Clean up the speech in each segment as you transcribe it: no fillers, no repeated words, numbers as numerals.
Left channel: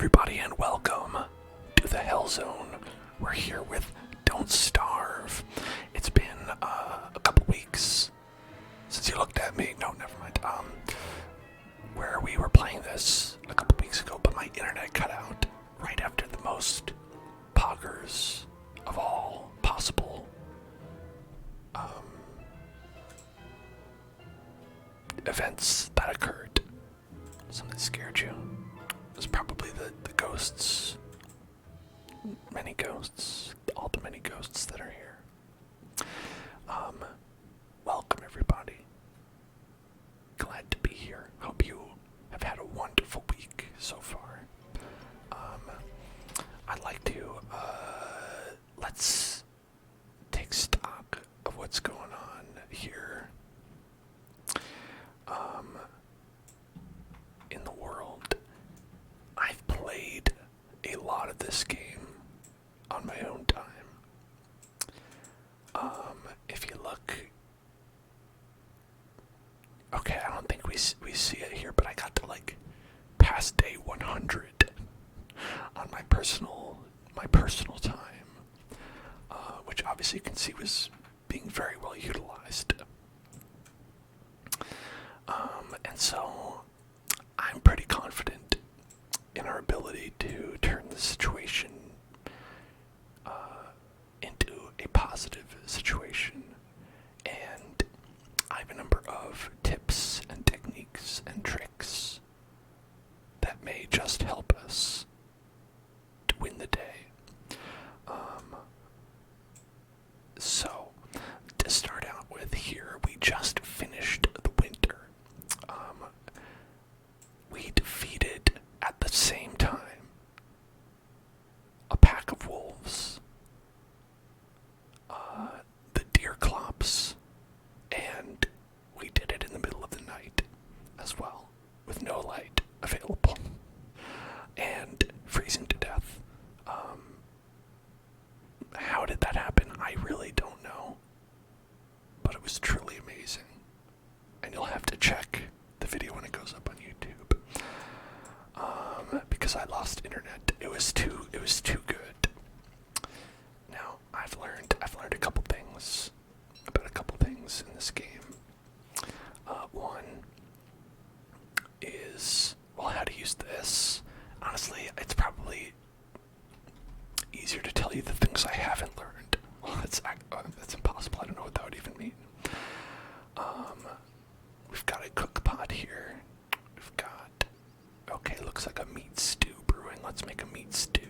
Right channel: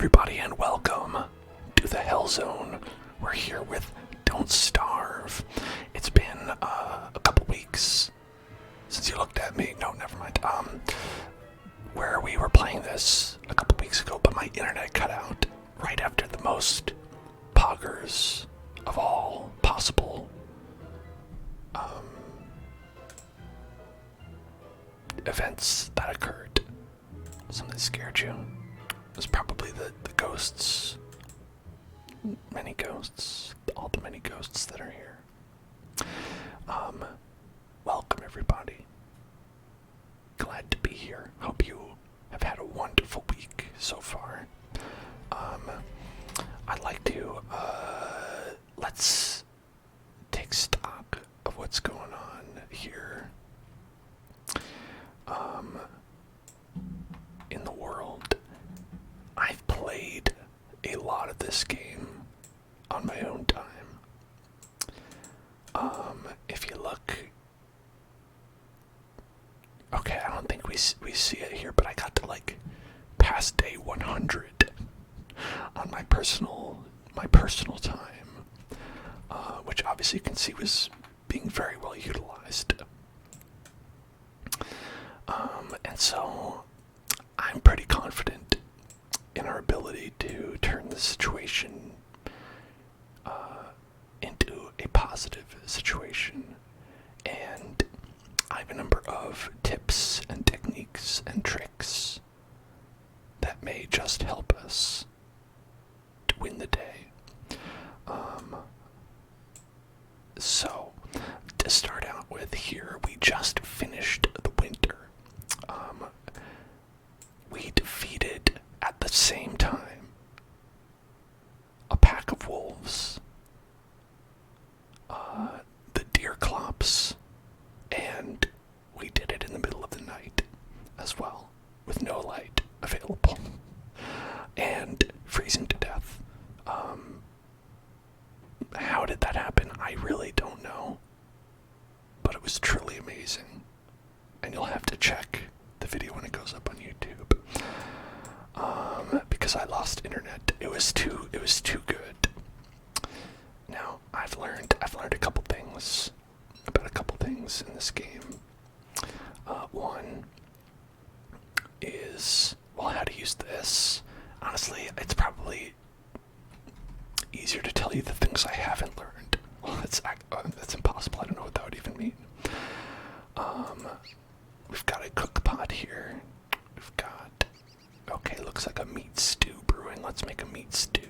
everybody, and welcome to the Hell Zone. We're here with Don't Starve. It's been a couple weeks since you looked at me. No, never mind. Where we were playing this a couple weeks ago, but my internet cut out right after the most poggers of all possible events that occurred. Something scared you. It was probably the ghosts. Many ghosts. All the many ghosts that are here. Welcome everybody. Glad to be here. Hope you have had a wonderful week so far. I'd like to, let's take stock of what's going on here. In the world. I've played a lot of this game on my own time. If you look, okay, I don't think we see it here, but I got to like past day 100 on my personal time, which obviously you can see was being very well utilized. And so I'm pretty confident in our ability to turn the situation into a positive situation. And I have a number of tips and techniques and tricks that may just help us to win the day. So, to start out with here, we just finished the winter. We defeated, at the same time, a pack of wolves, the deer clops, and we did it in the middle of the night as well, with no light available, and freezing to death. How did that happen? I really don't know, but it was truly amazing, and you'll have to check the video when it goes up on YouTube. Because I lost internet. It was too good. Now, I've learned a couple things about a couple things in this game. One is, well, how to use this. Honestly, it's probably easier to tell you the things I haven't learned. Well, that's impossible. I don't know what that would even mean. We've got a cook pot here. We've got, okay, looks like a meat stew brewing. Let's make a meat stew.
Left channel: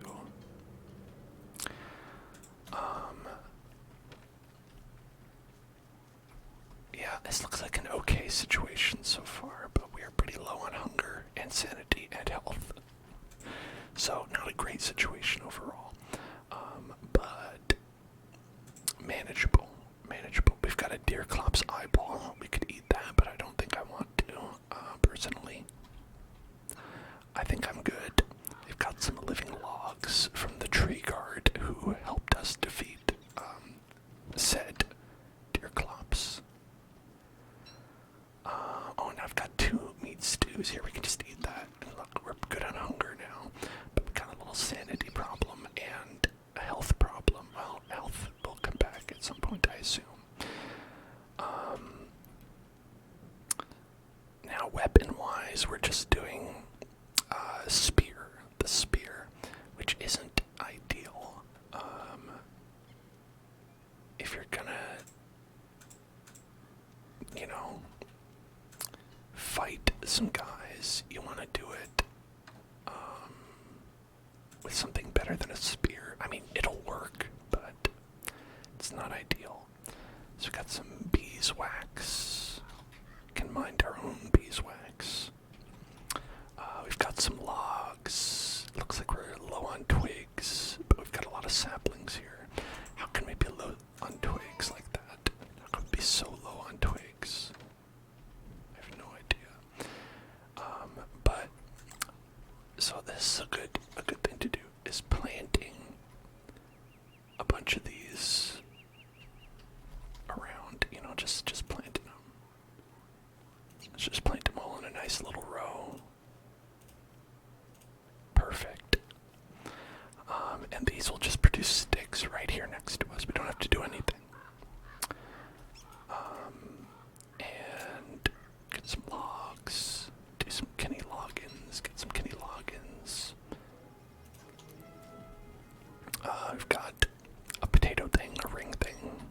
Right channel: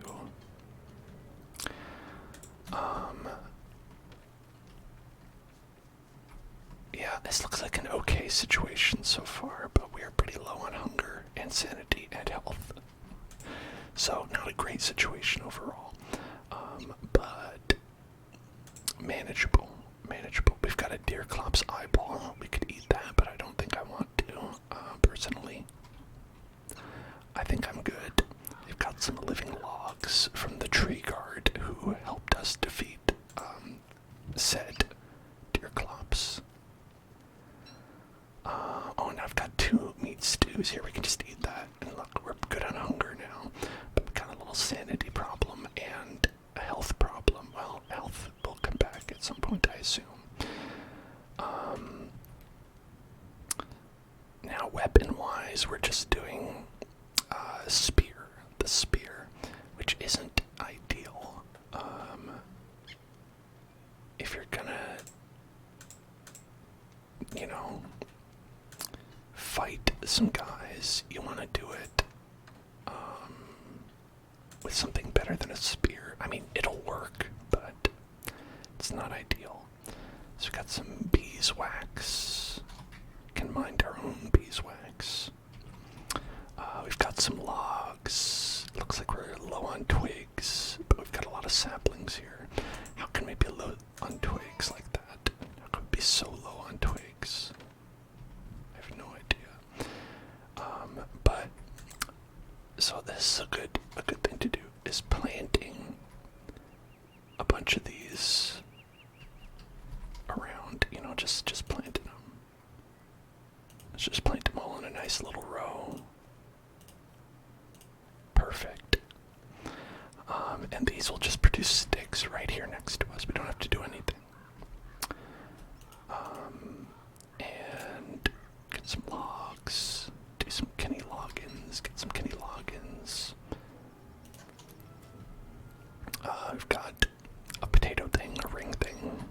Yeah, this looks like an okay situation so far, but we are pretty low on hunger and sanity and health. So, not a great situation overall. But manageable. We've got a deer clop's eyeball. We could eat that, but I don't think I want to, personally. I think I'm good. We've got some living logs from the tree guard who helped us defeat, said deer clops. Oh, and I've got 2 meat stews here. We can just eat that. And look, we're good on hunger now. But we've got a little sanity problem and a health problem. Well, health will come back at some point, I assume. Now, weapon-wise, we're just doing the spear, which isn't ideal. If you're gonna, fight some guys, you want to do it with something better than a spear. I mean, it'll work, but it's not ideal. So we've got some beeswax. Can mind our own beeswax. We've got some logs. Looks like we're low on twigs, but we've got a lot of saplings here. How can we be low on twigs like that? How can we be so low on twigs? I have no idea. But so this is a good thing to do, is planting a bunch of these around, just planting them. Let's just plant them all in a nice little row. Perfect. And these will just produce sticks right here next to us. We don't have to do anything. And get some logs. Do some Kenny logins. Get some Kenny logins. We've got a potato thing, a ring thing.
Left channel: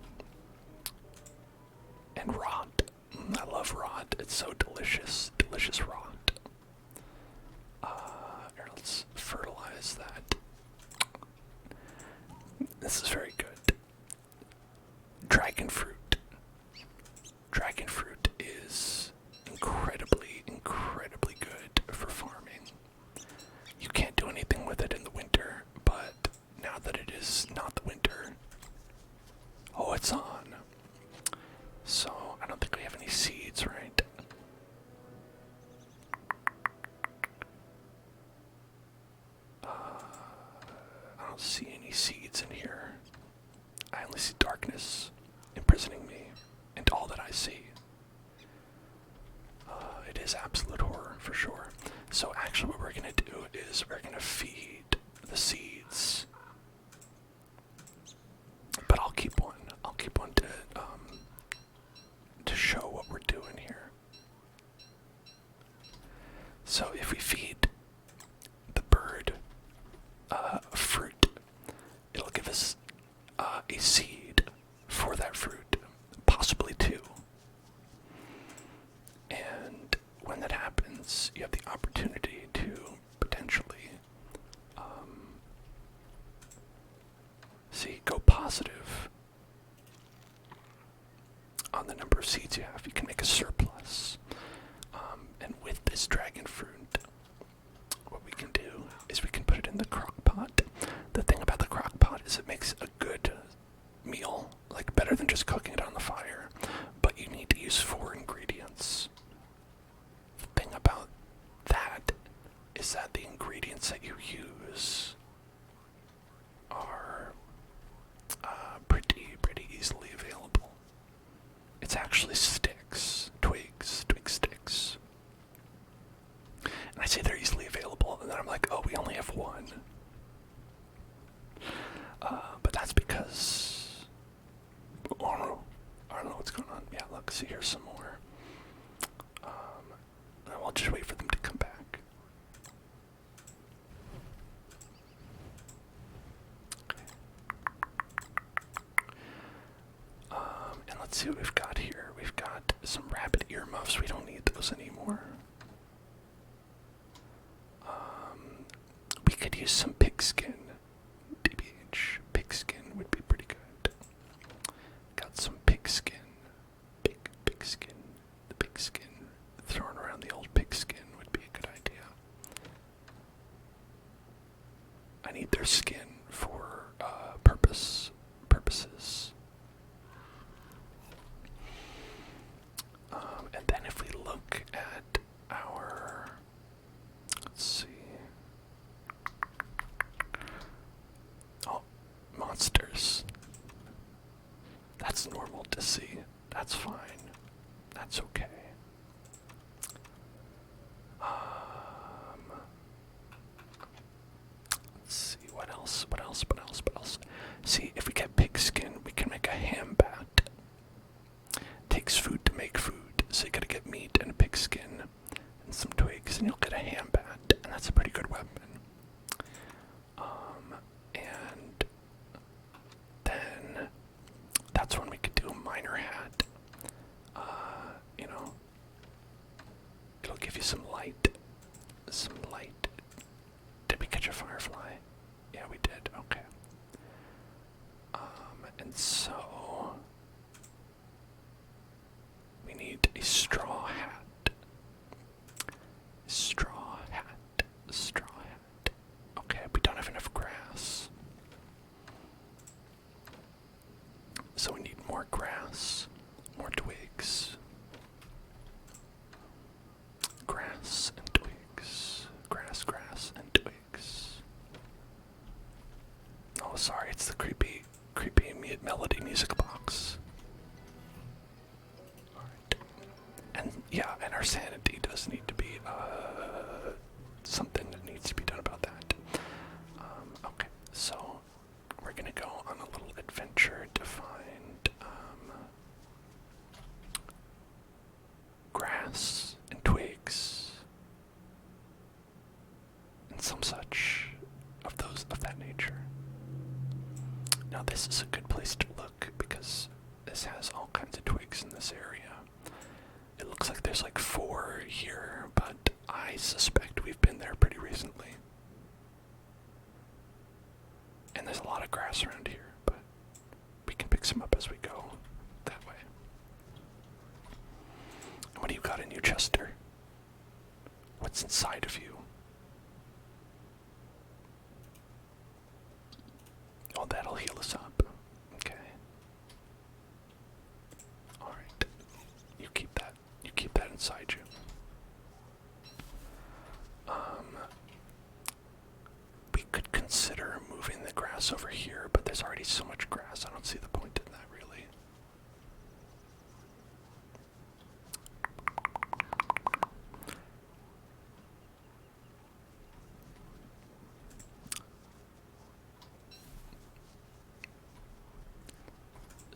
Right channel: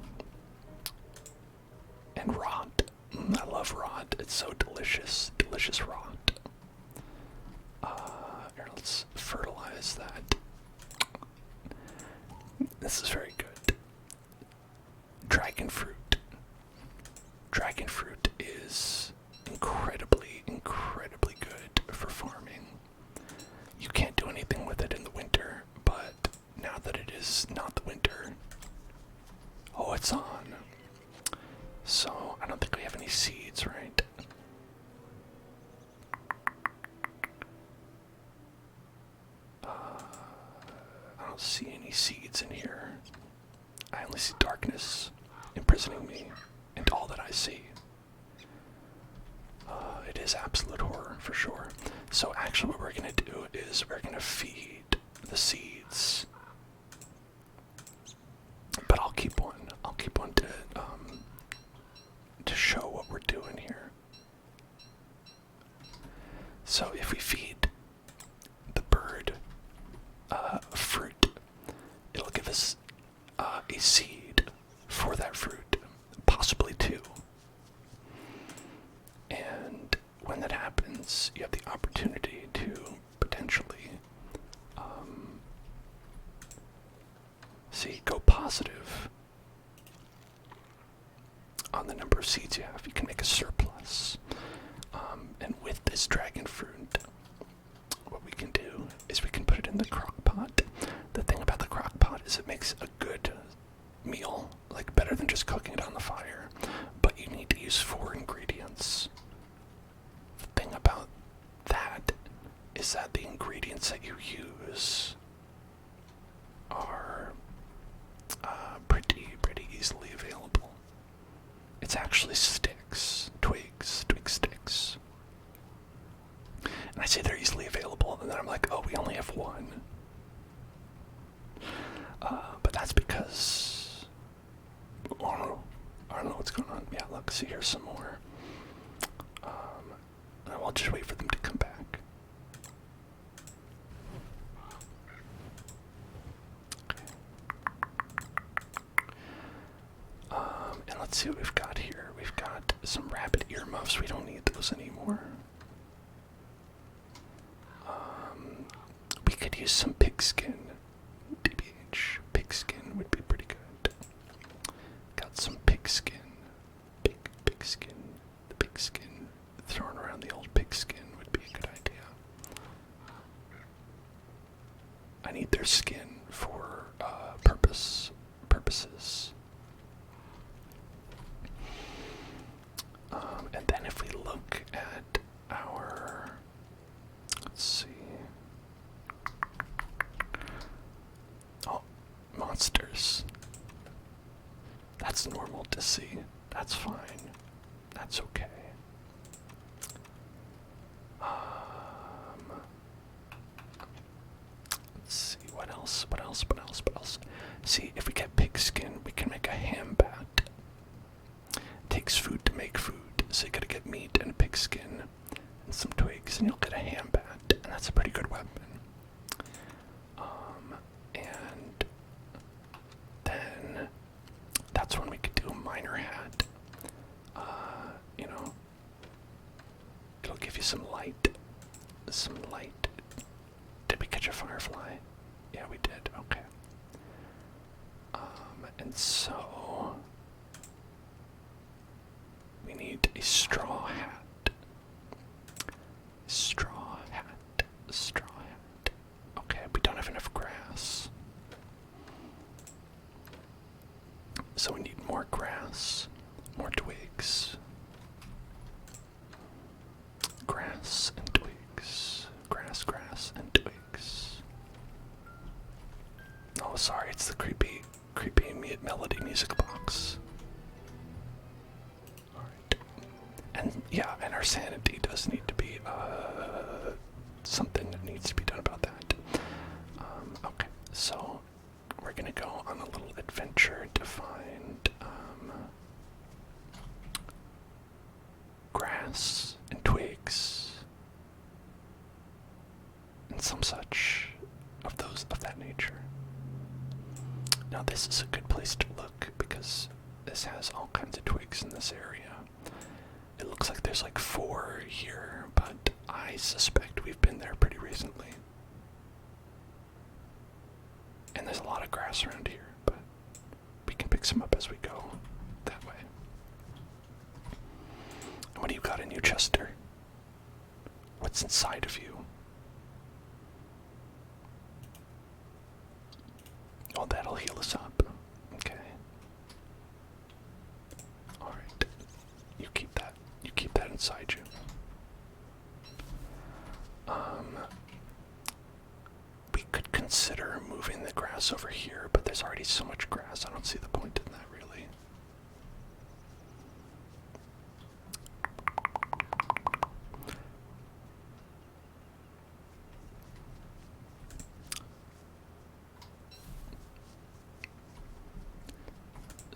And rot. I love rot. It's so delicious. Delicious rot. Here, let's fertilize that. This is very good. Dragon fruit. Dragon fruit is incredibly, incredibly good for farming. You can't do anything with it in the winter, but now that it is not the winter, oh, it's on. So, I don't think we have any seeds, right? I don't see any seeds in here. I only see darkness imprisoning me and all that I see. It is absolute horror, for sure. So actually what we're going to do is we're going to feed the seeds. But I'll keep one. I'll keep one to show what we're doing here. So if we feed the bird fruit, it'll give us a seed for that fruit, possibly two. And when that happens, you have the opportunity to potentially go positive on the number of seeds you have. You can make a surplus. And with this dragon fruit, what we can do is we can put it in the crock pot. The thing about the crock pot is it makes a good meal, like better than just cooking it on the fire, but you need to use 4 ingredients. The thing about that is that the ingredients that you use are pretty easily available. It's actually sticks, twig sticks. And I say they're easily available, and then I'm like, oh, we only have one. But that's because, I don't know what's going on. Yeah, look, see, here's some more. And I'll just wait for them to come back. And let's see what we've got here. We've got some rabbit earmuffs. We don't need those anymore. We could use some pigskin. DBH. Pigskin would be pretty good. Got some pigskin. Pigskin. The pigskin. Throwing around the old pigskin would be a good idea. I need their skin for purposes. And then if we look at our, let's see. Oh, monsters. That's normal to see. That's fine. That's okay. Let's see, what else? See, if we get pigskin, we can make a ham bat. Takes food to make food, so you gotta get meat and a pigskin and some twigs, and you'll get a ham bat, and that's a pretty good weapon. And then that's when we could do a miner hat. It'll give you some light. Did we catch a firefly? Yeah, we did. Okay. And so we need a straw hat. Straw hat. Okay, we don't have enough grass. So we need more grass, more twigs. Grass and twigs. Grass and twigs. Oh, sorry, it's the creepy melody music box. Alright. And yeah, and our sanity does need to be something that needs to be done about that. Okay, so and some such of that nature. Now this is a good place to look because this has all kinds of twigs in this area. It looks like there's like 4 here, but I suspect we've been there pretty recently. And there's a lot of grass around here, but we can pick some up as we go that way. And what do you got in you, Chester? What's inside of you? Oh, that'll heal us up. Okay. Alright. You keep that. You keep that inside you. We could consider moving the grass over here, but there's already so much grass, I don't see the point in that, really.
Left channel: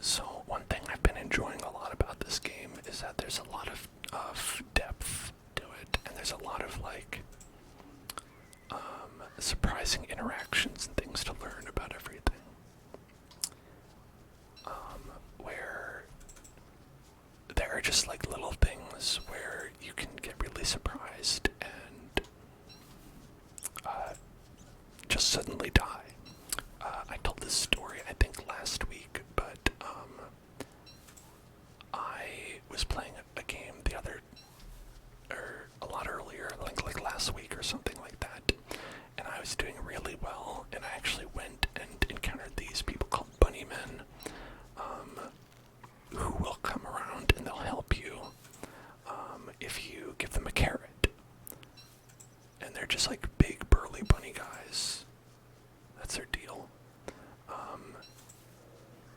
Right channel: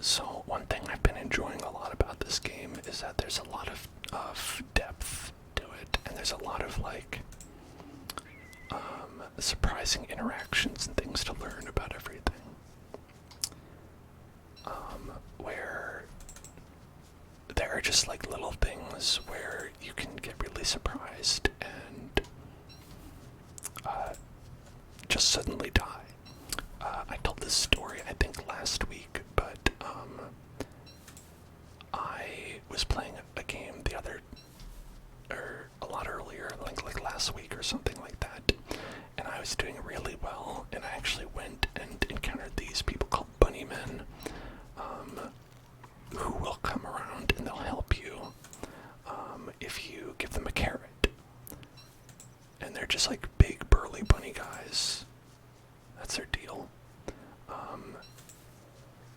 So one thing I've been enjoying a lot about this game is that there's a lot of depth to it, and there's a lot of like surprising interactions and things to learn about everything. Where there are just like little things where you can get really surprised and just suddenly die. I told this story I think last week, but I was playing a game a lot earlier, like last week or something like that, and I was doing really well, and I actually went and encountered these people called bunnymen, who will come around and they'll help you if you give them a carrot. And they're just like big burly bunny guys. That's their deal.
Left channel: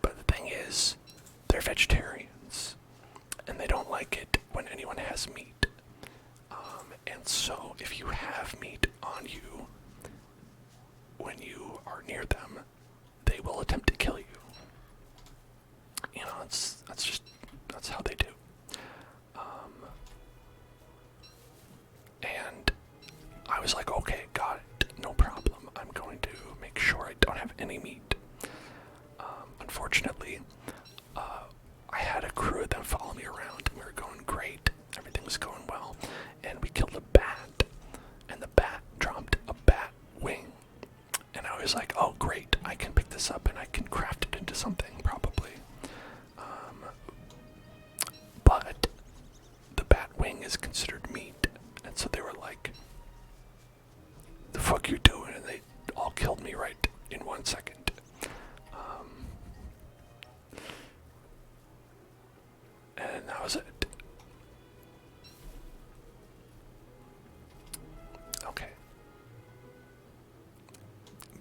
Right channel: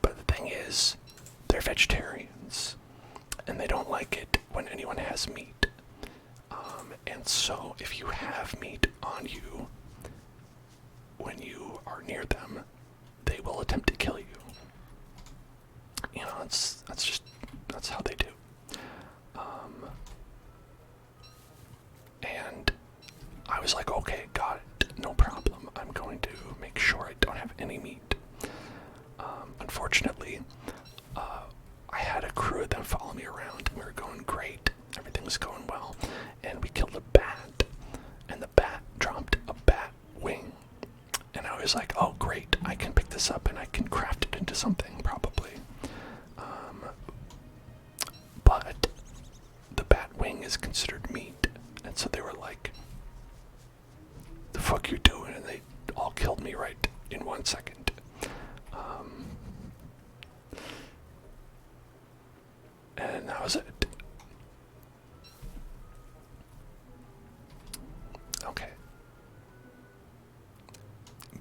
But the thing is, they're vegetarians, and they don't like it when anyone has meat. And so if you have meat on you when you are near them, they will attempt to kill you. You know, that's how they do. And I was like, okay, got it, no problem. I'm going to make sure I don't have any meat. Unfortunately, I had a crew of them follow me around, and we were going great. Everything was going well, and we killed a bat, and the bat dropped a bat wing. And I was like, oh great, I can pick this up and I can craft it into something, probably. But the bat wing is considered meat, and so they were like, the fuck you doing? And they all killed me right in 1 second. And that was it. Okay.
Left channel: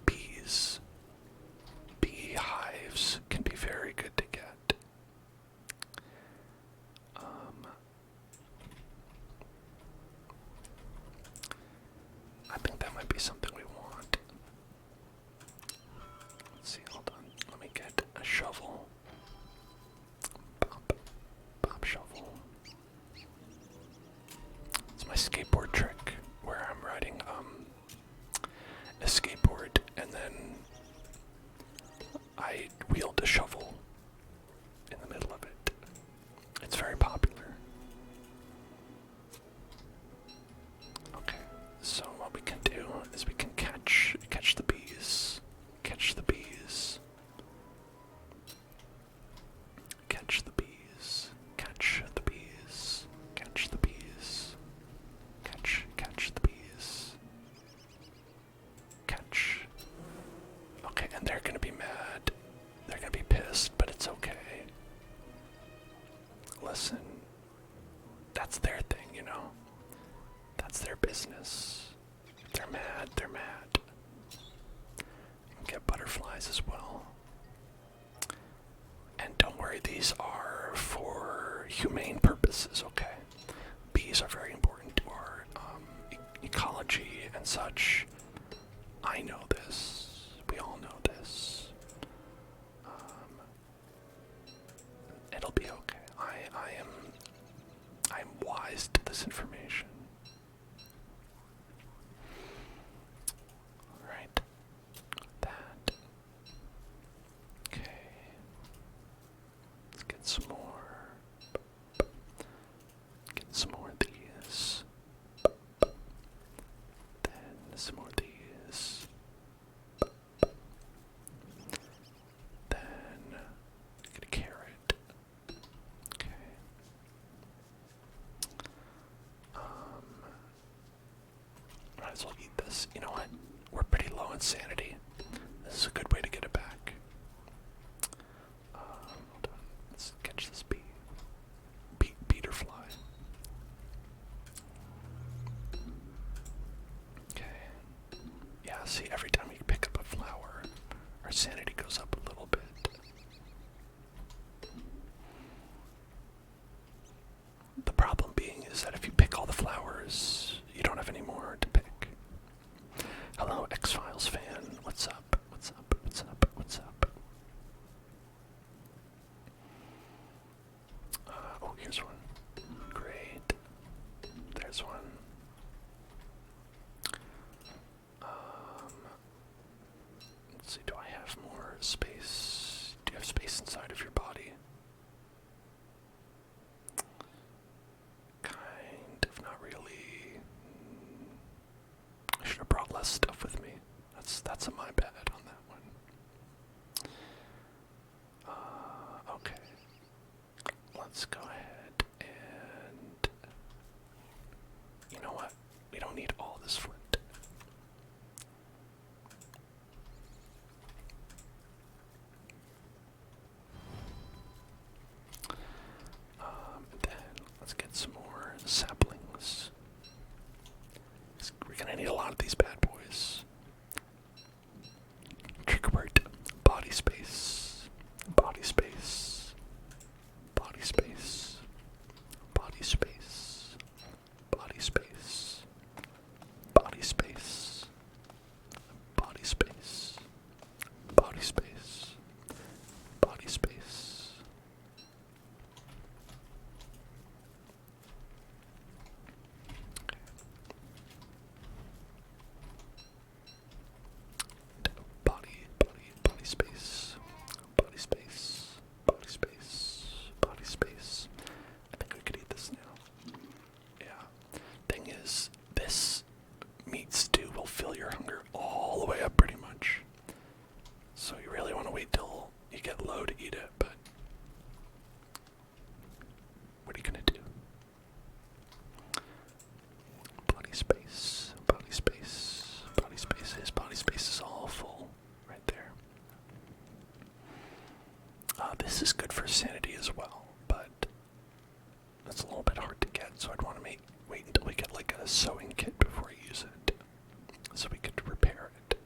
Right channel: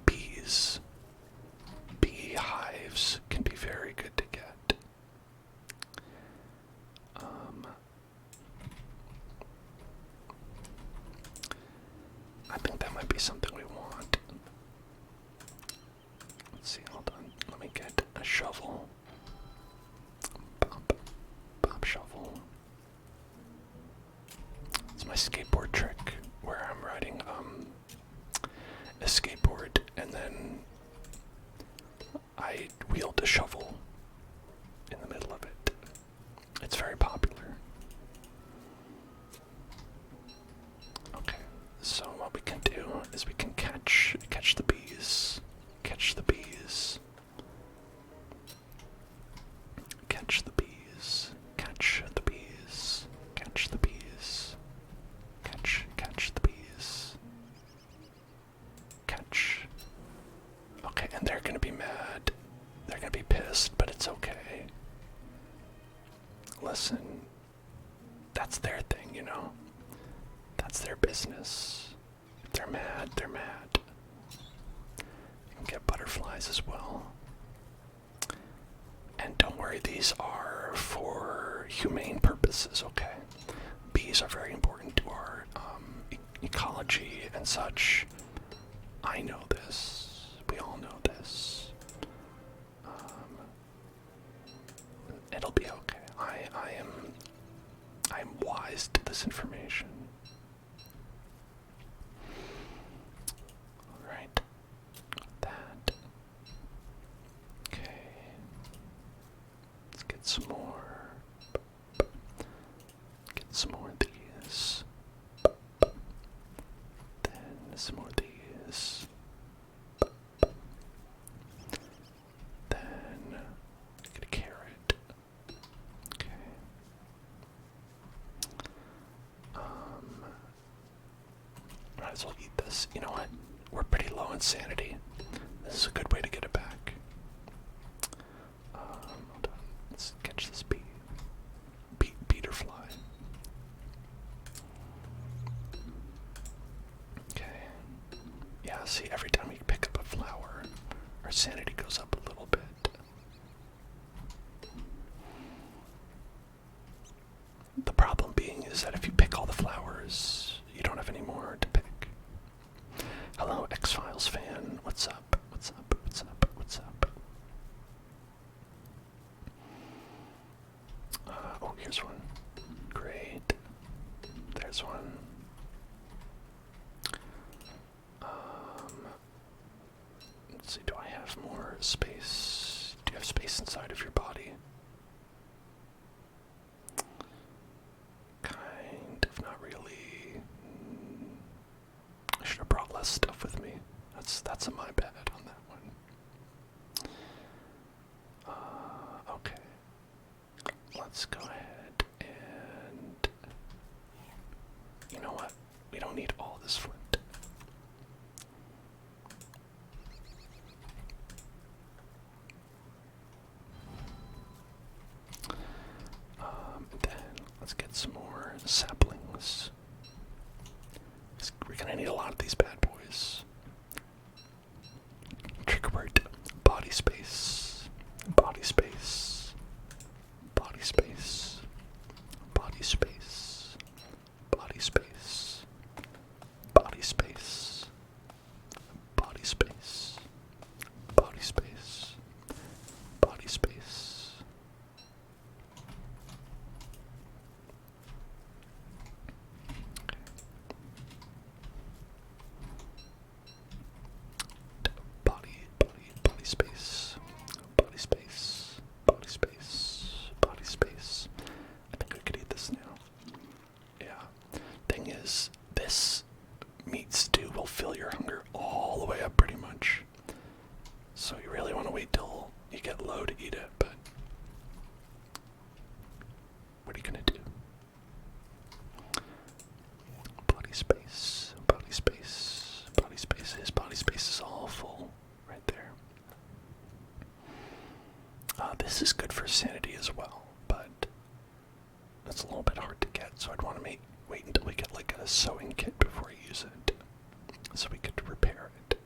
Bees. Beehives can be very good to get. I think that might be something we want. Let's see, hold on. Let me get a shovel. Pop shovel. It's my skateboard trick where I'm riding a skateboard and then I wield a shovel in the middle of it. It's very popular. Okay, so what we can do is we can catch the bees. Catch the bees. Catch the bees. Catch the bees. Catch the bees. Catch the bees. Catch. Okay, and they're gonna be mad. They're gonna be pissed, but it's okay. Listen, that's their thing, you know? That's their business. If they're mad, they're mad. You can get butterflies as well. And don't worry, these are for humane purposes, okay? Bees are very important to our ecology and such. I know this. We all know this. It'll be okay. I am wise to this information. some more. Get some more of these. Then some more of these. Then get a carrot. Okay. Might as well eat this. You know what? We're pretty low on sanity. This is a good way to get it back. Hold on. Let's catch this bee. Beetle fly. Okay. Yeah, see, every time we pick up a flower, our sanity goes up a little bit. The problem being is that if you pick all the flowers, you don't have any more to pick. Hello, X-Files fan. What's up? What's up? What's up? What's up? Oh, here's one. Great. There's one. Let's see, do I have more space? Do you have space inside of your body? Kind of, not really. I should have brought less stuff with me. That's my bad on that one. Okay. Let's go ahead and... You know what? We don't need all this flint. Then let's get some more saplings. We're gonna need a lot of these bad boys. Trigger word: body space, body space, body space, body space, body space, body space, body space, body space, body space. Body space, body space, body space, body space. I think we could eat this now. Yeah. Thing is, this meat stew will fill your hunger all the way up pretty much. So you really want to wait till you get low to eat it, but what are you gonna do? Body space, body space, body space. His body space is all full right there. This is good for sanity as well, but that's a little bit hard to get, so I'd want to wait until we get like a sewing kit before I use it, so we could repair it.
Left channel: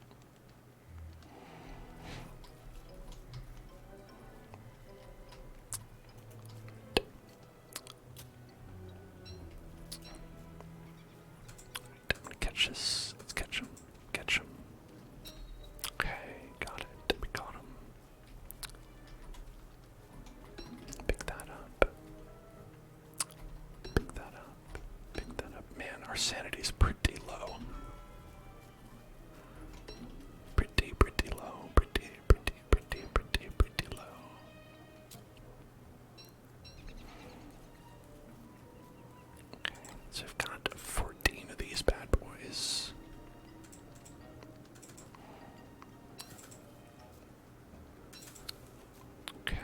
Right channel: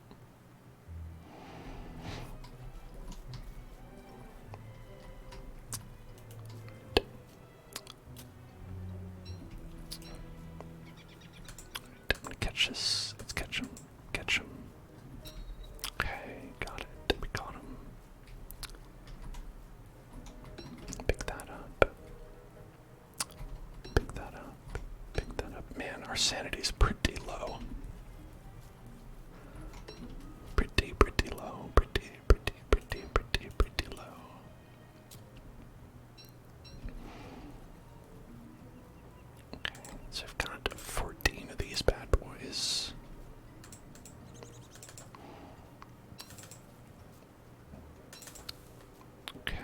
I'm gonna catch this. Let's catch him. Catch him. Okay, got it. We got him. Pick that up. Pick that up. Pick that up. Man, our sanity's pretty low. Pretty low. Pretty low. Okay, so I've got 14 of these bad boys. Okay.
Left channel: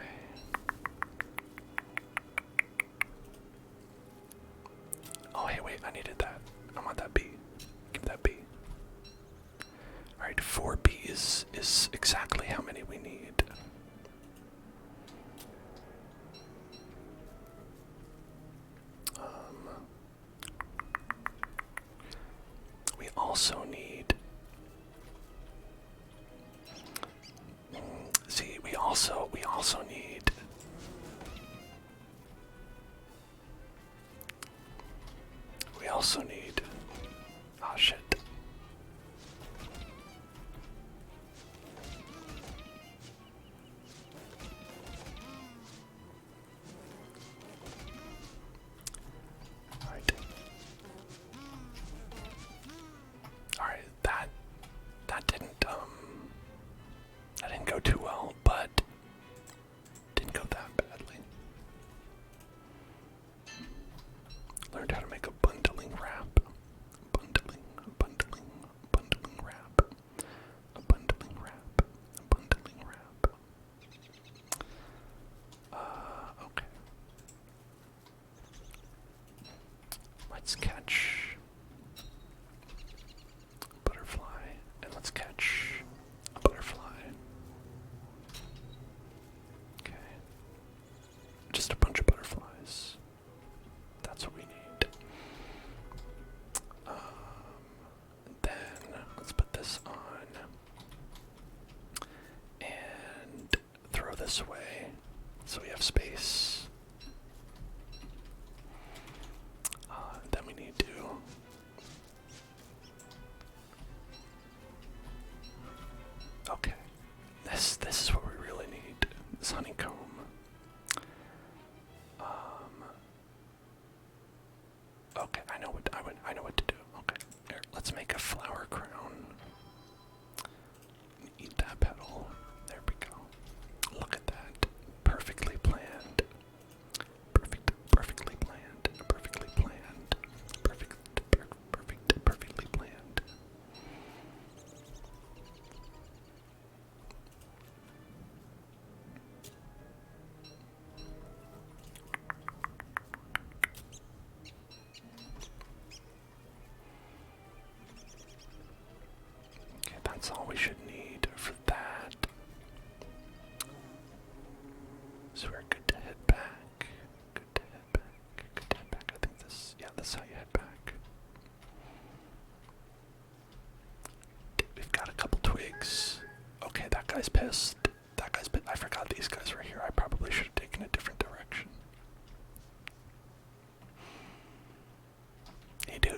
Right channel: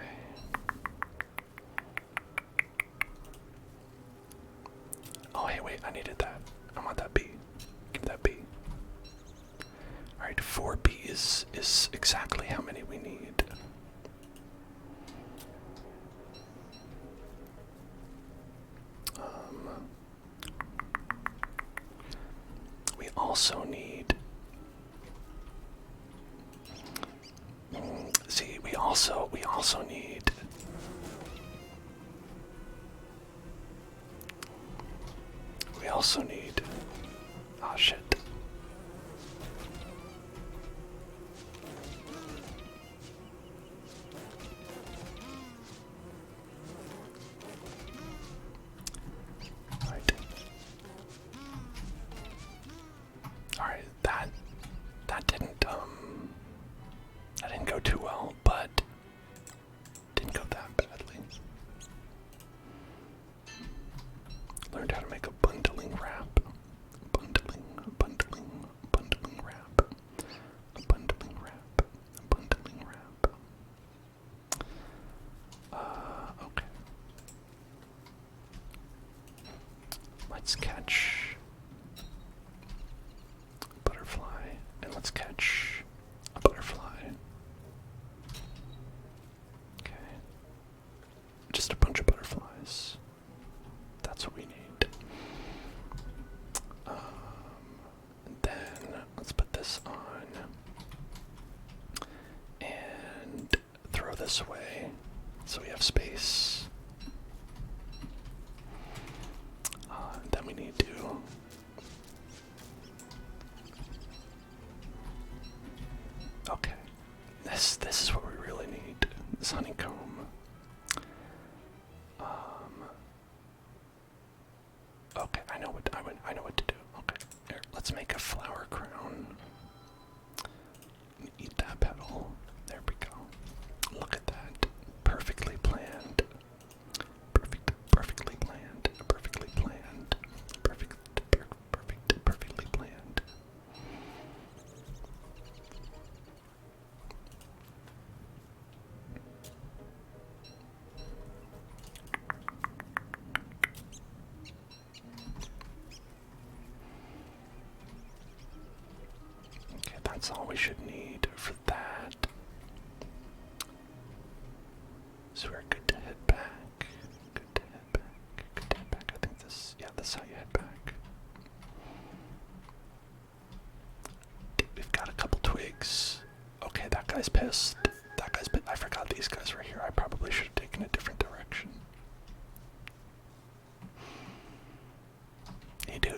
Oh, hey, wait, I needed that. I want that bee. Give that bee. Alright, 4 bees is exactly how many we need. We also need... See, we also need... We also need... Oh, shit. Alright, that didn't go too well, but this way so we have space. Then we need to okay. This is what we really need. This honeycomb. Okay, I know what to do. Okay, here, let's make a flower crown. Eat that petal. There we go. Look at that. Perfectly planned. Perfectly planned. Perfectly planned. Perfectly planned. Okay, that's all we should need for that. So we're good to head back. Good to head back. Good to head back. I think this, yeah, that's how you head back. We've got a couple twigs. Okay, that guy's pissed. That guy's pissed. I forgot these guys were here. I probably should have taken a different direction.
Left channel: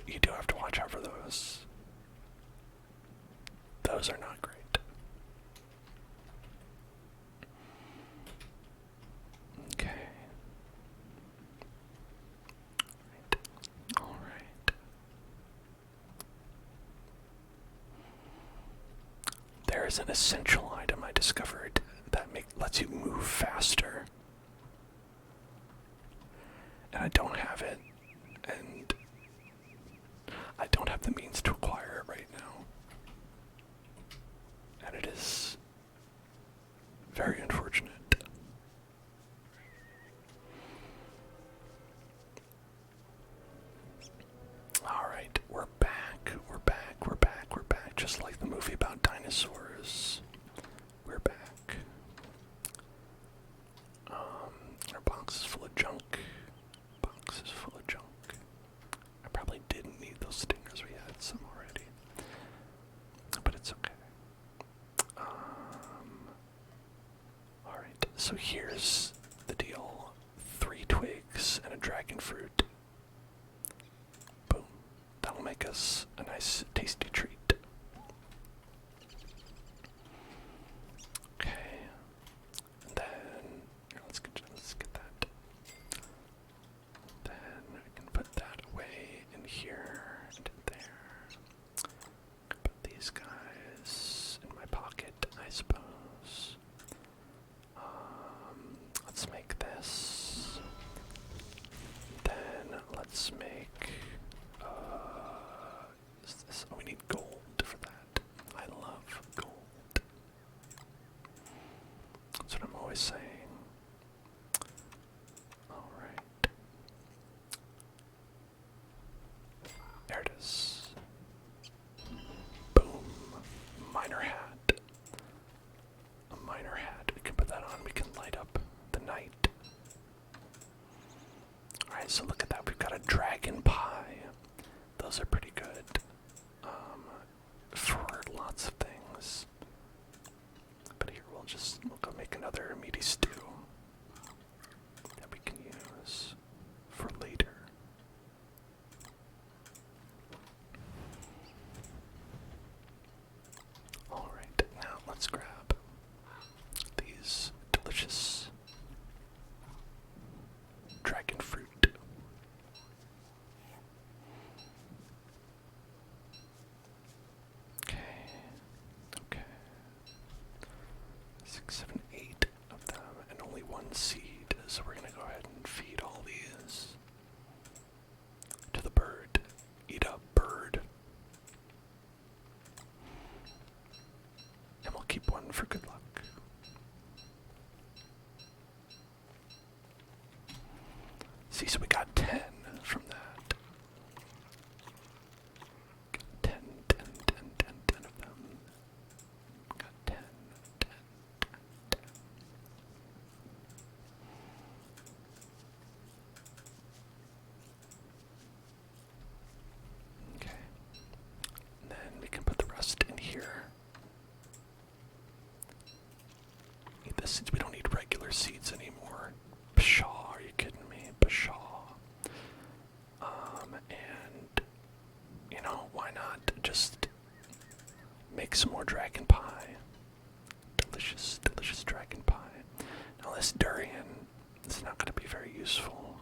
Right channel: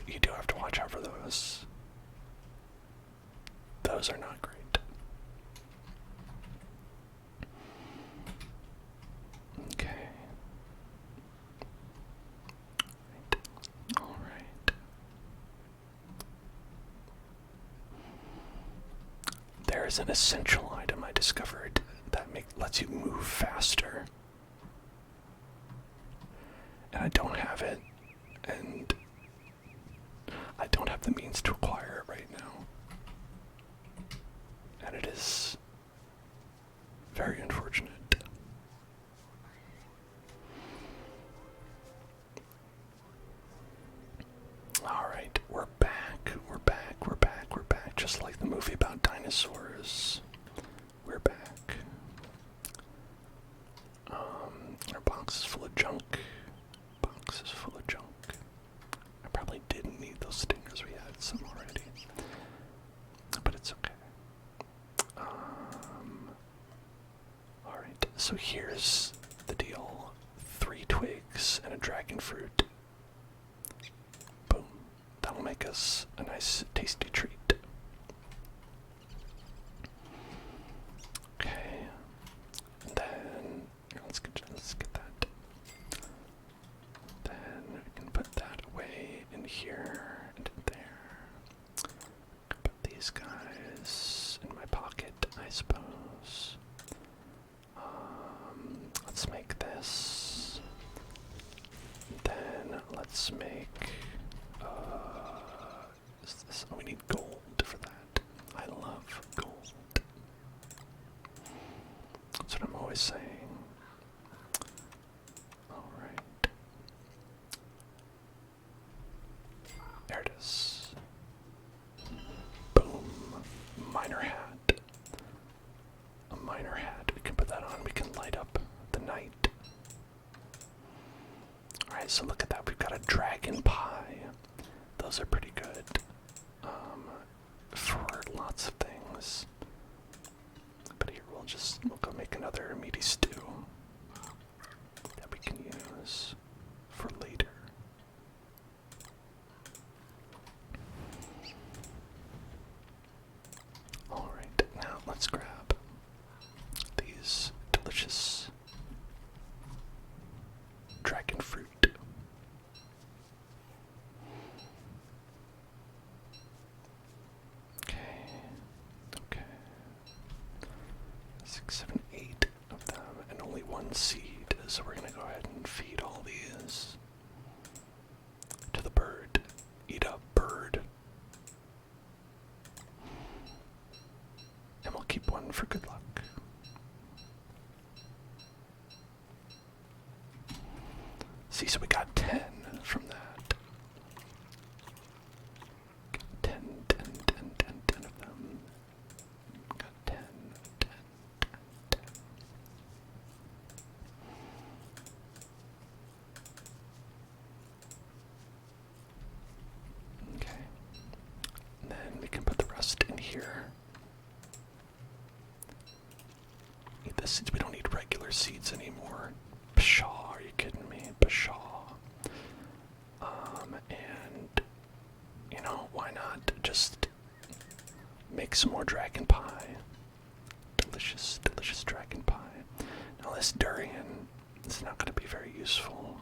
You do have to watch out for those. Those are not great. Okay. All right. There is an essential item I discovered that lets you move faster. And I don't have it, and I don't have the means to acquire it right now. And it is very unfortunate. Alright, we're back, just like the movie about dinosaurs. We're back. Our box is full of junk. I probably didn't need those stingers, we had some already. But it's okay. Alright, so here's the deal. 3 twigs and a dragon fruit. Boom. That'll make us a nice, tasty treat. Okay. And then, here, let's get that. Then we can put that away in here and in there. Put these guys in my pocket, I suppose. Let's make this. Then let's make. Oh, we need gold for that. I love gold. That's what I'm always saying. All right. There it is. Boom. Miner hat. A miner hat. We can put that on. We can light up the night. Alright, so look at that. We've got a dragon pie. Those are pretty good. For lots of things. But here we'll go make another meaty stew that we can use for later. Alright, now let's grab these delicious dragon fruit. Okay. 6, 7, 8 of them, and only 1 seed. So we're gonna go ahead and feed all these to the bird. Eat up, bird. And we'll keep 1 for good luck. See, so we got 10 from that. Got 10 of them. Got 10. Okay. And then we can put the rest in here. regular seeds anymore. Pshaw, are you kidding me? Pshaw. And, you know, why not just make some more dragon pie? Delicious, delicious dragon pie. Now this durian is not going to be very useful,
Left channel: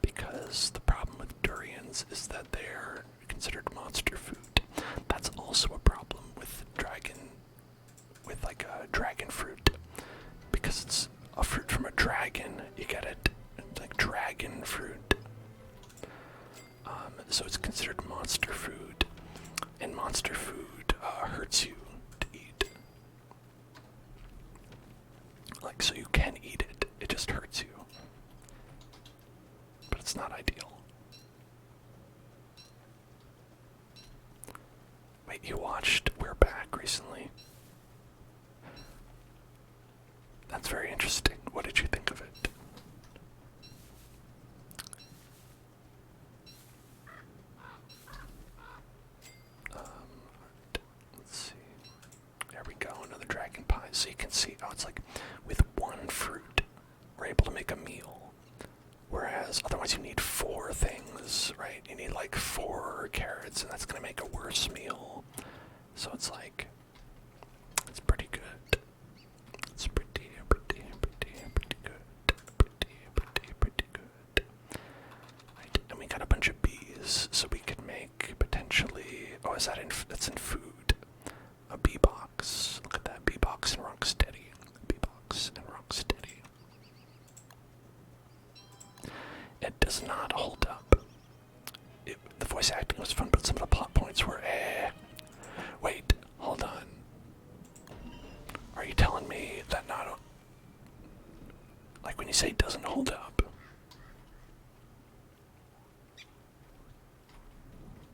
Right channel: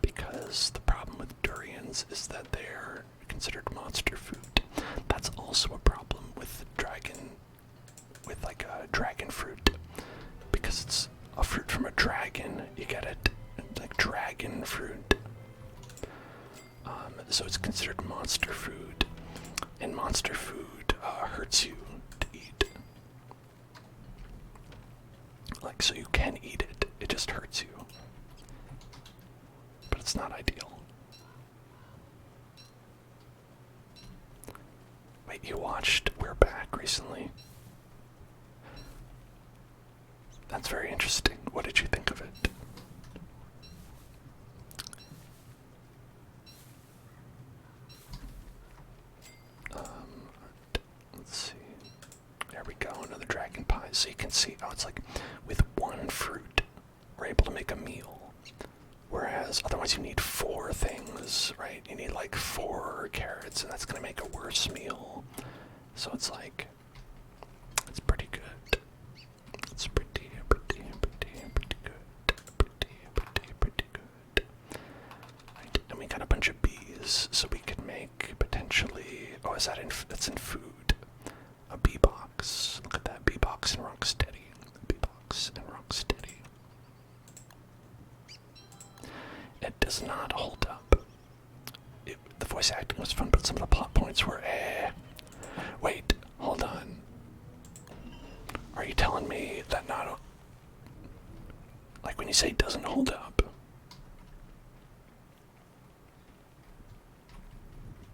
because the problem with durians is that they're considered monster food. That's also a problem with like a dragon fruit, because it's a fruit from a dragon. You get it, like dragon fruit. So it's considered monster food, and monster food hurts you to eat. Like, so you can eat it, it just hurts you. But it's not ideal. Wait, you watched We're Back recently? That's very interesting. What did you think of it? Let's see. There we go, another dragon pie. So you can see, oh, it's like with one fruit, we're able to make a meal. Whereas otherwise you need 4 things, right? You need like 4 carrots, and that's gonna make a worse meal. So it's like, it's pretty good. It's pretty good. Right, and we got a bunch of bees, so we could make potentially, oh, is that that's in food. A bee box. Look at that, bee box and rock steady. Bee box and rock steady. It does not hold up. The voice acting was fun, but some of the plot points were Wait, hold on. Are you telling me that not... Like when you say doesn't hold up...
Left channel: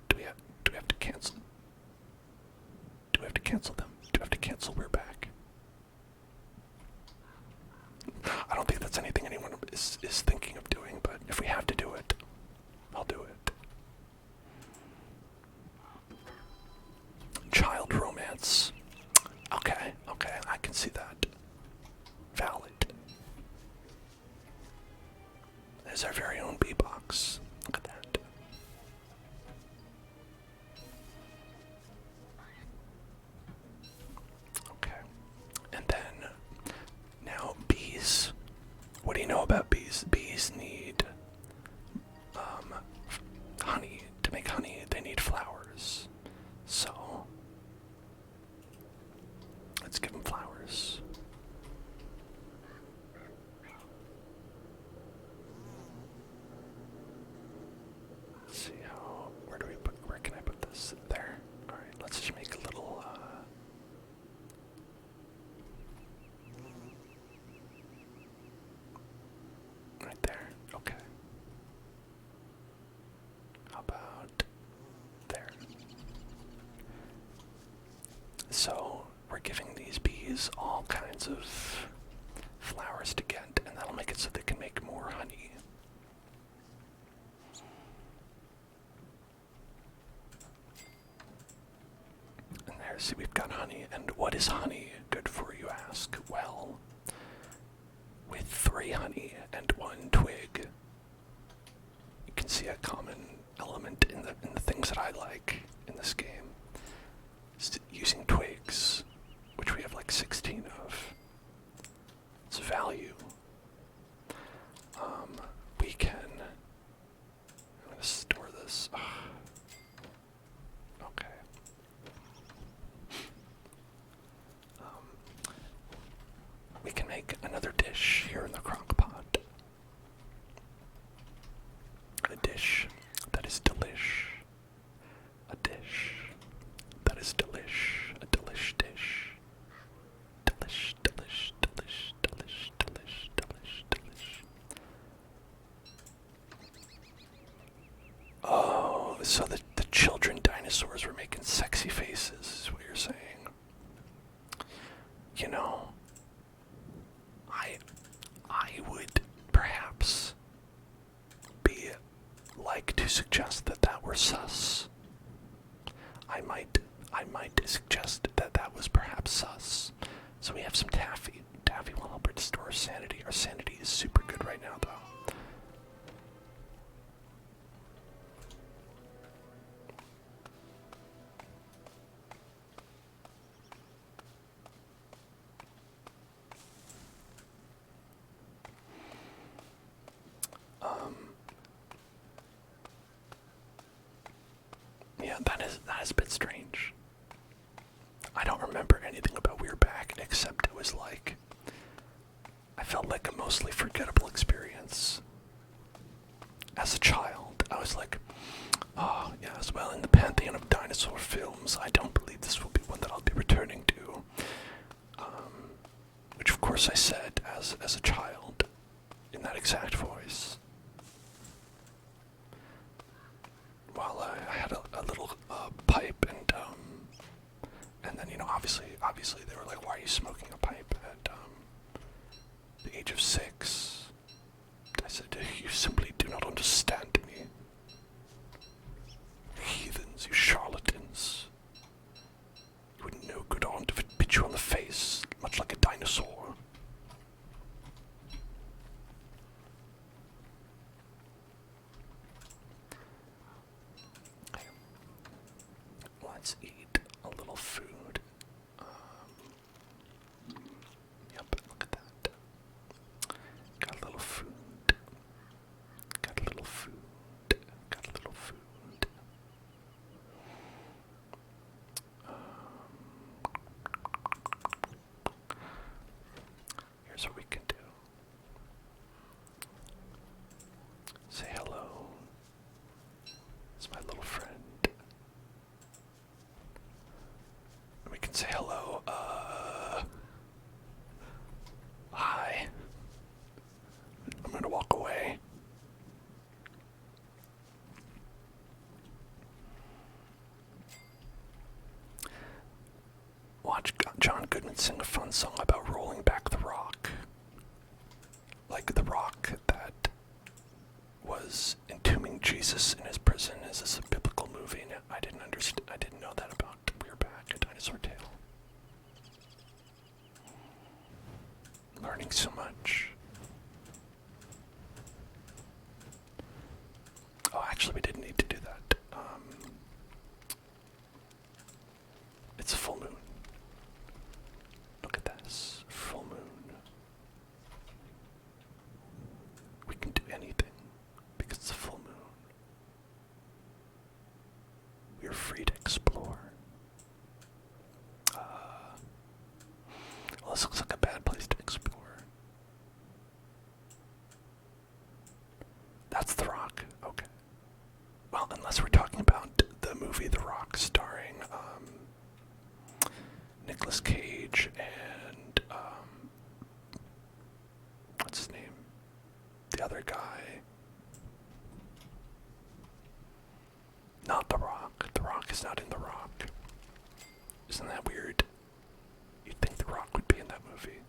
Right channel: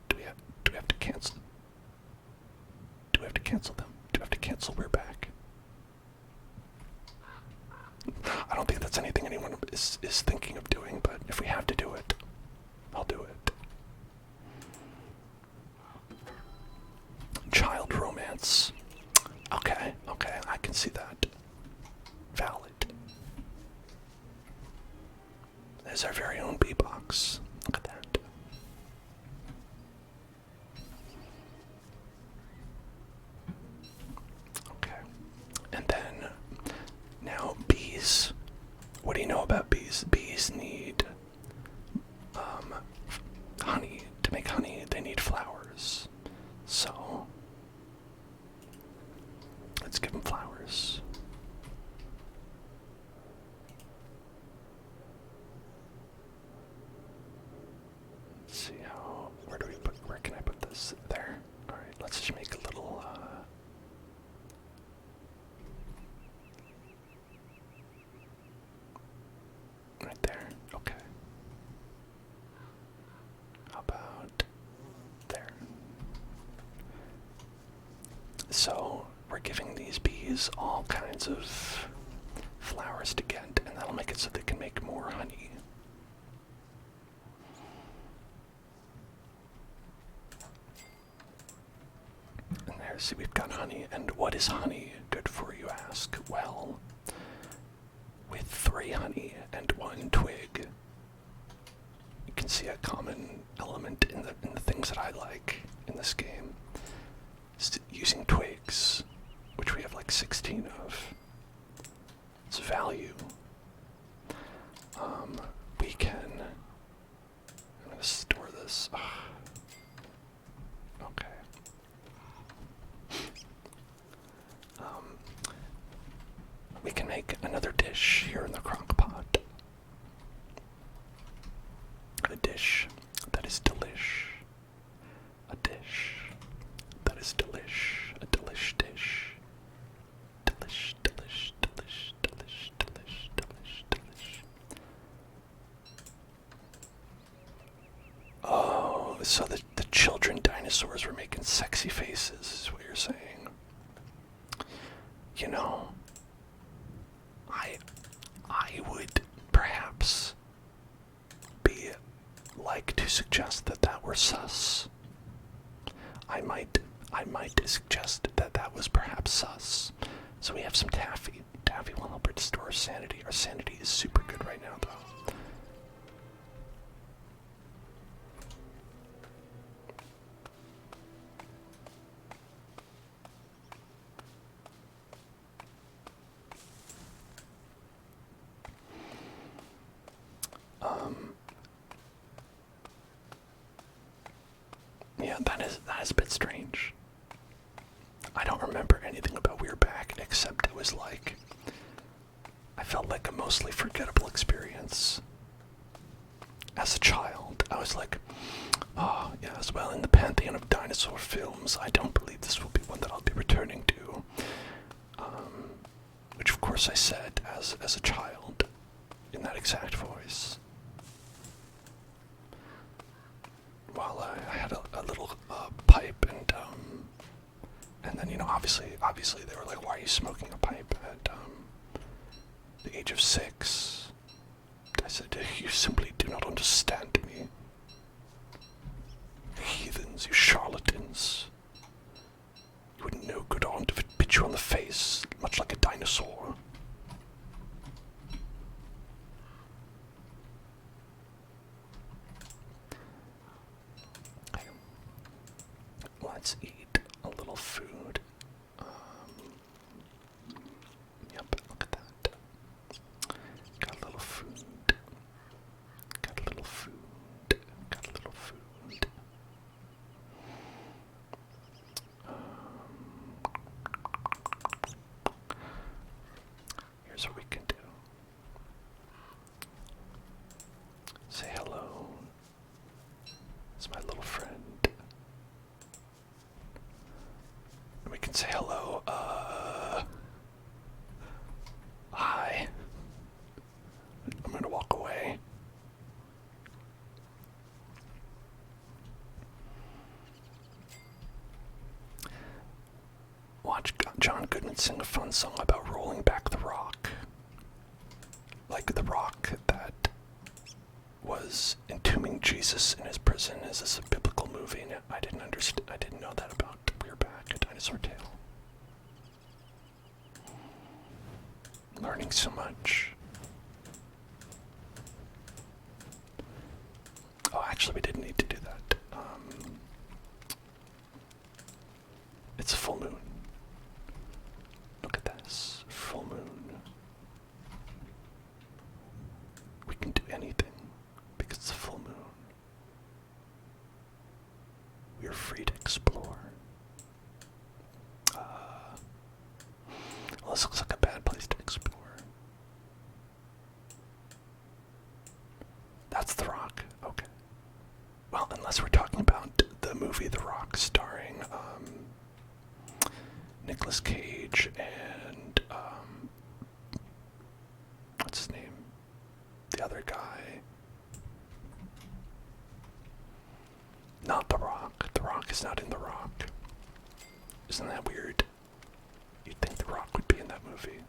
Do we have to cancel... Do we have to cancel them? Do we have to cancel We're Back? I don't think that's anything anyone is thinking of doing, but if we have to do it, I'll do it. Child romance. Okay, I can see that. Valid. There's our very own bee box. Look at that. Okay. And then, now bees. What do you know about bees? Bees need honey. To make honey, they need flowers. So, let's give them flowers. Let's see where can I put this? There. Alright, let's just make a little, right there. Okay. How about there? So, we're giving these bees all kinds of flowers to get, and that'll make it so they can make more honey. And there, see, we've got honey. And what is honey good for, you ask? Well, with 3 honey and 1 twig, you can see a common element in the things that I like in this game. Is using twigs, which we have like 16 of. It's value. We can... I'm gonna store this. Okay. We can make another dish here in the crock pot. A dish that is delish. A dish that is delish. A delish dish. Delish, delish, delish, delish, delish, delish, delish. Oh, so the children dinosaurs were making sexy faces, is what you're saying. You know, I would perhaps be like to suggest that that were sus. I might suggest that that was perhaps sus, So we have some taffy. Taffy will help restore our sanity. Our sanity is super good right now, though. Yeah, that is a bit strange. I don't remember anything about We're Back except it was like I felt like a mostly forgettable experience. As a child, I was like, oh, yes, well, in the pantheon of dinosaur films, I don't believe this will be one that I'll be returning to. Which, of course, I said as a child, in that exact voice. While I had a little pipe, and then, obviously they were like, why are you smoking a pipe at the age of 6? I said, you simply do not understand me. Heathens, you charlatans. You wouldn't know good aunt if it bit you on the face, much like a dinosaur. Let's eat a little food. Yep, look at that. Got a little food. Got a little food. Got a little food. Here's what we can do. Say hello. It's my little friend. And we can say hello, hi. I'm gonna walk away. Watch John Goodman sing a fun song about rolling back the rock. Like the rock that was entombing Jesus in his prison. Is this a biblical movie? And I didn't know that about We're Back, A Dinosaur Tale. Learning so much. Oh, actually, we didn't need to do that. It's a full moon. Look at this. Full moon. We can do anything because it's a full moon. We are free to explore. Well, this looks like a bad place to explore. That's The Rock. Okay. Well, unless we're talking about the movie The Rock starring Nicolas Cage and what's his name? The other guy. Not The Rock. The Rock is not in The Rock. Isn't that weird? You'd think The Rock would be in that movie.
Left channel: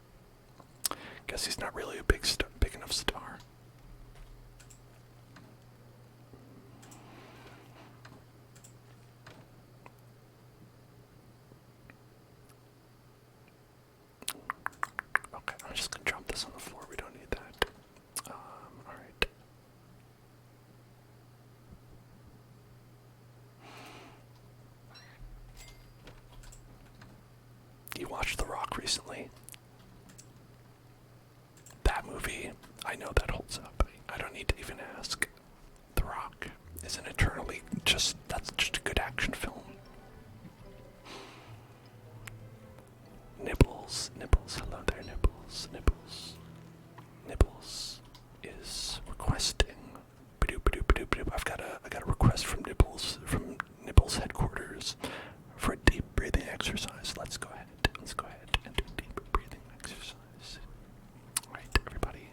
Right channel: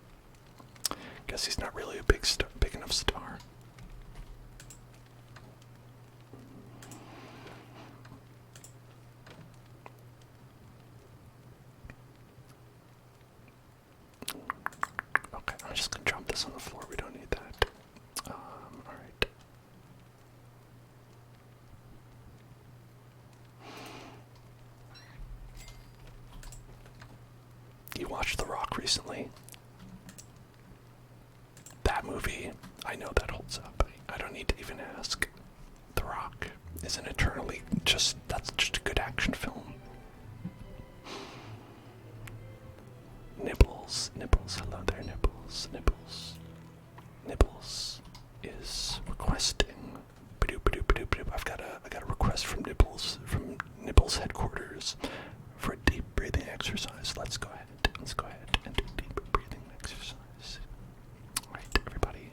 Guess he's not really a big enough star. Okay, I'm just gonna drop this on the floor. We don't need that. Alright. You watched The Rock recently? That movie, I know that holds up. I don't need to even ask. The Rock is an eternally that's just a good action film. Nibbles, hello there, Nibbles. Nibbles is requesting. I got a request from Nibbles headquarters for a deep breathing exercise. Let's go ahead and do a deep breathing exercise. Alright, everybody,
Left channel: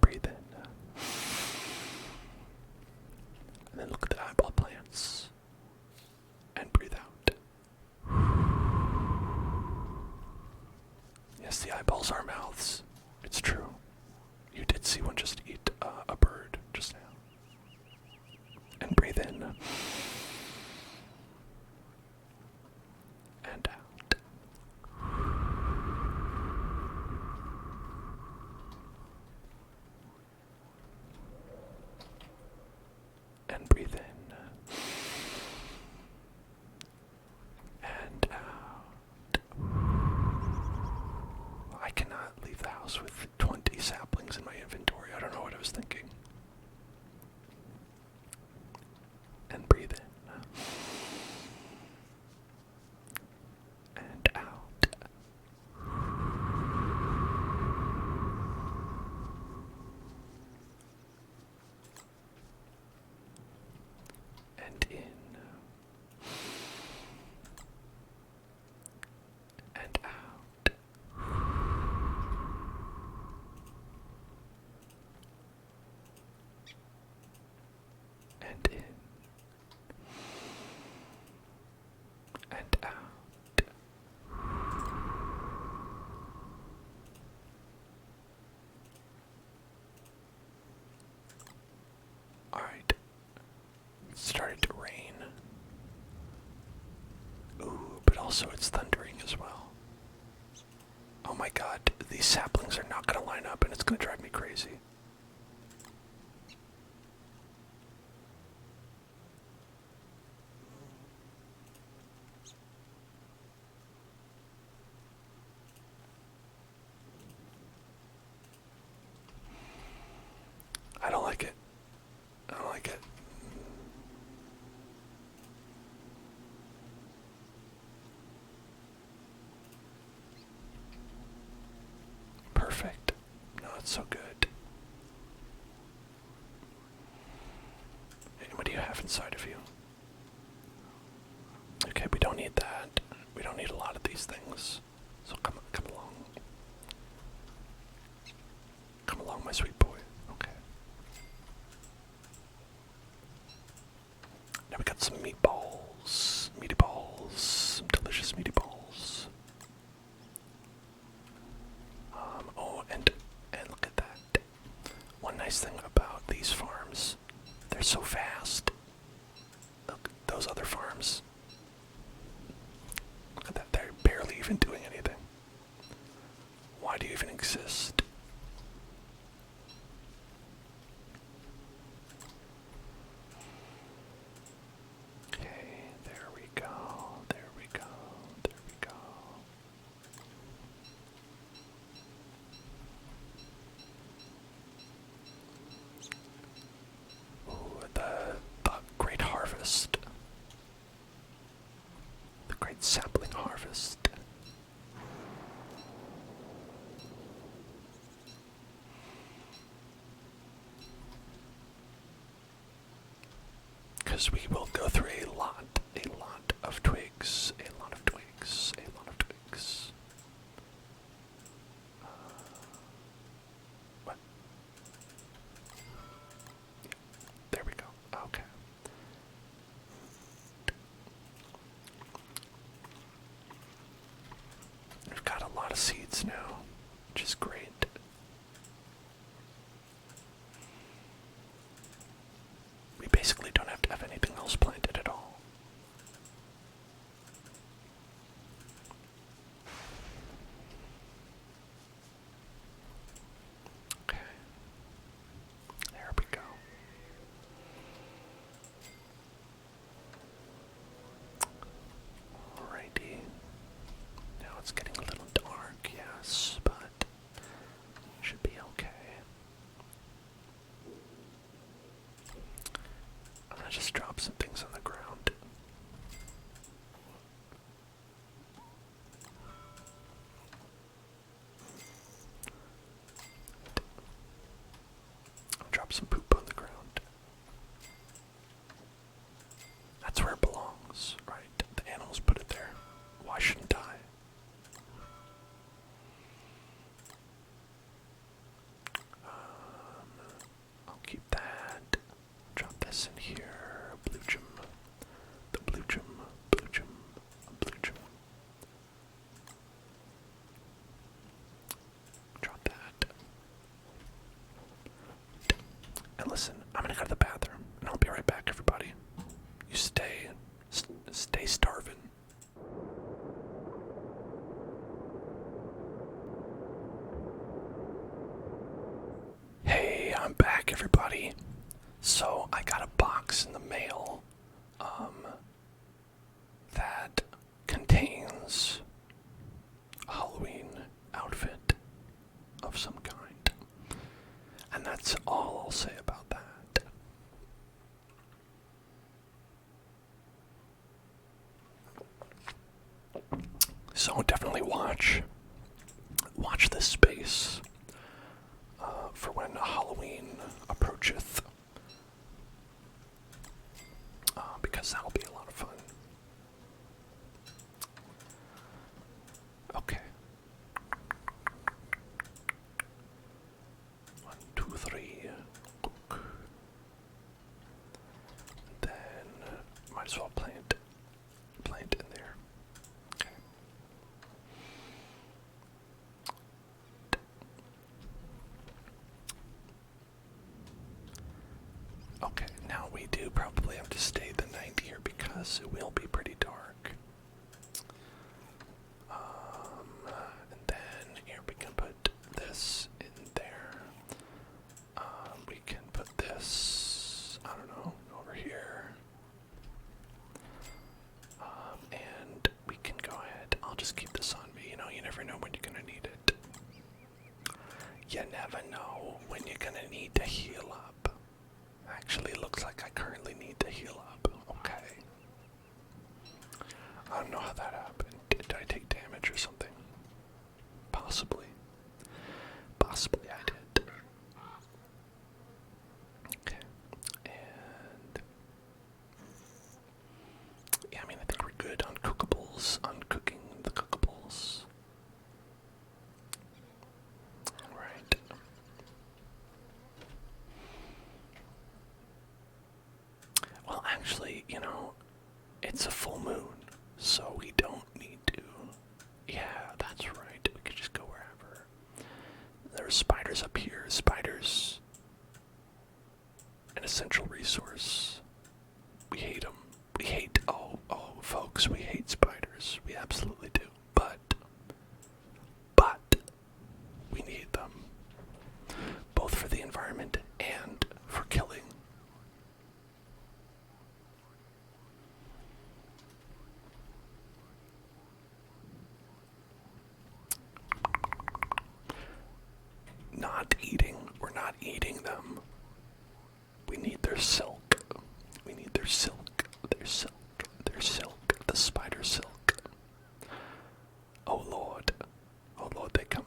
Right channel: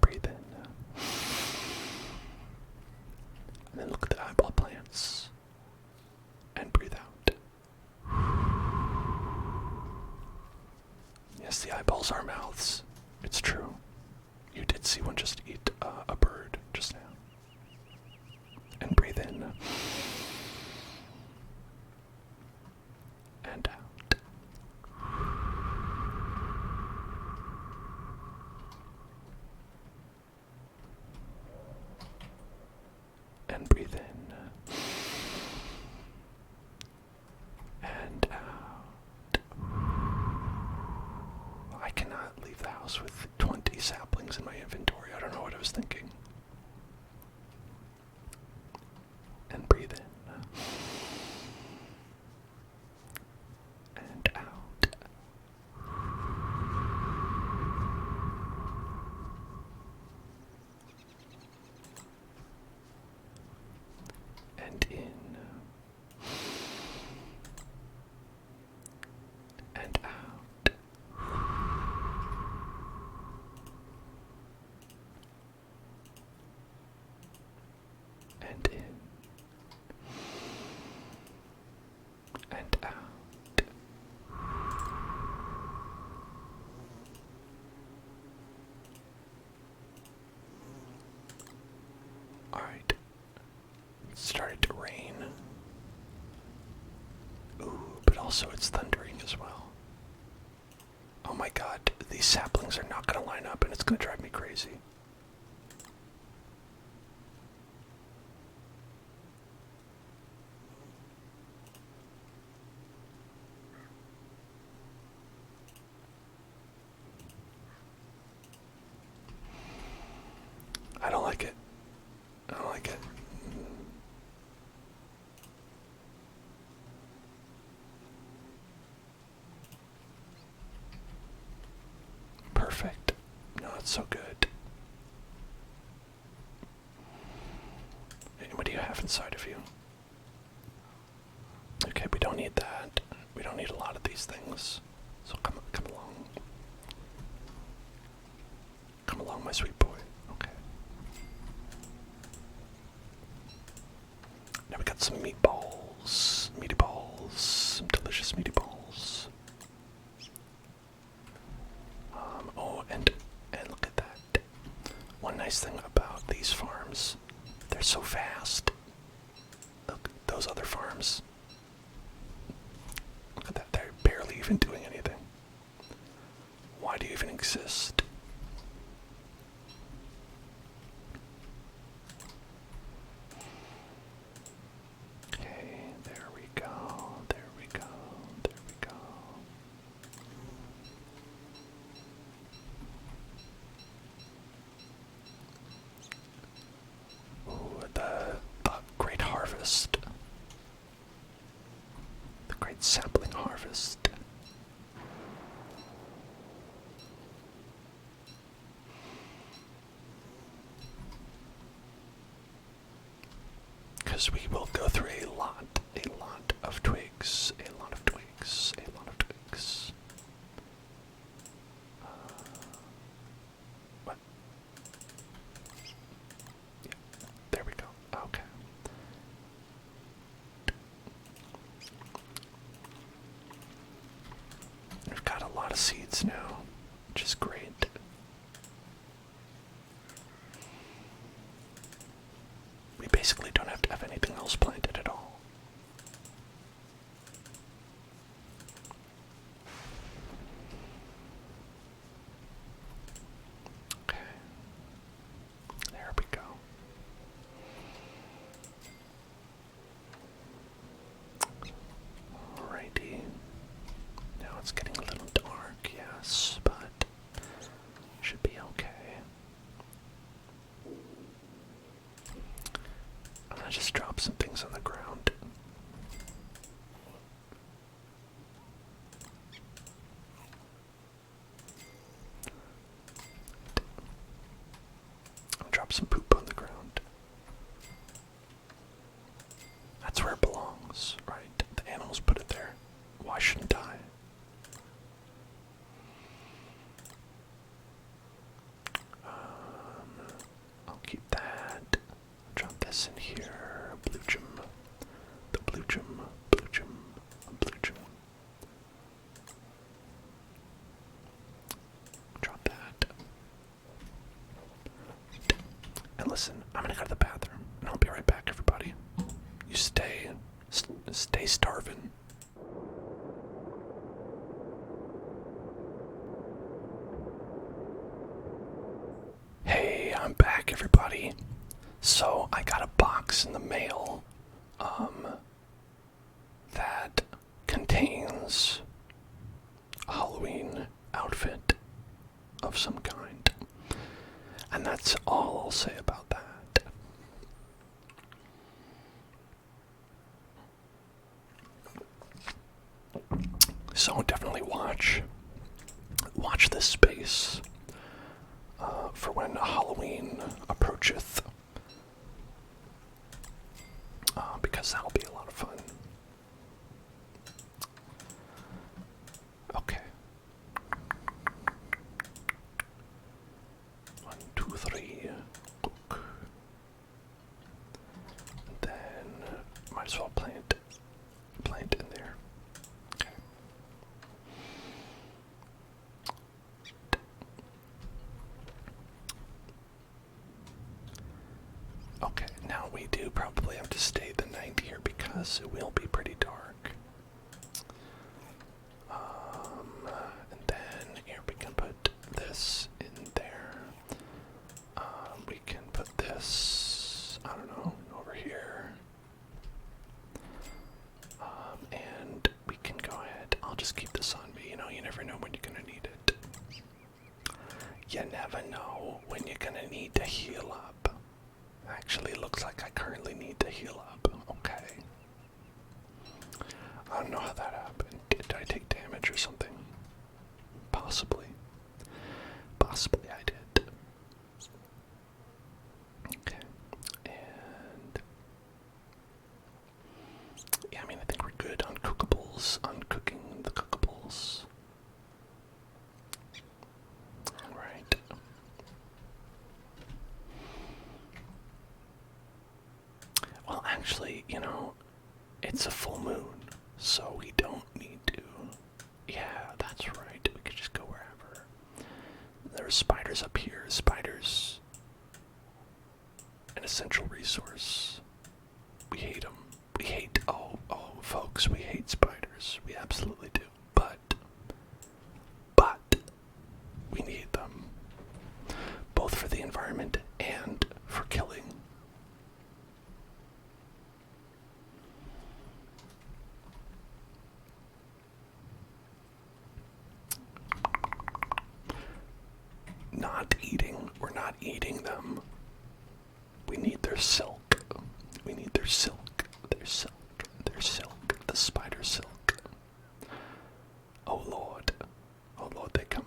breathe in. And then look at the eyeball plants. And breathe out. Yes, the eyeballs are mouths. It's true. You did see one just eat a bird just now. And breathe in. And out. house with 20 saplings in my inventory. I don't know what I was thinking. And breathe in. And out. And in. And out. And in. And out. Alright. It started to rain. Ooh, but also it's thundering as well. Oh my god, these saplings are not gonna line up and it's gonna drive me crazy. I don't like it. I don't like it. Perfect. No, it's so good. Hey, what do you have inside of you? Okay, we don't need that. We don't need a lot of these things. So come along. Come along, my sweet boy. Okay. Now we got some meatballs. Meaty balls. Some delicious meaty balls. Oh, and look at that. One nice thing about these farms, they're so fast. Look, those other farms. Look at that, they're barely even doing anything. Why do you even exist? Okay, there we go, there we go, there we go. Ooh, the great harvest. The great sapling harvest. Because we will go through a lot of twigs, a lot of twigs, a lot of twigs. What? Yeah, there we go. Okay. We've got a lot of seeds now, which is great. We basically don't have to have anything else planted at all. Okay. There we go. Alrighty. Now it's getting a little dark, yes, but should be okay. I'm gonna just drop some things on the ground. I'll drop some poop on the ground. That's where it belongs, right? The animals put it there. Why shouldn't I? I'll keep that. Drop this in here. Blue gem. The blue gem. Blue gem. Blue gem. Drop that. And listen, I'm gonna go to the bathroom, and I'll be right back, everybody. You stay starving. Hey, I'm back, everybody. So I got a box in the mail, that contains a Halloween outfit of So definitely watch this space for when Halloween approacheth, because that'll be a lot of fun. Okay. 1, 2, 3. Cook. Then might as well plant in there. Okay. Okay, now we do probably have to stay the night here because it will be pretty dark. And then here we can put this in there. We can put this, I don't know, over here. And we can go ahead. I'll just keep this on me. You know, you never know when you're gonna need it. You never know when you're gonna need to heal up. Actually, it looks like I currently need to heal up. Okay. I don't know how that happened. Did I take damage or something? Possibly. Possibly I did. Okay. And yeah, I mean, I think we're good on cookables, on cooking the cookables. Right. Well, actually, you know, it's a full moon, so we don't need to. Yeah, that's right. We could just go wherever. There's spiders up here. Spiders, an essential resource. We hate them. We hate, folks, we hate spiders. We absolutely do. But, we need them. Both for the environment and for killing. We're not eating them. We need their silk. We need their silk. Their silk. Their silk. The spider silk. Oh Lord. Oh Lord, they coming.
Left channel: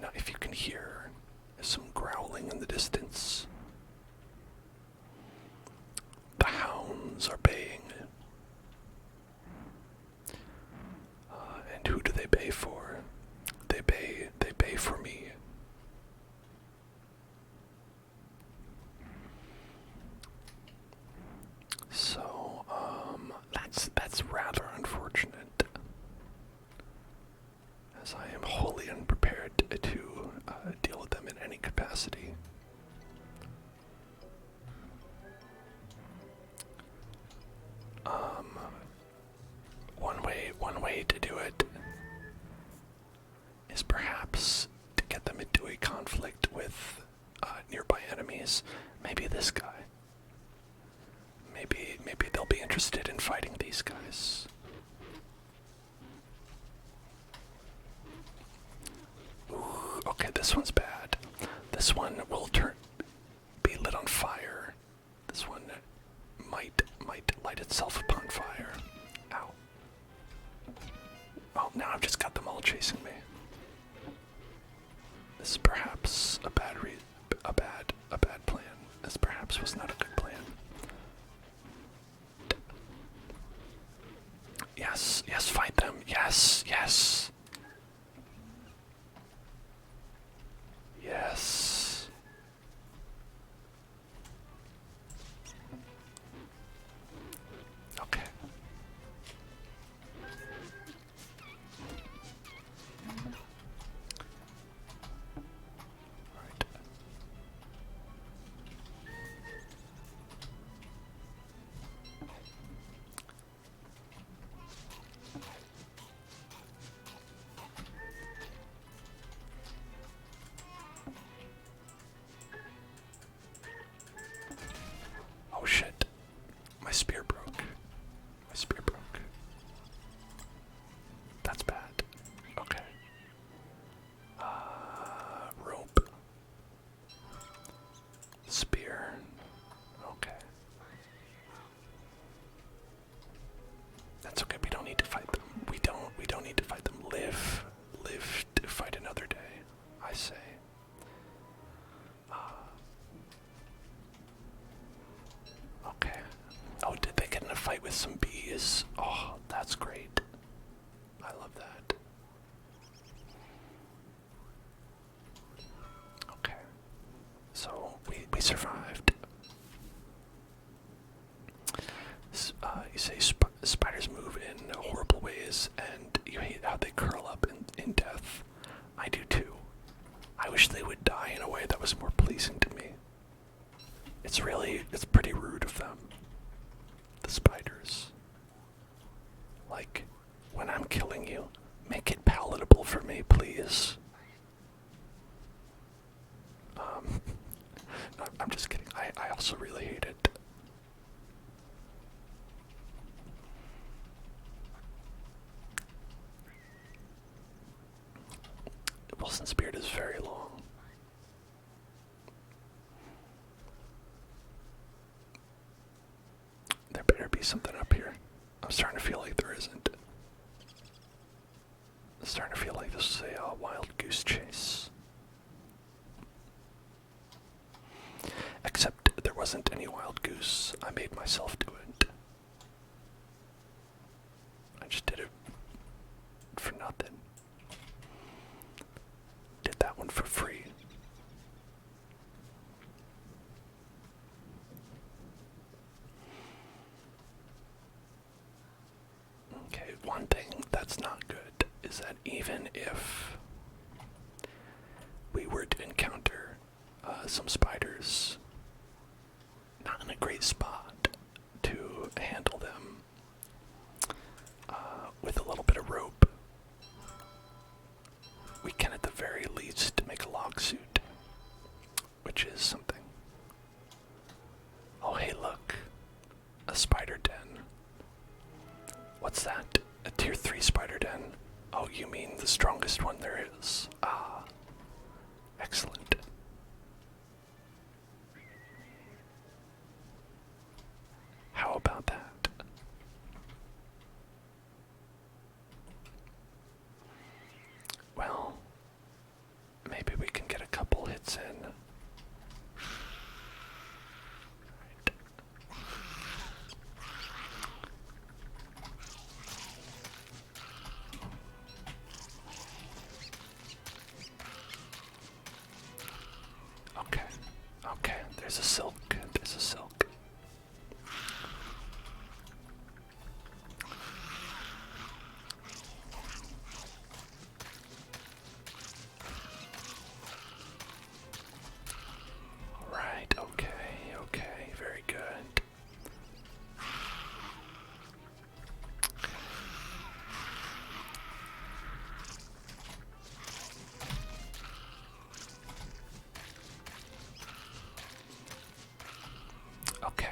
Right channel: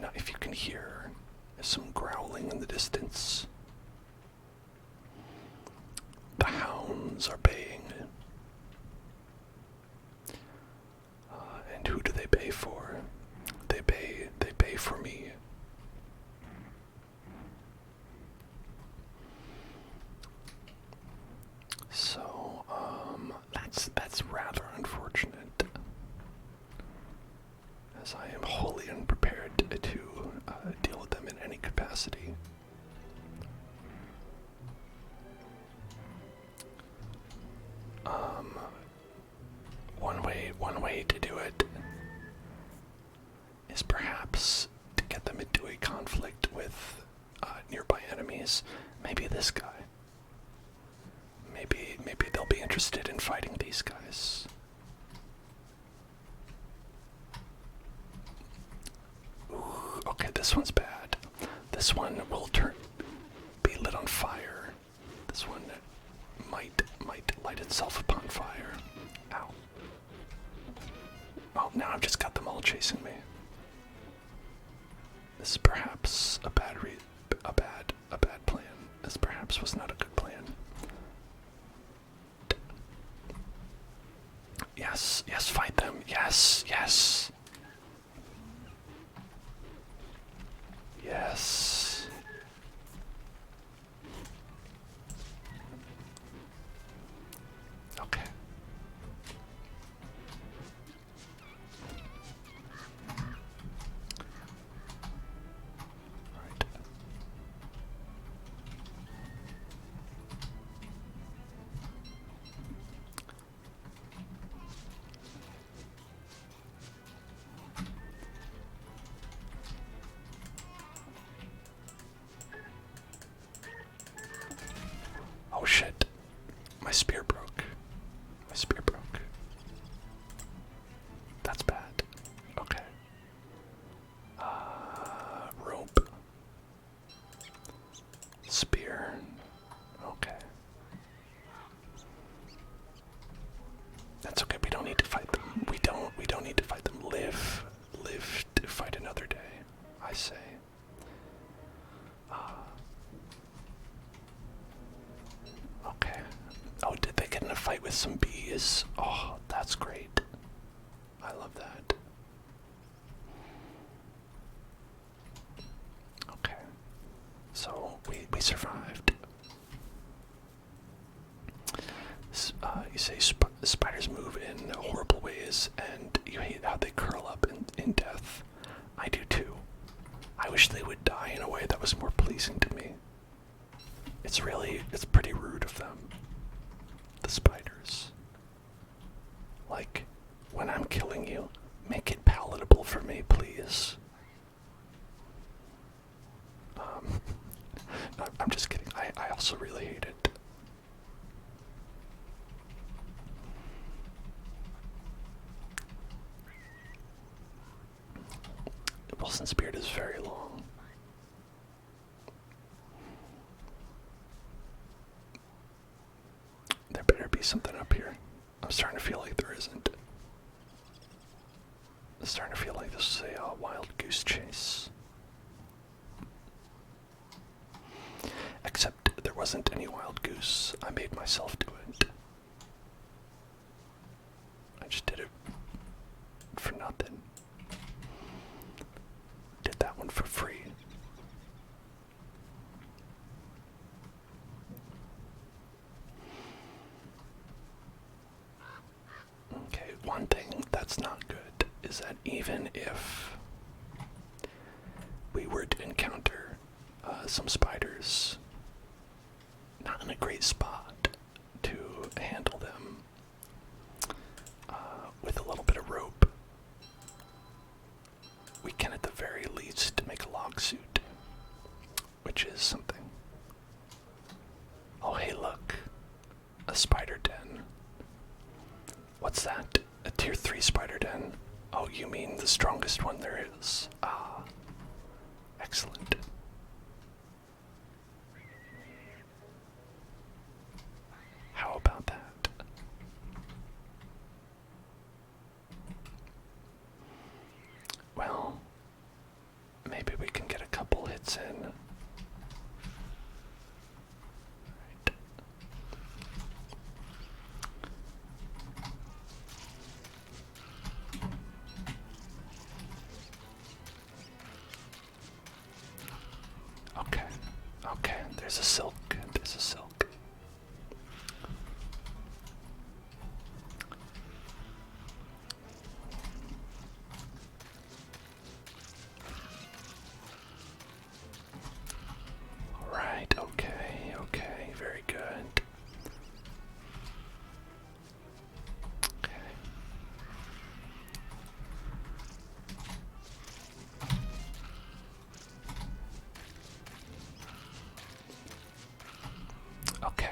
Now if you can hear some growling in the distance. The hounds are baying. And who do they bay for? They bay for me. So, that's rather unfortunate, as I am wholly unprepared to deal with them in any capacity. One way to do it is perhaps to get them into a conflict with nearby enemies. Maybe this guy. Maybe they'll be interested in fighting these guys. Ooh, okay, this one's bad. This one will be lit on fire. This one might light itself upon fire. Ow. Oh, now I've just got them all chasing me. This is perhaps a bad plan. This perhaps was not a good plan. Yes, fight them. Yes. Yes. Okay. Right. Oh, did they get in a fight with some bees? Oh, that's great. I love that. Okay. So, we survived. You say spiders move in horrible ways, and you hate how they curl up in death. I do too. I wish they would die in a way that was more pleasing to me. It's pretty rude of them. The spiders. Like, when I'm killing you, make it palatable for me, please. I'm just kidding. I also really hate it. Wilson's beard is very long. There better be something up here. I'm starting to feel like there isn't. I'm starting to feel like this is a wild goose chase. Except there wasn't any wild goose. I made myself do it. I just did it for nothing. Did that one for free. Okay, one thing that's not good is that even if we were to encounter some spiders, not in a great spot to handle them with a little bit of rope, we can at the very least make a log suit, which is something. Oh hey look, a spider den. What's that? A tier 3 spider den? Oh, you mean the strongest one there is? Ah, excellent. How about that? Well, maybe we can get a couple hits in. Right. Okay, okay, there's a silk, there's a silk. Alright, okay, okay, very good. Okay,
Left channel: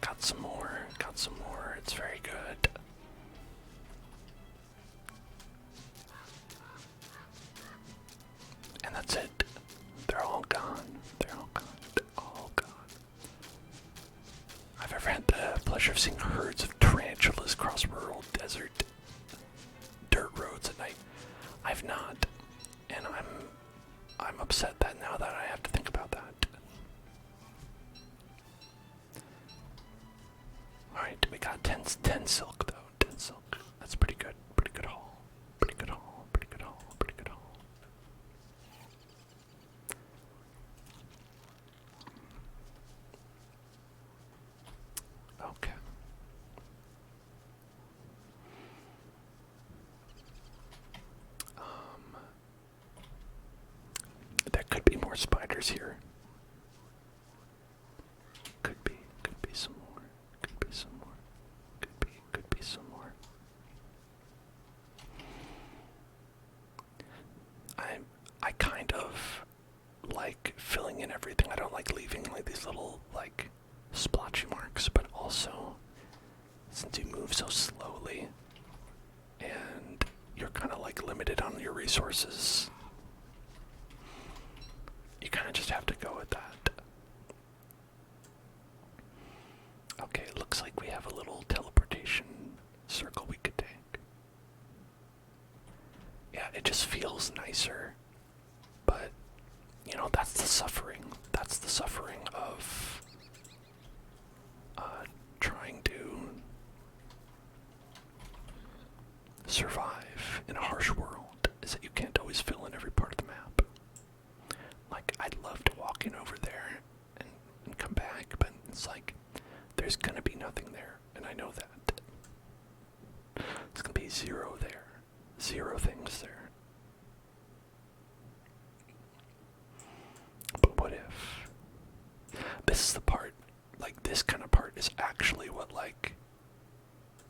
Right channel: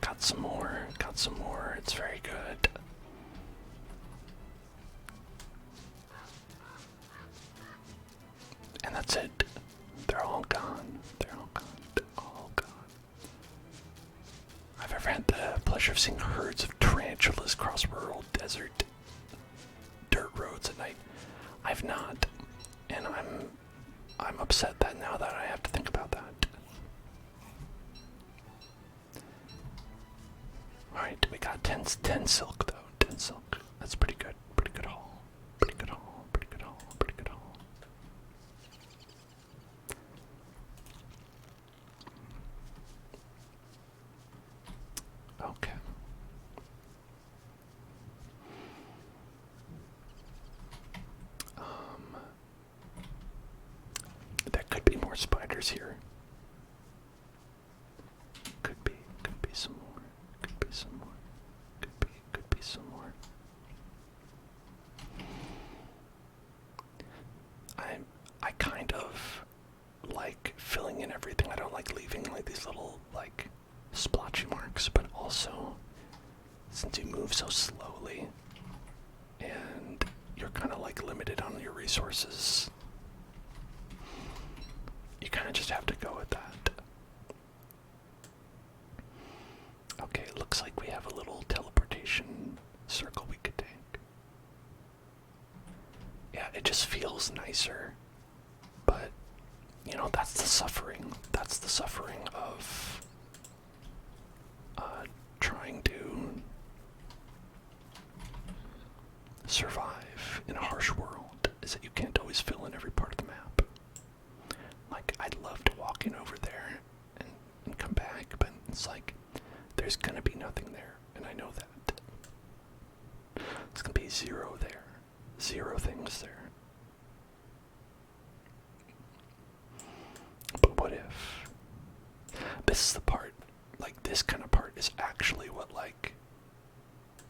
got some more, it's very good. And that's it. They're all gone. They're all gone. They're all gone. I've ever had the pleasure of seeing herds of tarantulas cross rural desert dirt roads at night. I've not. And I'm upset that now that I have to think about that. Alright, we got 10 silk though. 10 silk. That's pretty good. Pretty good haul. Pretty good haul. Pretty good haul. Pretty good haul. Okay. There could be more spiders here. Could be some more. Could be some more. Could be some more. I kind of like filling in everything. I don't like leaving like these little like splotchy marks, but also since you move so slowly and you're kind of like limited on your resources, you kind of just have to go with that. Okay, it looks like we have a little teleportation circle we could take. Yeah, it just feels nicer, but you know, that's the suffering. That's the suffering of trying survive in a harsh world is that you can't always fill in every part of the map. Like, I'd love to walk in over there and come back, but it's like, there's gonna be nothing there, and I know that. It's gonna be zero there. Zero things there. But what if? This is the part, like, this kind of part is actually what, like,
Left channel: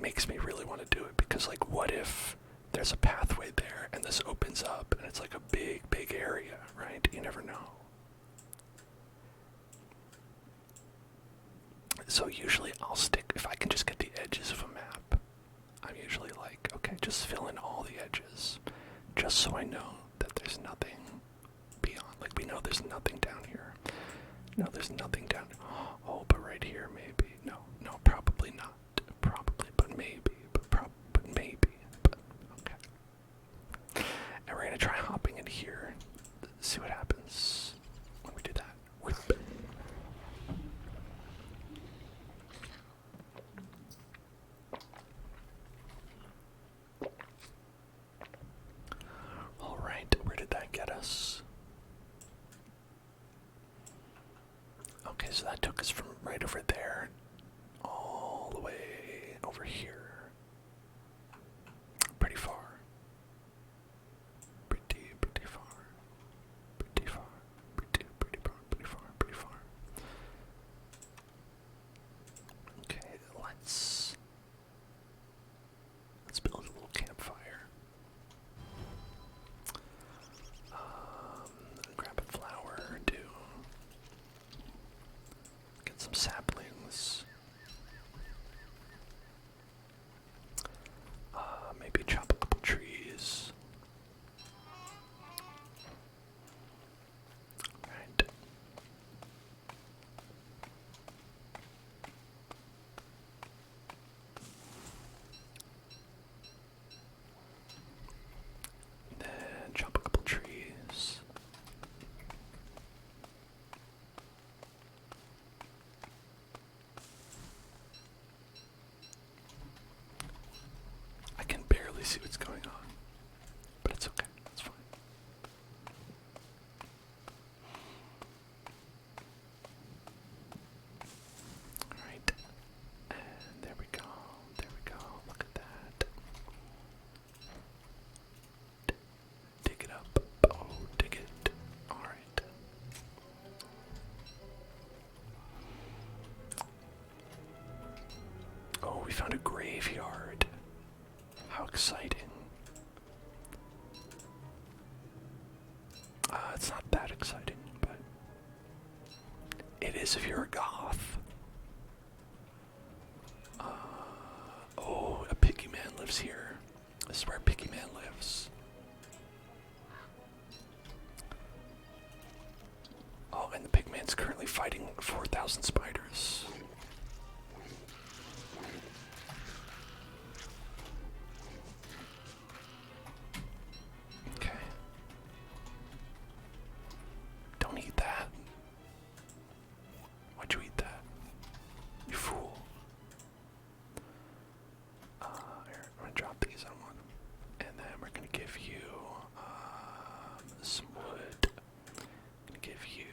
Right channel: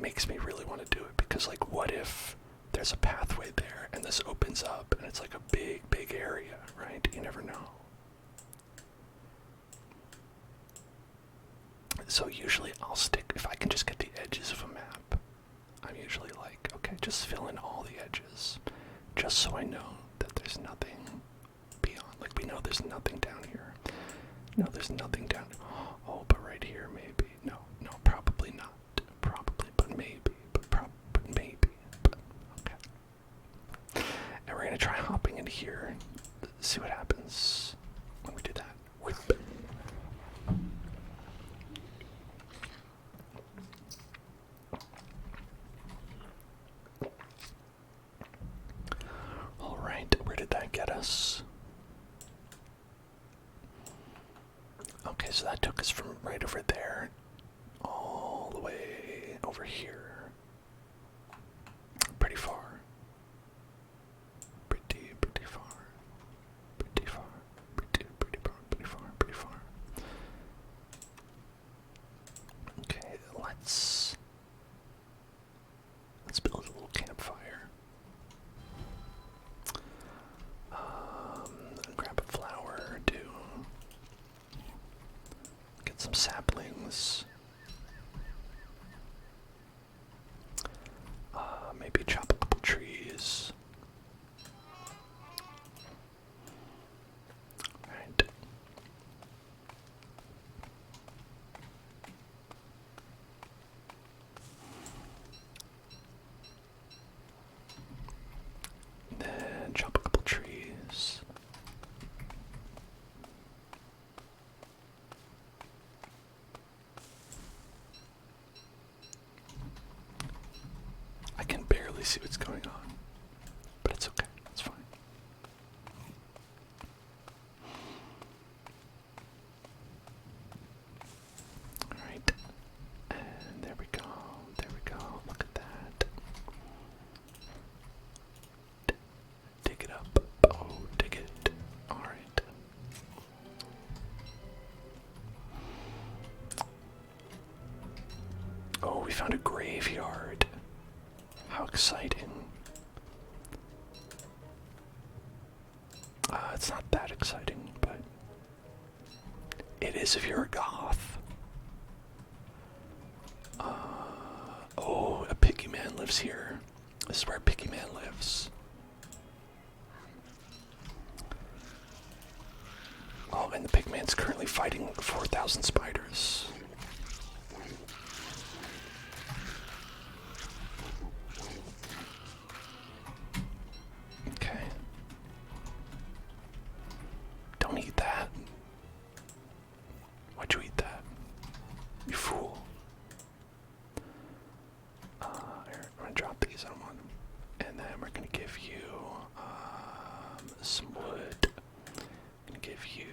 makes me really want to do it, because, like, what if there's a pathway there and this opens up and it's like a big area, right? You never know. So usually I'll stick, if I can just get the edges of a map, I'm usually like, okay, just fill in all the edges, just so I know that there's nothing beyond. Like, we know there's nothing down here. No, there's nothing down. Oh, but right here, maybe. No, probably not. Probably, but maybe. But maybe. But okay. And we're gonna try hopping in here. See what happens when we do that. Whip. All right, where did that get us? Okay, so that took us from right over there all the way over here. Pretty far. Pretty far. Pretty far. Pretty far. Okay, let's build a little campfire. Grab a flower, too. Get some saplings. Maybe chop a couple trees. Right. Then chop a couple trees. I can barely see what's going on, but it's okay, it's fine. Alright, and there we go, look at that. Dig it up, oh, dig it, alright. Oh, we found a graveyard. How exciting. It's not that exciting, but it is if you're a goth. Oh, a piggy man lives here. This is where a piggy man lives. Oh, and the pig man's currently fighting 4,000 spiders. Okay. Don't eat that. Why'd you eat that? You fool. Here, I'm gonna drop these on one. And then we're gonna give you some wood. I'm gonna give you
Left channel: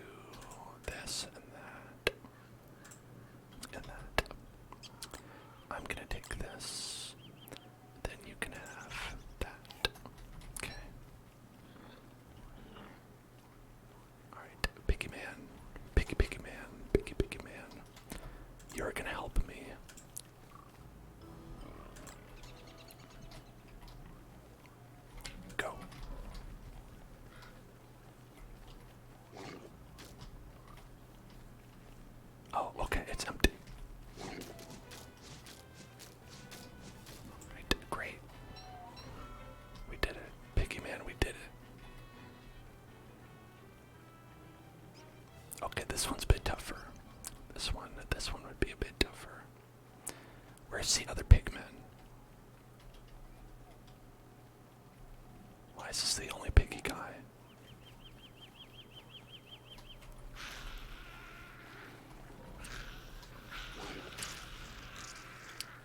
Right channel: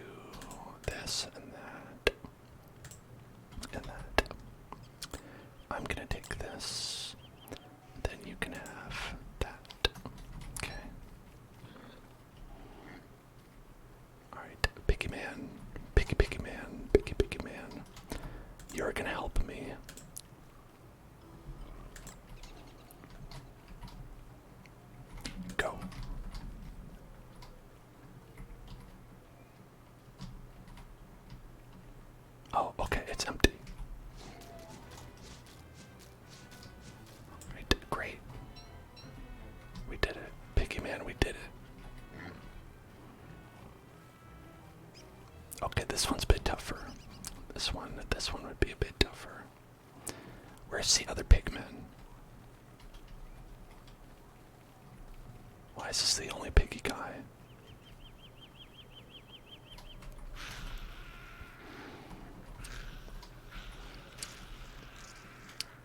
this and that. And that. I'm gonna take this. Then you can have that. Okay. Alright, piggy man. Piggy man. You're gonna help me. Go. Oh, okay, it's empty. Right, great. We did it. Piggy man, we did it. Okay, this one's a bit tougher. This one would be a bit tougher. Where's the other pigman? Why is this the only piggy guy?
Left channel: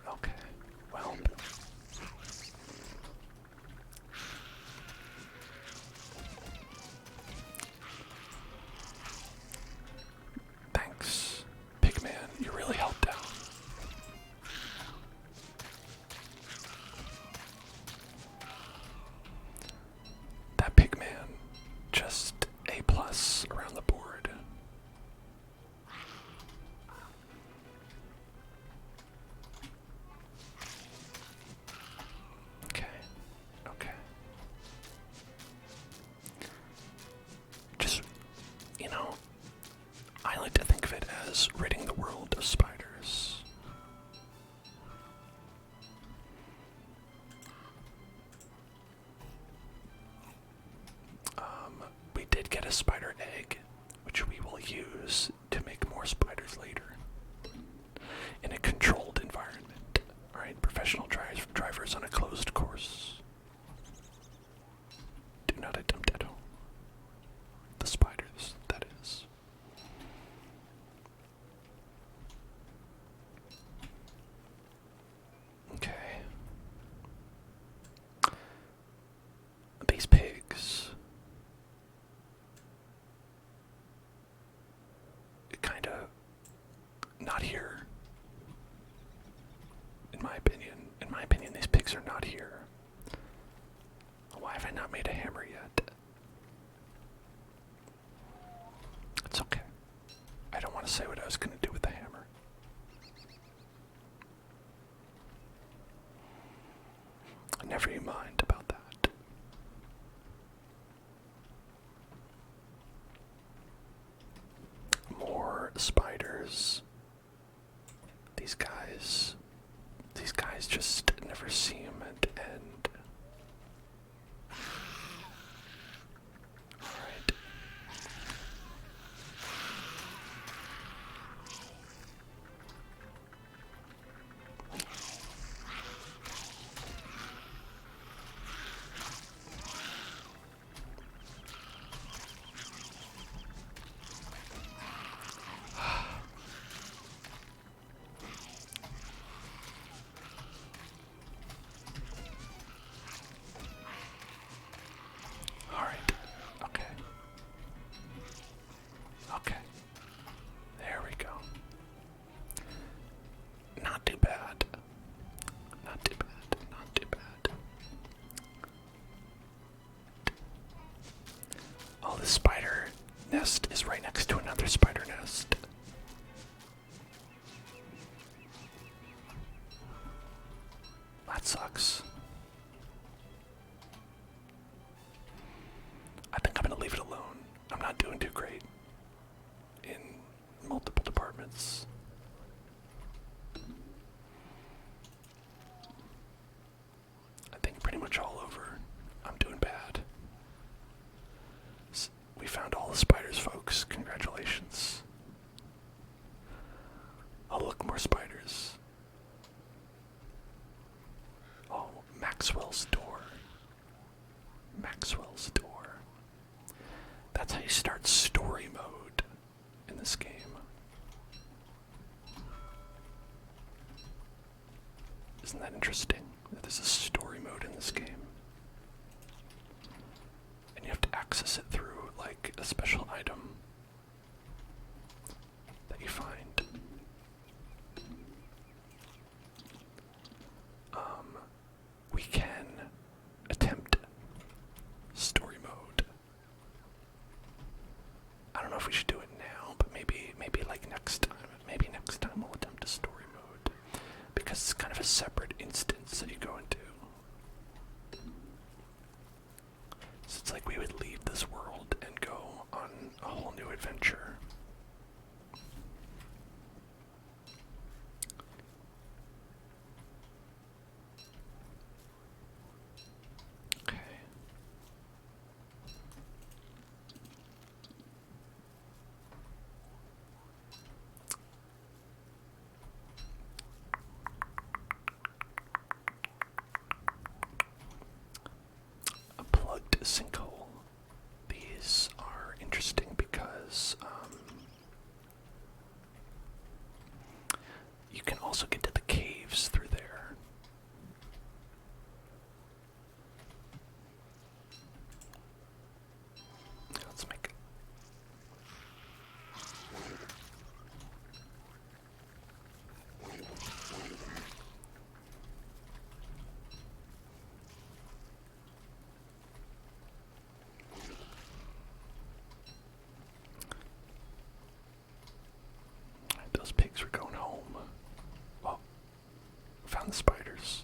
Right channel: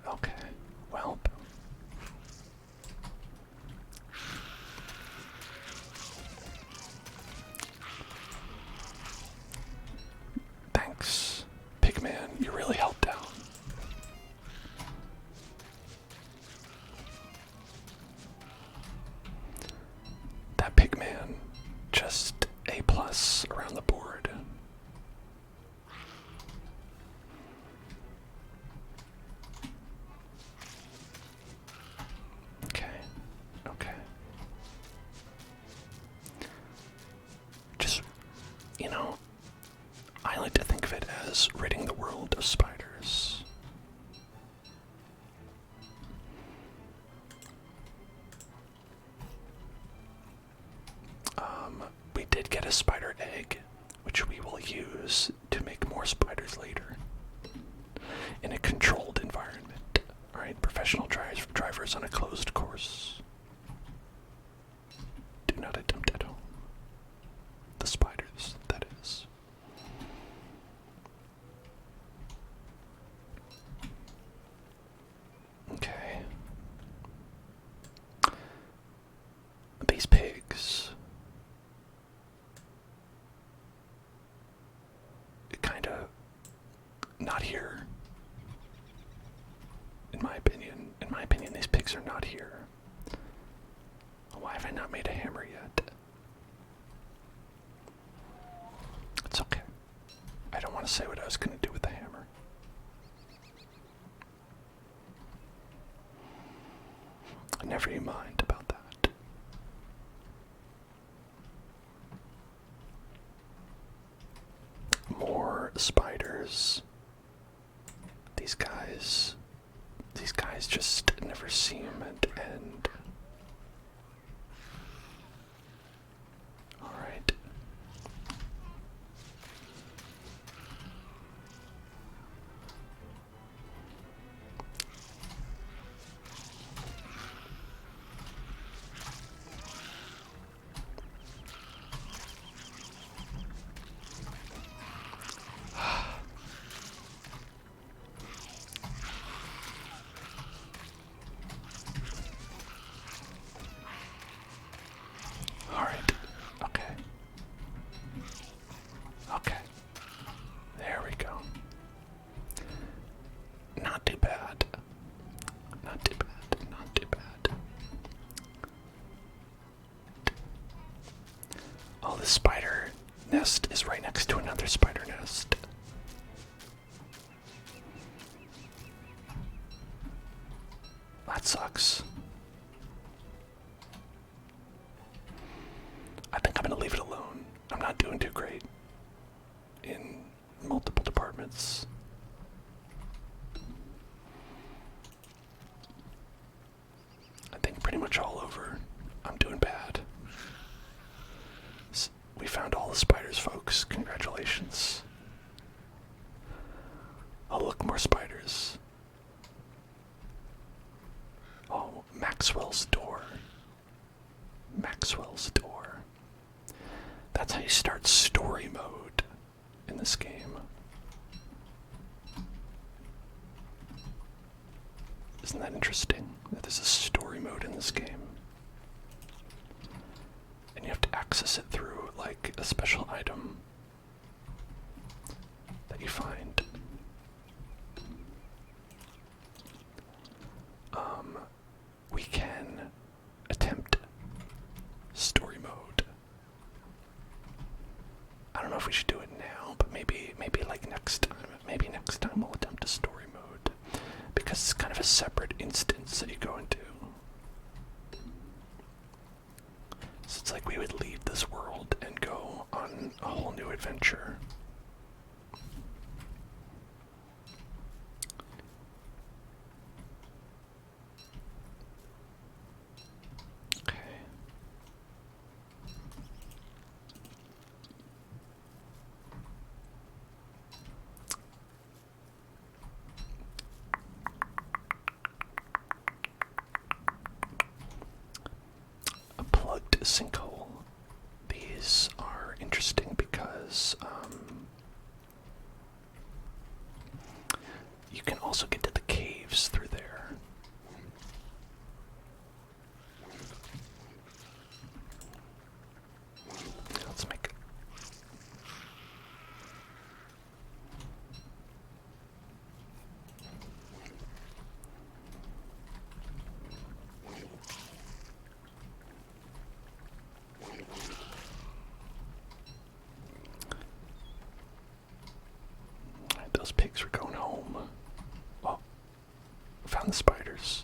Okay, well, is ridding the world of spiders. We did get a spider egg, which we will use to make more spiders later in a controlled environment. Alright, professional drivers on a closed course. Do not attempt at home. The spiders, that is. Okay. These pigs. Kinda not here. In my opinion. In my opinion, these pigs are not here. Why have I not made a hammer yet? It's okay. I don't want to say what I was going to do with the hammer. Never you mind about that. More spiders. These guys just never seem to end. Alright. Alright. Okay. Okay. There we go. Not too bad. Not too bad. Not too bad. Oh, the spider nest is right next to another spider nest. That sucks. I think I'm gonna leave it alone. I'm not doing too great in multiple departments. I think pretty much all over. I'm doing bad. We found all the spiders, folks. Congratulations. Oh, look, more spiders. Oh, Maxwell's door. Maxwell's door. That's how you start story mode in this game. Isn't that interesting? That there's a story mode in this game. And you have to access it through, like, a special item that you find. We can attempt story mode. I don't know if we should do it now, but maybe like next time. Maybe next time we'll attempt a story mode. Because it's kind of a separate instance that you go into. So it's like we would leave this world and go on a whole new adventure. Okay. A plugged sinkhole. These are interesting because you can also get to the caves through there. Let's make it. Alright, those pigs are going home. Oh, found the spiders.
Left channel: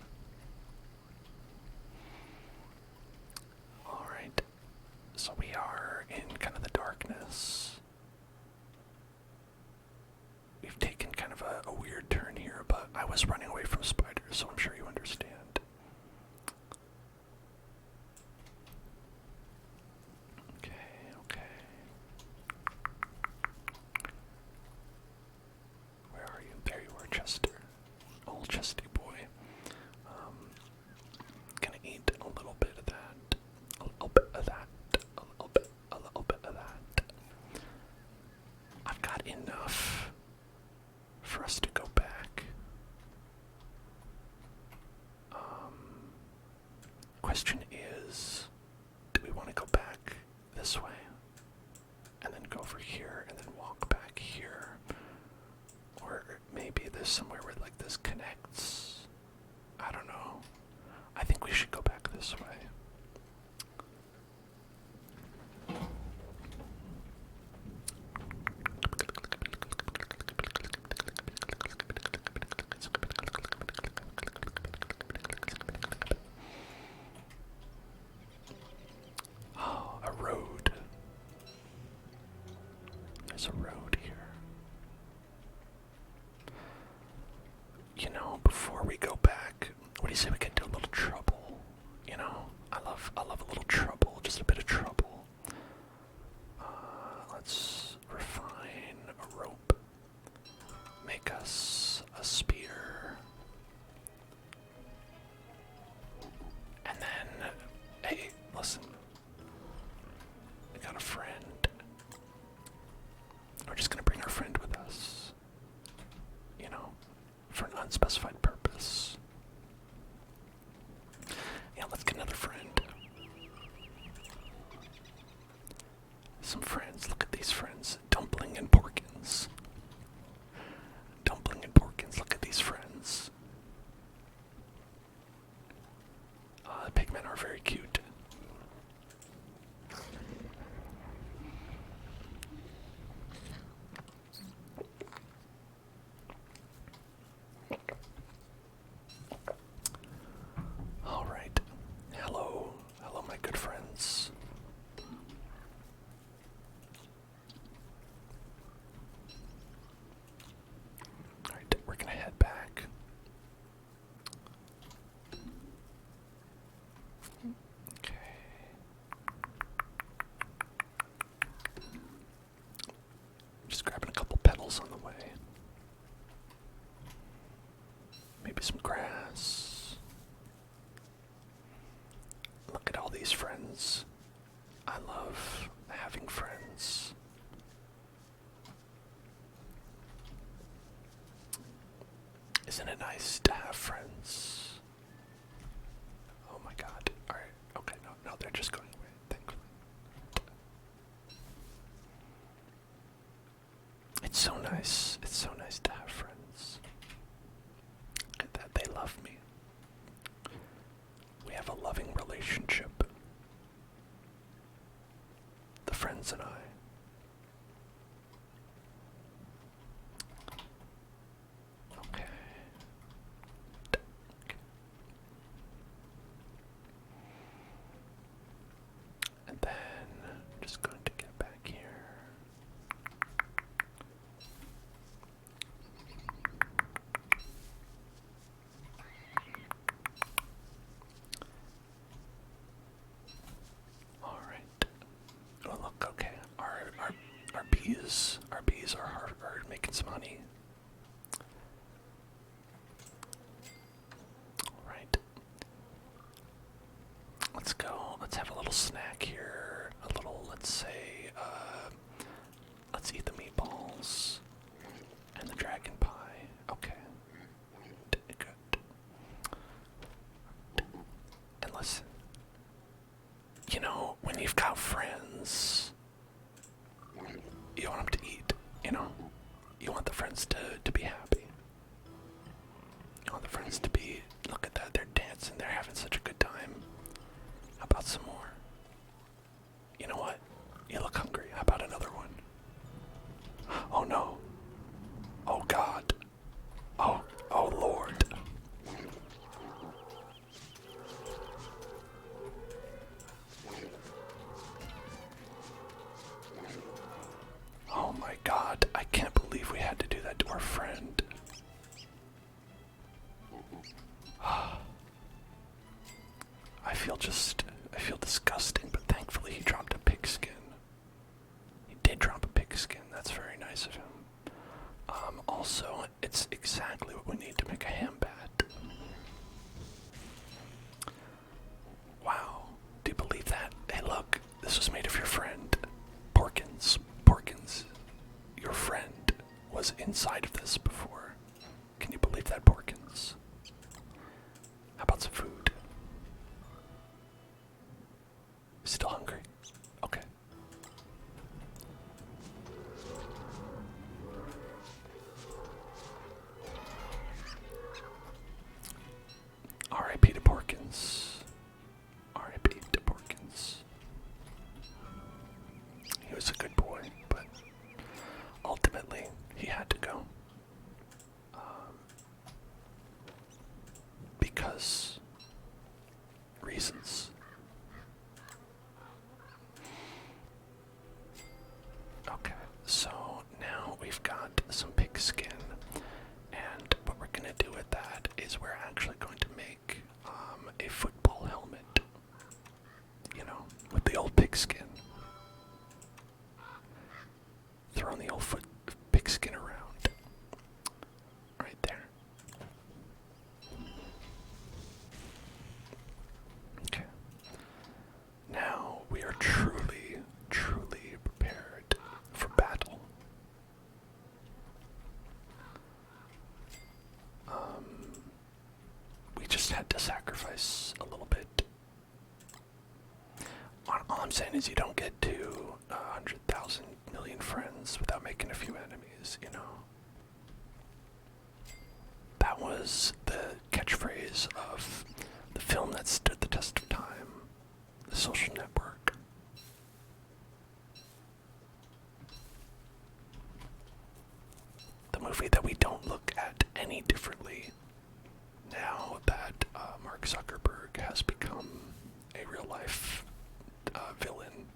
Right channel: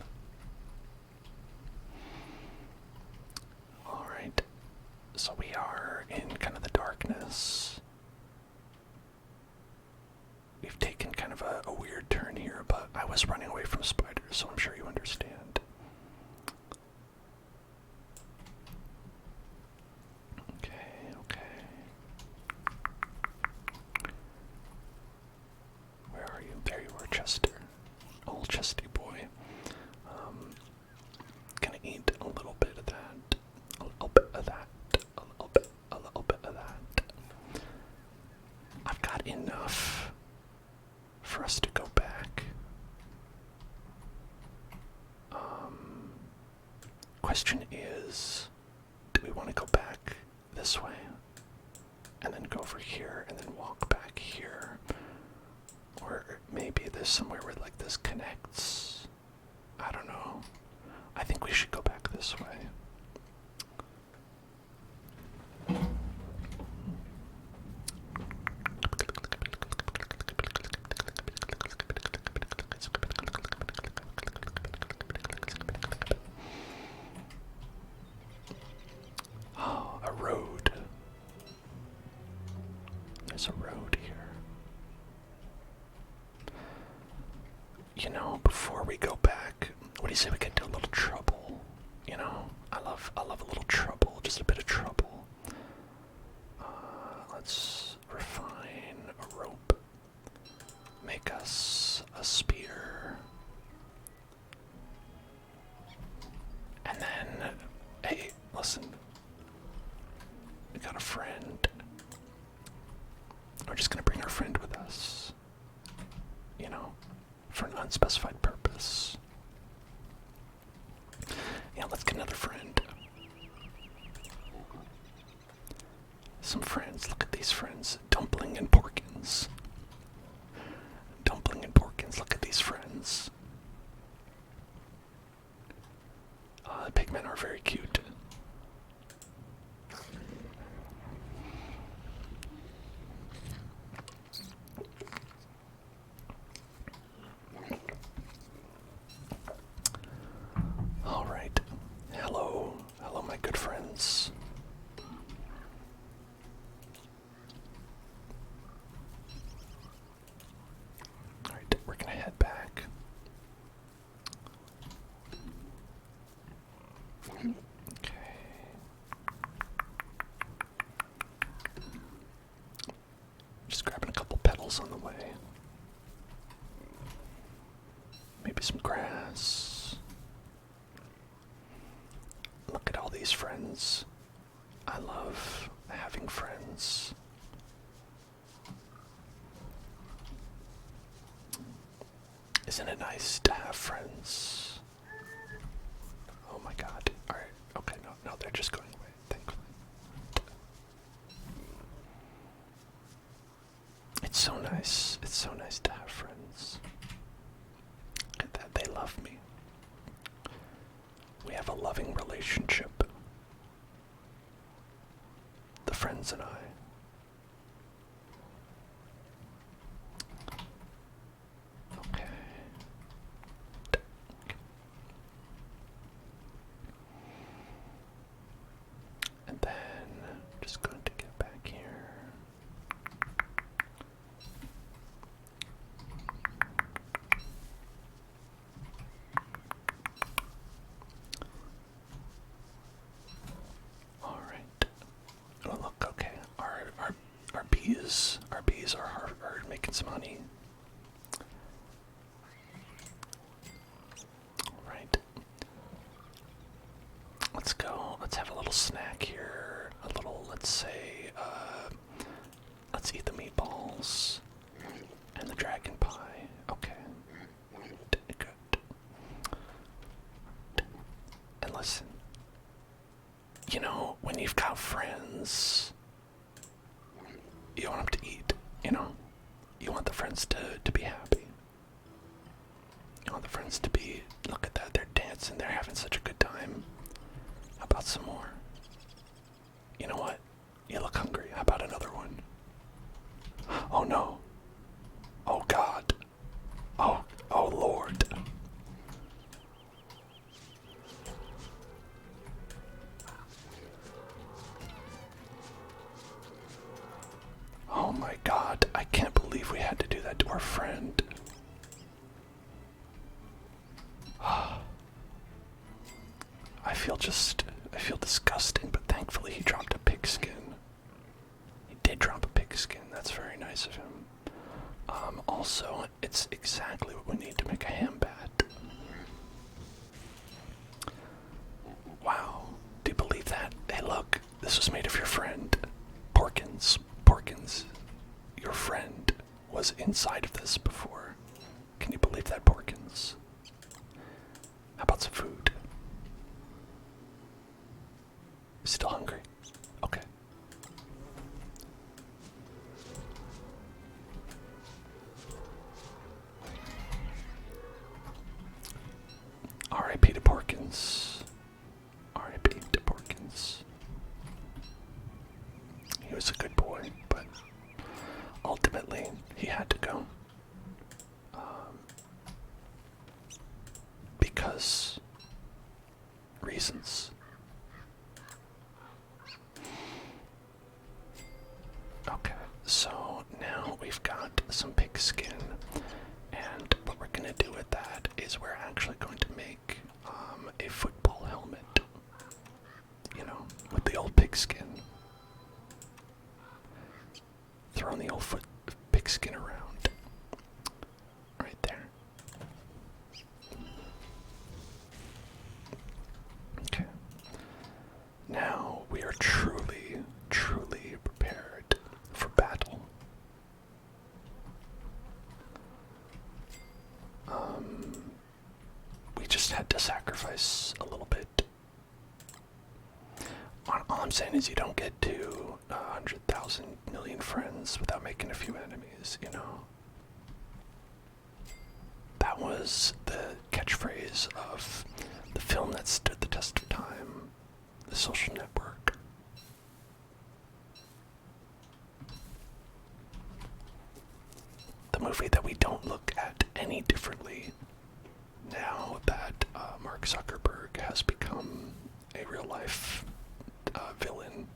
Alright, so we are in kind of the darkness. we've taken kind of a weird turn here, but I was running away from spiders, so I'm sure you understand. Okay. Where are you? There you are, Chester. Old Chesty boy. Gonna eat a little bit of that. A little bit of that. A little bit of that. I've got enough for us to go back. Question is, do we want to go back this way and then go over here and then walk back here? Or maybe there's somewhere where like this connects. I don't know. I think we should go back this way. Oh, a road. There's a road here. You know, before we go back, what do you say we get into a little trouble? You know, I love a little trouble, just a bit of trouble. Let's refine a rope. Make us a spear. And then, hey, listen. We got a friend. We're just gonna bring our friend with us. You know, for an unspecified purpose. Yeah, let's get another friend. Some friends. Look at these friends. Dumpling and Porkins. Dumpling and Porkins. Look at these friends. The pigmen are very cute. All right. Hello, my good friends. All right, we're gonna head back. Okay. Just grabbing a couple petals on the way. Maybe some grass. Look at all these friends. I love having friends. Isn't it nice to have friends? Oh my god. Alright, okay, no, they're just going away, thankfully. It's so nice to have friends. Look at that, they love me. We have a loving relationship. The friends and I. Okay. And then, just going to get back here. All right. Oh look, okay. Our bees are making some honey. All right. Let's go. Let's have a little snack here. Let's say, let's eat the meatballs and the dragon pie. Okay. Good. And listen, you know, when you've got friends, you want them to eat, you know? You want the friends to be happy. You want the friends to be, look at that, they're dancing, they're having such a good time. How about some more? You know what? You look hungry. How about another one? Oh no. Oh God. Oh Lord. I feel disgusting, but thankfully he dropped a pigskin. He did drop a pigskin. That's very nice of him. Also, it's exactly what we need to make a ham bat. Wow. Do you believe that? Hey, look. This was made of your friend. Porkins. Porkins. Your friend was inside of this before. Can you believe that, Porkins? How about some food? Still hungry? Okay. R.I.P. to Porkins. R.I.P. to Porkins. He was a good boy, but ultimately he had to go. Because reasons. Okay, so now we've got some pig skin, and what we're gonna do with that is we're actually going to make a football helmet. You know, with the old pig skin. Throwing the old pig skin around. Right there. Okay. Now we are truly, truly prepared for battle. We just had to sacrifice a little bit. All I'm saying is you don't get to 100,000 million friends without making a few enemies, you know? That was the catchphrase of the film that stood the test of time, The Social Network. The movie that we don't look at any differently now that Mark Zuckerberg has become a real-life villain.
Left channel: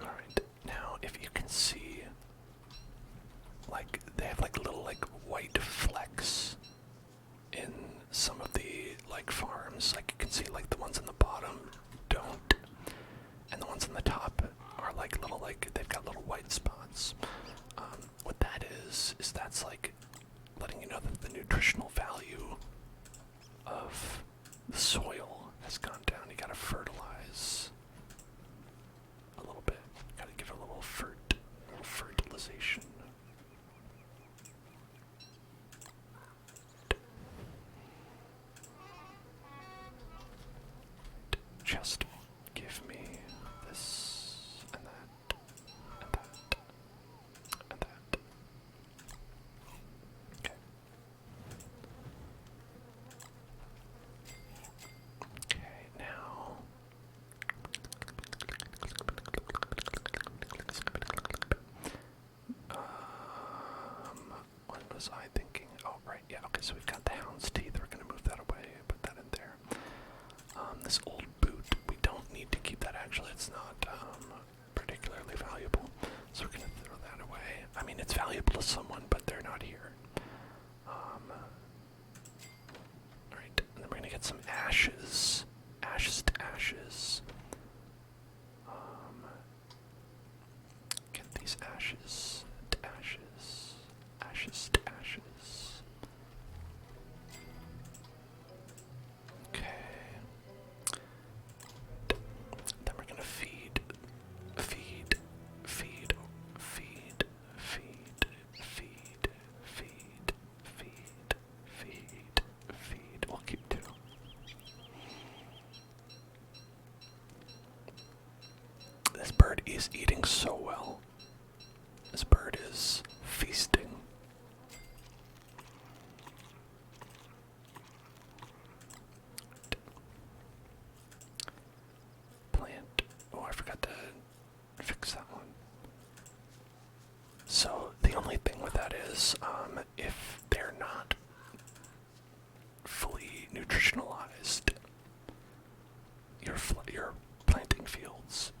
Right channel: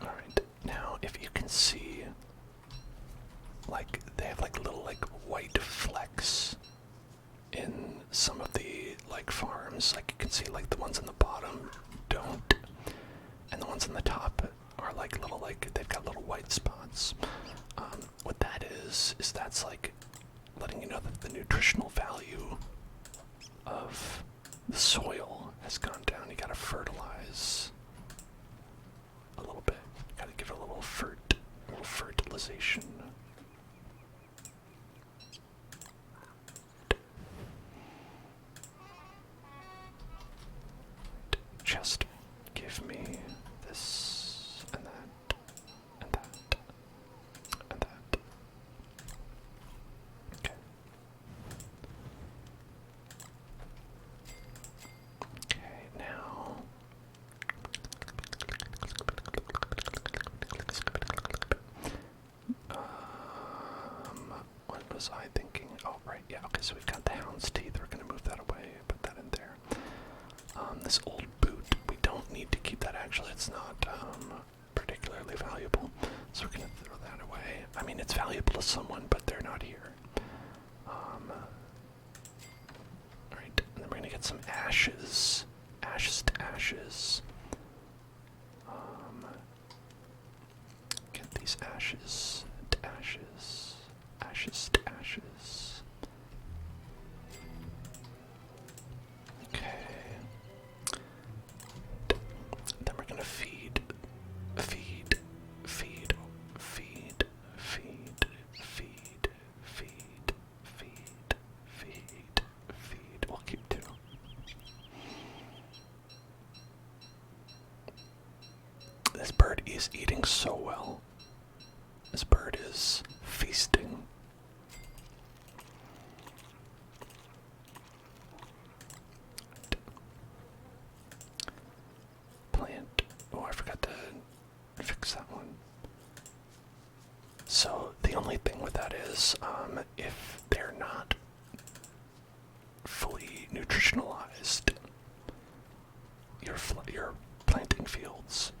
Alright, now if you can see, like, they have like little like white flecks in some of the like farms. Like you can see like the ones in the bottom don't, and the ones in the top are like little, like they've got little white spots. What that is that's like letting you know that the nutritional value of the soil has gone down. You gotta fertilize a little bit. Gotta give it a little fertilization. Just give me this and that and that and that. Okay. Okay, now what was I thinking? Oh, right, yeah, okay, so we've got the hound's teeth. We're gonna move that away, put that in there. This old boot, we don't need to keep that. Actually, it's not particularly valuable, so we're gonna throw that away. I mean, it's valuable to someone, but they're not here. Alright, and then we're gonna get some ashes. Ashes to ashes. Get these ashes to ashes. Ashes to ashes. Okay. Then we're gonna feed, feed, feed, feed, feed, feed, feed, feed, feed, feed. We'll keep two. This bird is eating so well. This bird is feasting. Plant. Oh, I forgot to fix that one. So the only thing with that is, if they're not fully nutritionalized, your planting fields,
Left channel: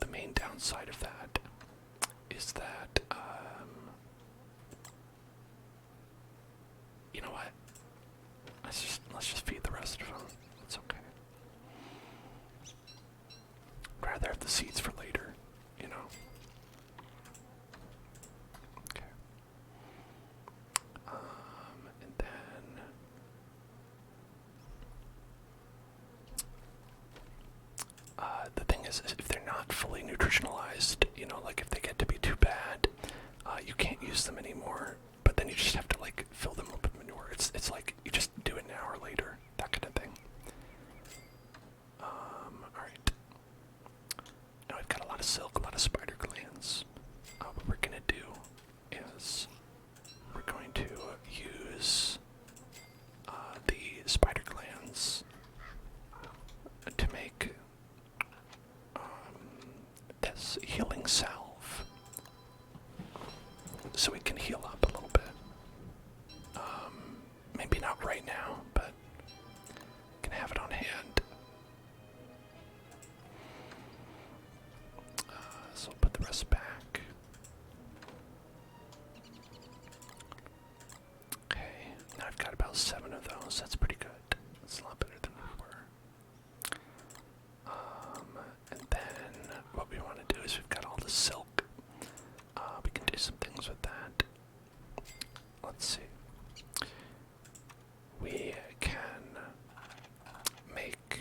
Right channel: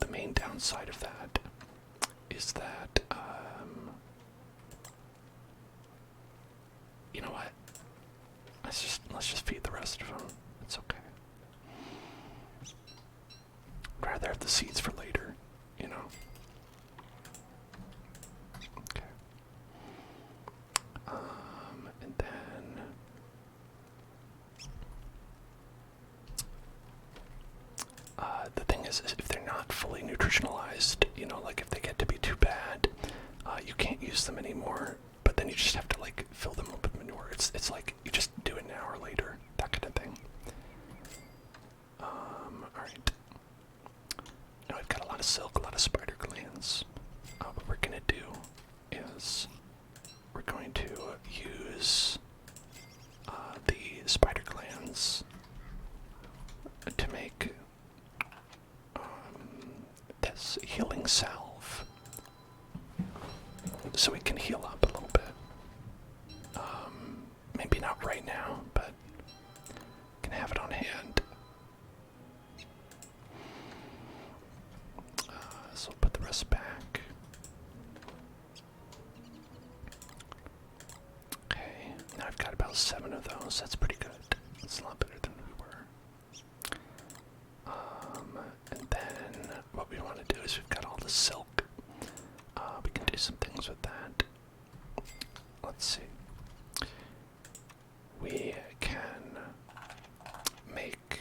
the main downside of that is that know what? Let's just feed the rest of them. It's okay. I'd rather have the seeds for later, you know. Okay. And then the thing is if they're not fully nutritionalized, you know, like if they get to be too bad, you can't use them anymore. But then you just have to like fill them up with manure. It's like you just do it an hour later, that kind of thing. Alright. Now I've got a lot of silk, a lot of spider glands. What we're gonna do is we're going to use the spider glands to make this healing salve, so we can heal up a little bit. Maybe not right now, but can have it on hand. So I'll put the rest back. Okay, now I've got about 7 of those. That's pretty good. That's a lot better than we were. And then what we want to do is we've got all the silk. We can do some things with that. Let's see. We can make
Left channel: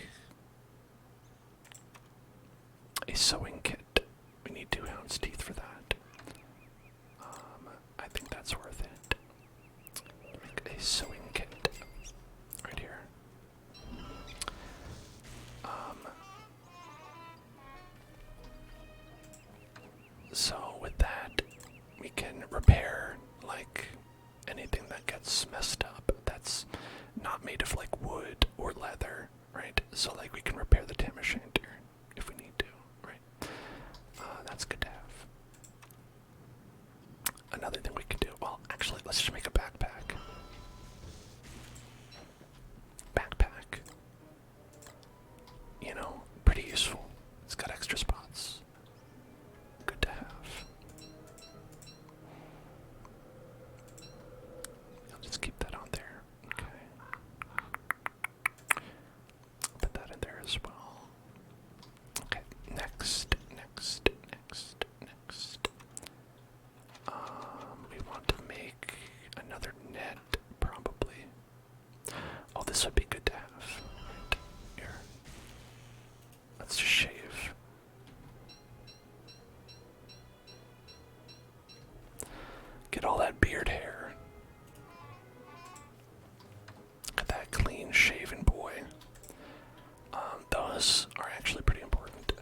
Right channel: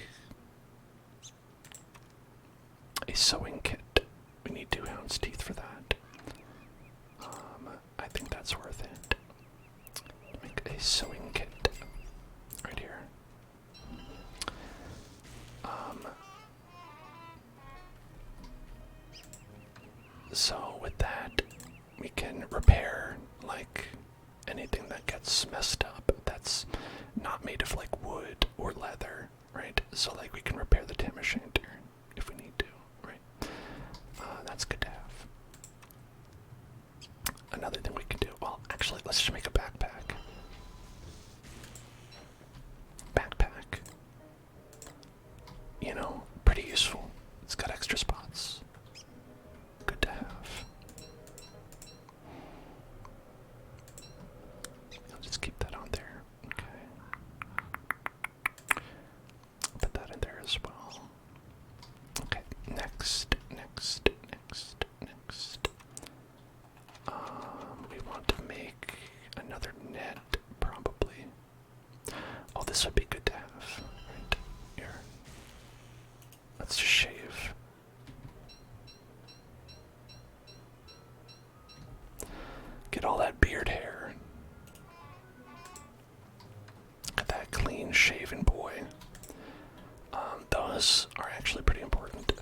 a sewing kit. We need 2 hound's teeth for that. I think that's worth it. Make a sewing kit right here. So with that, we can repair like anything that gets messed up that's not made of like wood or leather, right? So like we can repair the tam o'shanter if we need to, right? That's good to have. Another thing we can do, well, actually, let's just make a backpack. Backpack. You know, pretty useful. It's got extra spots. Good to have. I'll just keep that on there. Okay. Put that in there as well. Okay, next. We want to make another net, probably. Oh, this would be good to have. Right here. Let's just shave. Get all that beard hair. Look at that clean shaven boy. Those are actually pretty important.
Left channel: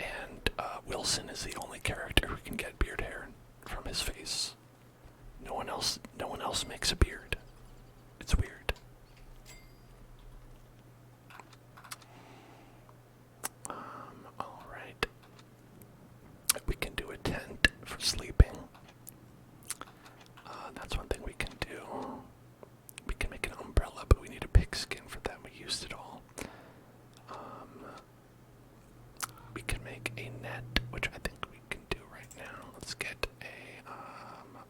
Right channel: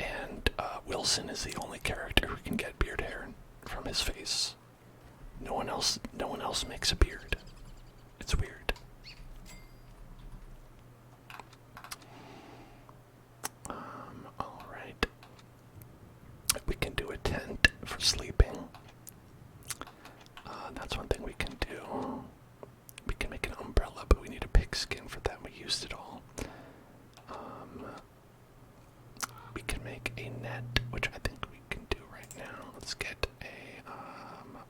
And Wilson is the only character who can get beard hair from his face. No one else makes a beard. It's weird. All right. We can do a tent for sleeping. That's one thing we can do. We can make an umbrella, but we need a pigskin for that. We used it all. We can make a net, which I think we can do right now. Let's get a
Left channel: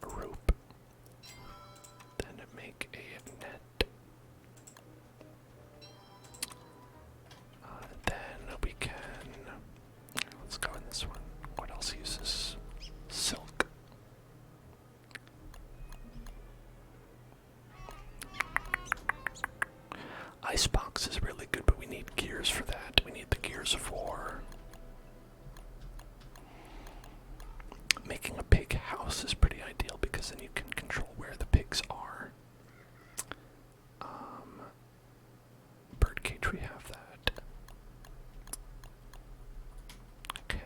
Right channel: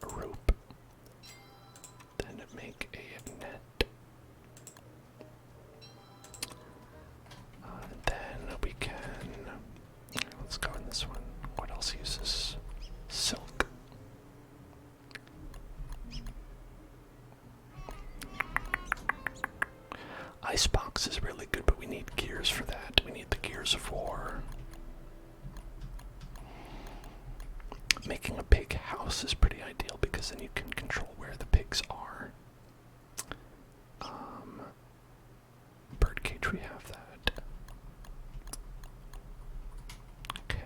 rope. Then make a net. Then we can... Let's go in this one. What else uses silk? Icebox is really good, but we need gears for that. We need the gears of war. Making a pig house is pretty ideal because then you can control where the pigs are. Birdcage, we have that. Okay.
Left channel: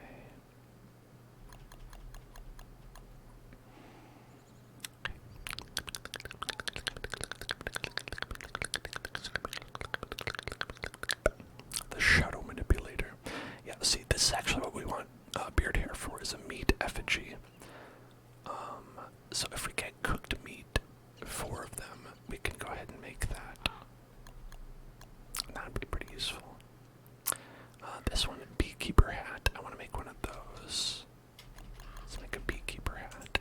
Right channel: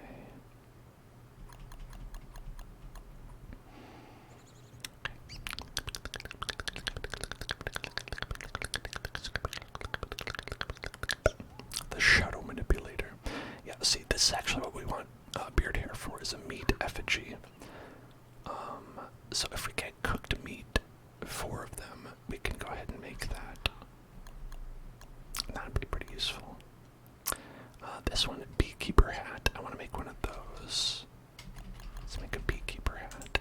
The shadow manipulator. Yeah, see, this is actually what we want beard hair for, is a meat effigy. So if we get cooked meat, 4 of them, we can go ahead and make that. That'd be pretty useful. This one, beekeeper hat. I want to make one of those. Let's make a beekeeper hat.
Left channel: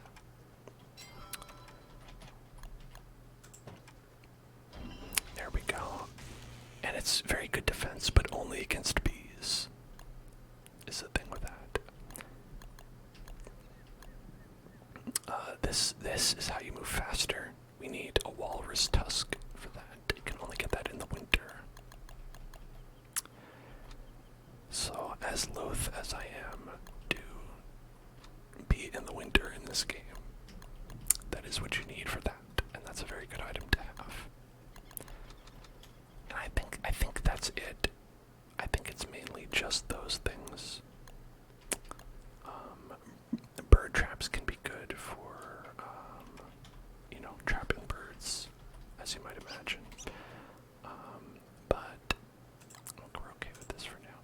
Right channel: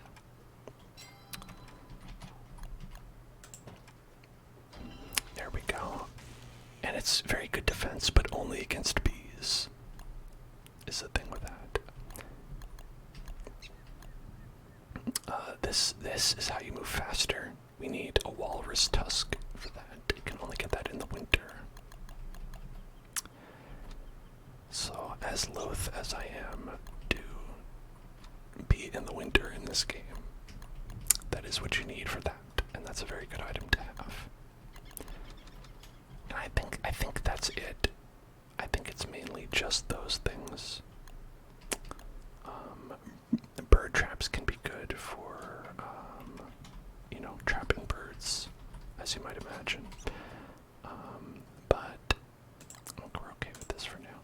it's very good defense, but only against bees, is the thing with that. This is how you move faster. We need a walrus tusk for that. You can only get that in the winter. So, as loath as I am to be in the winter in this game, that is what you need for that, and that's a very good item to have. And I think that's it. I think it's mainly just those things. Bird traps can be good for, trapping birds, as you might imagine. But I think we're okay with this for now.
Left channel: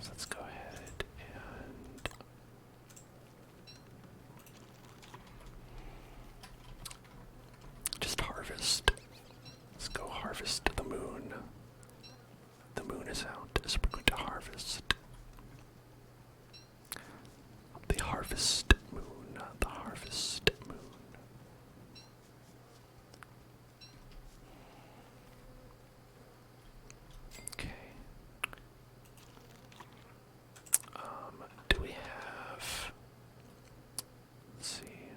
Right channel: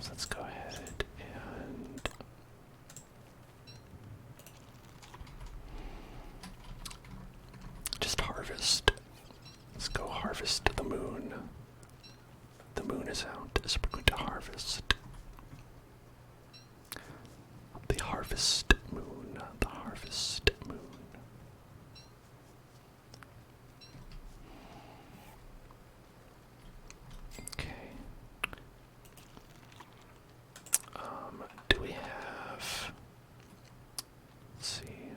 So let's go ahead and just harvest. Let's go harvest the moon. The moon is out, so we're going to harvest. The harvest moon, the harvest moon. Okay. Do we have, let's see.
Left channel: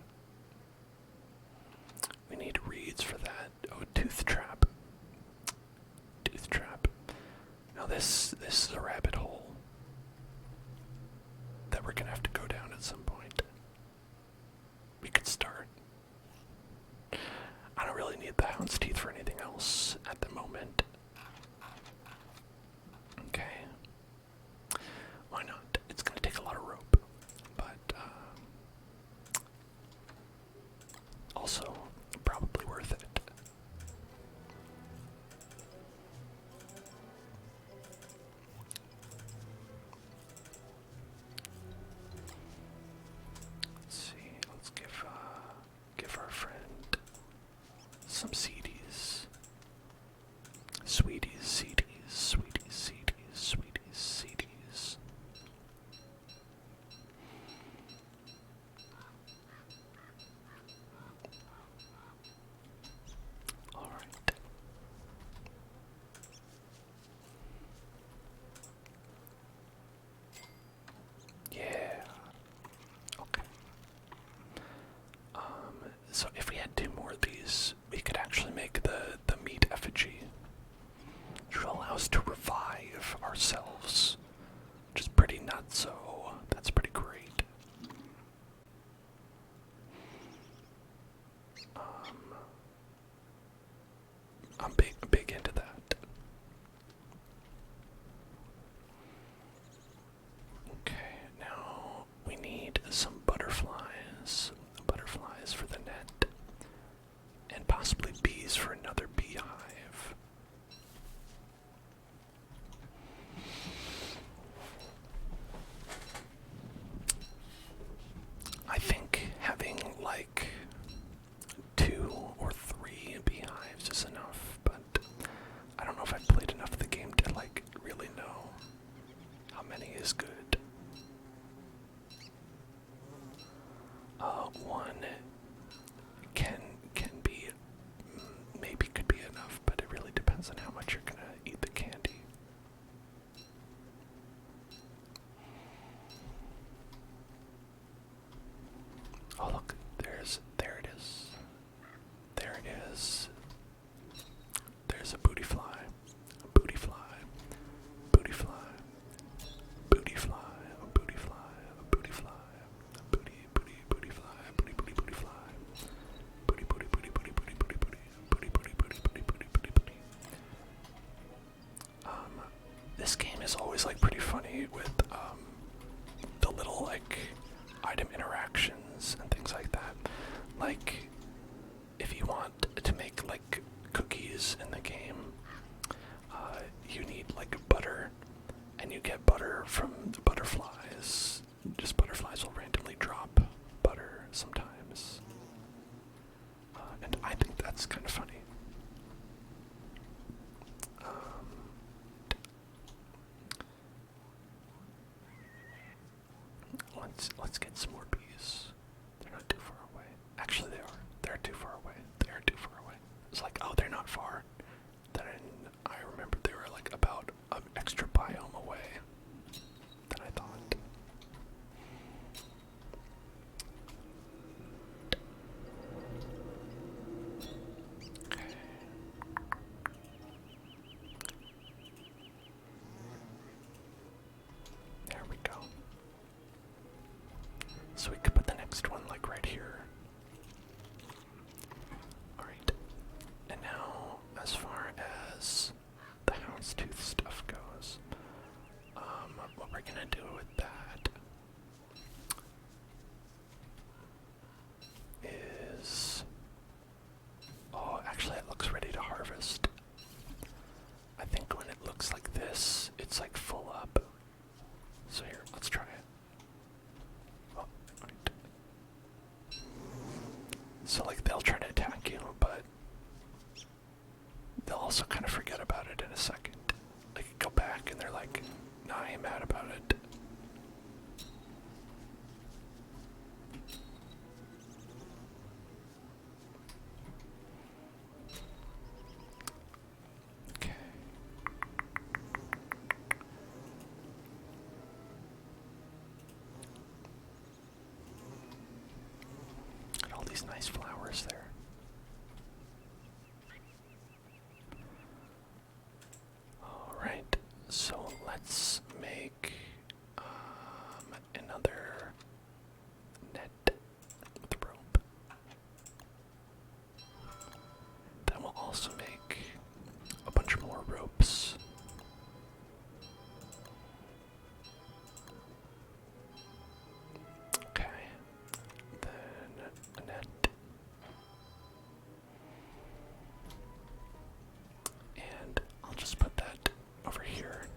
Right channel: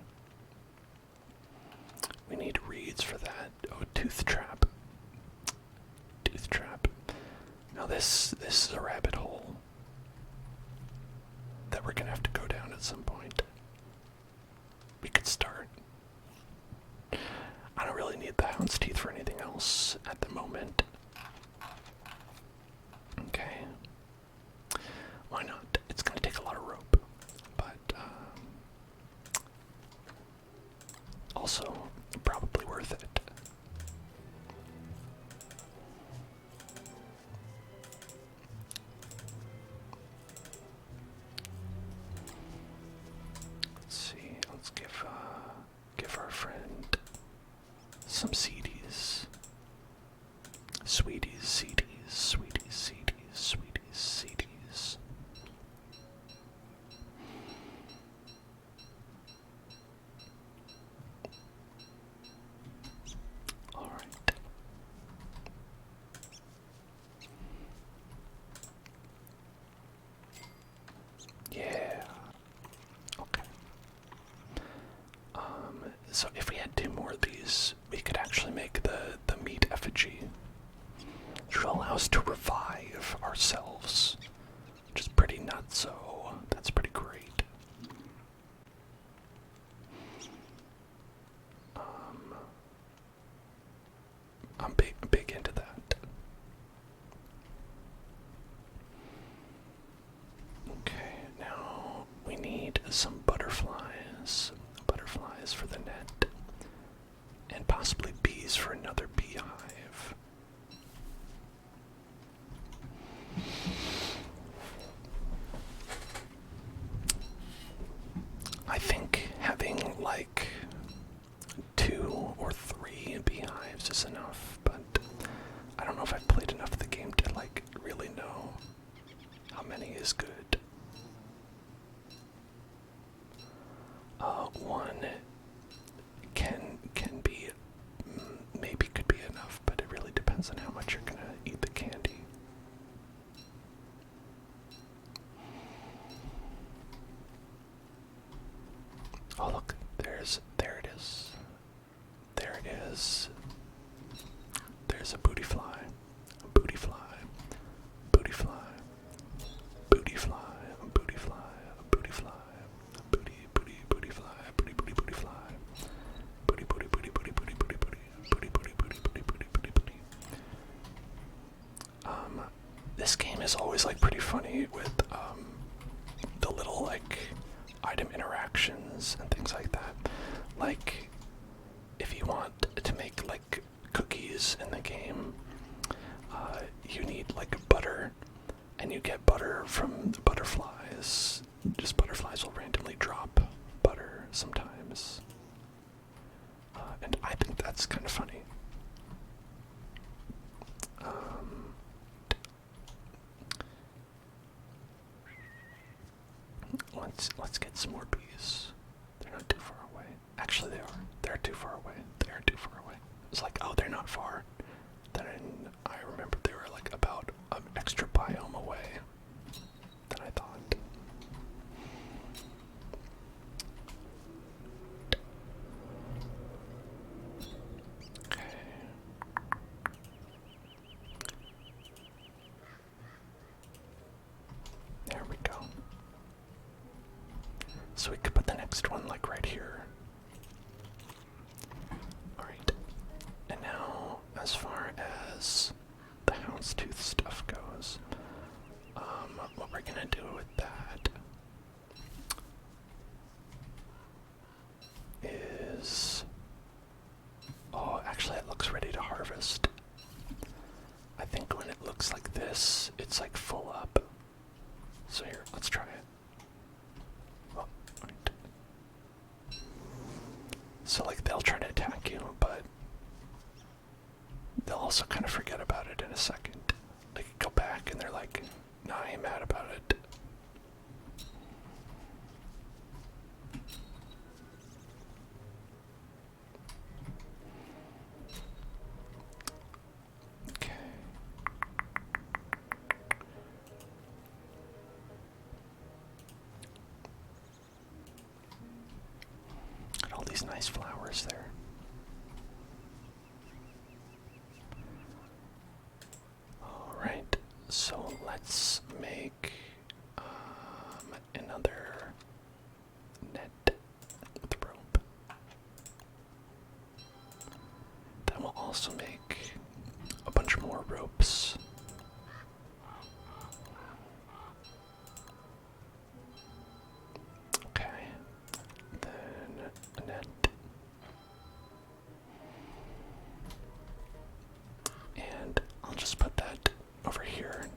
We need reeds for that. Oh, tooth trap. Tooth trap. Now this is a rabbit hole that we're gonna have to go down at some point. We could start. I don't really need the hound's teeth for anything else at the moment. Okay. Why not? It's gonna take a lot of rope, but also probably worth it. Let's see. Let's give our friend some CDs. Sweeties, CDs, sweeties, CDs, sweeties, CDs. All right. Yeah. Okay. So if we had 2 more of these, we could actually make the meat effigy, which will allow us to revive ourselves, which is pretty nuts, so that's pretty great. I'm big into that. Okay, now we need some butterflies. Butterflies for the net. And possibly bees for another beehive. I think having like 2 or 3 beehives is enough, but I don't know if I've played enough of the game to like really know how many is good. 1 can be, maybe could be enough, but it really depends on how much you're gonna eat the candy. Oh look, there it is. There it is. There's a booty fly. A booty fly. Booty fly. Booty fly. A booty fly. A booty fly. A booty fly. Booty fly. Booty This game is always like pretty funny with the little like item interactions and things like that. Like if you want to make like cookies in the game, you need like butter, and you get butter from the butterflies. Just butterflies will randomly drop butter sometimes. And I think that's kind of funny. Let's get some more bees. They're not too far away. Actually, they are. They're too far away. They are too far away. It's like, oh, they're not far. Then I remember they were like about an extra biome away than I thought. Okay. There we go. So we could put the next one like right here. Alright. And now, as far as the houndstooth stuff goes, what we're gonna do with that is... Oh, actually it looks ready to harvest. I think when it looks like this, it's like full up. So here, let's try it. Oh, right. So like they'll try to attack you, but they'll also kind of forget about it in a second. Like go back and they're like, nah, I ain't mad about it. Okay. Got all these nice flowers there. Alright, so let's make another net with rope. Then we'll also make a bunch more ropes. Okay, then a net. And I'll just put that over here.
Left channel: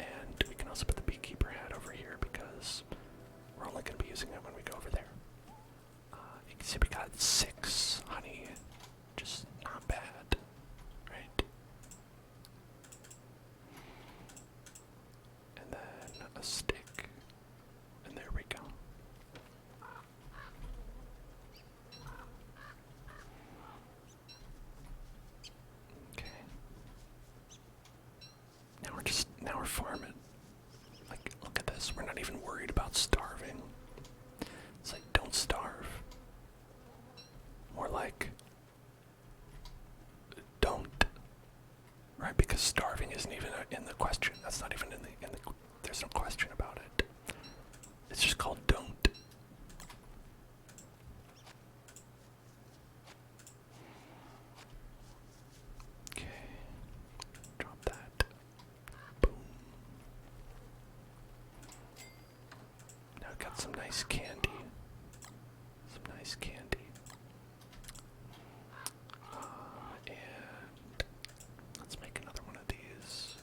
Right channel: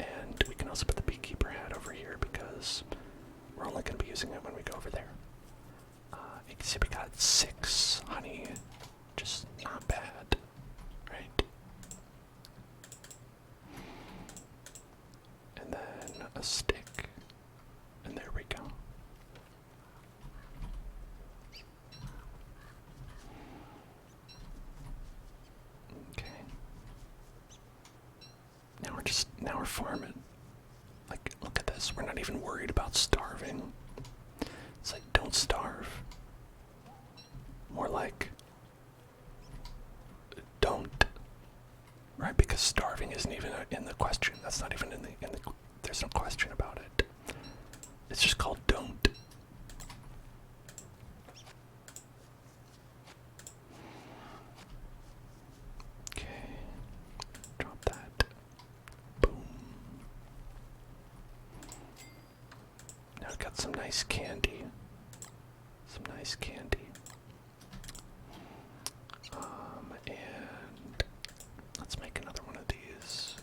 And we can also put the beekeeper hat over here because we're only going to be using it when we go over there. You can see we got 6 honey, just not bad, right? And then a stick, and there we go. Okay. Now we're farming. Like, look at this. We're not even worried about starving. It's like, don't starve. More like, don't. Right? Because starving isn't even in the question. That's not even in the there's no question about it. It's just called don't. Okay. Drop that. Boom. Now I've got some nice candy. Some nice candy. And let's make another one of these.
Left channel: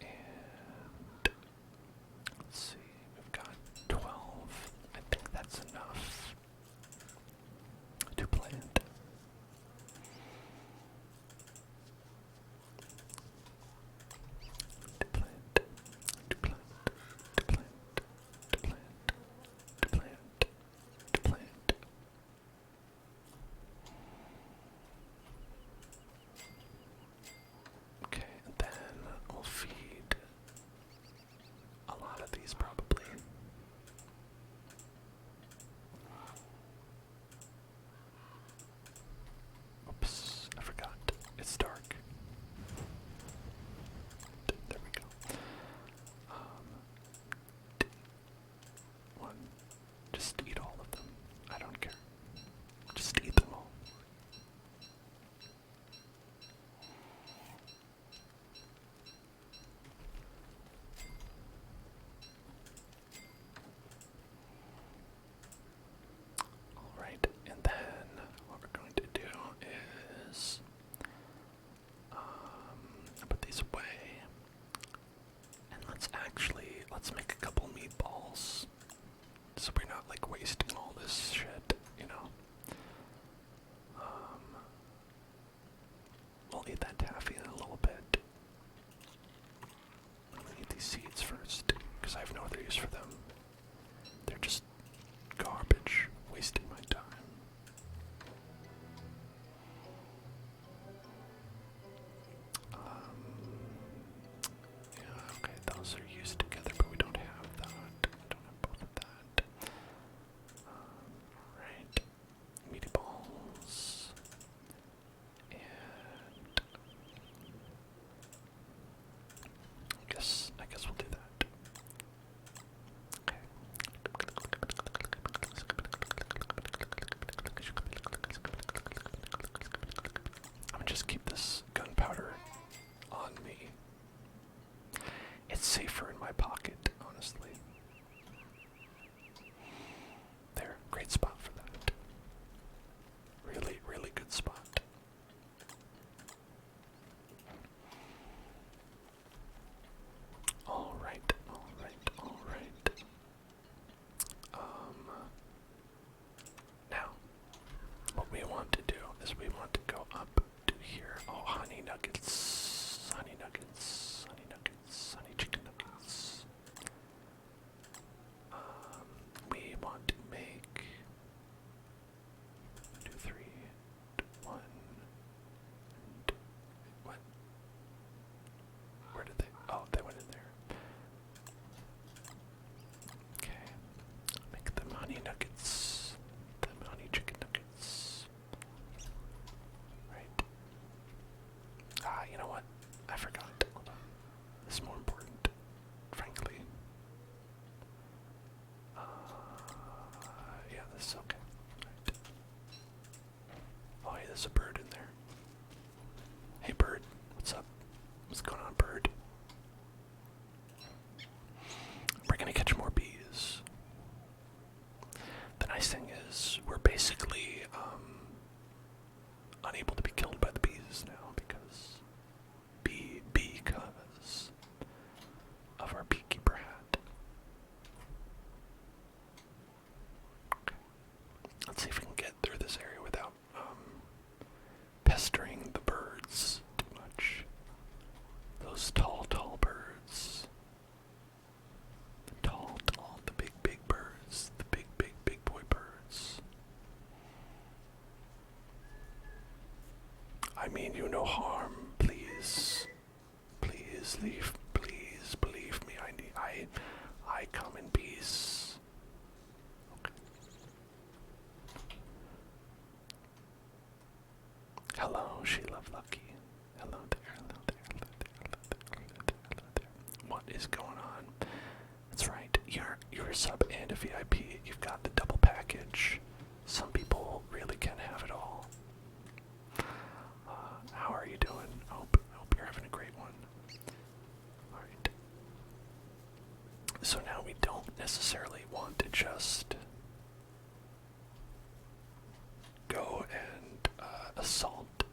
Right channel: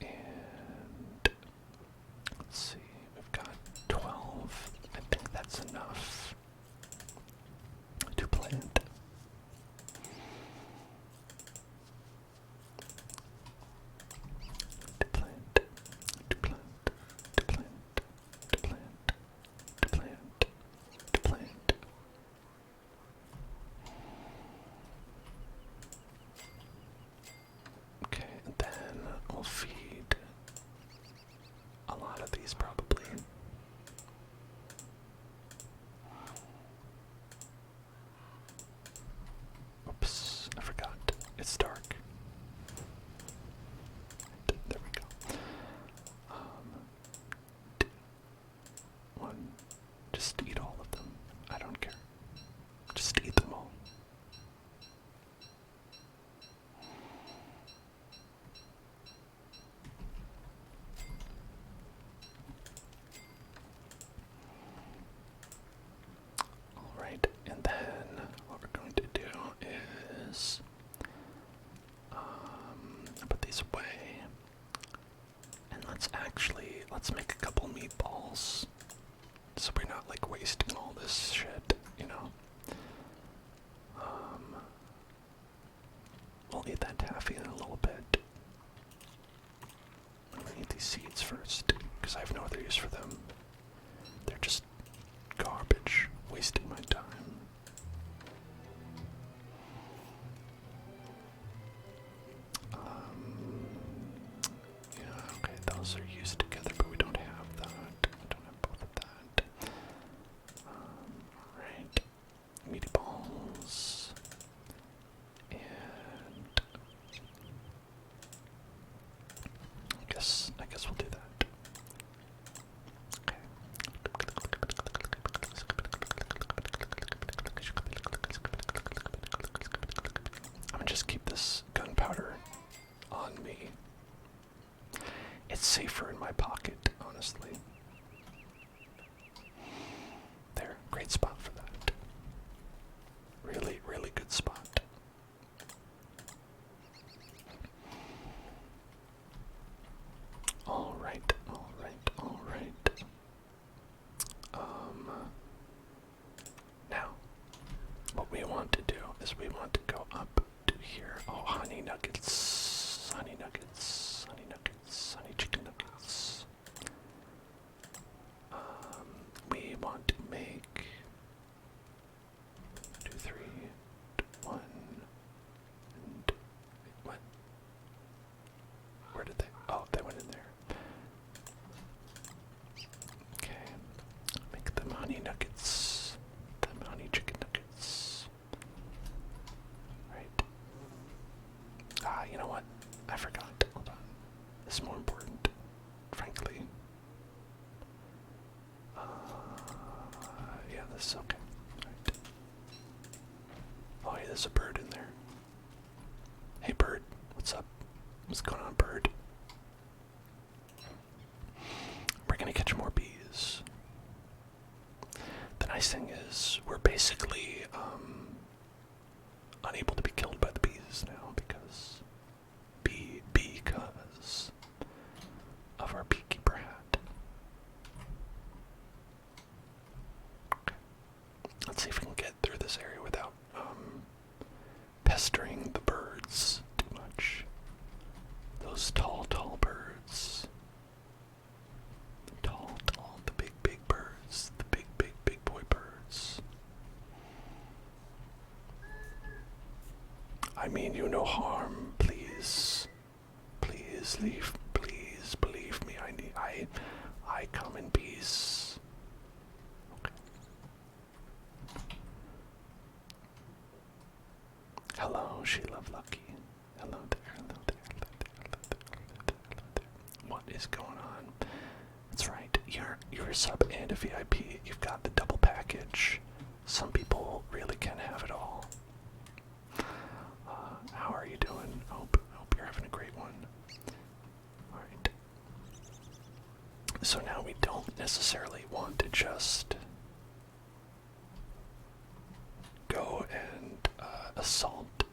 And let's see, we've got 12. I think that's enough to plant. To plant, to plant, to plant, to plant, to plant, to plant. Okay, and then we'll feed a lot of these probably. Oops, I forgot. It's dark. There we go. One. Just eat all of them. I don't care. Just eat them all. Alright, and then what we're going to do is put these away. And let's make a couple meatballs. So we're not like wasting all this shit, you know. We'll eat that taffy in a little bit. I'm gonna eat these seeds first, because I have no other use for them. They're just garbage, wasting my time. guess we'll do that. Okay. I'm gonna just keep this gunpowder on me. It's safer in my pocket, honestly. There, great spot for that. Really, really good spot. Alright, alright, alright. Now, what we want to do is we want to go up to here. Oh, honey nuggets, honey nuggets, honey nuggets, honey chicken nuggets. We want to make 2, 3, 1, and what? Where did they? Oh, they went in there. Okay, make them honey nuggets, them honey chicken nuggets. Right. Ah, you know what? I forgot. Hold on. This is more important, frankly. Yeah, this is okay. Right. Oh, yeah, there's a bird in there. Hey, bird. What's up? What's going on, bird? We're gonna catch more bees. The nice thing is, we're basically unable to be killed by the bees now because of our beekeeper hat. Okay. Let's see if we can get through this area without pestering the birds too much. Those tall, tall birds. The tall, tall, the big, big birds. The big, big, big boy birds. I mean you no harm, please. Please leave, please believe me. I come in peace. Okay. Hello, Sheila Lucky. Hello there, hello there, hello there, hello there, hello there, hello there. What is going on? That's right, you're a sub and a VIP. You've got the double package. Some people really can have it all. How are you doing? Hope you're having a great one. Alright. So now we don't necessarily want to just go and assault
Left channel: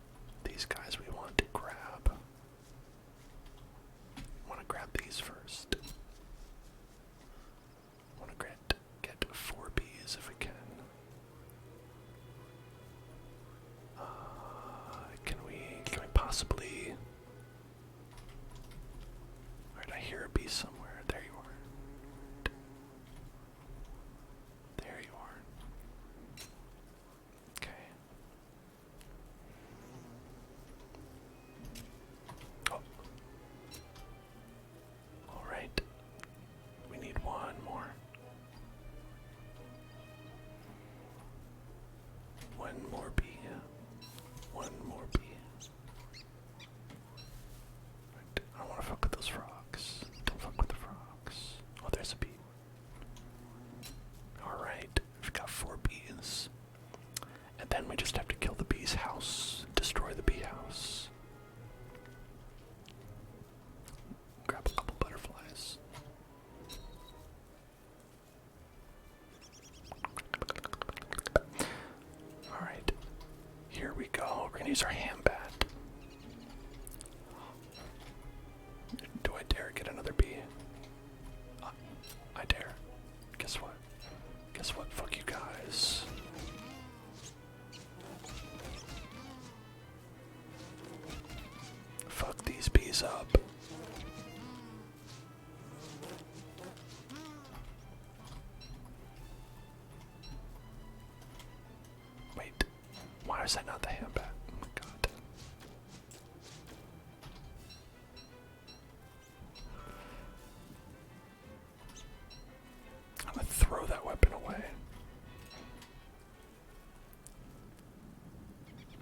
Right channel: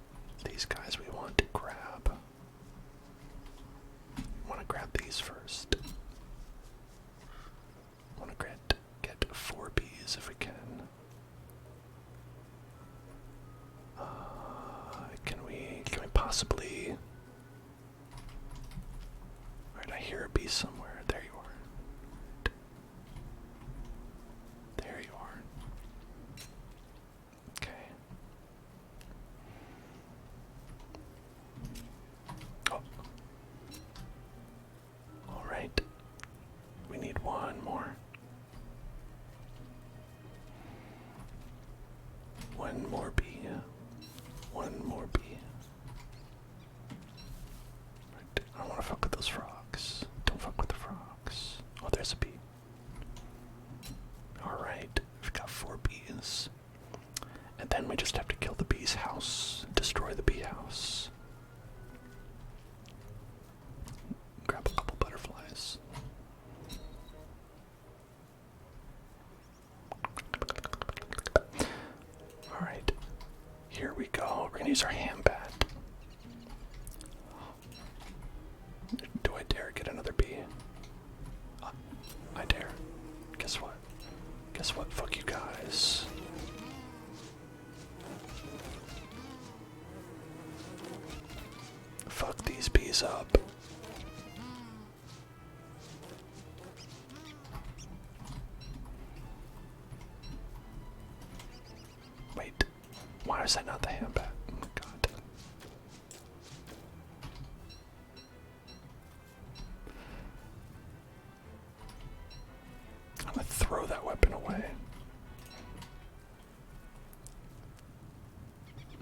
these guys. We want to grab. These first. Want to get 4 bees if we can. Can we possibly? Alright, I hear a bee somewhere. There you are. There you are. Okay. Oh. Alright. We need one more. One more bee. One more bee. Right. I don't want to fuck with those frogs. Don't fuck with the frogs. Oh, there's a bee. Alright. We've got 4 bees. And then we just have to kill the bee's house. Destroy the bee house. Grab a couple butterflies. Alright. Here we go. We're gonna use our hand bat. Do I dare get another bee? I dare. Guess what? Guess what? Fuck you guys. Fuck these bees up. Wait, why is that not the hand bat? Oh my god. I'm gonna throw that weapon away.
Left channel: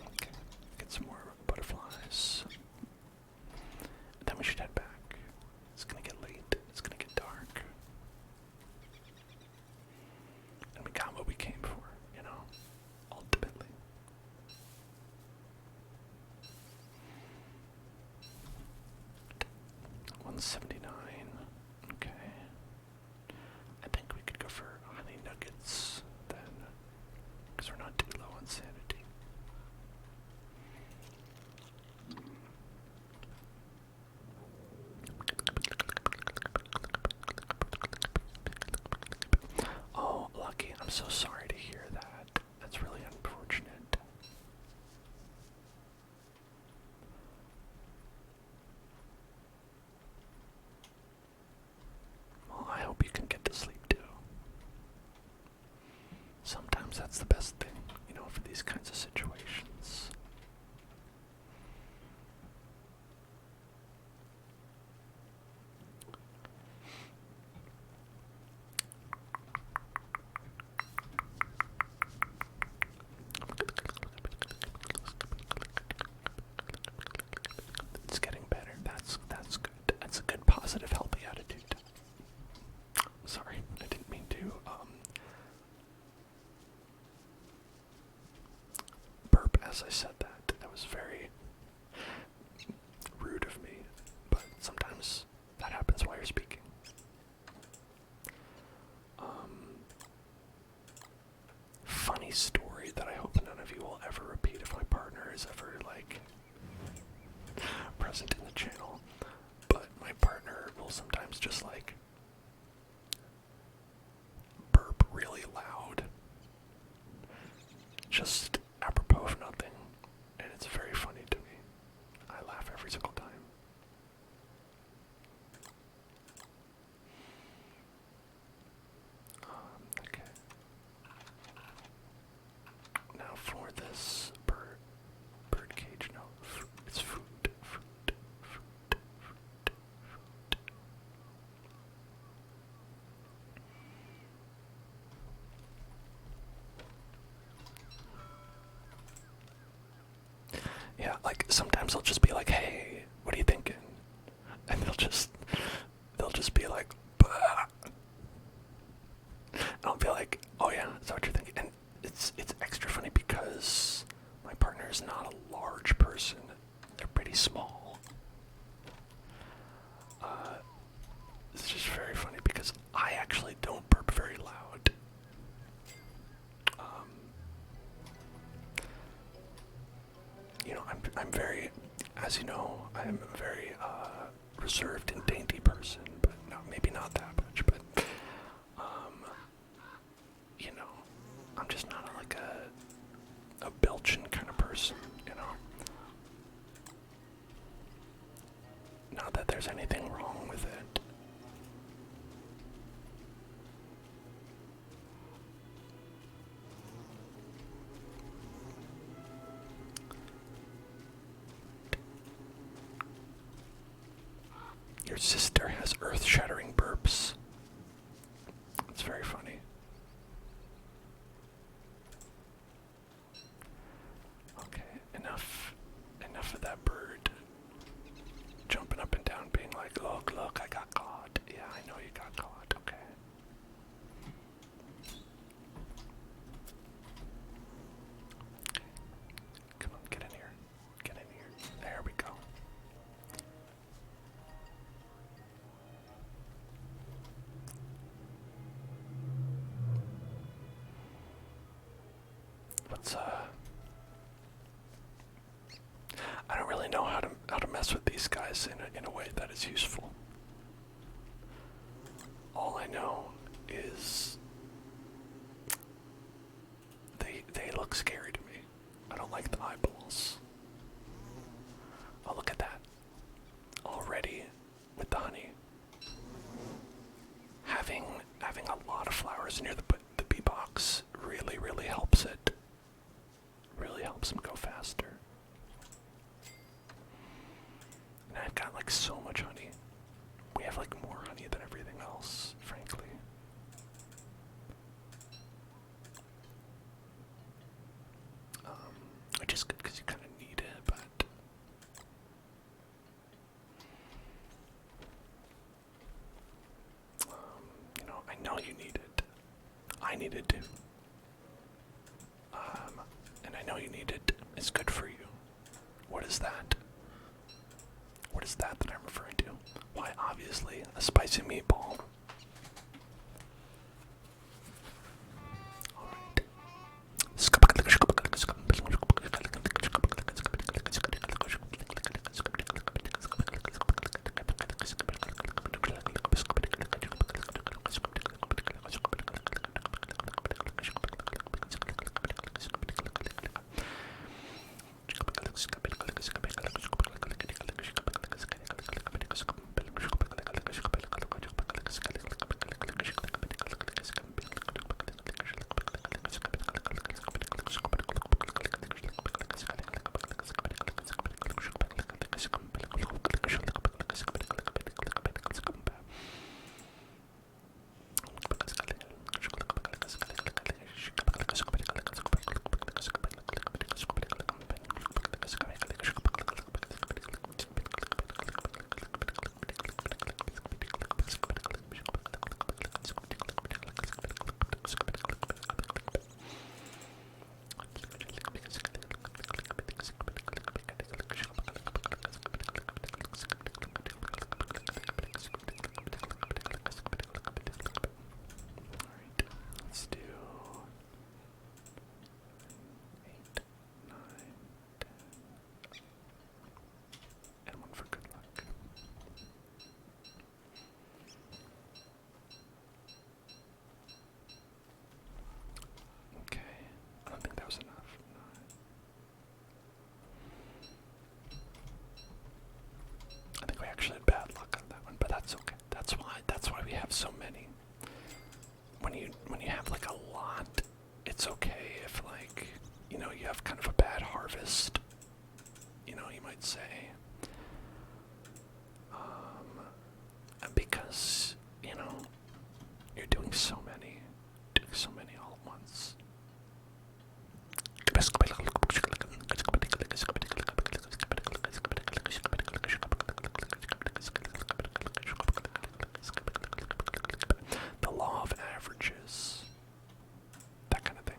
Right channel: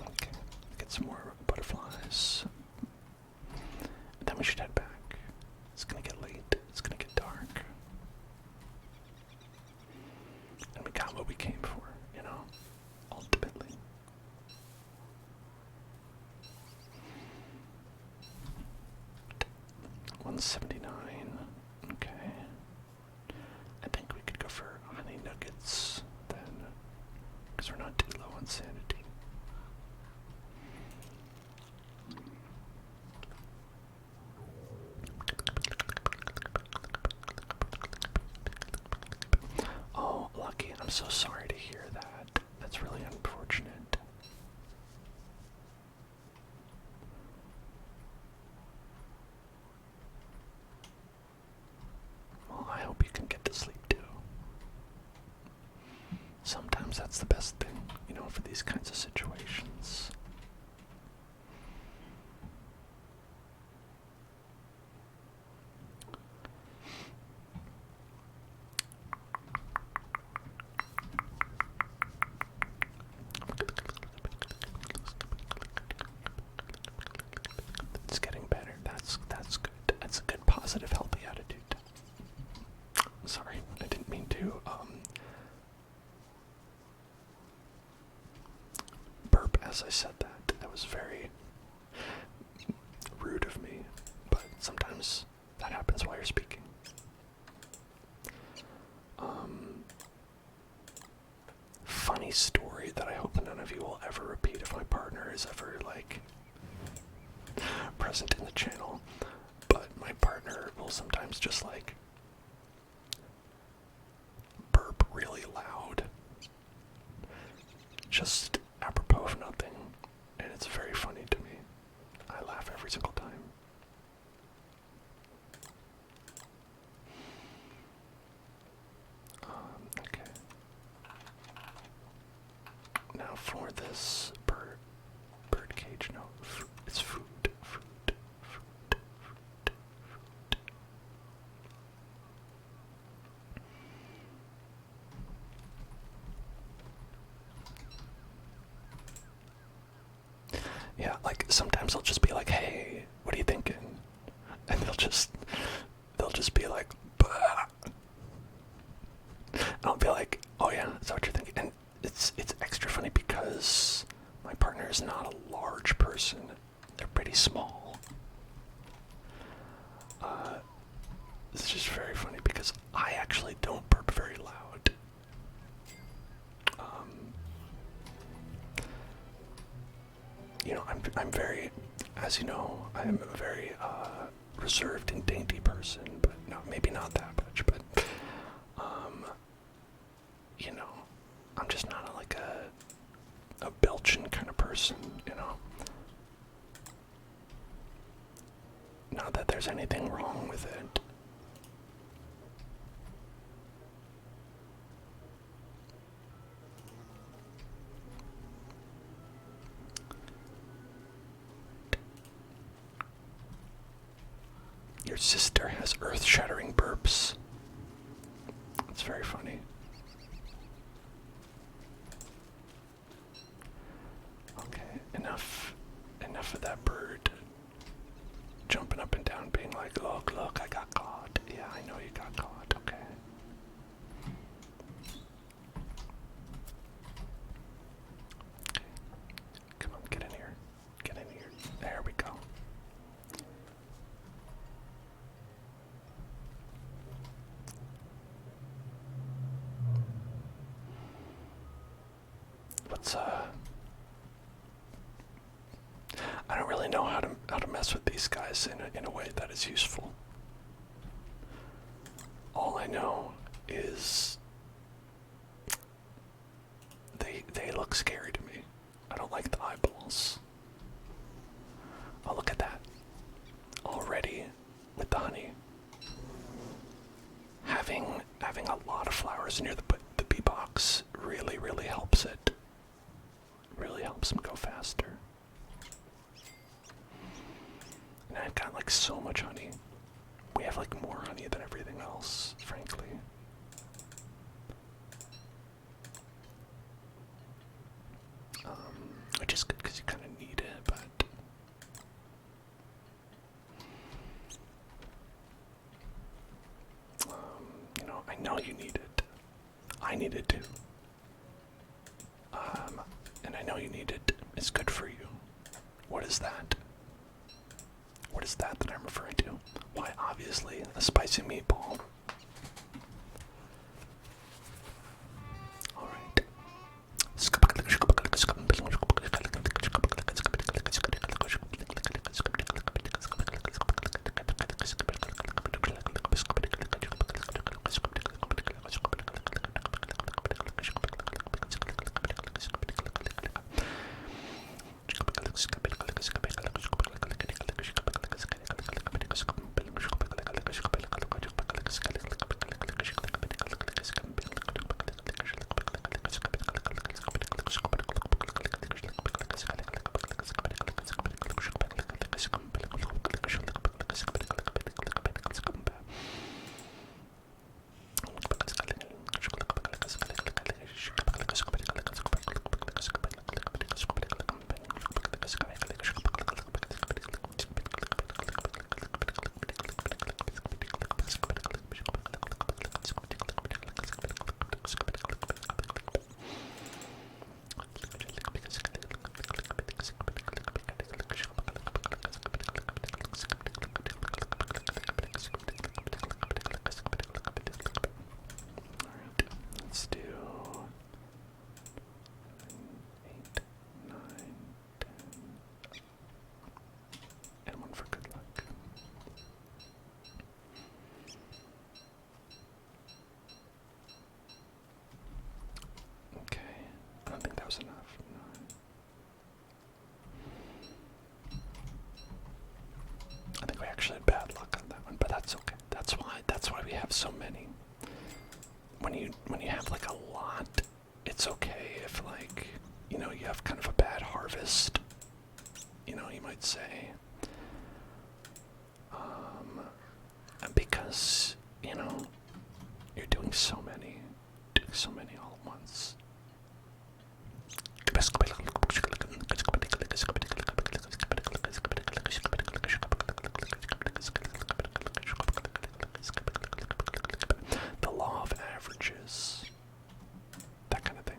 Okay, get some more butterflies. And then we should head back. It's gonna 179. Okay. I think we could go for honey nuggets then, because we're not too low on sanity. Oh, Lucky, I'm so sorry to hear that. That's really unfortunate. Well, I hope you can get to sleep too. Sometimes that's the best thing, you know, for these kinds of situations. It's getting better. That's good. That's a good, positive, healthy attitude. Sorry, I didn't mean to burp as I said that. That was very rude of me, but sometimes that happens while you're speaking. Funny story that I hope none of you will ever repeat if my partner is ever, like, present in the channel, but my partner will sometimes just, like, burp really loud, just apropos of nothing, and it's very funny to me. I laugh every single time. Okay. Now for this bird cage, no, it's food. Yeah, like sometimes I'll just be like, "Hey, what are you thinking?" And they'll just be like, "Bah." And I'll be like, "Oh yeah, is that what you're thinking?" And it's extra funny because my partner is not a large person; they're pretty small. It's just very funny because I actually don't burp very loud. You know, I'm very, as you know, I'm a very reserved and dainty person, but no, maybe not that much, but you know, I'm just not like a belching kind of person, you know. Not that there's anything wrong with it. Your sister has earth-shattering burps. It's very funny. Okay, enough of that bird jumping up and down, being like, look, I got caught. Yeah, I know you got caught, okay. Come on, get in here. Get in here. There we go. Let's I don't really know how to mess with these guys in a way that is useful. All I know is they look scary to me. I don't like the eyeballs. Oh, look at that. Already with the honey. Having a lot of flowers near the bee box really helps it. Really helps them go faster. And I've got like so much honey. We have like more honey than everything else, frankly. Which is good because you kind of need it, but you know, I know you need it. I need it too. And I know you need it. It's good for you. What is that? What is that I'm referring to? Why, obviously, a spicy meatball. Alright. Let's do 8, 9, 10, and one for good luck. Okay, I don't think that was enough. 9. I think we actually had bad luck on that one, but that's okay. That's why we have so many. When you have like a lot, it's okay if like, you know, you have kind of a bad harvest, you know, you might say. Because, you know, you're doing so many all at once. The law of averages. That kind of thing.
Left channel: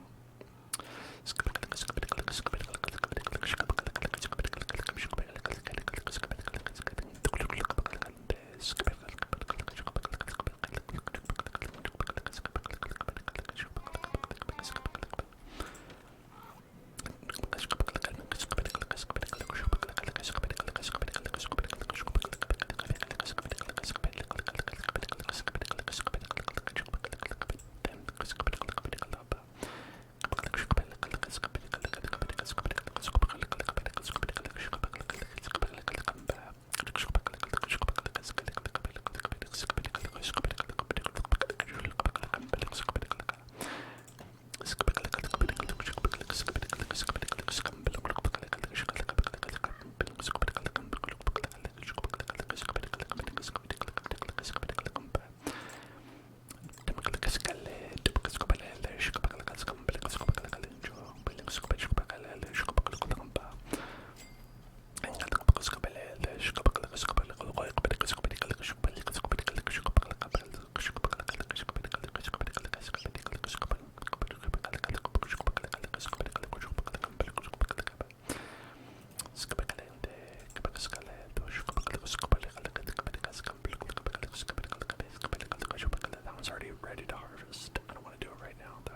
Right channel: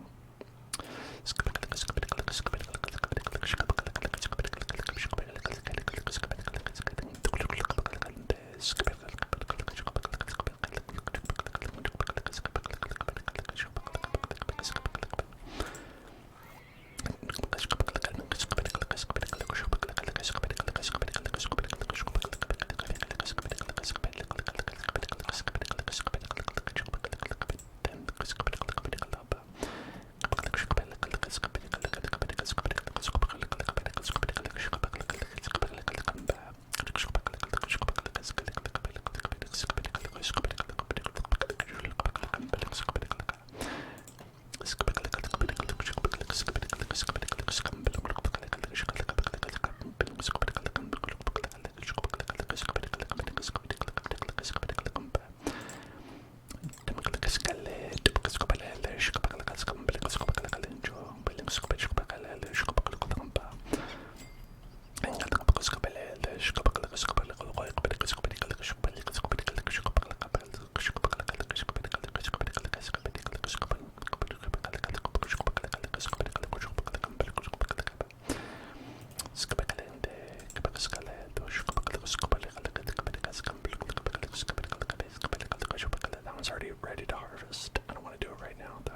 That one's already ready to harvest. I don't want to do it right now, though.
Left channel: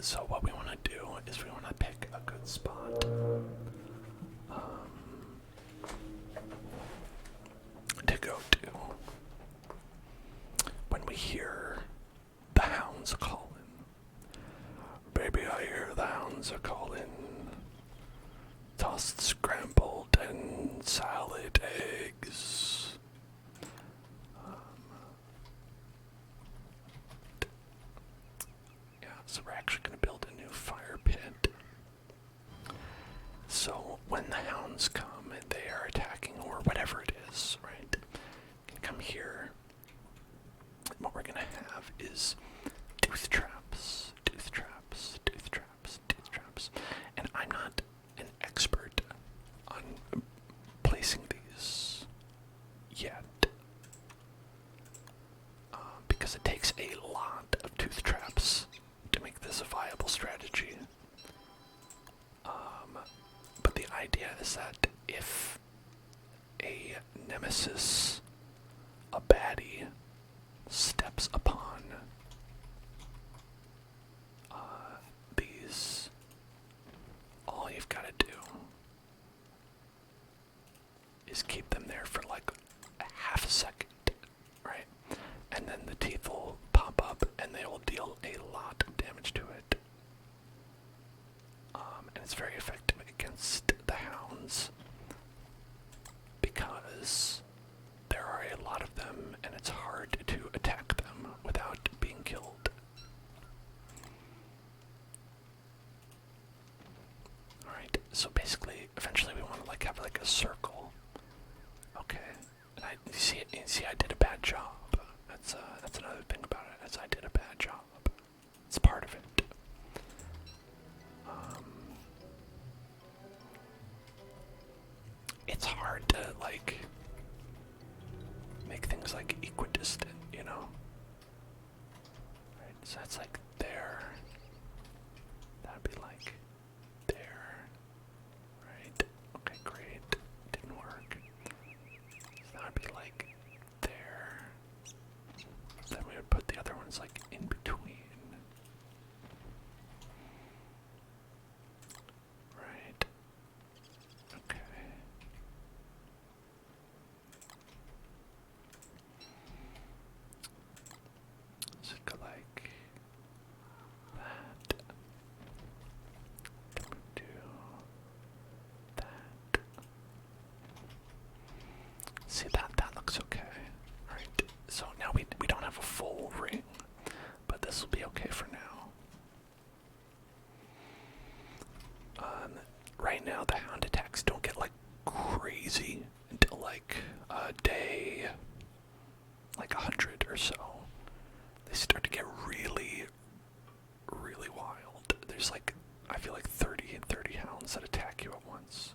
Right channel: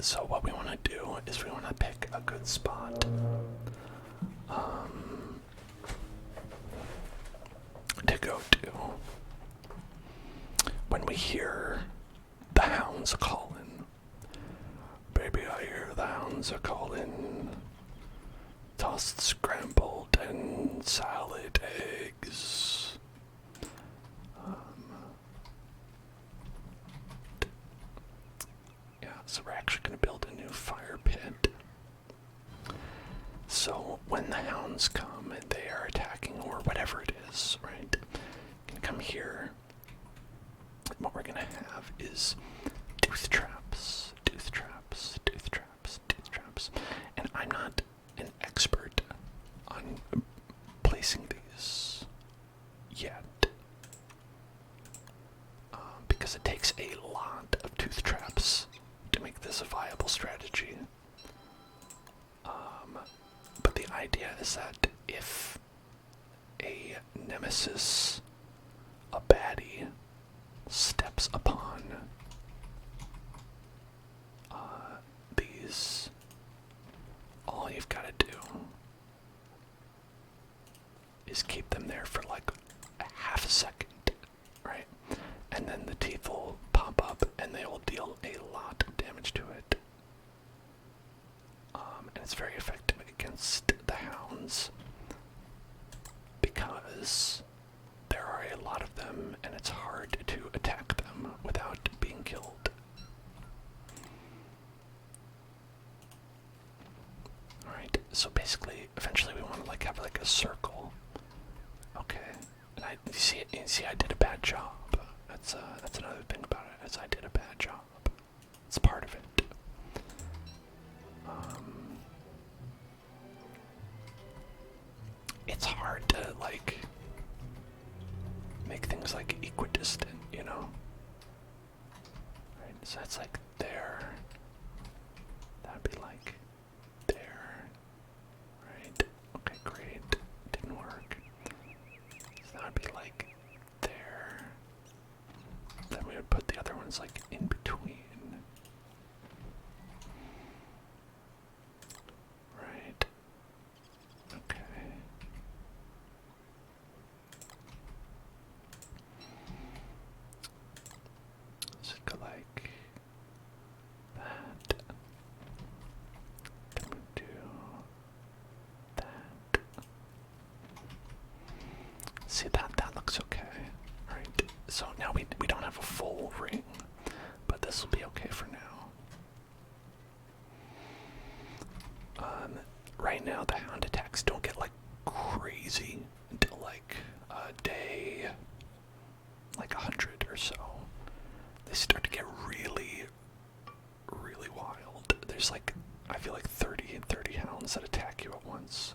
So what we want to do is we want to pick a good spot to go to when we hear the hounds calling. Baby, I hear the hounds are calling. Tossed, scrambled, and salad eggs. Yeah, so we're actually going to build a new fire pit. So when the hounds come and they are attacking, or whatever it is, right, can come here. What we're going to have is tooth traps, tooth traps, tooth traps, tooth traps. And I'm not an expert on placing these yet, because it takes a lot of tooth traps to make this a viable strategy. But the idea is that if a nemesis, a baddie, steps upon these, all you've got to do is keep them there for like a half a second, right? And then the teeth will pop up and they will deal a lot of damage to it. And it's very effective against the hounds because there are a lot of them and it's hard to attack them without being killed. Alright, so basically, eventually we want to like have like a circle. Okay, and you see I did a bad job. That's another thing about it, is I did a bad job. It's part of it. It's hard to like make things like equidistant, you know? Right, so that's like there. That'd be like there. Right? Okay, great. Didn't work. So that'd be like there. Then we would put the other ones like in between. Right. Okay. So go like that. Then we do that. See that looks okay. Right. So now we don't have a full ring, but this will be okay for now. Right now the hound attacks don't get like crazy until like day like 100 or so. They start to get really, really wild. There's like, I feel like 30 hounds that attack you at once.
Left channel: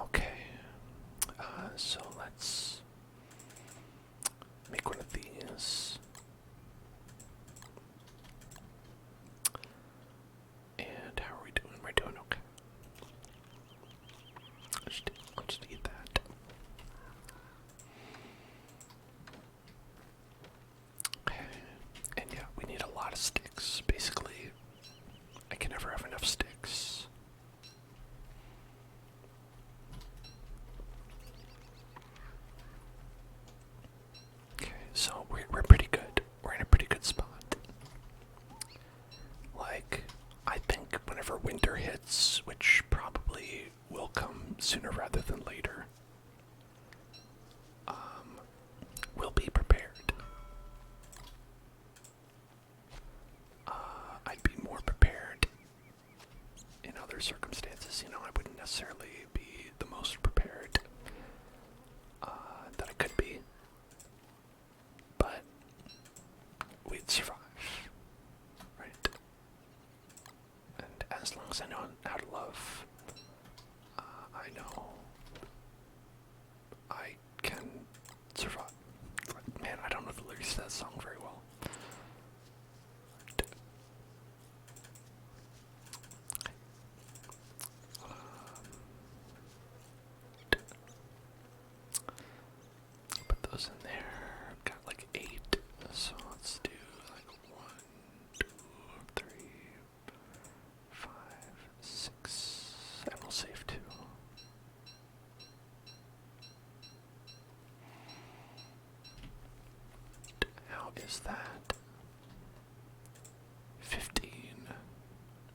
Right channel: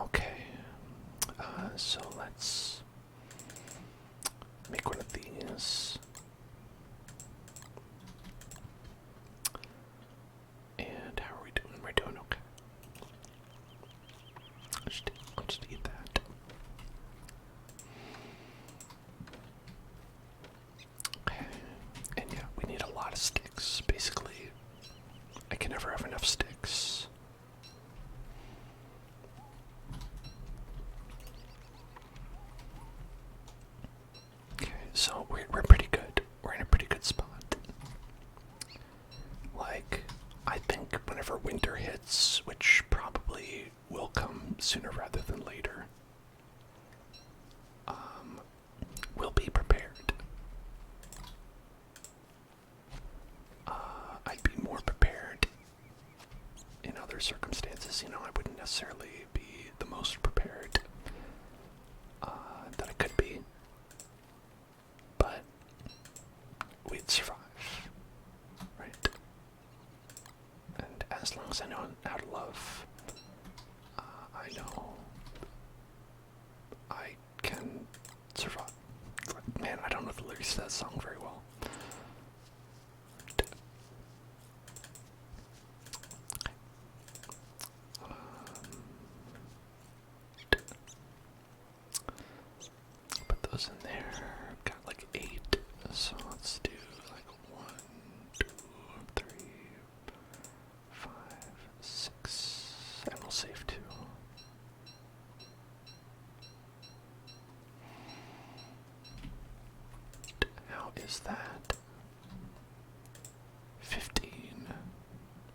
Okay, so let's make one of these. And how are we doing? We're doing okay. I'll just eat that. Okay, and yeah, we need a lot of sticks. Basically, I can never have enough sticks. So we're pretty good. We're in a pretty good spot. Like, I think whenever winter hits, which probably will come sooner rather than later, we'll be prepared. I'd be more prepared in other circumstances. You know, I wouldn't necessarily be the most prepared that I could be. But we'd survive, right? And as long as I know how to love, I know I can survive. Man, I don't know the lyrics to that song very well. Put those in there. I've got like 8, so let's do like 1, 2, 3, 5, 6, and we'll save 2. How is that? 15.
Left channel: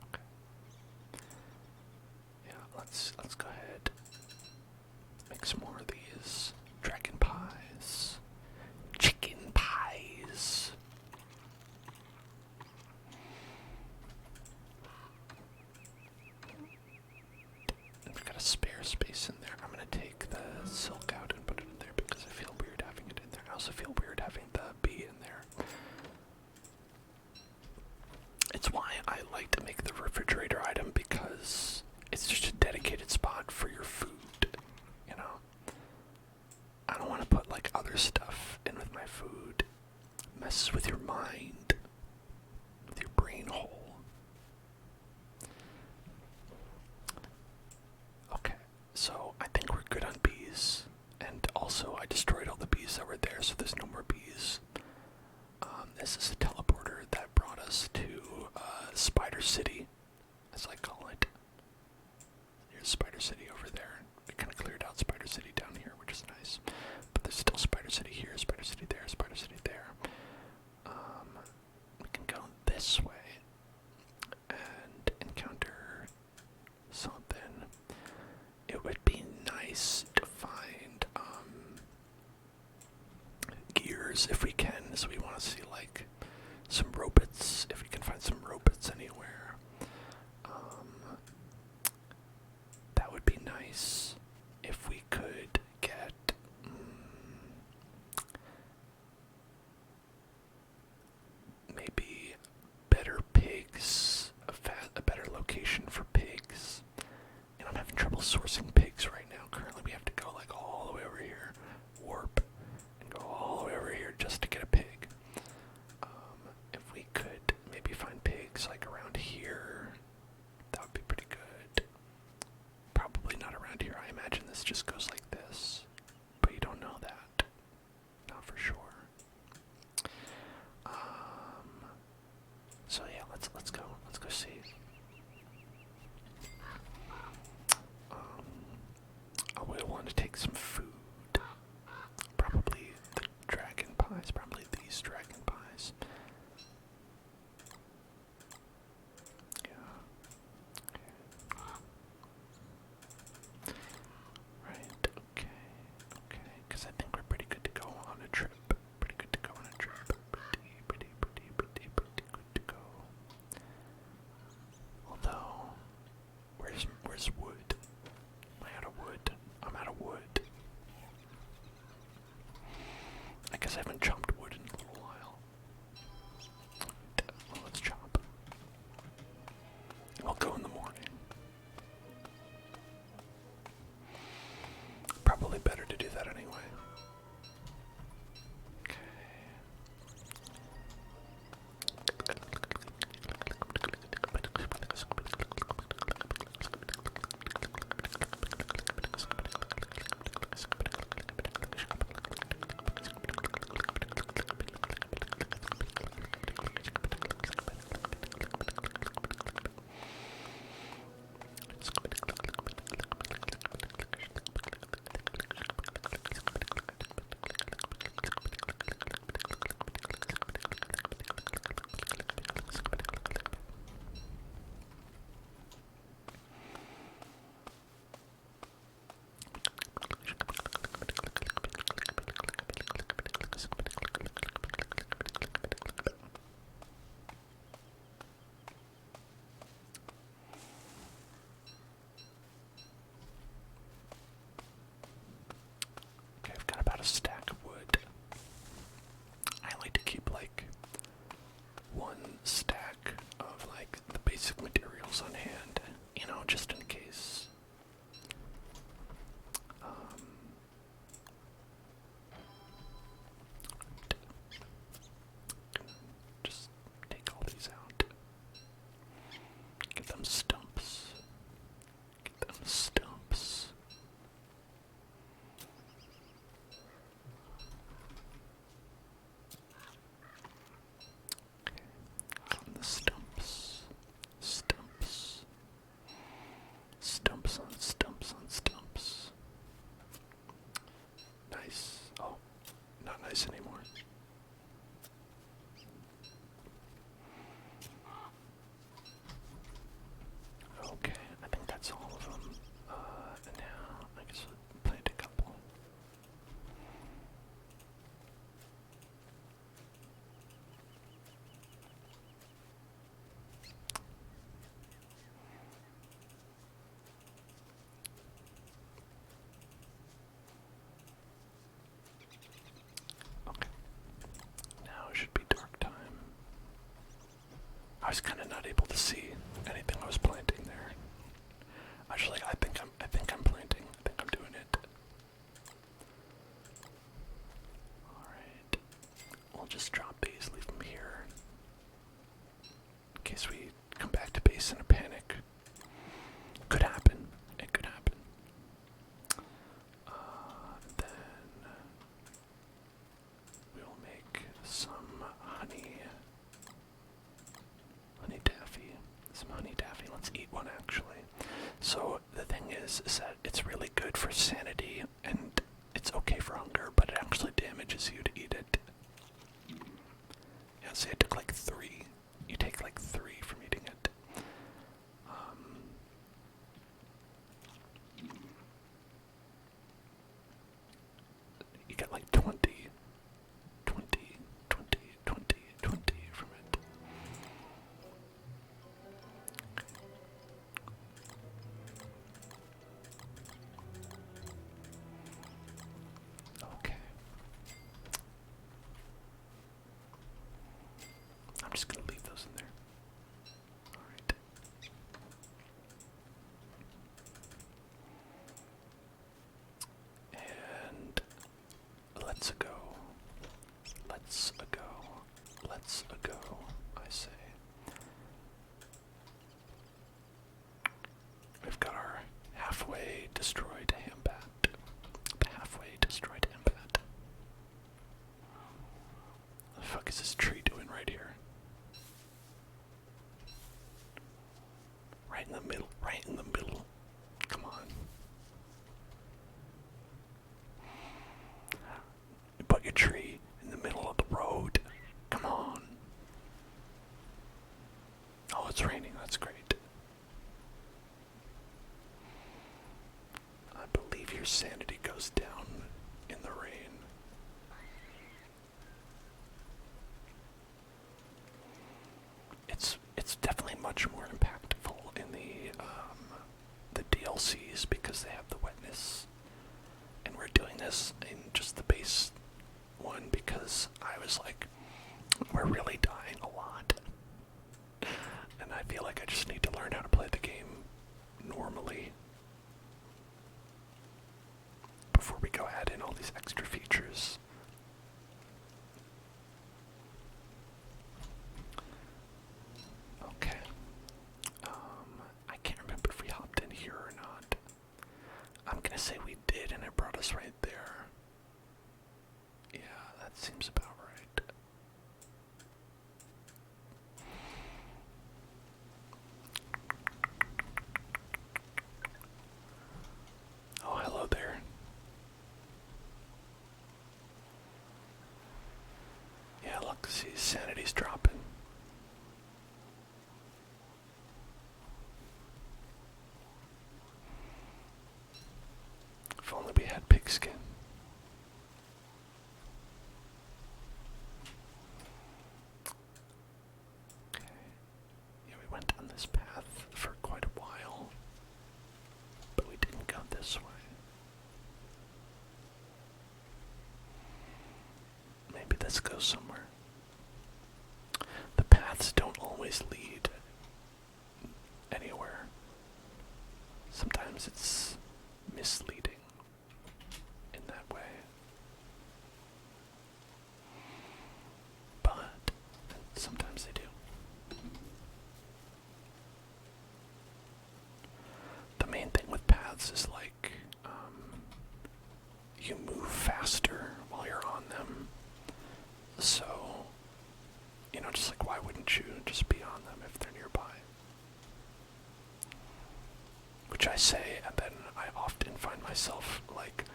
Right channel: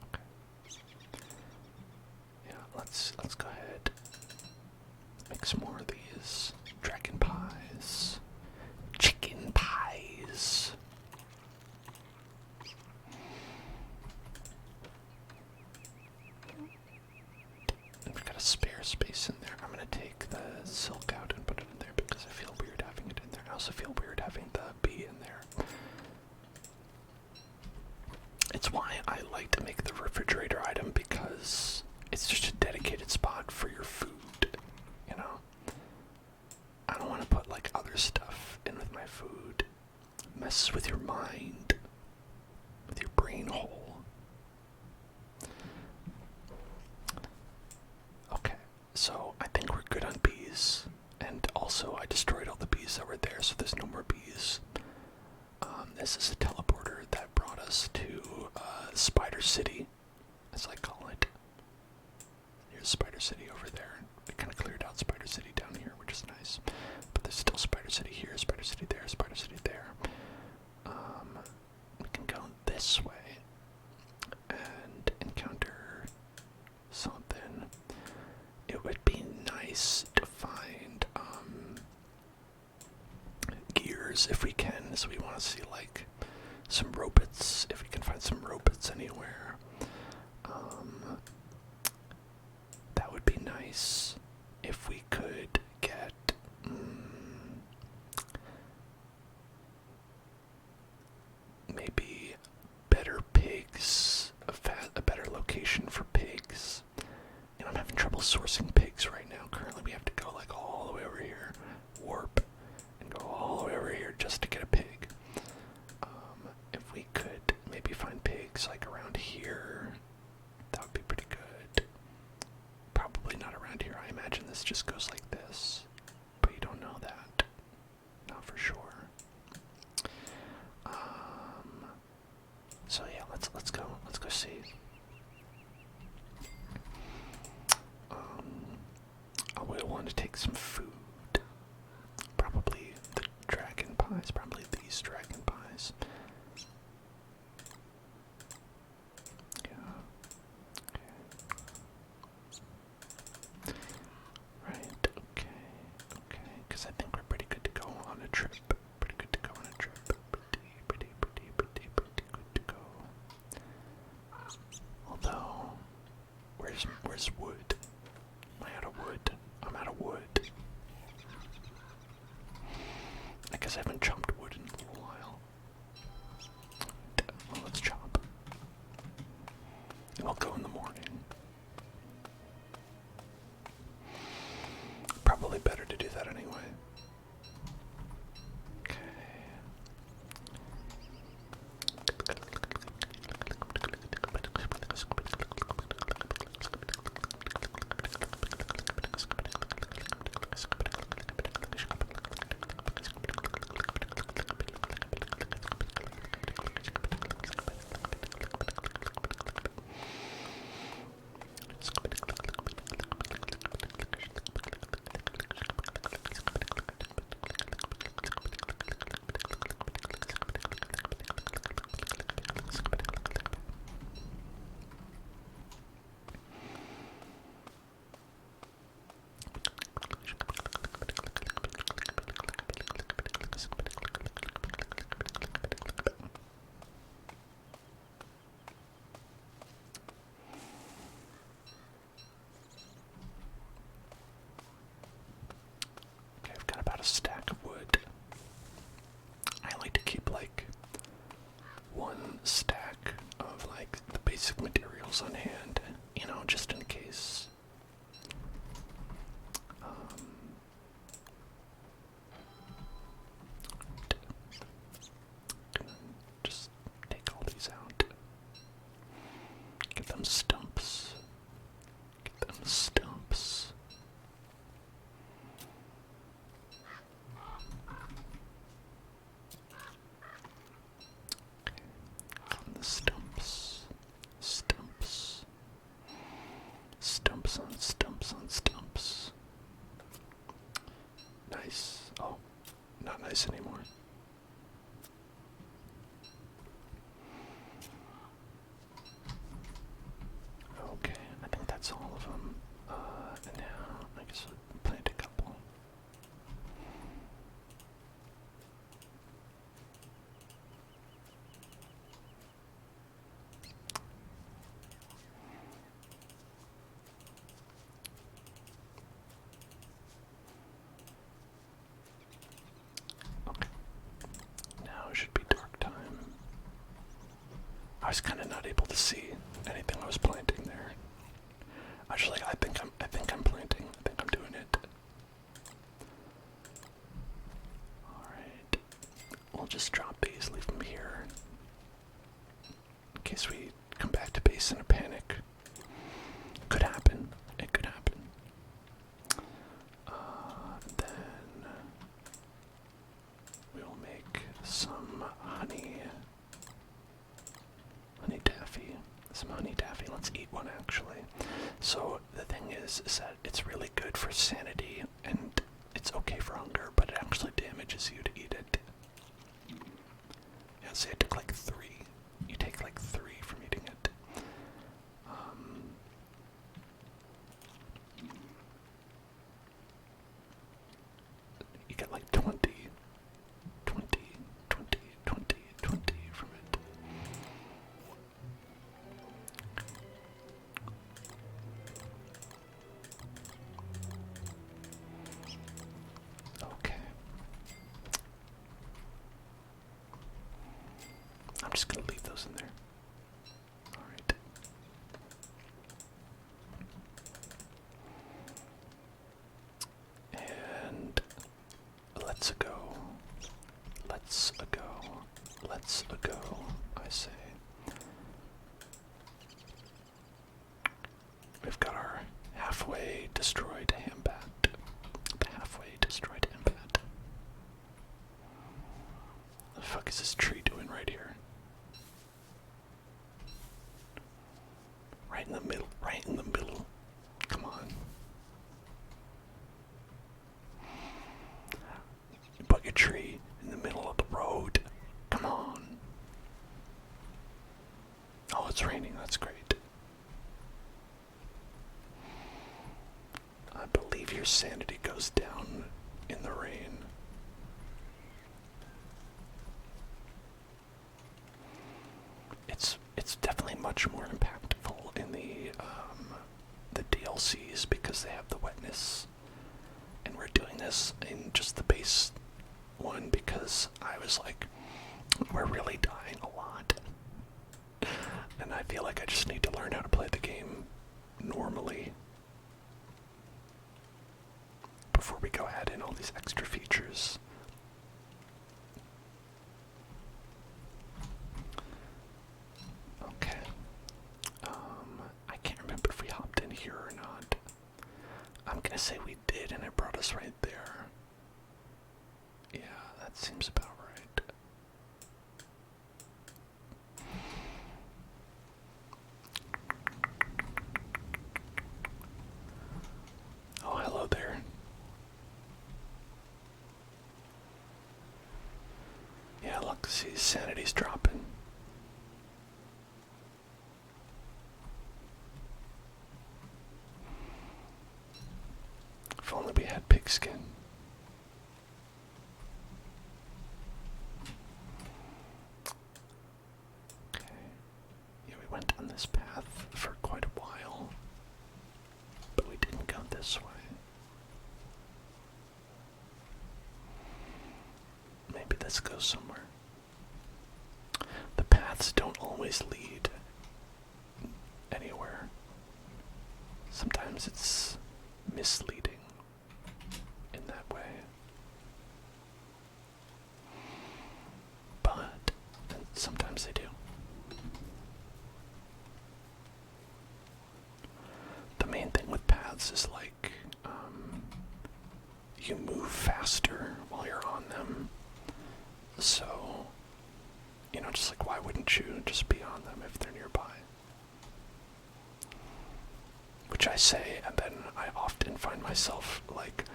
Okay. Yeah, let's go ahead. Make some more of these dragon pies. Chicken pies. We've got a spare more space in there. I'm gonna take the silk out and put it in there because I feel weird having it in there. I also feel weird having the bee in there. It's why I like to make the refrigerator item, because it's just a dedicated spot for your food, you know? I don't want to put like other stuff in with my food. Messes with your mind, with your brain hole. Okay, so I think we're good on bees. And also I destroyed all the bees that were there, so there's no more bees. This is a teleporter that brought us to Spider City, as I call it. Here's Spider City over there. We kind of cleared out Spider City down here, which is nice. But there's still Spider City here, Spider City there, Spider City there. We can go this way and encounter something. It would be nice to find gears if we can, so we want to see like some robots, if we can find some robots anywhere. That would be nice if we could get maybe better pigs, a better location for pigs. And I'm having trouble sourcing pigs right now. Currently we have to go like all the way over here, warp, and go all the way over here just to get a pig. If we could maybe find pigs like around here, that would be pretty good. Probably not around here. I imagine this just goes like this, but you don't know that. Not for sure. So yeah, let's go see. I will want to take some food. Probably the dragon pies. Probably these dragon pies. Yeah. Okay. Right. Okay. Okay. Because I think we're pretty good to go on a trip. Pretty good to go on a trip. Pretty good to go. Although, where's wood? Am I out of wood? I'm out of wood. I guess I haven't chopped wood in a little while. Well, let's chop. And we'll go in the morning. Probably better to do that anyway. Okay. not able to see anything I was planting there. Actually, I think I'm planting. I think I'm doing it. Alright. We'll just drop these, leave them here. In case we come back to base in a panic. Could happen. It could happen. Then we'll make some honey taffy. Some honey taffy. Let's eat one actually. So the thing is that it's really good for sanity and it's okay for hunger, but it actually damages you to eat it. Yeah, see, I took like 3. You take like 3 from eating it. You get like 20 from it. Okay. I'm just gonna leave those in there. Alright. And let's go. Let's go, I say. We've got our halfway destroyed hambat. The halfway destroyed hambat. The fuck is this tree doing right here? Right in the middle, right in the middle. Come on. You put your tree in the middle of the road. Come on. Oh, it's raining. That's great. I believe your sanity goes down in the rain. It's definitely much more impactful in the DLCs because they have the wetness, and we're doing this in just the base one because I was like, we're really dying a lot, and I feel like I just need to learn how to play the game normally before we go add in all these extra features. Okay. I can't remember if we hopped in here or not. I'm gonna say we did, and it brought us right there. Yeah, that seems about right. Oh, hello there. Yeah, look, see, sanity's dropping. If only we had pigskin. Okay. Yeah, we went down this path for quite a while, but we didn't go this way. Maybe this goes somewhere. The paths don't always lead anywhere. Sometimes it's misleading in that way. But sometimes they do. The main thing with paths is like, you move faster while you're on them. So, you know, just like, why wouldn't you just be on them if they're nearby? Which I say, and then I often find myself, like,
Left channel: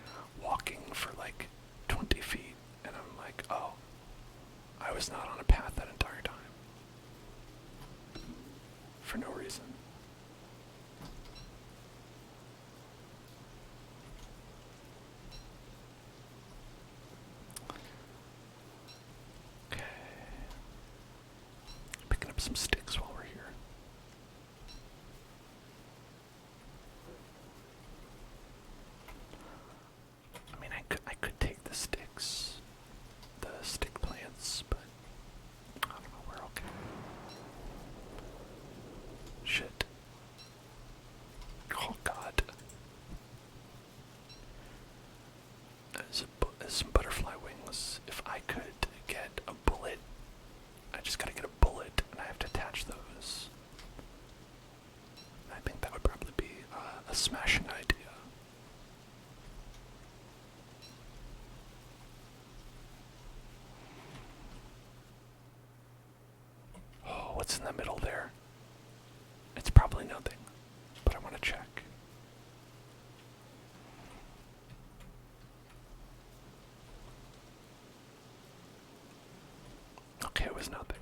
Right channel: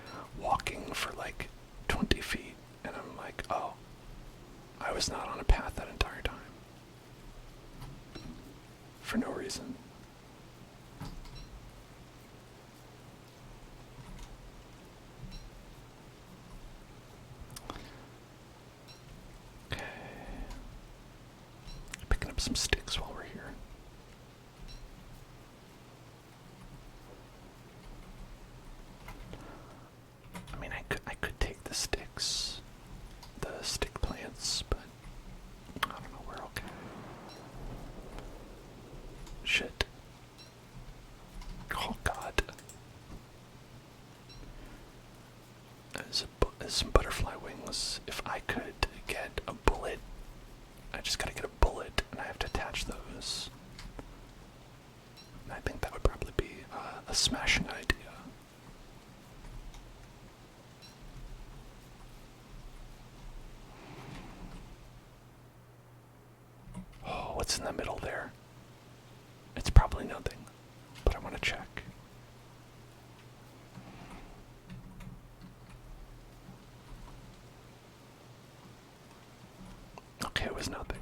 walking for, like, 20 feet, and I'm like, oh, I was not on a path that entire time. For no reason. Okay. Picking up some sticks while we're here. I mean, I could take the sticks, the stick plants, but I don't know, we're okay. some butterfly wings. If I could get a bullet, I just gotta get a bullet and I have to attach those. I think that would probably be a smashing idea. Oh, what's in the middle there? It's probably nothing, but I want to check. Okay, it was nothing.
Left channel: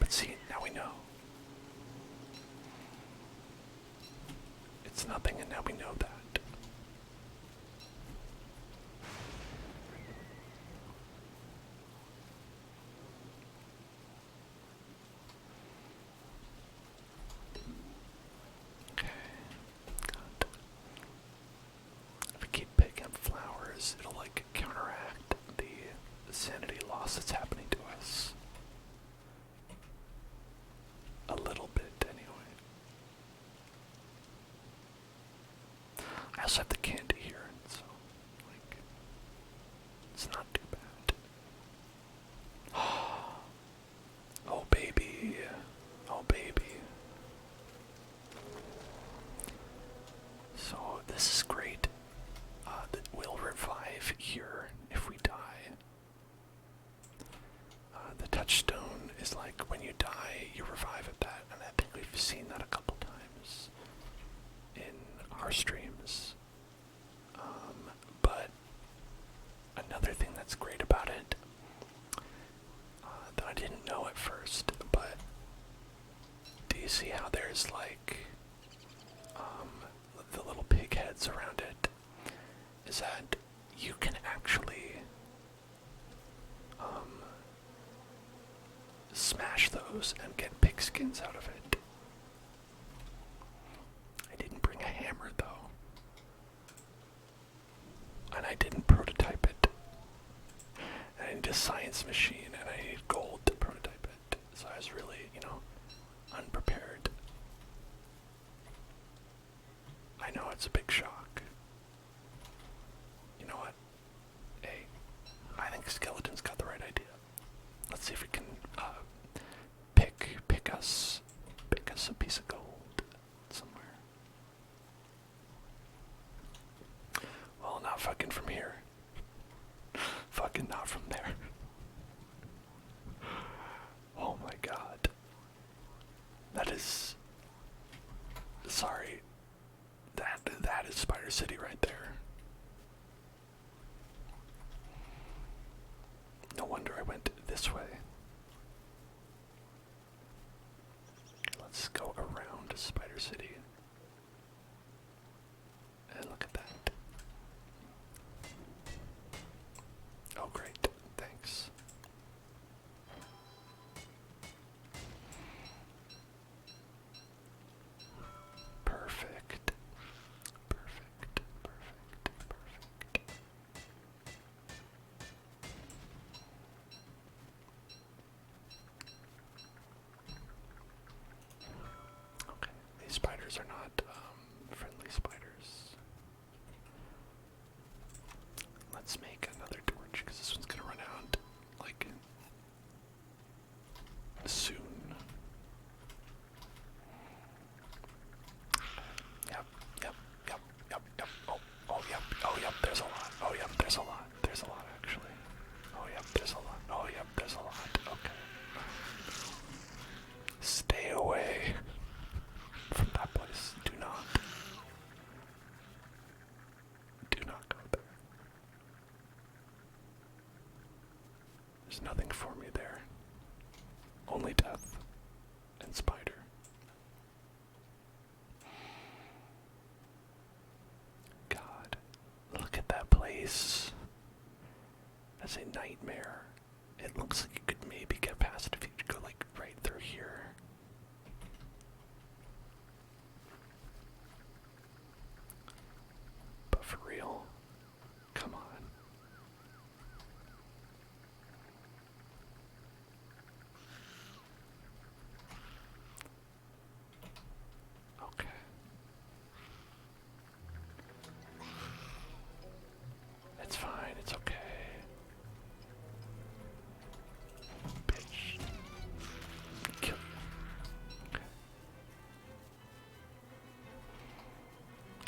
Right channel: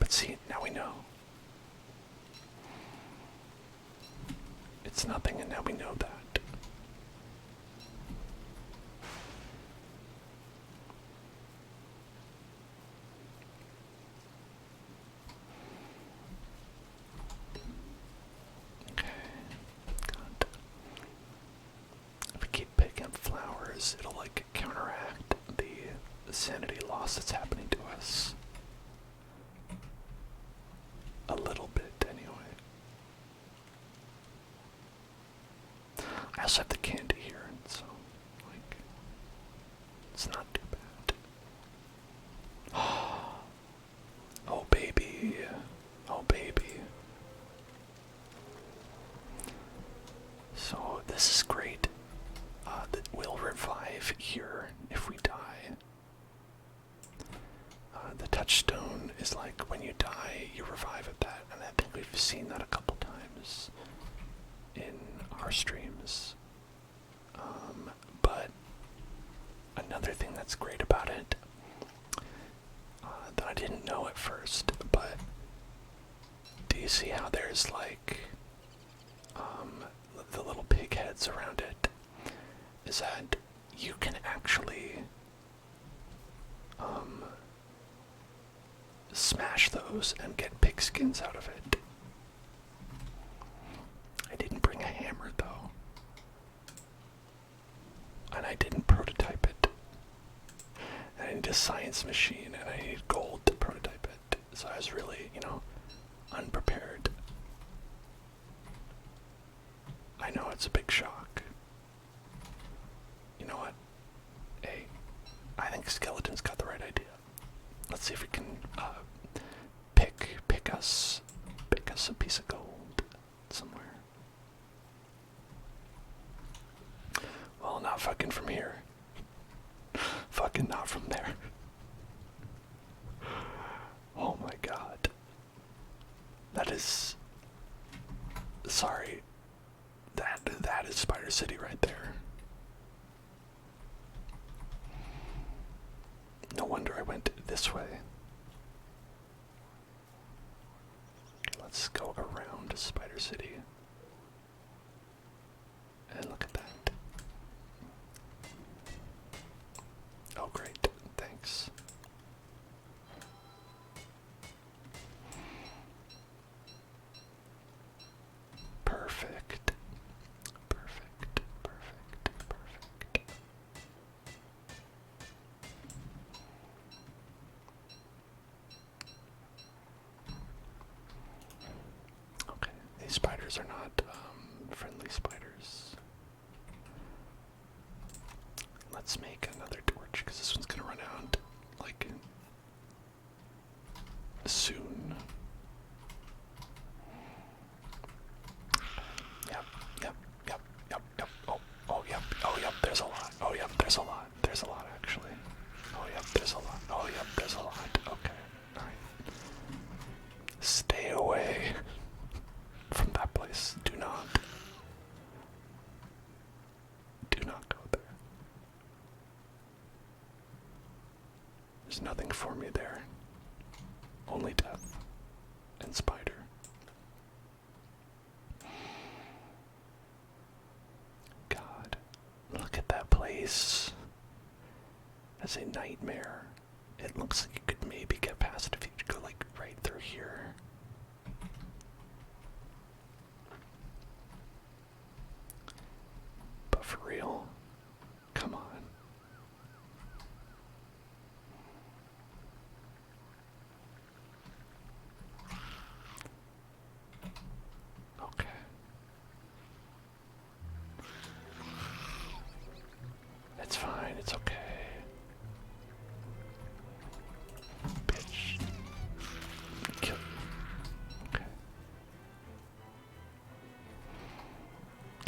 But see, now we know. It's nothing, and now we know that. Okay. God. If we keep picking up flowers, it'll like counteract the sanity loss that's happening to us. A little bit, anyway. I also have the candy here, and so, like, it's not too bad. Oh, baby. Oh, baby. So, this is great. That will revive here if we die. The touchstone is like when you die, you revive at that, and I think we've seen that a couple times in our streams. But another thing that's great about it, that I didn't know at first, but do you see how there's like the little pig heads around it? Is that you can actually smash those and get pig skins out of it. I didn't bring a hammer though. And I didn't prototype it. I need a science machine and I need gold to prototype it. So I was really, unprepared. I know it's a big shock. You know what? Hey, I think Skeleton's got the right idea. Let's see if we can pick us a piece of gold somewhere. Well, not fucking from here. Fucking not from there. Oh my god. That is... Sorry. That is Spider City right there. No wonder I went this way. Let's go around Spider City. And look at that. Oh great, thanks. Perfect. Perfect, perfect, perfect. Okay, these spiders are not friendly spiders. Let's make another torch because this one's gonna run out like soon. Yep, yep, yep, yep, yep. Oh, yep, oh, yep, there's a lot. Oh, yep, there's a lot. There's a lot actually. Oh, yep, there's a lot. Oh, yep, there's a lot. Okay. Stay away from that place. Do not go there. There's nothing for me there. Only death and spider. God, look at that place. That's a nightmare. It looks like you could maybe get past it if you could go like right through here. But for real, come on. Okay.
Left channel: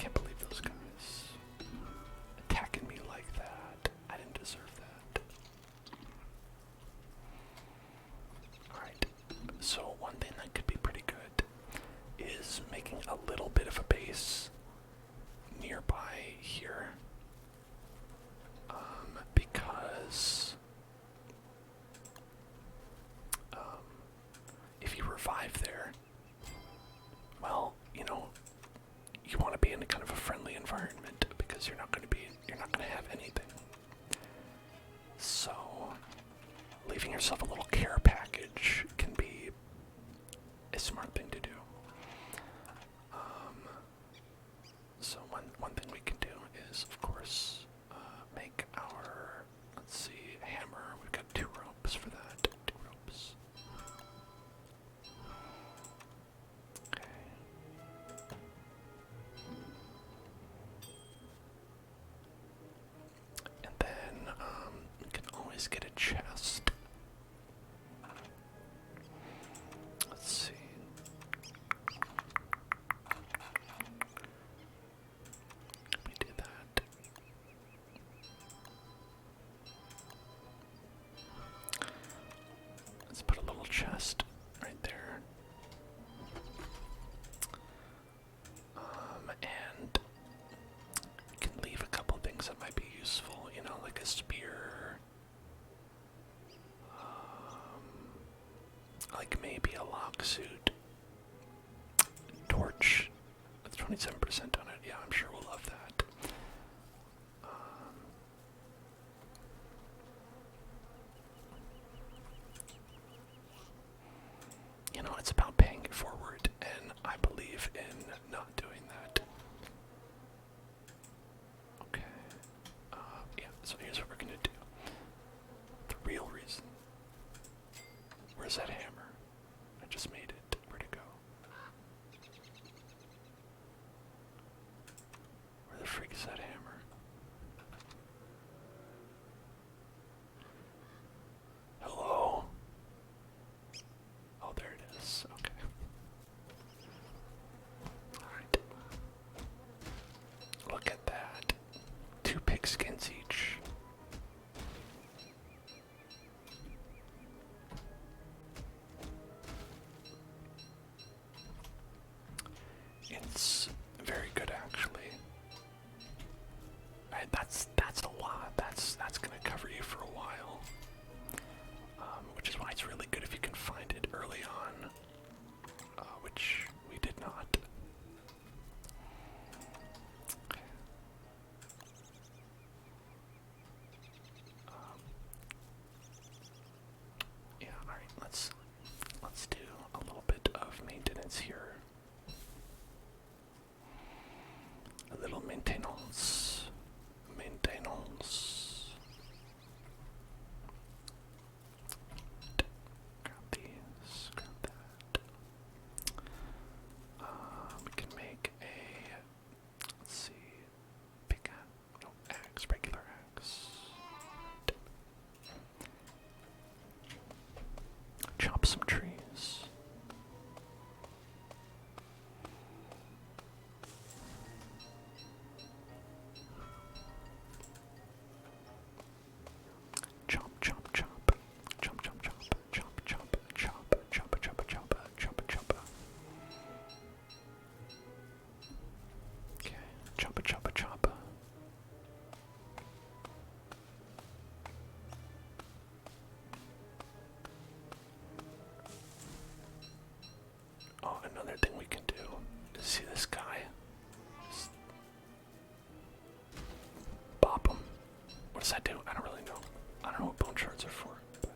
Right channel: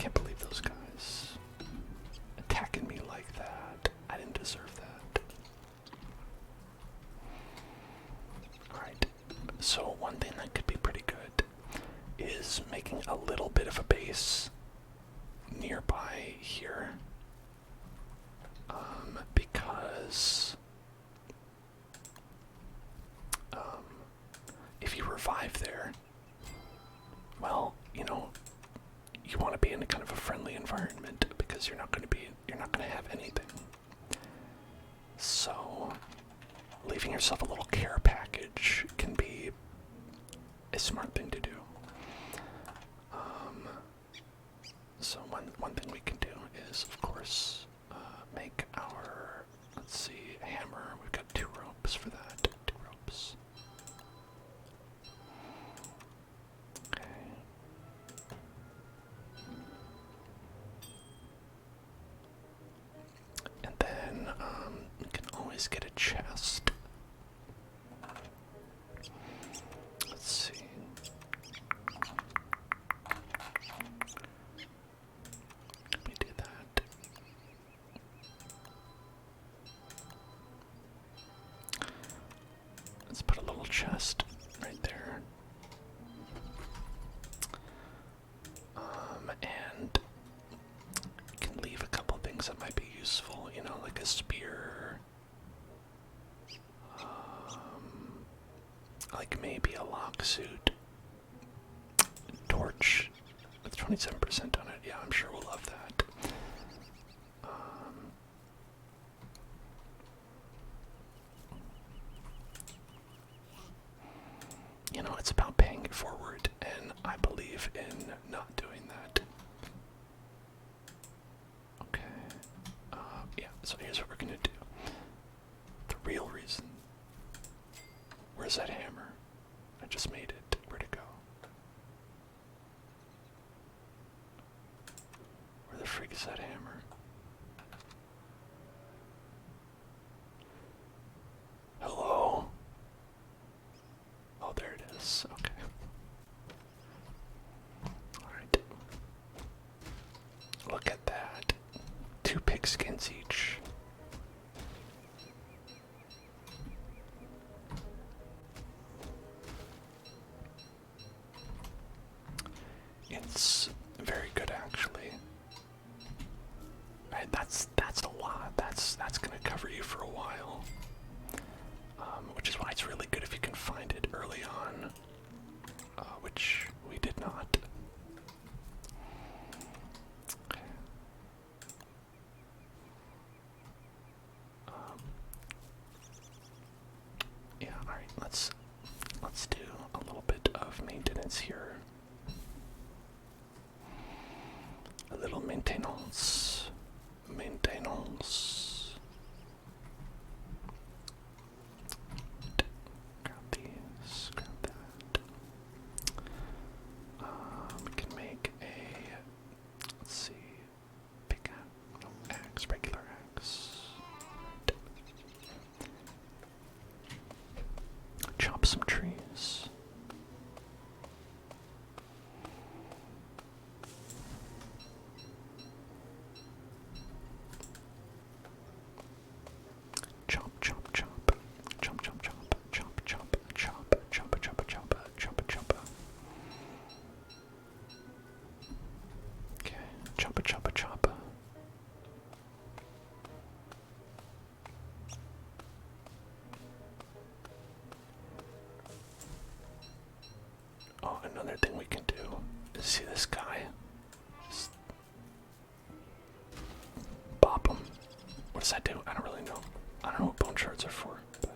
can't believe those guys attacking me like that. I didn't deserve that. Alright, so one thing that could be pretty good is making a little bit of a base nearby here. Because if you revive there, well, you know, you want to be in a kind of a friendly environment because you're not going to have anything. So, leaving yourself a little care package can be a smart thing to do. So one thing we can do is, of course, make our, let's see, hammer. We've got 2 ropes for that. 2 ropes. Okay. And then we can always get a chest. Let's see. We do that. Let's put a little chest right there. And we can leave a couple things that might be useful, you know, like a spear. Like maybe a lock suit. Torch with 27% on it. Yeah, I'm sure we'll love that. You know, it's about paying it forward, and I believe in not doing that. Okay. Yeah, so here's what we're gonna do. The real reason. Where's that hammer? I just made it. Where'd it go? Where the freak is that hammer? Hello? Oh, there it is. Okay. Alright. Look at that. 2 pigskins each. It's very good, actually. Right, that's a lot. That's gonna cover you for a while. Which is why it's really good if you can find it early on, which we did not. Okay. Yeah. All right. Let's do a little bit of maintenance here. A little maintenance. Grab these, grab that. We can make a, let's see, axe, regular axe. Chop some trees. Chop, chop, chop. Chop, chop, chop. Chop, chop, chop. Chop, chop, chop. Chop, chop. Okay. Chop, chop, chop. Oh, another thing we can do is see this guy. Just bop him. What does that do? I don't really know. I don't know what bone shards are for. But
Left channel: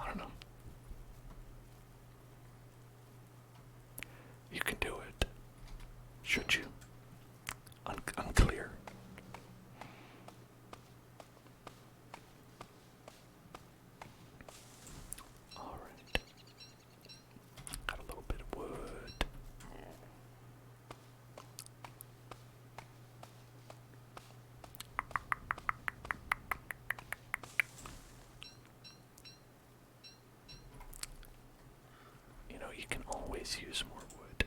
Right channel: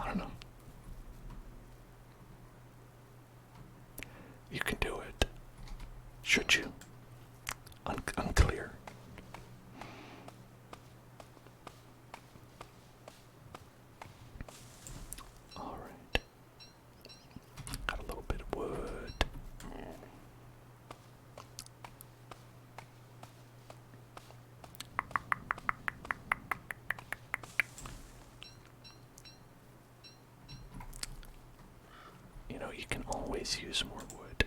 I don't know. You can do it. Should you? Unclear. Alright. Got a little bit of wood. You know, you can always use more wood.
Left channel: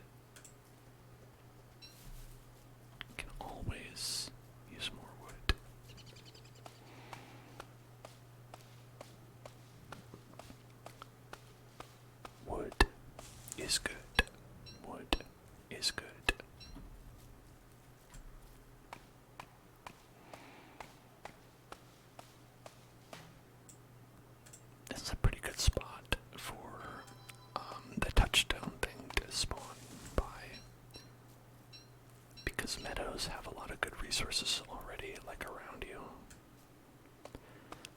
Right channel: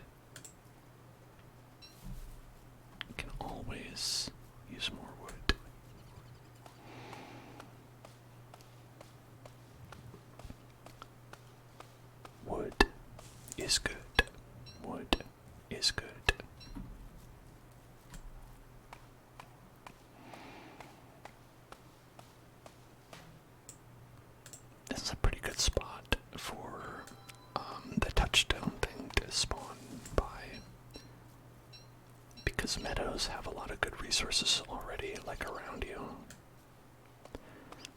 is good. Wood is good. This is a pretty good spot for the touchstone thing to spawn by, because meadows have a lot of good resources already, like around you.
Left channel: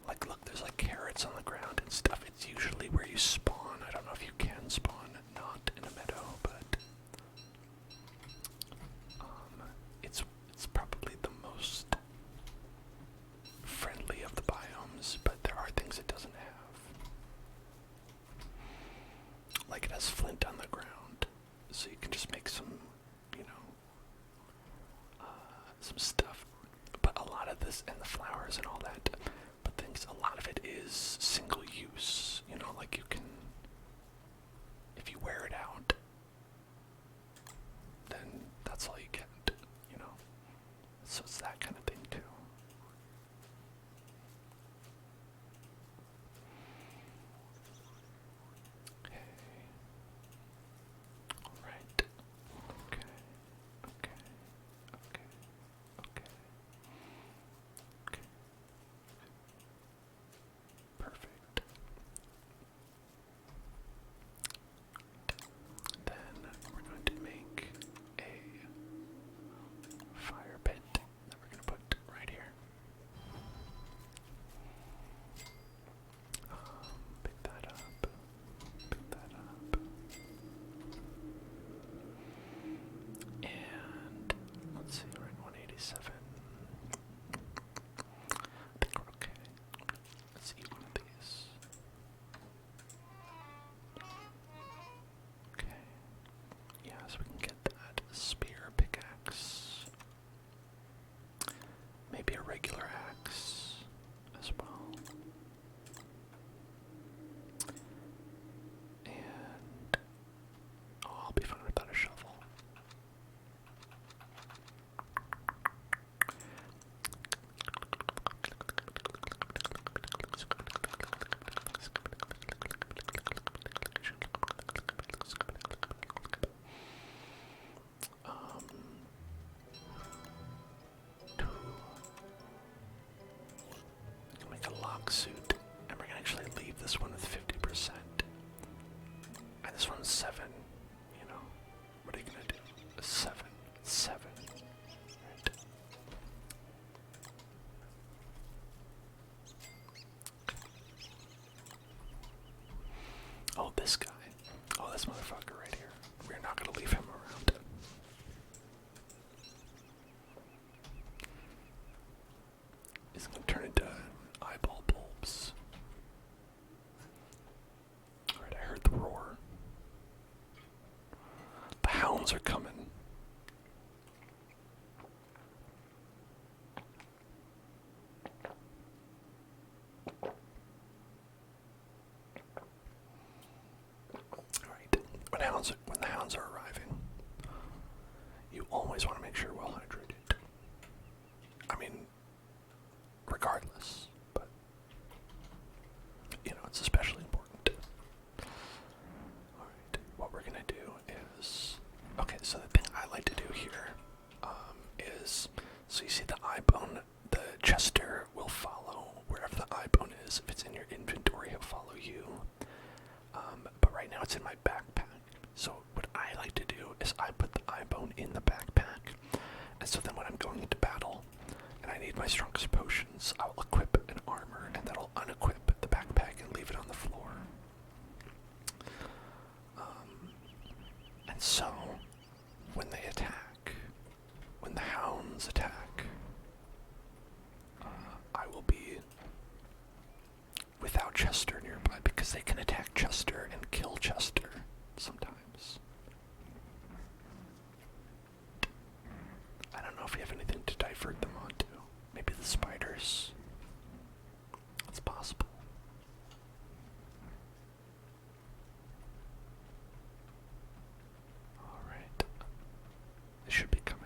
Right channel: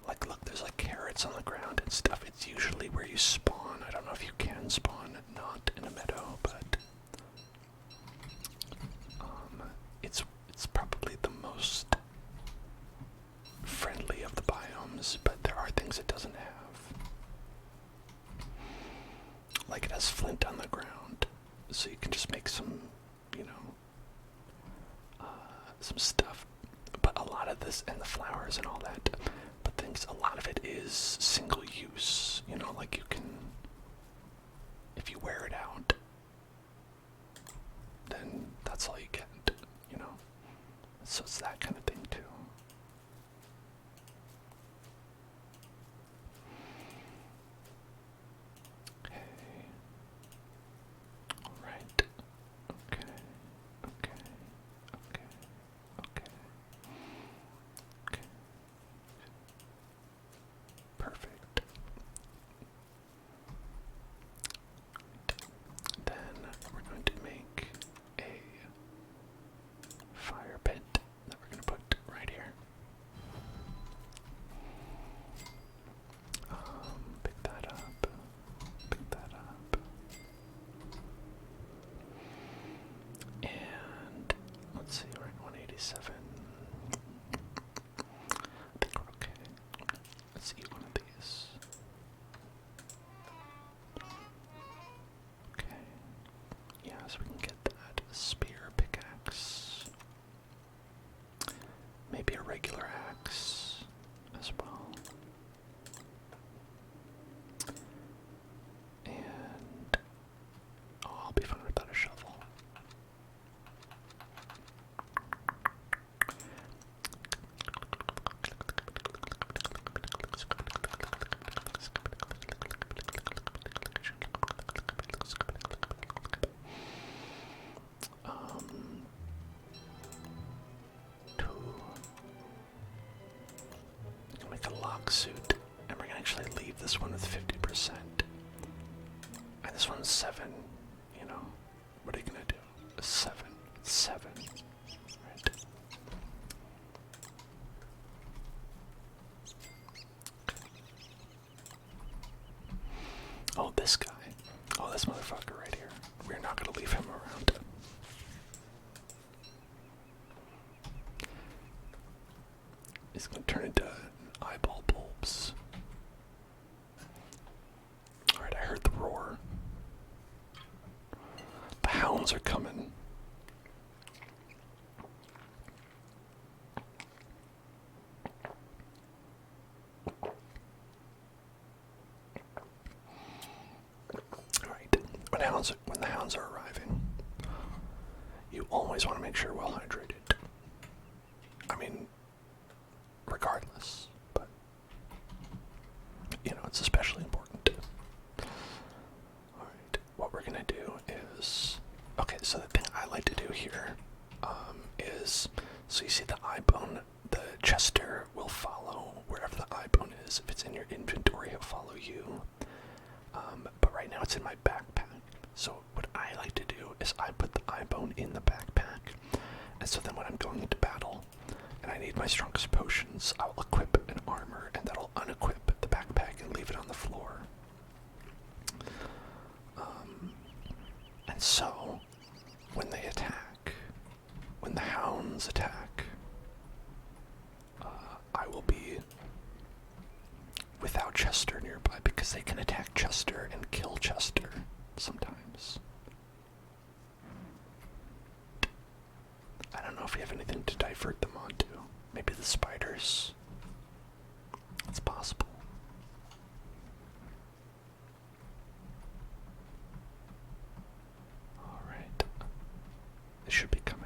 Like, look, there's like carrots on the ground and stuff. It's usually where you spawn. I don't know if you can spawn not in a meadow, but it's probably the most friendly of the biomes, but there are things it doesn't have. Like, it has flint on the ground, so you can just make some, some stuff. But a lot of this, and the flowers and all that, but a lot of it is single use, like you can, if you wear it out, then that's all you get, so it's that kind of thing too. Okay. Alright. Okay. Okay. Okay. Okay. Okay. Perfect. Then we're going to make a fire pit that we're going to put right here. Pick that up. Pick that up. And let's see, we're at 187. I think we're okay. Let's eat one of these. Okay. Yeah, so we can get that spear pickaxe. Maybe a regular axe as well. And I'll be fine without a shovel. Make a lock suit, and we're gonna actually leave this one with 50%. And this one's 7, What are you gonna do? 7. 7. Right. Oh, this guy. Oh, this motherfucker right here. We're not gonna leave him around. He's gonna turn into eyeball bulbs. Alright, I heard the roar. The hounds are coming. Alright, when the hounds are arriving, you always want to make sure you're well hydrated. I mean, regardless, but it's especially important. Alright, what we're gonna do is, okay, so the thing I like to do here is, so you see the eye bone, the Chester will follow wherever the eye bone is. If it's in your inventory, he'll follow you. But right now it's in my backpack. So what I like to do is I put the eye bone in the backpack, and so then when I'm going into battle, and I need my strongest potions, I'll equip an armor, and that'll unequip the backpack and leave it on the floor. And so, when they attack, when the hounds attack, I will be without Chester nearby, because they can attack Chester and kill Chester sometimes. I don't know if we have anything to divert them onto. Maybe the spiders. It's possible. Alright. They should be coming.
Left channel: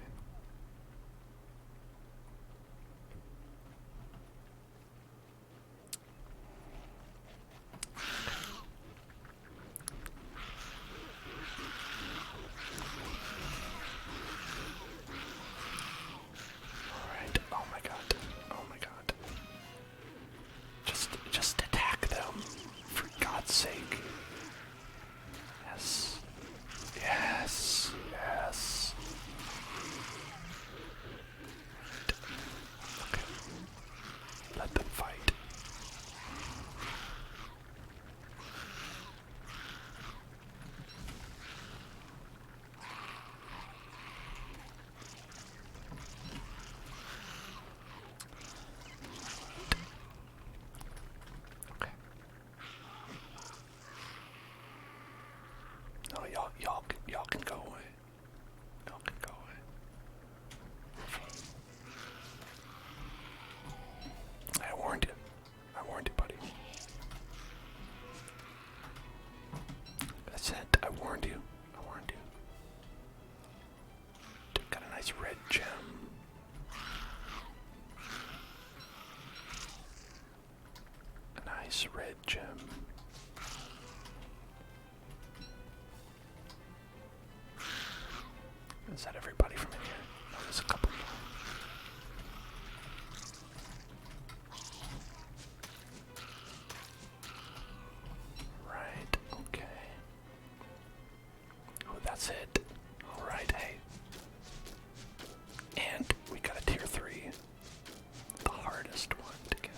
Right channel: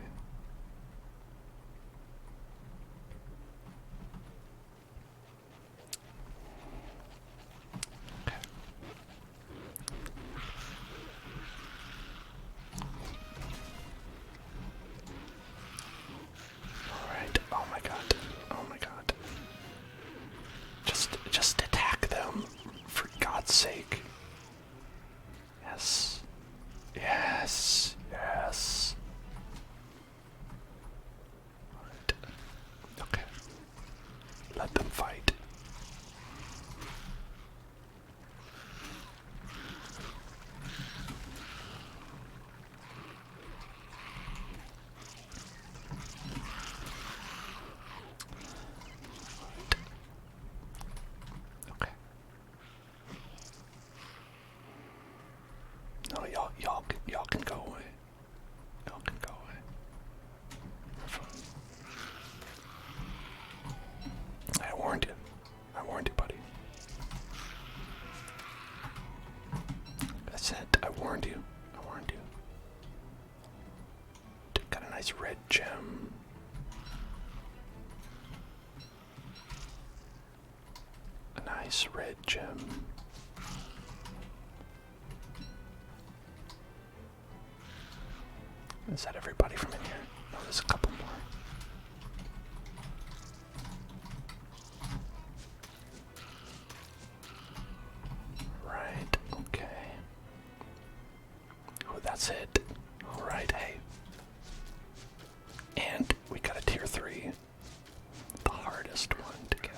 nice red gem. A nice red gem. Is that everybody from in here? No, there's a couple more. Right, okay. Oh, that's it. Alright, hey. And we got a tier 3. The hardest one to get.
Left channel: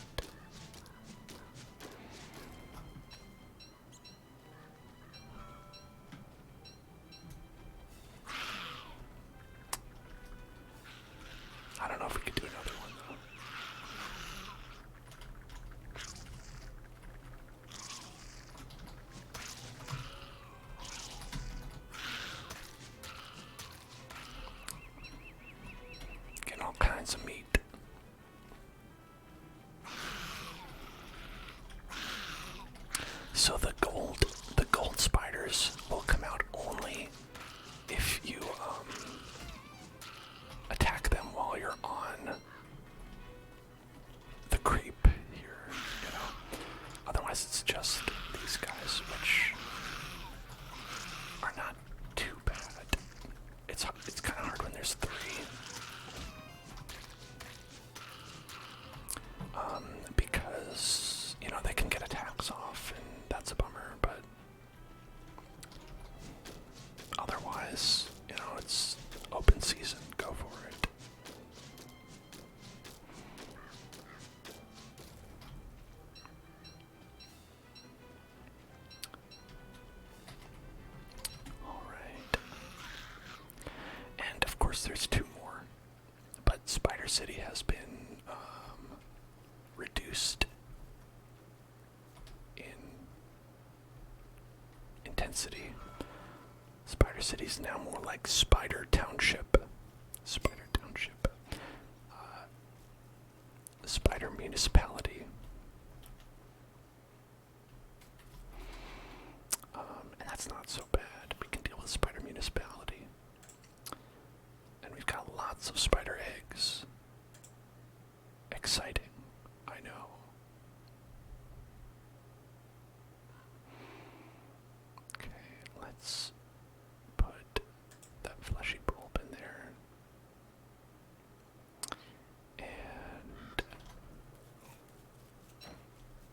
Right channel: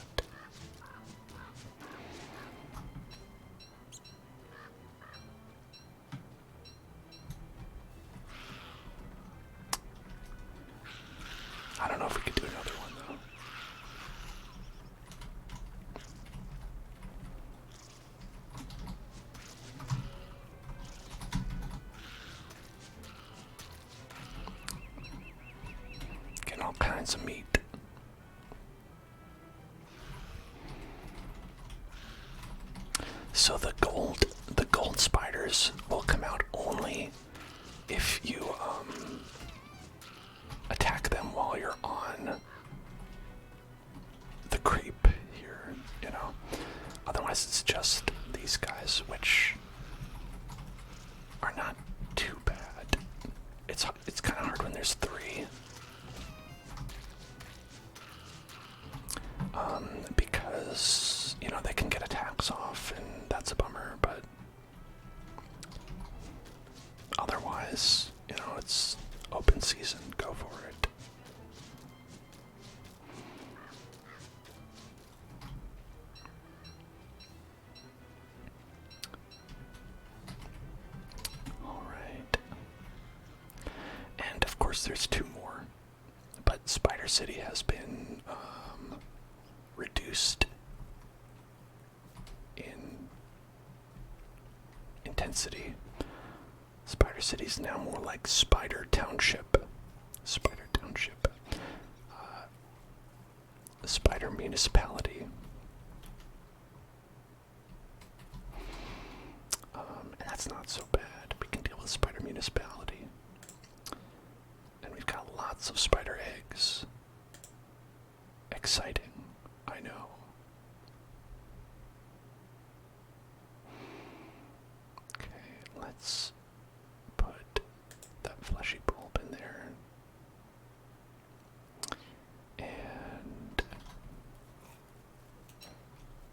I don't know if we could do another one though. Getting all kinds of meat. So the gold spiders will come out only if you attack them while you're on the creep here, you know. Otherwise it's just these guys, which are not too bad. It's kind of hard when there's 3. Because, you know, they can get attacks off, and that's a bummer, but otherwise, you know, it's open season, go for it. Alright. And of course there's 2 more, but Spider City has been reduced in intensity. Spider City's now more like Spider Township. Spider Township. Spider Municipality. And that's not so bad. We can deal with Spider Municipality. And we've got lots of spider eggs. Exciting, I know. Okay, let's put that fleshy bulb in there. And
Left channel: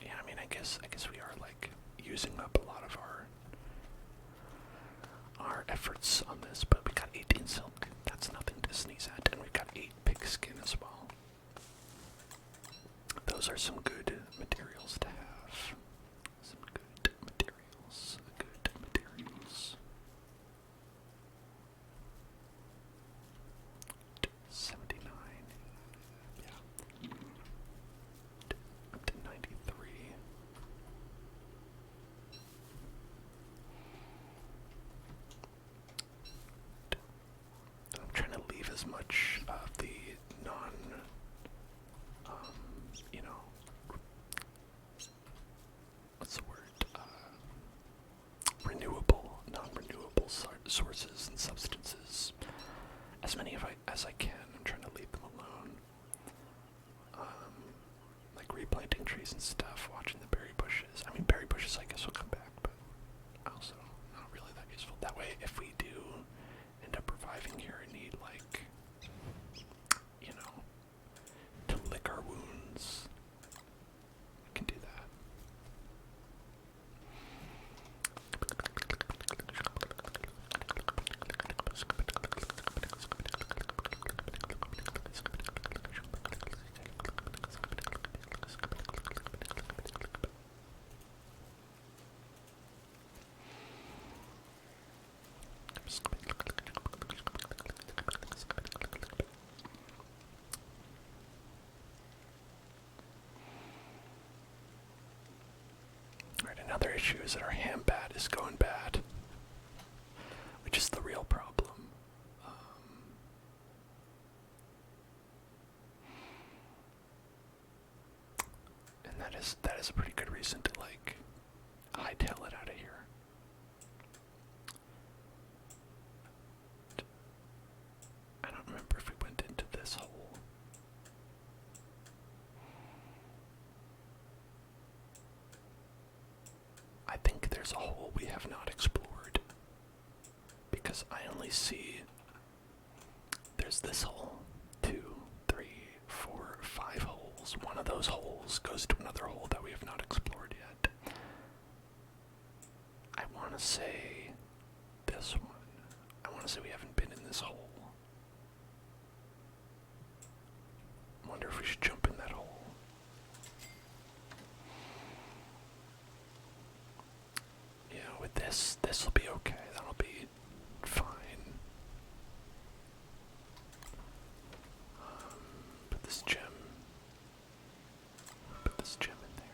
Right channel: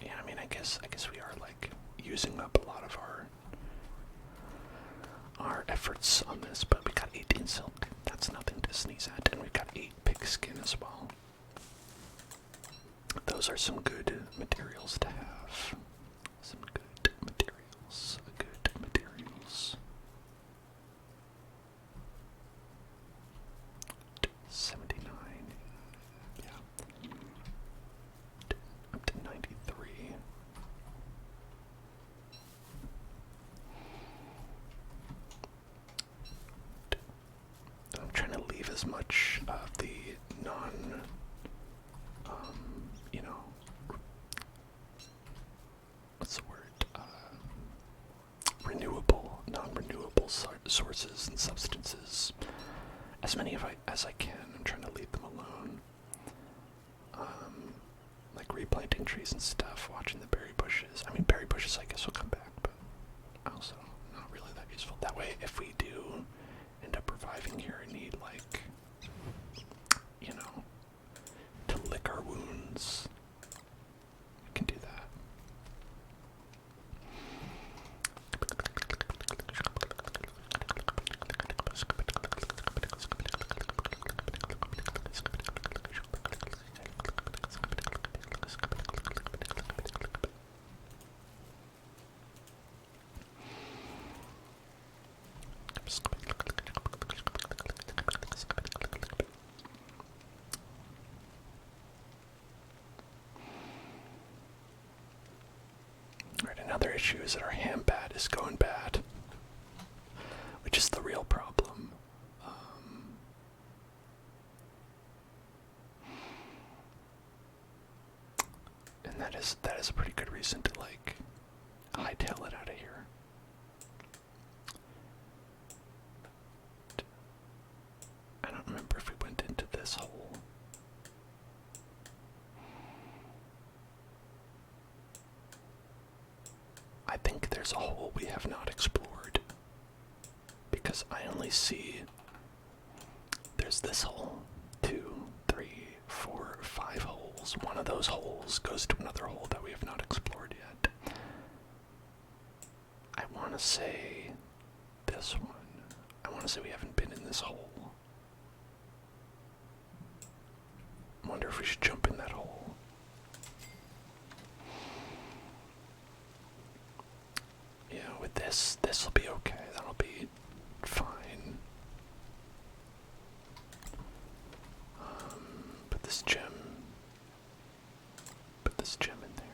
yeah, I mean, I guess we are like using up a lot of our efforts on this, but we got 18 silk. That's nothing to sneeze at, and we got 8 pig skin as well. Those are some good materials to have. Some good materials. Good materials. 79. Yeah. Up to 93. I'm trying to leave as much of the you know, what's the word? Non-renewable sources and substances. As many as I can. I'm trying to leave them alone. Like replanting trees and stuff, watching the berry bushes. I mean, berry bushes I guess will come back, but also not really that useful. That way, if we do end up reviving here and need, like, you know, to lick our wounds, we can do that. Alright, another issue is that our ham bat is going bad, which is the real problem. And that is a pretty good reason to, like, hightail it out of here. I don't remember there's a hole we have not explored. Because I only see there's this hole. 2, 3, 4, 5 holes. One of those holes goes to another hole that we have not explored yet. I want to say this one. I want to say we haven't been in this hole. I wonder if we should jump in that hole. Yeah, with this will be okay. That'll be fine. Put this gem in there.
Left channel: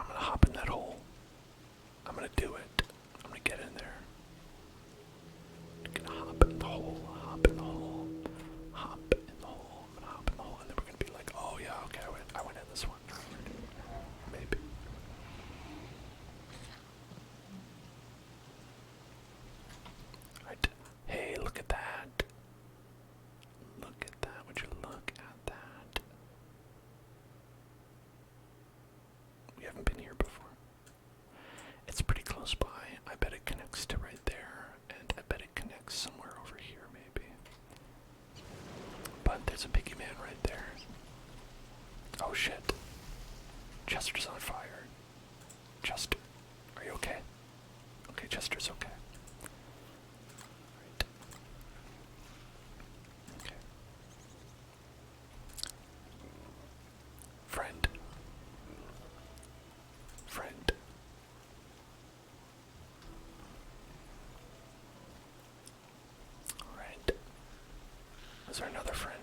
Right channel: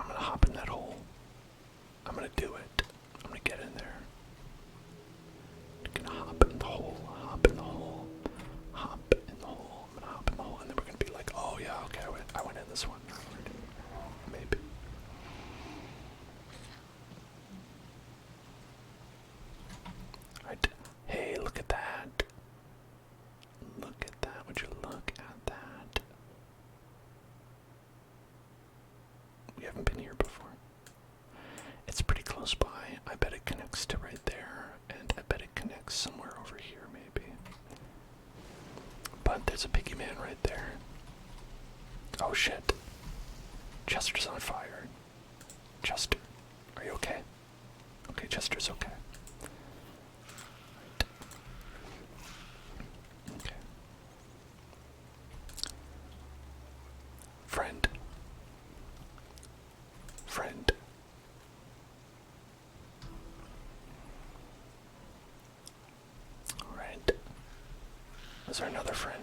I'm gonna hop in that hole. I'm gonna do it. I'm gonna get in there. I'm gonna hop in the hole, hop in the hole, hop in the hole. I'm gonna hop in the hole, and then we're gonna be like, oh yeah, okay, I went in this one. Maybe. Right. Hey, look at that. Look at that. Would you look at that? We haven't been here before. It's pretty close by. I bet it connects to right there, and I bet it connects somewhere over here, maybe. But there's a piggy man right there. Oh shit. Chester's on fire. Chester, are you okay? Okay, Chester's okay. Right. Okay. Friend. Friend. Alright. Is there another friend?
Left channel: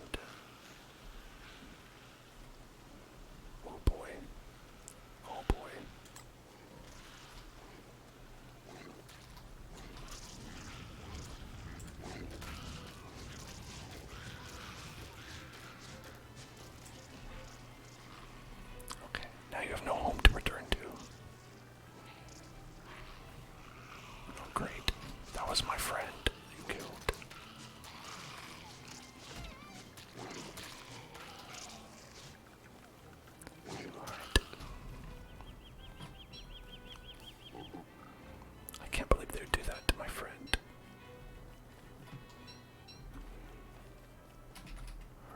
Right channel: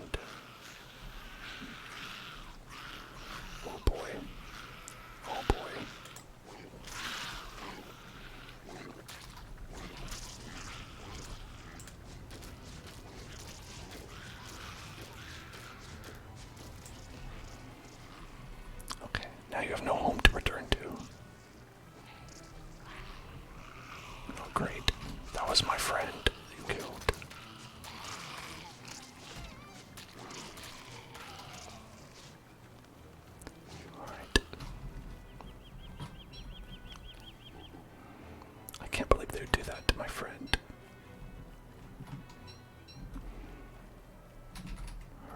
Oh boy. Oh boy. Okay, now you have no home to return to. Oh great. That was my friend you killed. Alright. I can't believe they would do that to my friend.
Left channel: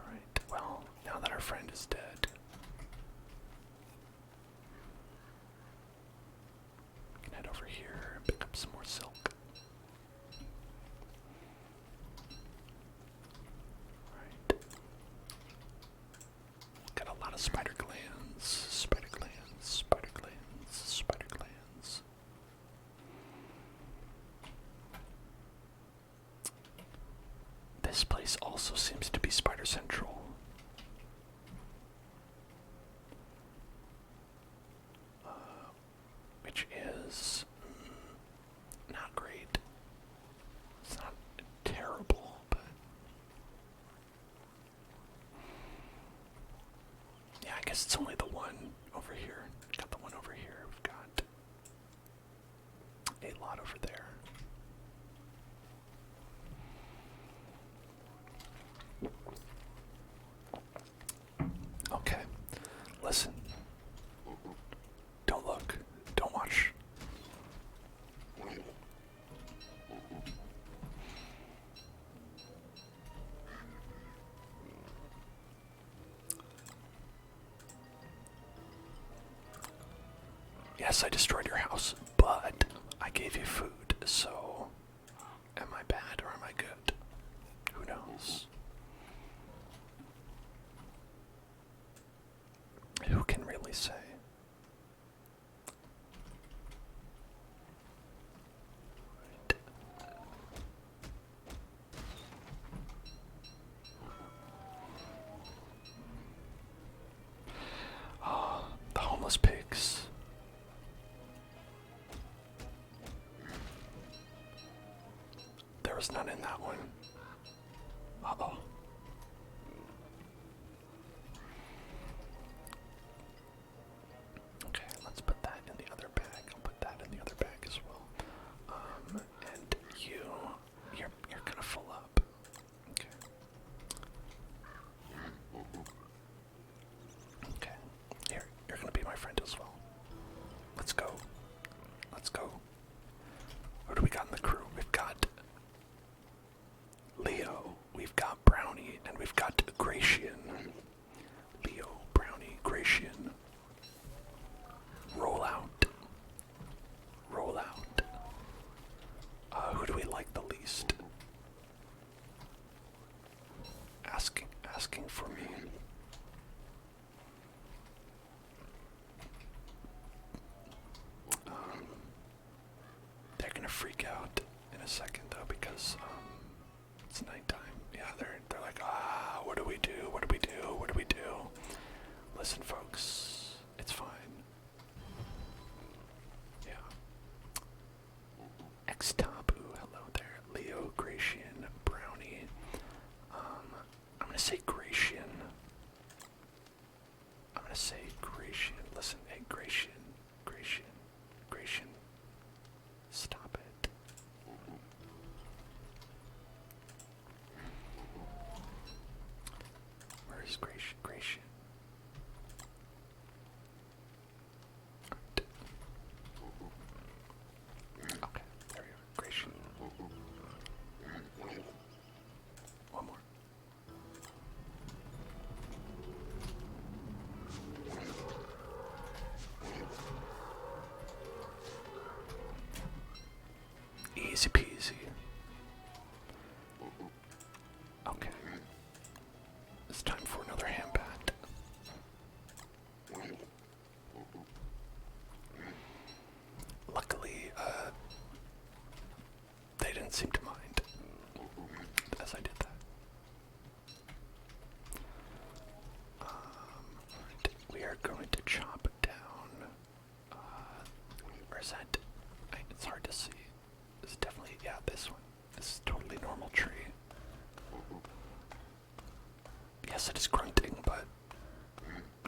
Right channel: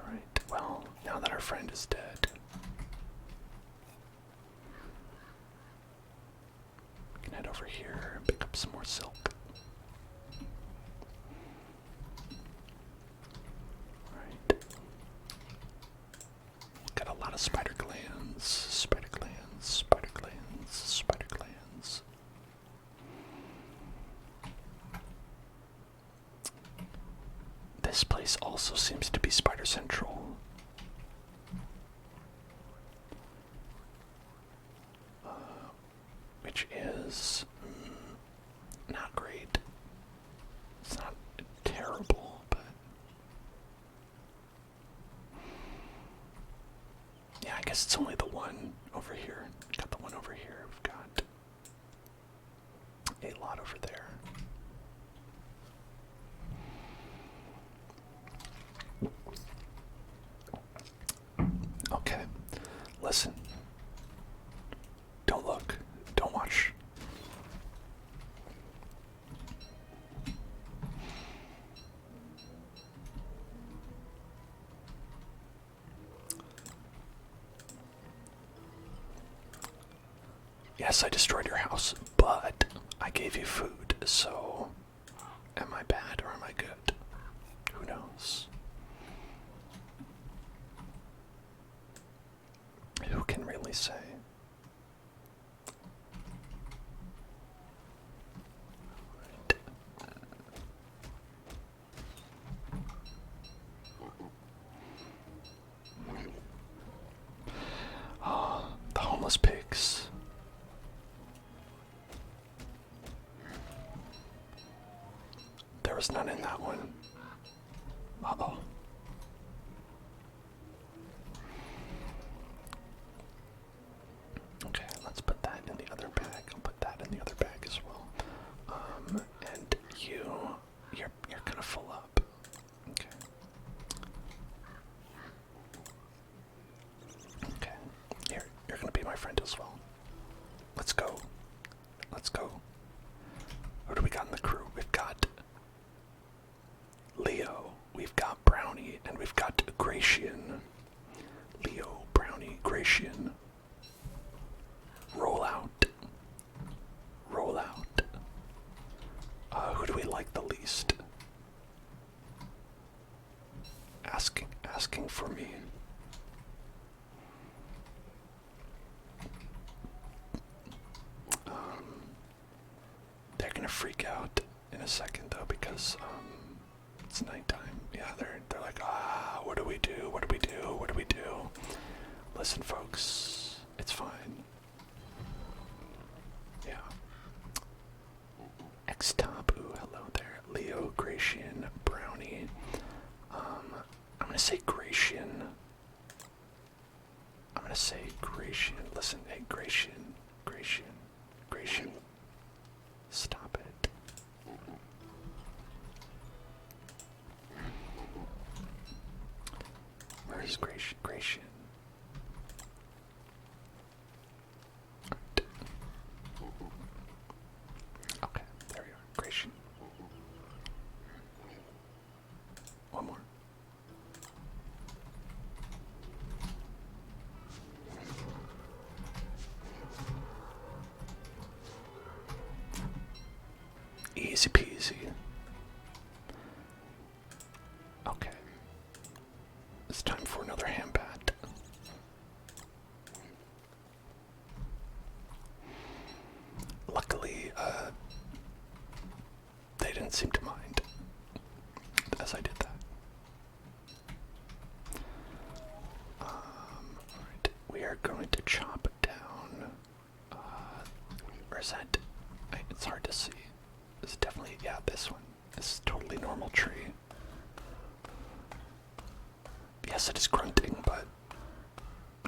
Alright, well, now that our friend is dead, we can head over here and pick up some more silk. Alright. Got a lot of spider glands, spider glands, spider glands, spider glands. This place also seems to be spider central. Which is not great. It's not terrible, but yeah, I guess it's only the one over here. Got the one over here. We've got a lot over there. Okay, listen. Don't look. Don't watch. Yes, I destroyed your house, but I gave you food, so am I bad or am I good? Who knows? Who can really say? Oh, the homeless pigs. was none in that one. Uh-oh. Okay, let's put that in the other bag. I'll put that in the other bag as well. And you're kind of full up. Okay. Okay. You're gonna be my friend as well. Let's go. Let's go. What do we got in the crew? We've got Leo, we've got Brownie, and we've got Gratian. Leo, Brownie, Gratian. Roll out. Roll out. Who do we like the least? Asking for me. They're gonna freak out in a second though because it's nighttime. Yeah, they're like, what do we do? What do we do? What do we do? Listen, folks, it's fine. Yeah. X-Tabu, hello there. Leo, Gratian, Brownie. I'm gonna say Gratian. I'm gonna say Gratian. Listen, hey, Gratian. Stop it. Where's Gratian? Okay, there we are. Gratian. One more. Easy peasy. Okay. It's time for another hand bat. Luckily, they didn't seem to mind as I did that. Alright, we are going to chop it down. Where is that? It's hard to see. It's definitely, yeah, this one. It's a totally normal tree. Yes, it is grunting, but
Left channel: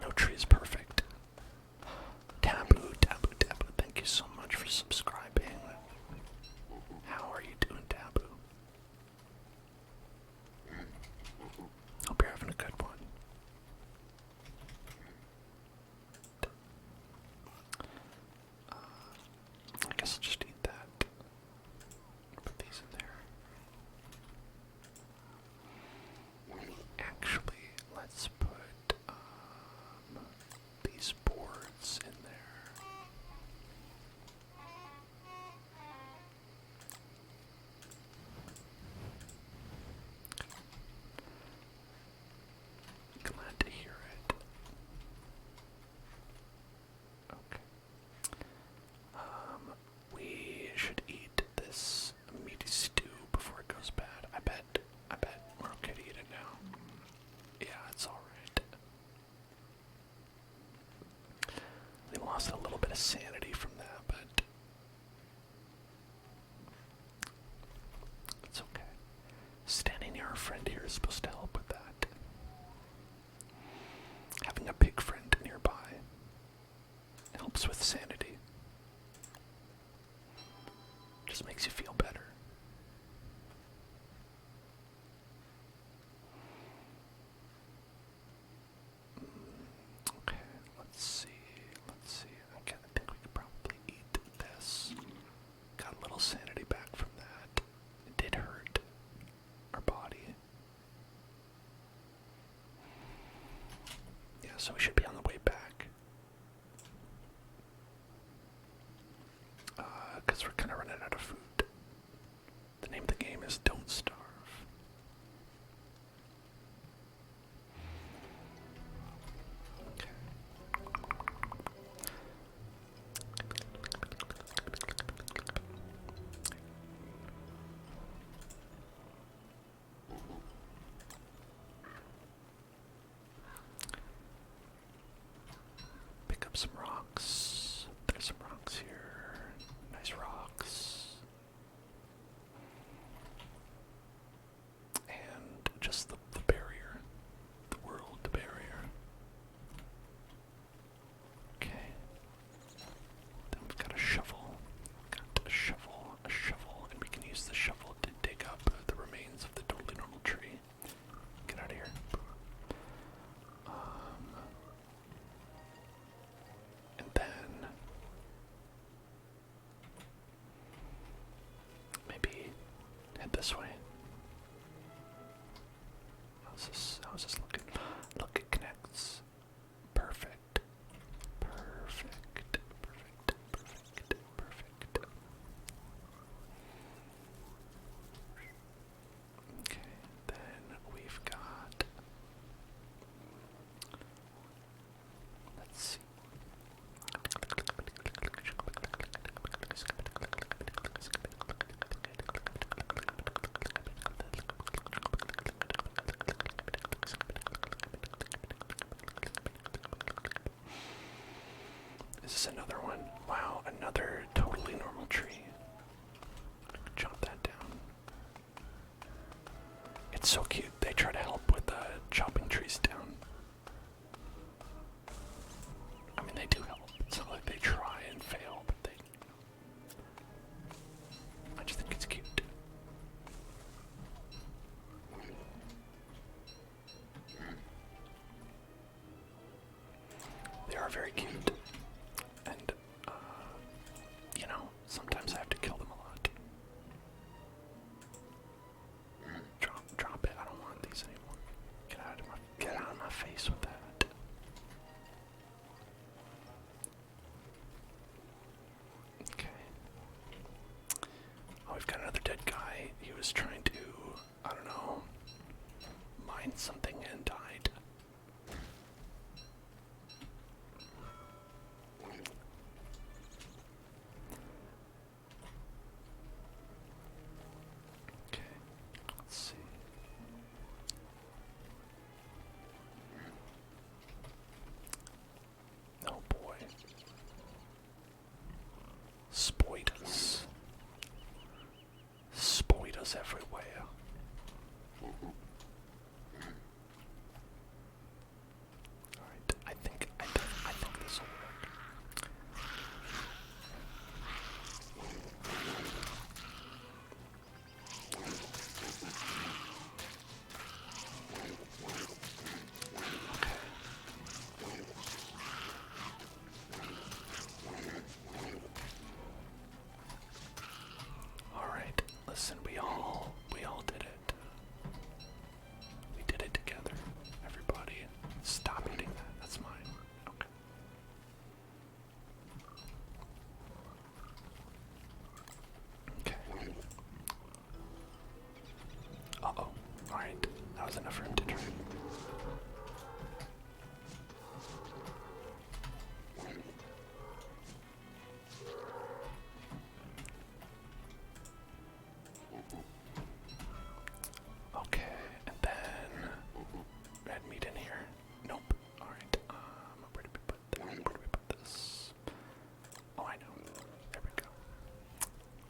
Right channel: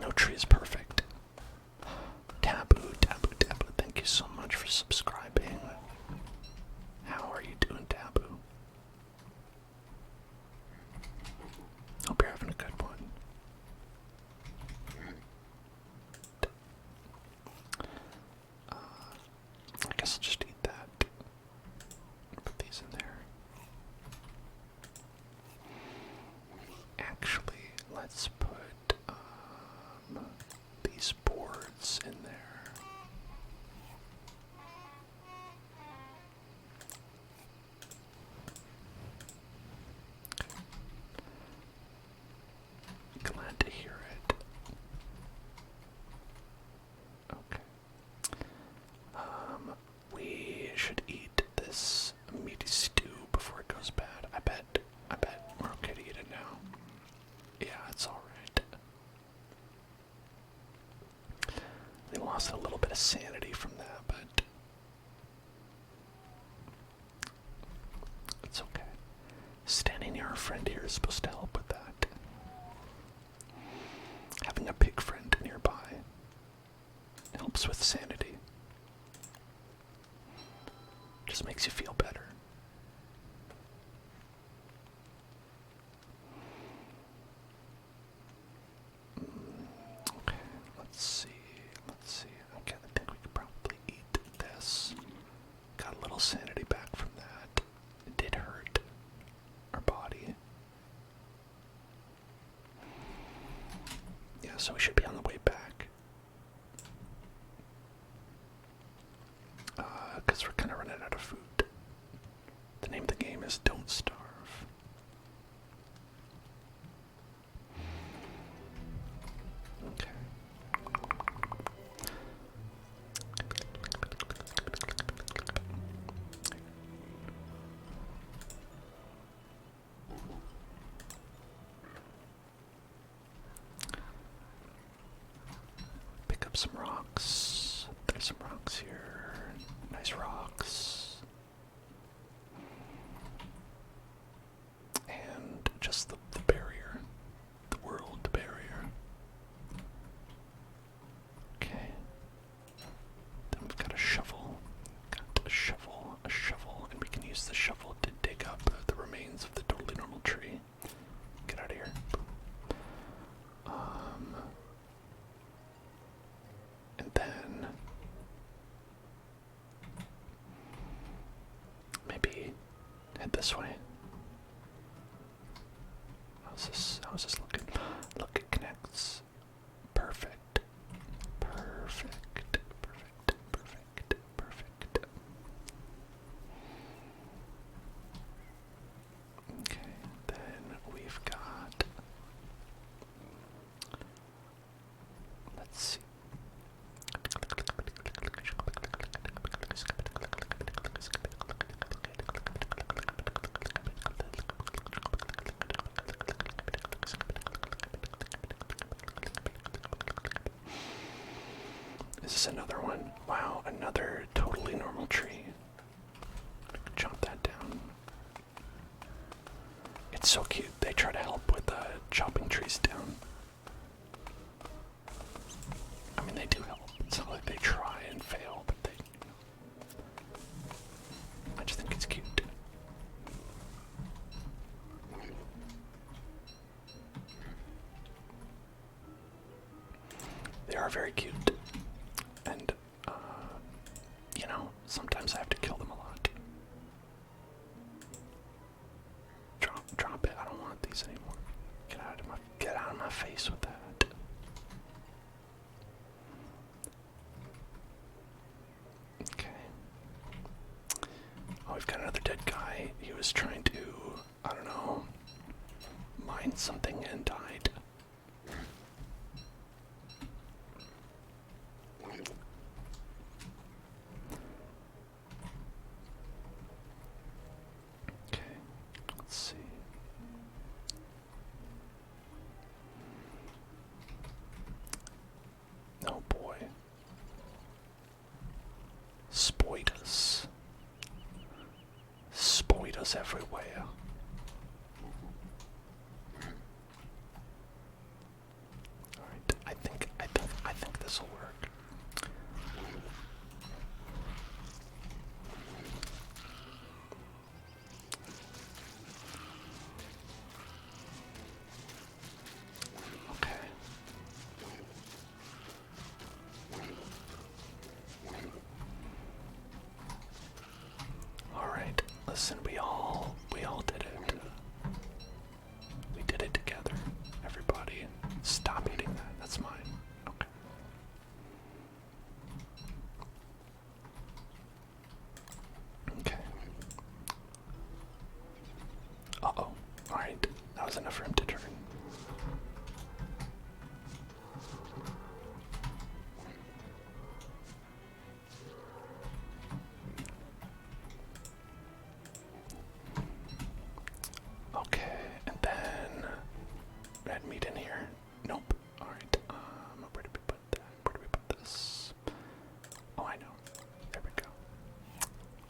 no tree is perfect. Taboo, thank you so much for subscribing. How are you doing, Taboo? Hope you're having a good one. I guess I'll just eat that. Put these in there. Actually, let's put these boards in there. Glad to hear it. Okay. We should eat this meaty stew before it goes bad. I bet we're okay to eat it now. Yeah, it's alright. We lost a little bit of sanity from that, but it's okay. Standing near our friend here is supposed to help with that. Having a pig friend nearby helps with sanity. Just makes you feel better. Okay, let's see. Okay, I think we could probably eat this. Got a little sanity back from that. It did hurt our body. Yeah, so we should be on the way back. Because we're kind of running out of food. The name of the game is Don't Starve. Okay. Pick up some rocks. There's some rocks here. Nice rocks. just the barrier. The world barrier. Okay. Then we've got a shovel. Got a shovel, and we can use the shovel to dig up the remains of the totally normal tree. Get out of here. And then maybe head this way. How's this looking? Look, it connects. Perfect. Perfect. Perfect. Perfect. Perfect. Okay, then we've got, let's see. Is this another one? Wow, another totally normal tree. Chop that down. It's so cute. They try to help with chopping trees down. I mean, they do help. It's not like they try and fail, but I just think it's cute. They are very cute. And, you know, sometimes I have to kill them a lot. Drop it. I don't want these anymore. Get out of my face with that. Okay. Oh, we've got another dead guy. He was trying to, I don't know, mine something and died. Okay, let's see. Oh boy. Spoilers. Spoilers everywhere. Alright, I think this will work. Okay. Alright, listen, we all did it. We did it together. Everybody, stop eating that. That's mine. Okay. Okay. Uh-oh. Alright, that was enough for him to turn. Okay, and then red meat in here. Nope. Alright, where did we put that? Where do we put this? Oh, I know. There we go.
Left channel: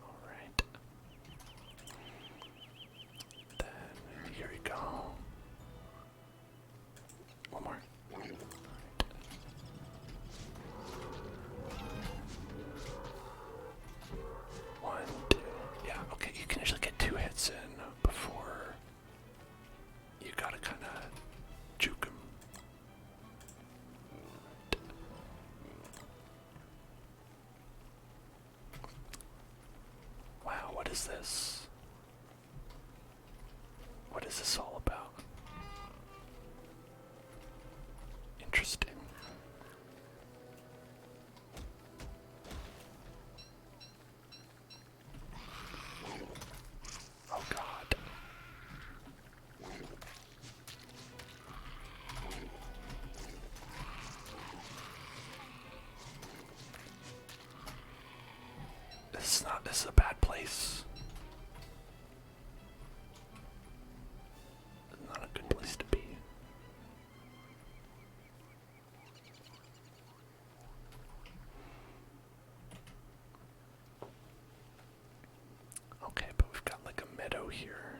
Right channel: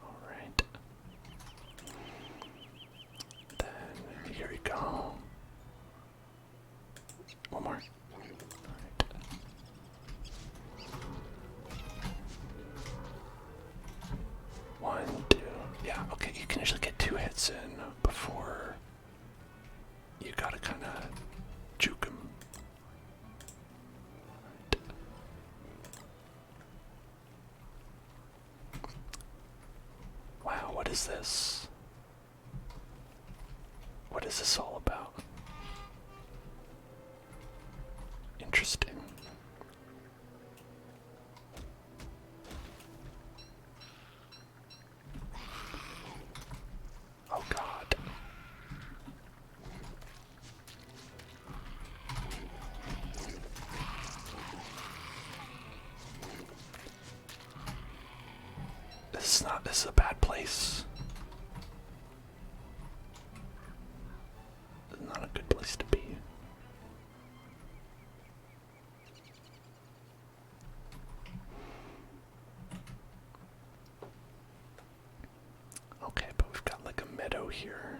Alright. Then here we go. One more. Alright. One, two. Yeah, okay, you can usually get 2 hits in before you gotta kinda juke him. Wow, what is this? What is this all about? Interesting. Oh God. This is a bad place. This is not a good place to be. Okay, but we've got like a meadow here.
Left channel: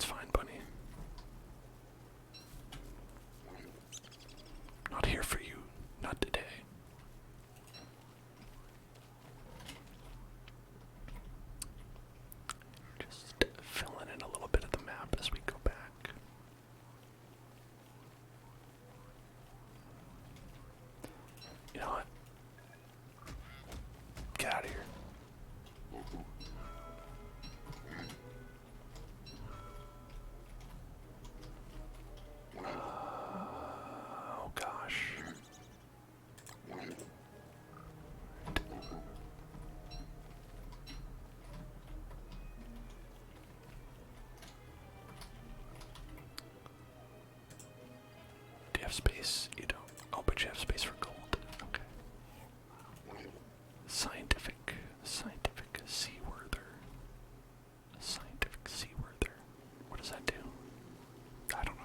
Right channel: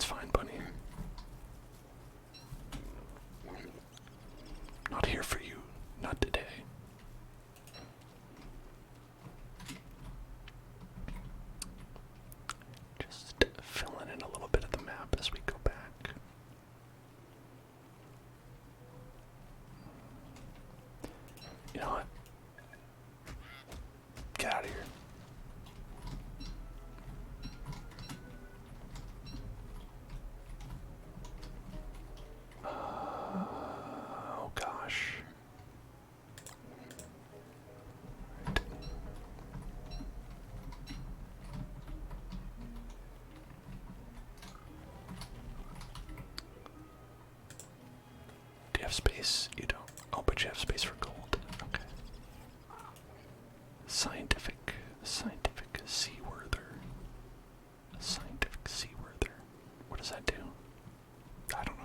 It's fine, bunny. Not here for you. Not today. Just filling in a little bit of the map as we go back. You know what? Get out of here. Oh gosh. Do you have space? You don't. Oh, but you have space for gold. Okay. Scientific seaworther. Scientific seaworther. What does that do? I don't know.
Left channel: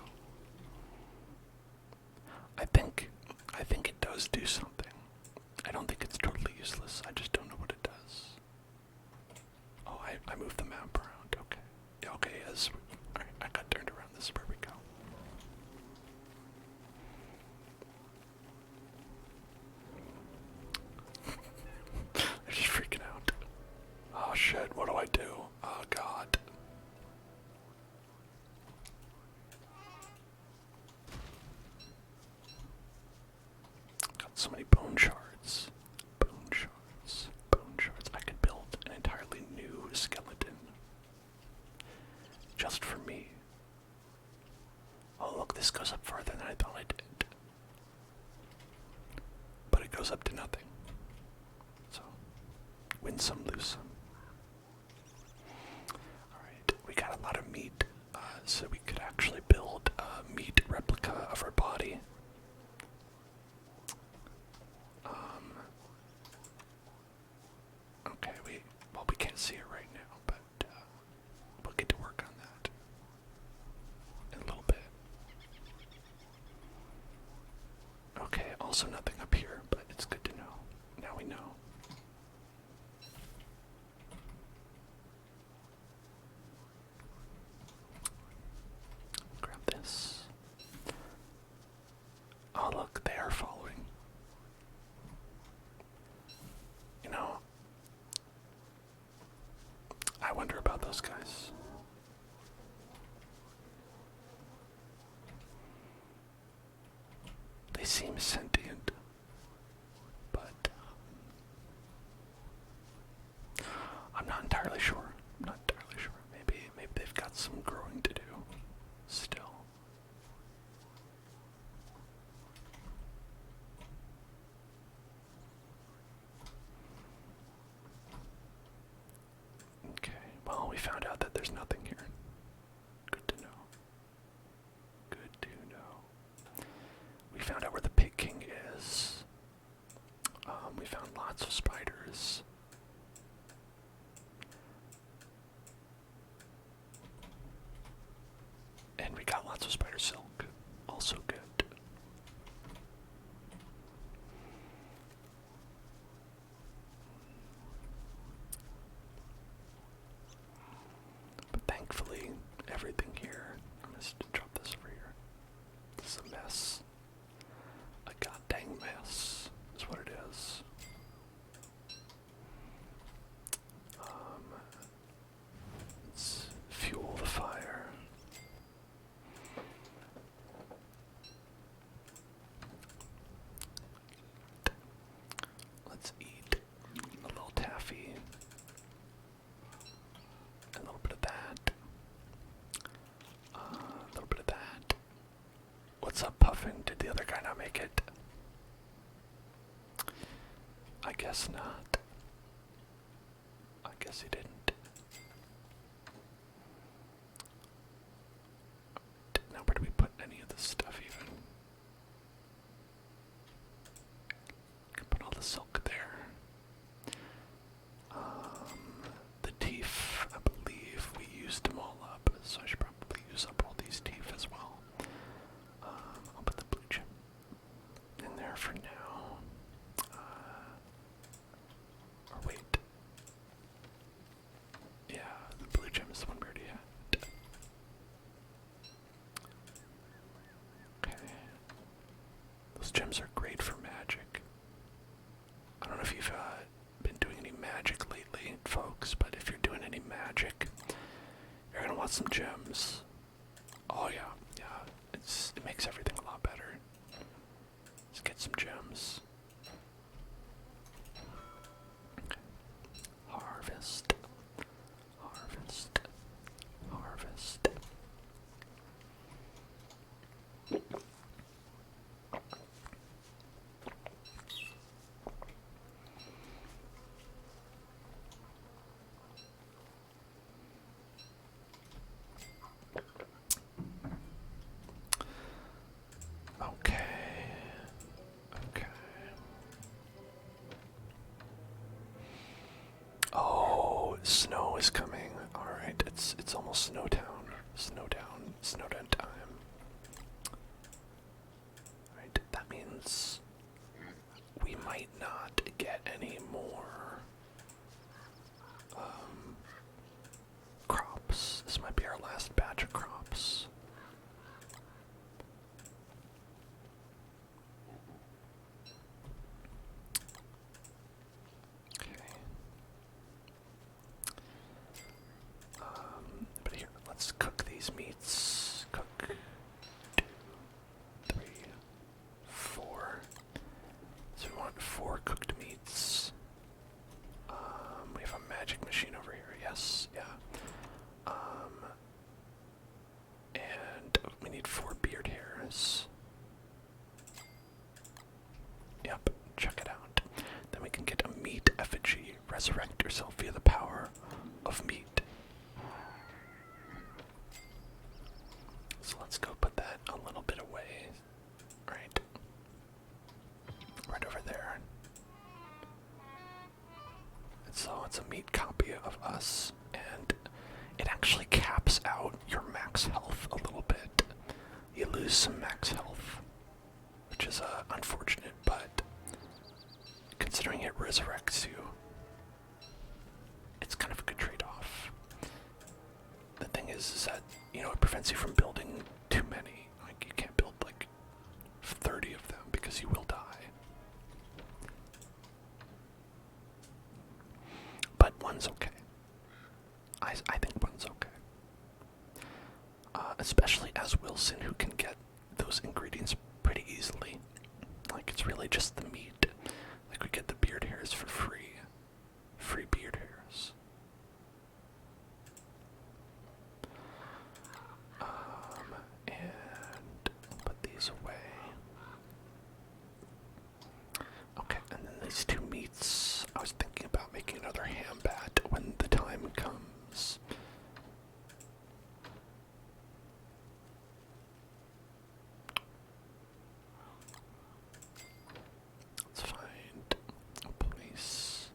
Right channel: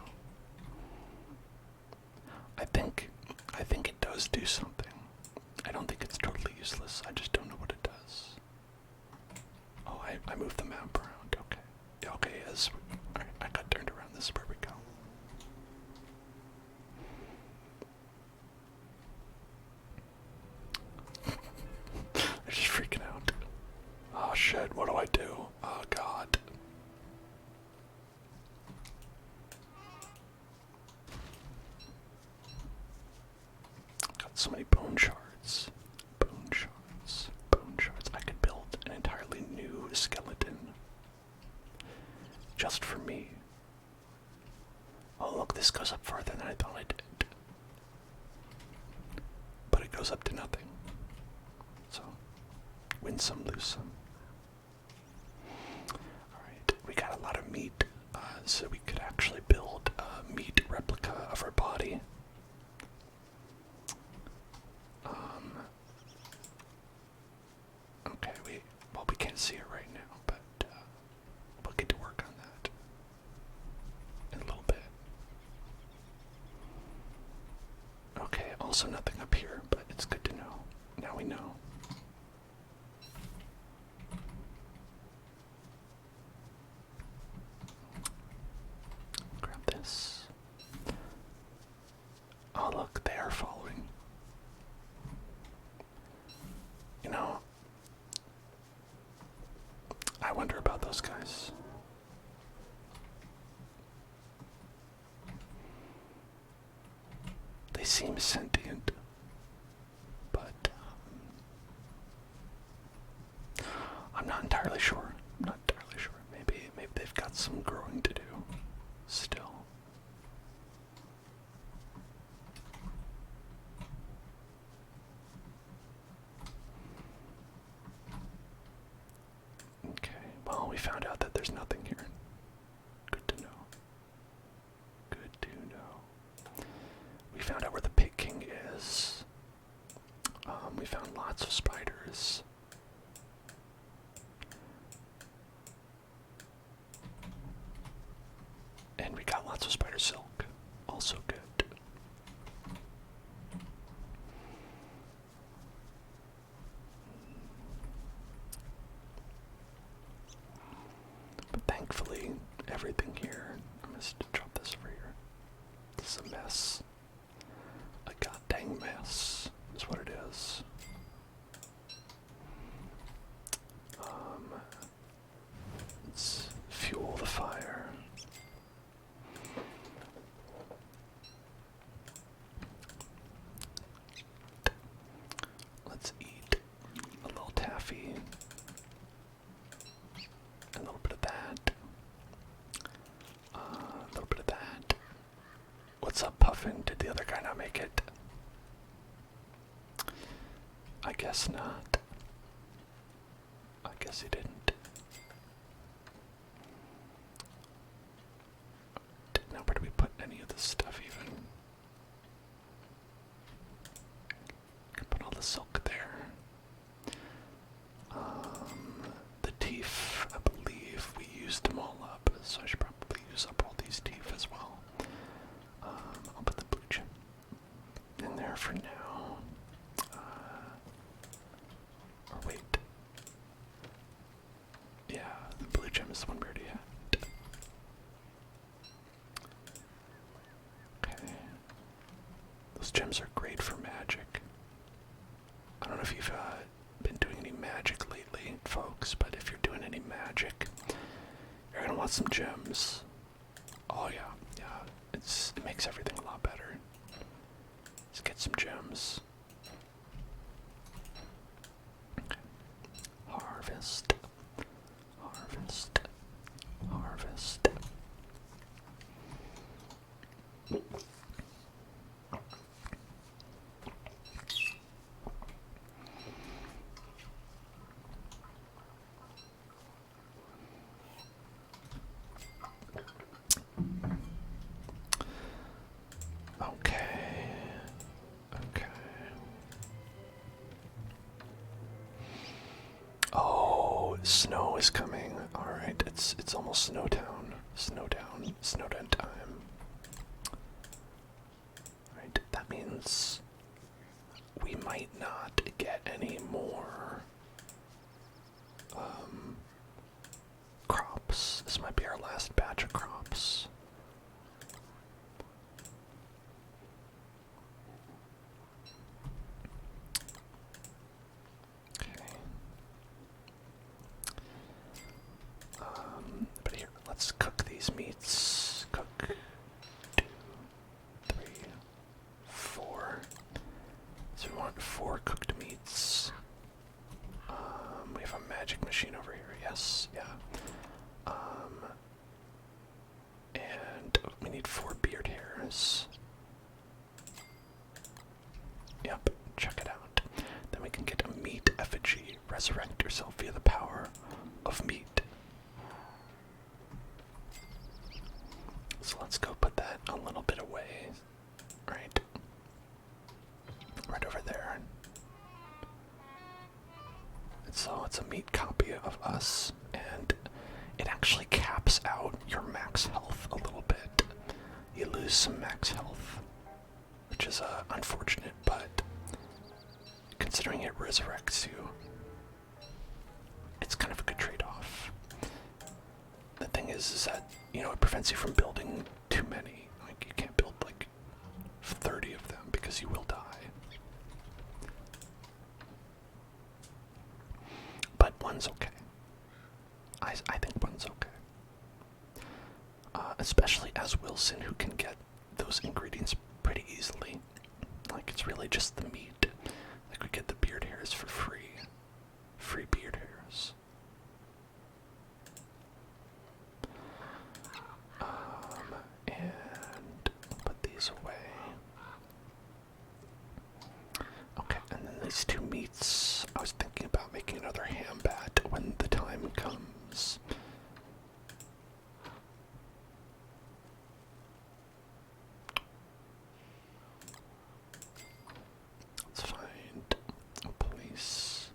I think it does do something. I don't think it's totally useless. I just don't know what it does. Oh, I moved the map around. Okay. Okay, I got turned around. This is where we go. They're just freaking out. Oh shit, what do I do? Oh god. Got so many bone shards. Bone shards. Bone shards. I could build an entirely new skeleton. Just for me. Oh look, this goes up farther than I thought it did. But it goes up to nothing. So, win some, lose some. Alright, we got a lot of meat, so we could actually build a meat replica of our body. Okay, we can't see it right now, but we'll get to work on that in a little bit. Okay, also nothing up here, but it's good to know. Now we know. Grab this. Oh look, they are following. You know, I wonder about those guys. They seem sentient, but I'm not entirely sure. Maybe they've got some growing to do still. Okay, well, we found out that there's nothing here. Good to know. Good to know. We found out where the Pig King is. We found lots of spiders. And we got lots of spider silk. Also good. But thankfully, everything here, I'm going to drop this over here. This is a mess. A goddamn mess is what it is. Let's fuel the fire. Let's eat a little taffy. A little bit of that. A little bit of that. What's up, Puffin? Did the other guy not make it? I guess not. I guess he didn't. Now, where do we put any of this stuff even? Can put all the silk there. The teeth, I believe we used them all up, so I should probably use up all these teeth as well. I'll put the blue chip in there for now. Or wait. Yeah, the blue gem is the one we already had. gems are great for magic. I don't know if you've been doing any magic lately, folks, but if you're doing any magic, you're gonna want some gems. Oh yeah, it makes everything a lot better. Let's get some gems. Okay. Harvest, harvest, harvest. Okay. Okay. Oh, snow is coming. All right, it's almost Snowtown. Snowdown time. All right, that means we might not get any more crops. This might be our last batch of crops. Okay. But here, let's cook these meats. Cook 2, 3, 4. So we want 4 cooked meats. We have a magic machine over here. Yes, yeah. And we need 4 beard hairs. Yep, check it out. Then we can get a meat effigy. Resurrect yourself via the power of meat. So let's go put that a little bit away. Right. Right over there. So it's a meat copy of us, and it actually caps out your max health a little bit. You lose some max health, which is unfortunate, but considering it resurrects you, it's kind of a good trade-off. The thing is that, you know, it prevents you from building too many. Like, you can't build like 30 of them because you will die. But one's okay. I think one's okay. Especially as Wilson, who can get those ingredients pretty easily. Like, it's really just the meat. Like, we get the beard hairs for free. Free beard hairs. And put these away. Okay, and then these 2 meats. I was thinking about making another ham bat when the time comes. Let's find a place.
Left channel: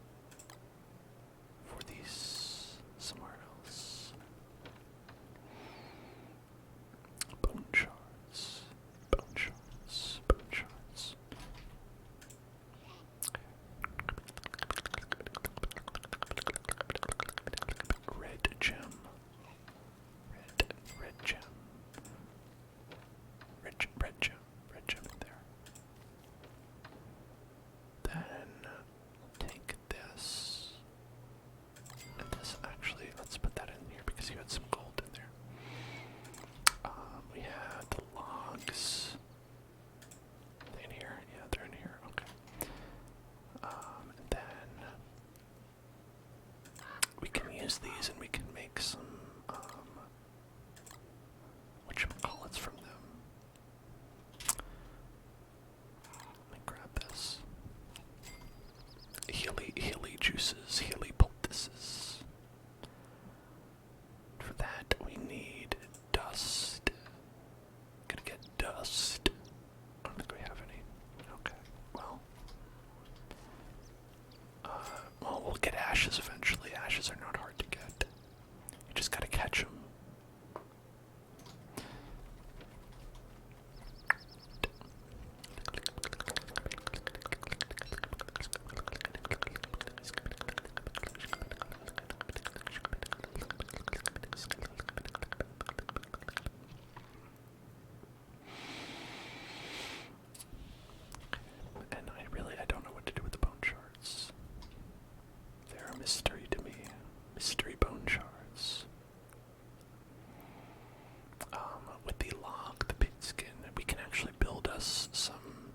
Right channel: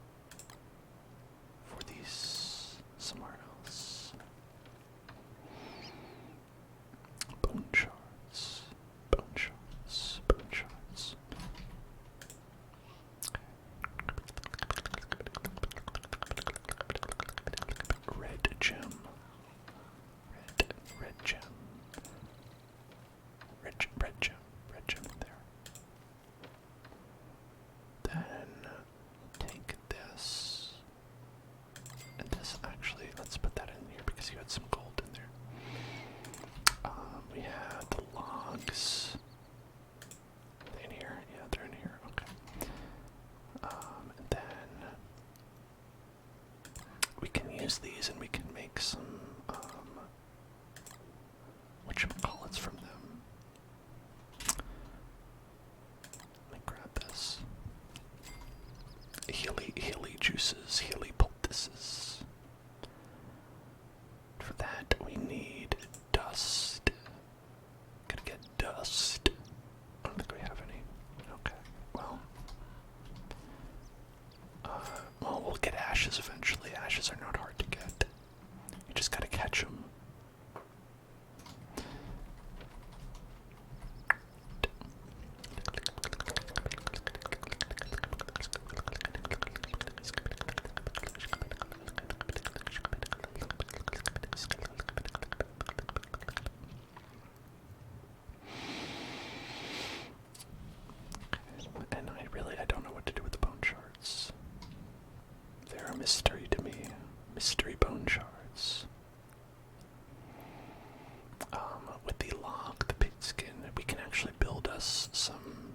the log, the pig skin. We can actually build us some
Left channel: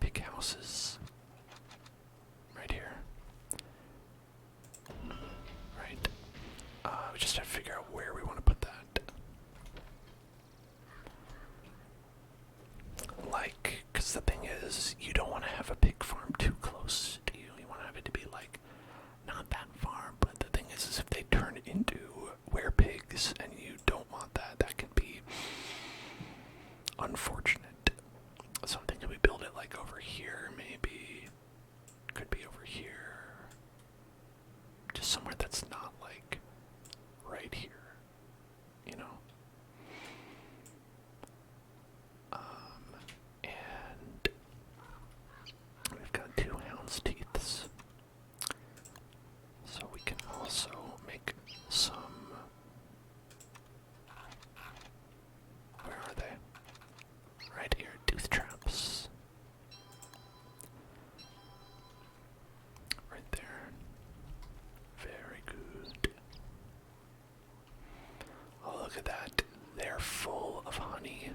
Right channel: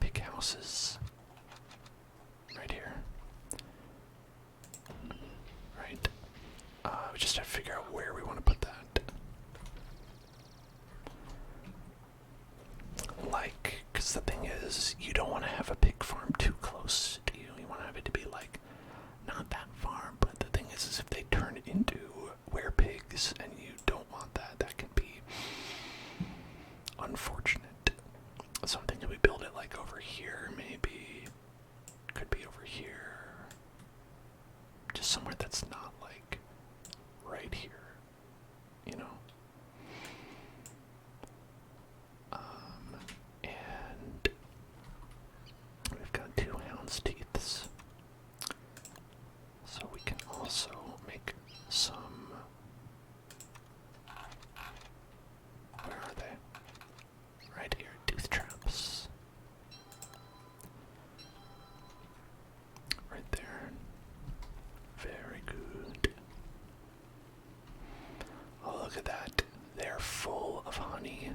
pig houses right here. Right. We just have to figure out where we want to put that. Like, because the thing is, you don't want to have a pig farm too close to you. You want to have it to be, like, not that far. But the thing is if they turn into werepigs and you don't want that, that can be unfortunate. So I'm thinking we build it, like, over here, maybe. Could be over here. Just somewhere that's not, like, right here. You know? And we've got 2 hound's teeths. So we can also make some... Where are they? Right here, tooth traps. Right there. Very good. Oh, look at that. They're full of honey.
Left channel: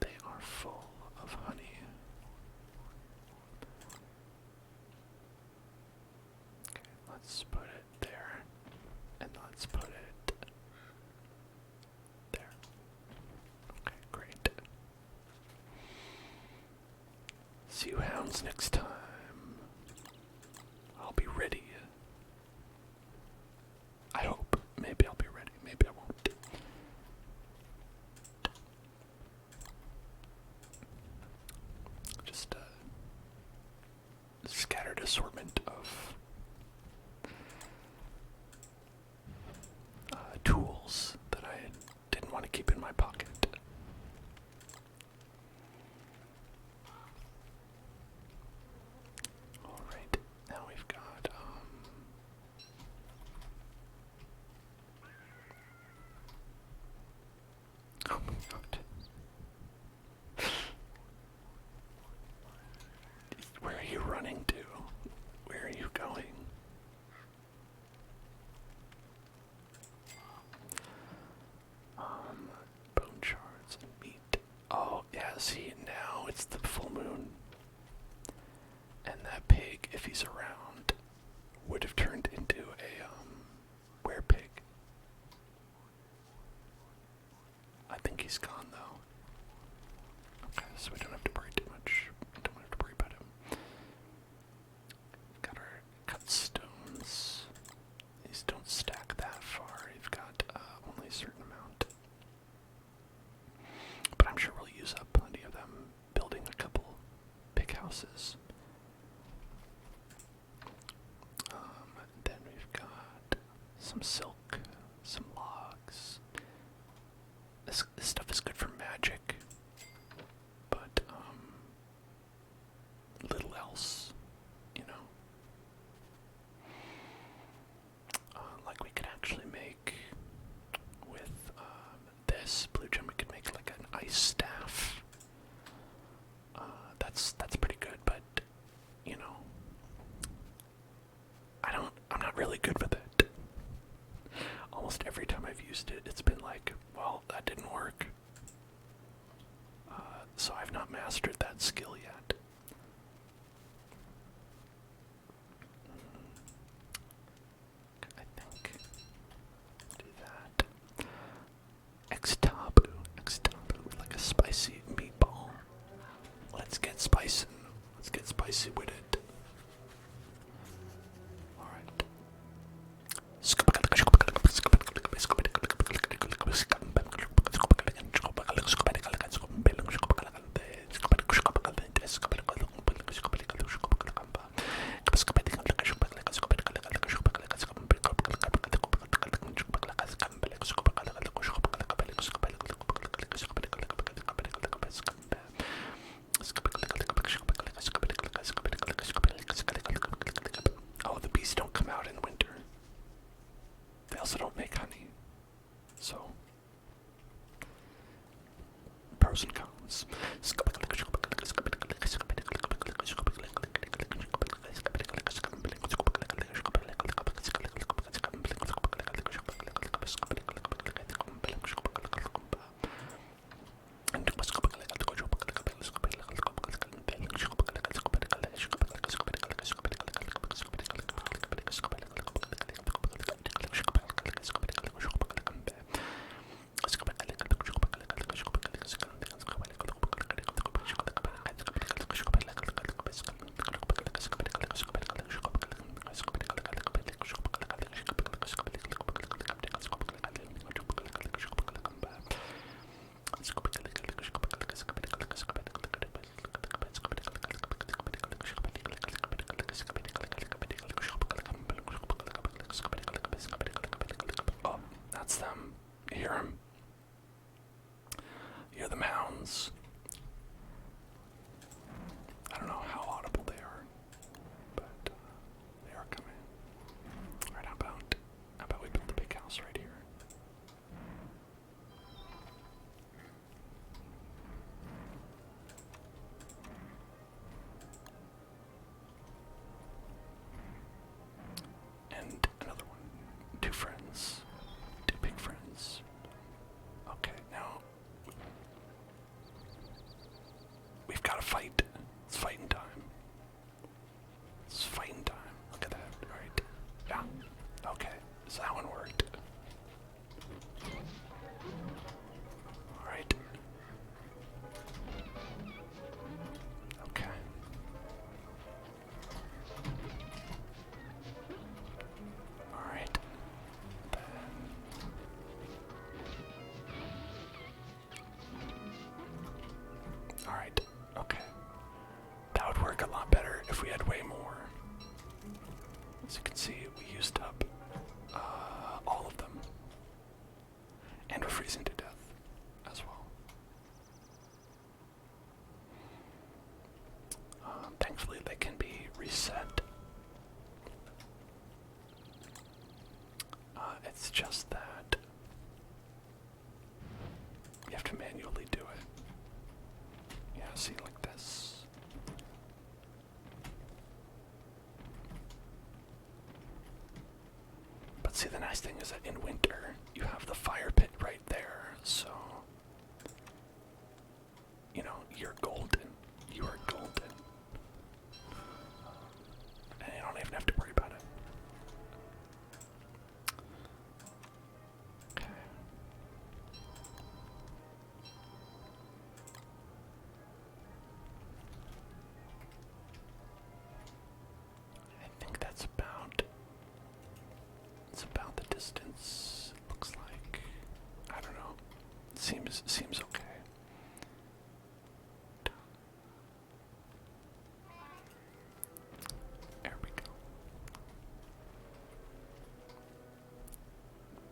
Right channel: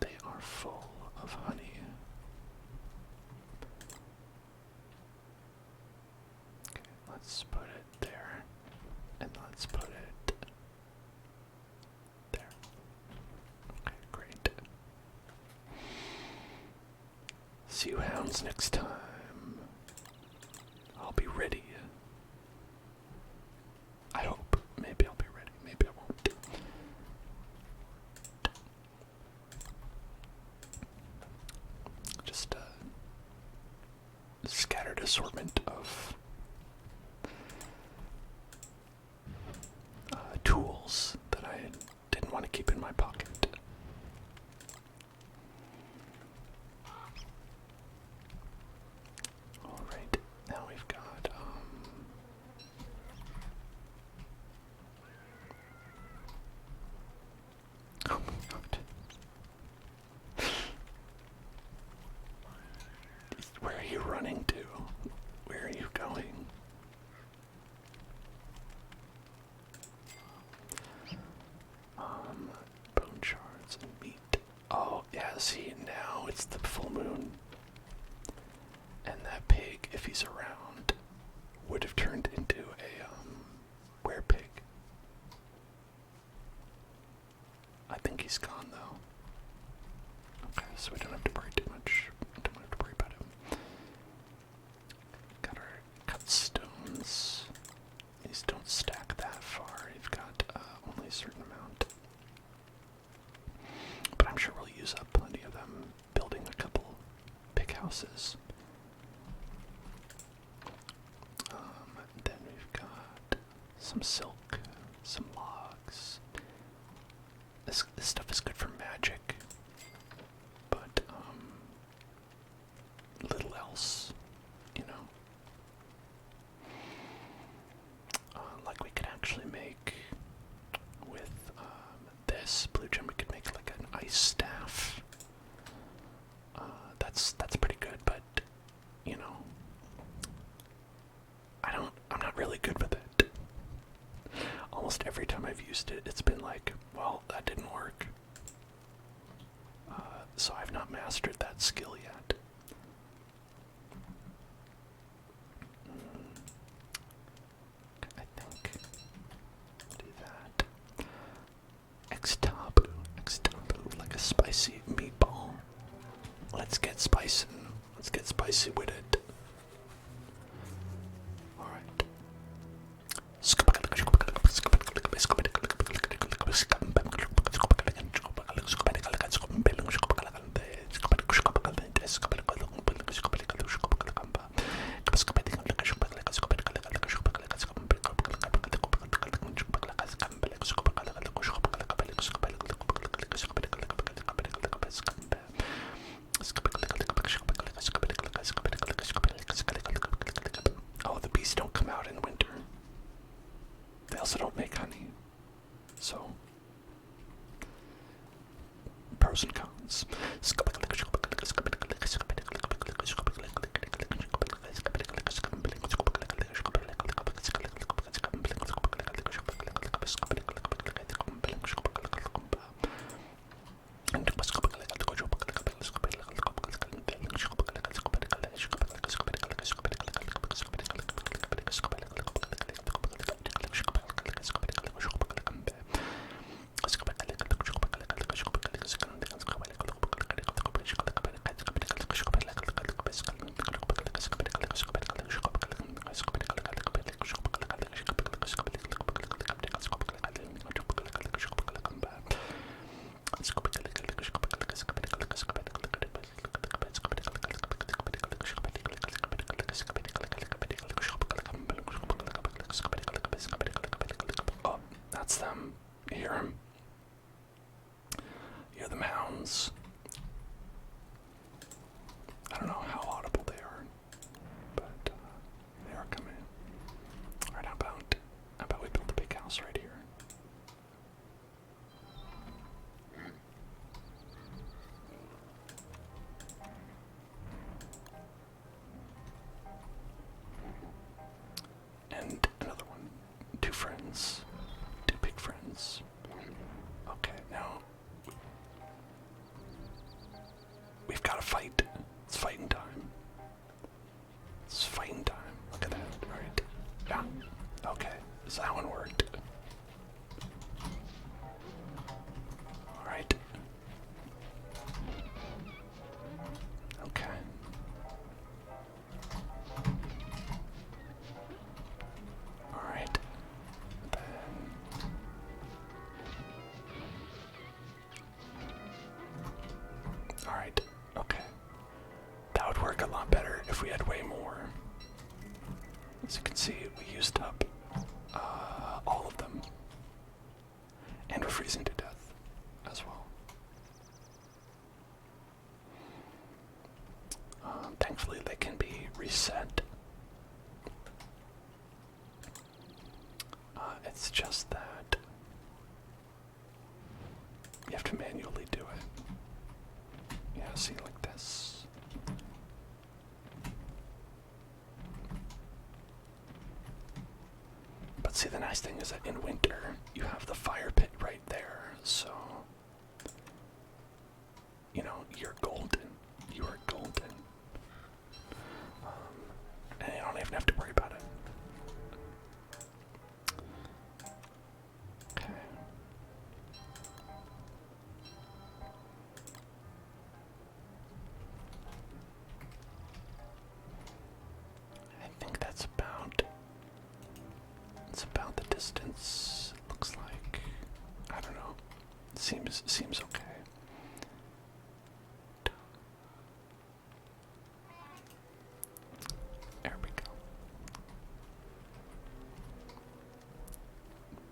They are full of honey. Okay, let's put it there. And let's put it there. Okay, great. See you hounds next time. I'll be ready. I hope. Maybe I'll be ready. Maybe I won't. Just a scattered assortment of tools that I didn't want to keep in my pocket. Alright, now we've got oh my god. Where are you running to? Where are you going? Bone shards and meat. Oh, yeah, see, now it's the full moon. And that pig, if he's around, would have turned into a, werepig. I think he's gone, though. Okay, so we don't have to worry too much. Don't have to worry about him. Got our cut stones. These don't stack that far. You've got only a certain amount. But I'm sure we'll use up plenty of them building a couple big houses. Then we've got some silk, some logs. This stuff is good for magic, but little else, you know. Like we could actually make with this blue gem, we could make like an ice staff. That's pretty good, but you know, I'm not really good with it. Almost every time I've used it, it's been like, well, that didn't work. So I've not mastered that skill yet. I think do that. X-tabu, like a spicy meatball. Let's get spicing. Let's get spicy with it. Alright. Oh, the bees don't come out in winter. They also don't make honey. So, pros and cons. friends. Two big friends. Okay, now we've got to fight. It's fighting time. It's fighting time. Look at that. Alright. Yeah. Okay. So that one worked. Alright. Okay. Alright. Alright. Okay. That would work a lot better if we had way more. As you can see, we used up all of them. And we're freezing to death as well. Thankfully, they can be reset. It's just that you have to manually do it. Yeah, see, like this. But see, the nice thing is that in winter, you have the fire pit right there, so, you know, you're golden. You are golden. And you don't even have to worry about it. Okay. I think that's about the distance. Looks like, I don't know. Seems okay. There we go.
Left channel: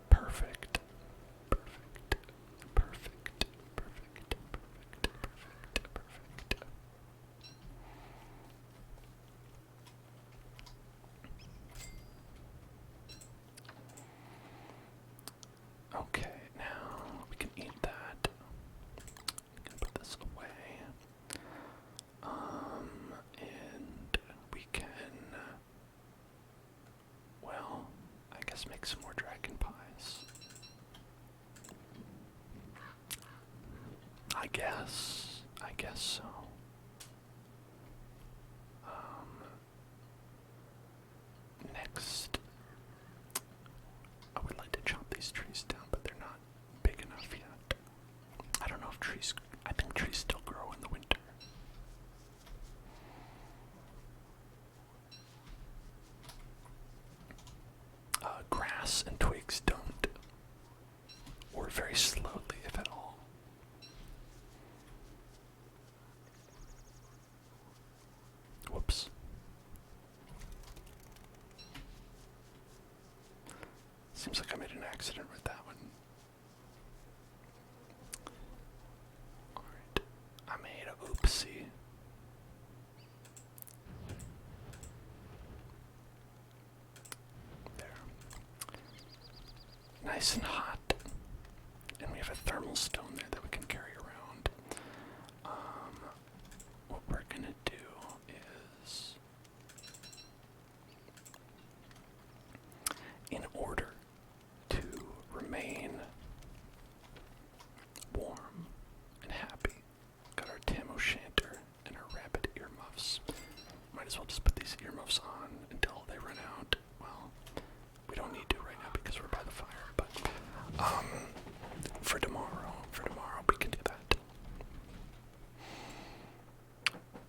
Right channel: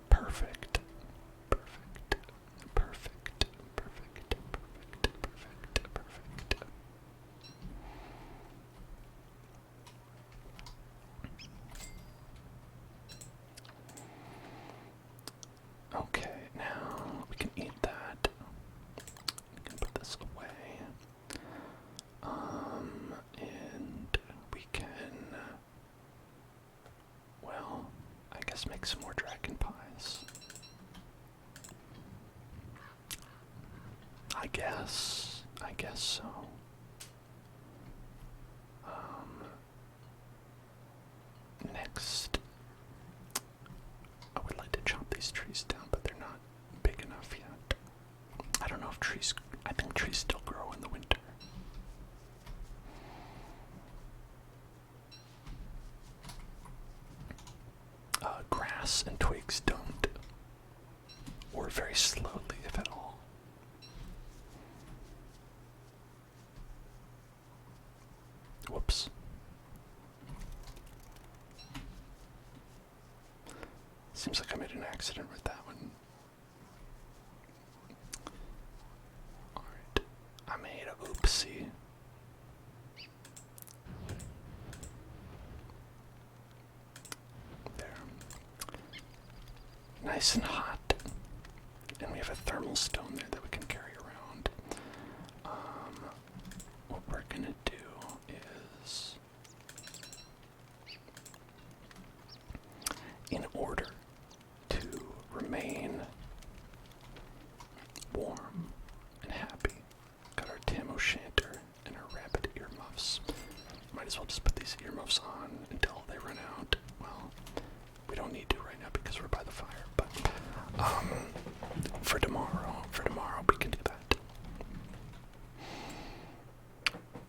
Perfect. Perfect. Perfect. Perfect. Perfect. Perfect. Okay, now we can eat that. We can put this away. And we can, well, I guess make some more dragon pies. I guess so. Next, I would like to chop these trees down, but they're not big enough yet. I don't know if I think trees still grow in the winter. Grass and twigs don't, or very slowly, if at all. Whoops. Seems like I made an accident with that one. Alright, I made a oopsie. There. Nice and hot. And we have a thermal stone there that we can carry around. What we're gonna do is, in order to remain warm and happy, got our tam o'shanter and our rabbit earmuffs. Might as well just put these earmuffs on until they run out. Well, we don't need to right now because we're by the fire, but for tomorrow we can do that.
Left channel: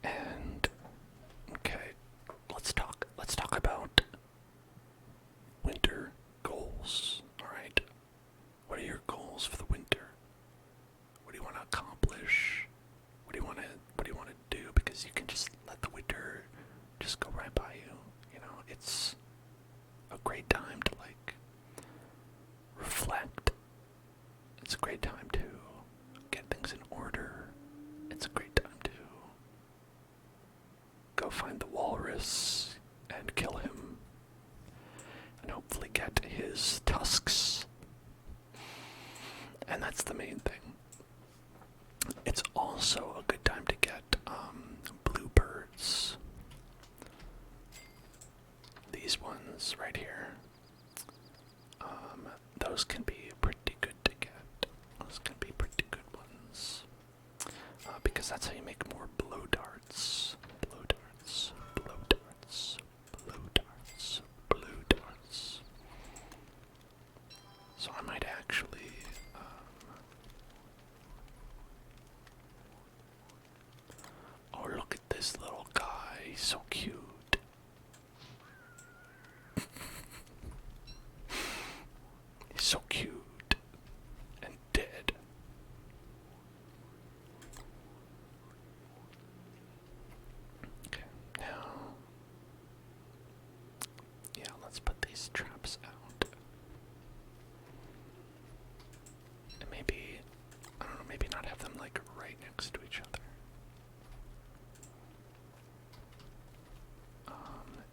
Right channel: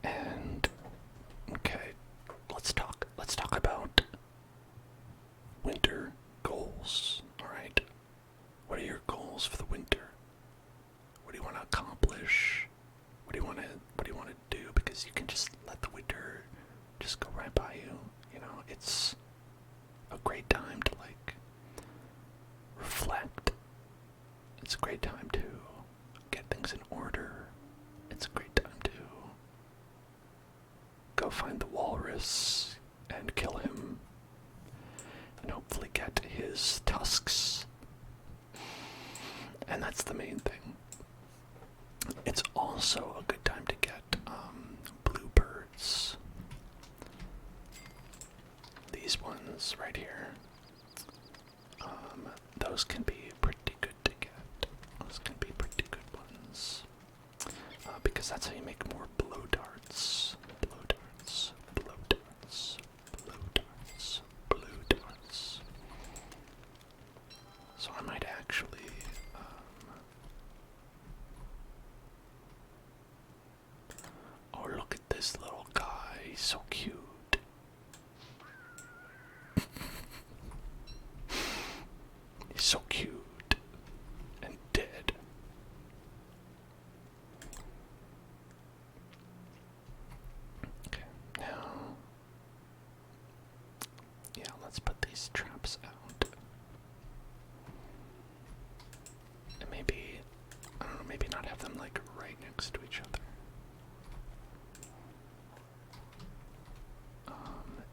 And okay, let's talk about winter goals. All right, what are your goals for the winter? What do you want to accomplish? What do you want to do? Because you can just let the winter just go right by you. You know, it's a great time to like reflect. It's a great time to get things in order. It's a great time to go find the walrus and kill him and hopefully get his tusks. And that's the main thing. It's also a good time to get bluebirds. These ones right here. those can be pretty good to get. Those can be pretty good ones. Because that's how you make more blow darts. Blow darts. Blow darts. Blow darts. Blow darts. So I might actually oh, look at this little guy. He's so cute. He's so cute and dead. Okay, now, yeah, let's put these traps out. And maybe, I don't know, maybe not have them like right next to each other.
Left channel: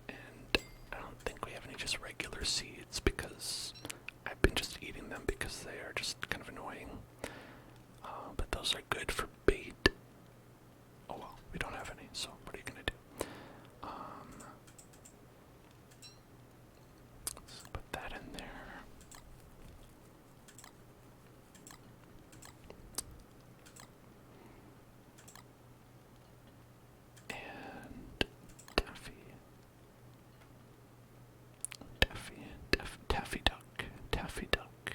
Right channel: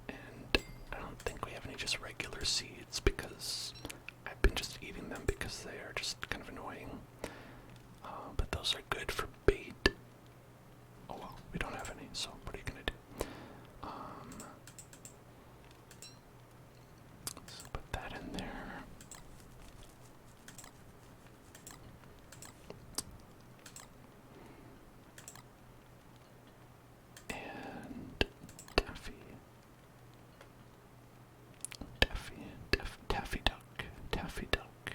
And I don't think we have any just regular seeds because I've been just eating them because they are just kind of annoying. But those are good for bait. Oh well, we don't have any, so what are you gonna do? Let's put that in there. And Taffy. Taffy duck. Taffy duck.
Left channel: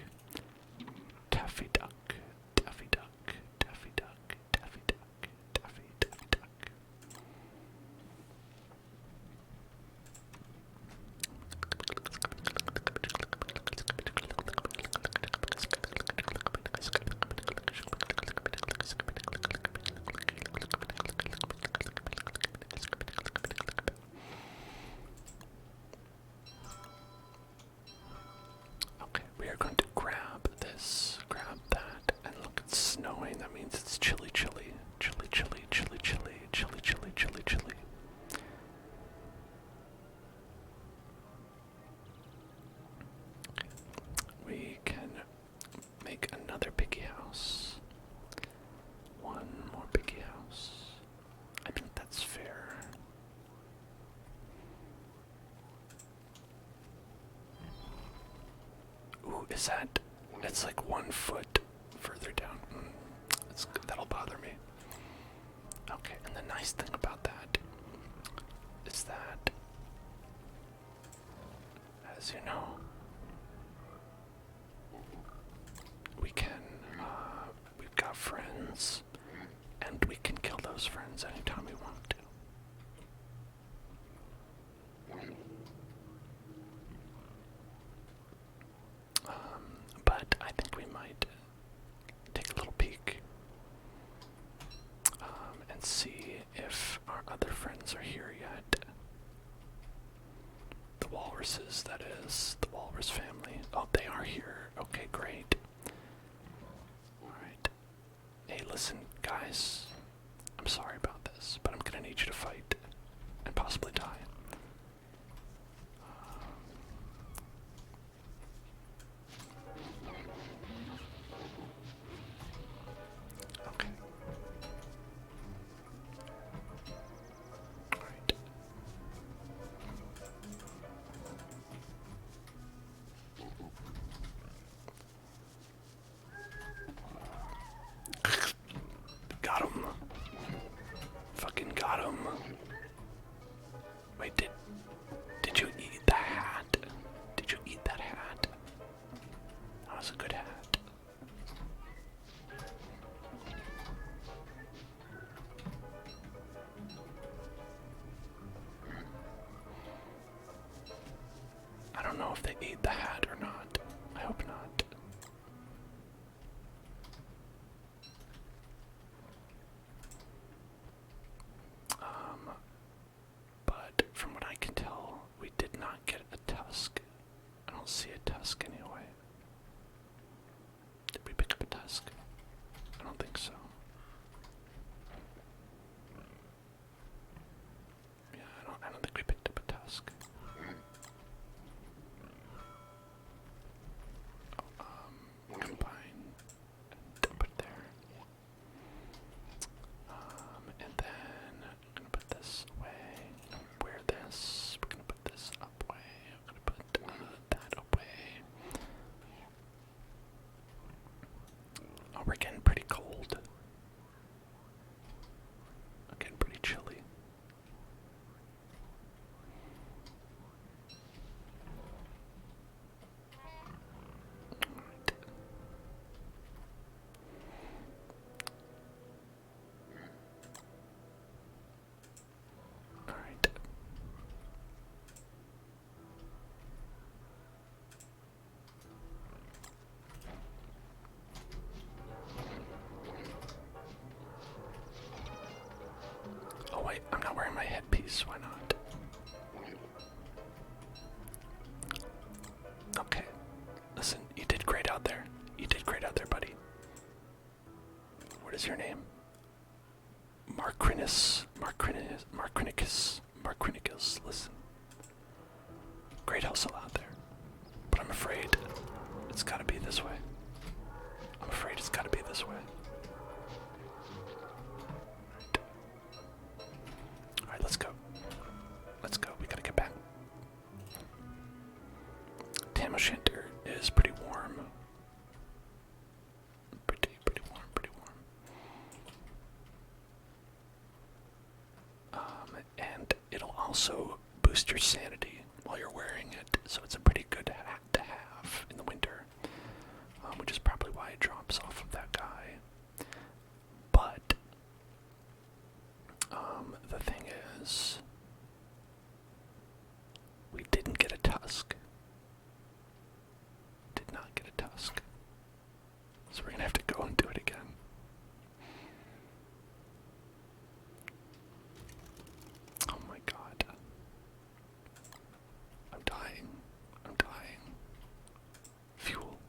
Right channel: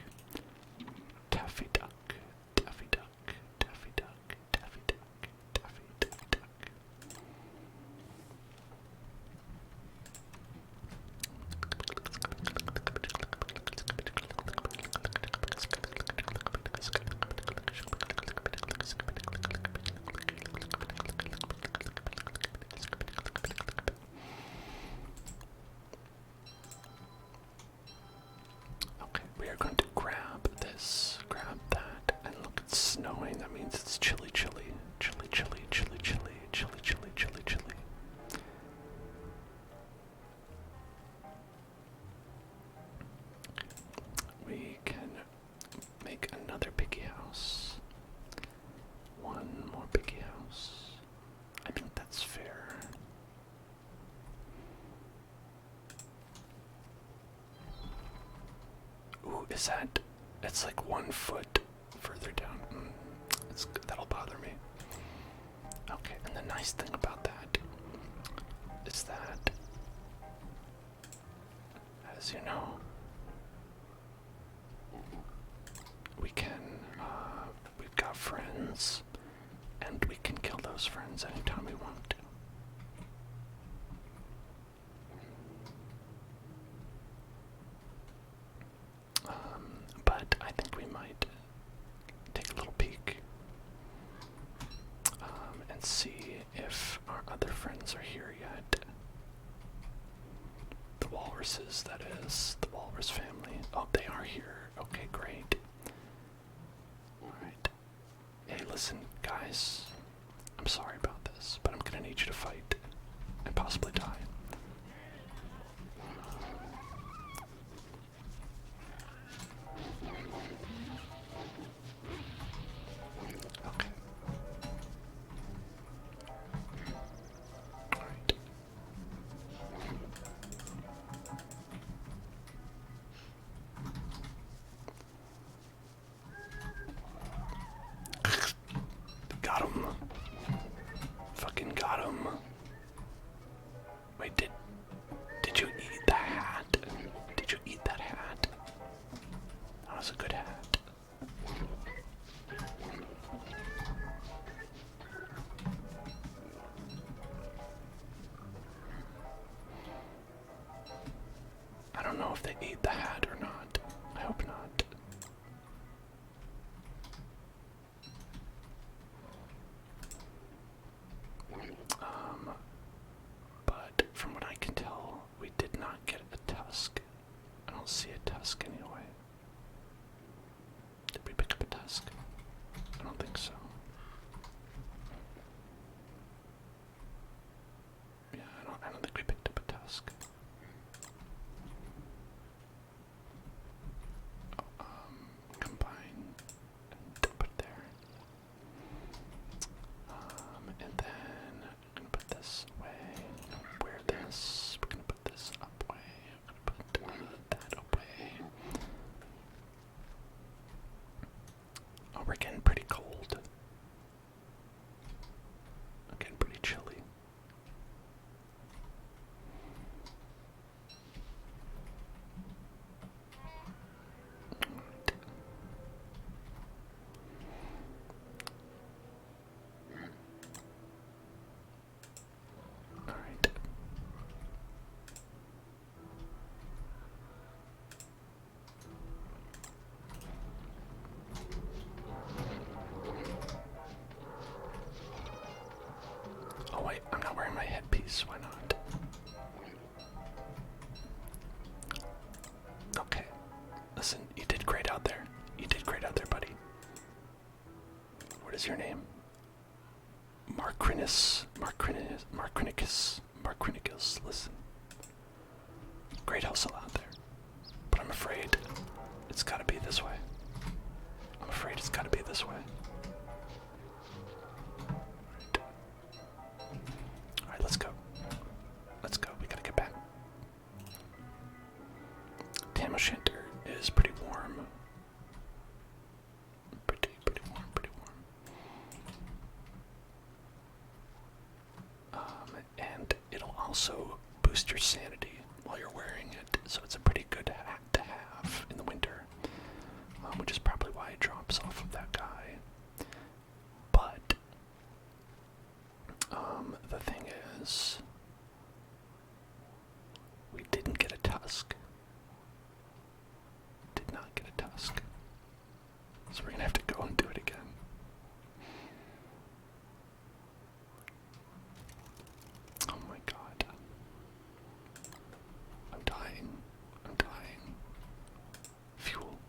Taffy duck. Taffy duck. Taffy duck. Taffy duck. Taffy duck. Okay, we are going to grab this, grab that, and look, it's snowing. That means it's chilly, chilly, chilly, chilly, chilly, chilly, chilly, chilly, chilly, chilly. We can make another piggy house. One more piggy house. I think that's fair. Ooh, is that? It's like 1 foot further down. That'll bother me. Okay, and the nice thing about that is that, as you know, we can, we've got friends, and we can kill those friends anytime we want to. But I think we might take a little peek and see if our other friends are here yet. The walruses, that is, the walrus family. Oh, they are here. Okay, great. Alright. Hey, listen, guys. I'm sorry about this, but I'm gonna need you to fight and possibly die. Okay. Alright. Got him. Fucking got him. Wait, did you eat the hat? Did you eat that hat? That was a good hat. I don't know if they ate the hat or not. I hope not. But from what I can tell, we did not get a tusk. I don't see a tusk anyway. Did we pick up a tusk? I don't think so. Yeah, I don't think we picked up a tusk. is your name? Marcrinicus. Listen. Great hustle out there. But I'm afraid it's gotta be this way. I'm afraid it's gotta be this way. Alright, let's go. Let's go. We gotta get back. Tam O'Shanter is pretty warm. Pretty warm, pretty warm. And it'll also boost your sanity while you're wearing it, so it's a pretty good hat to have in the winter, which is probably why it drops off of that guy. But the thing is, we didn't get a tusk. Did not get a tusk. So we're gonna have to go and do it again. Oh my god. I'm dying. I'm dying. Fuel.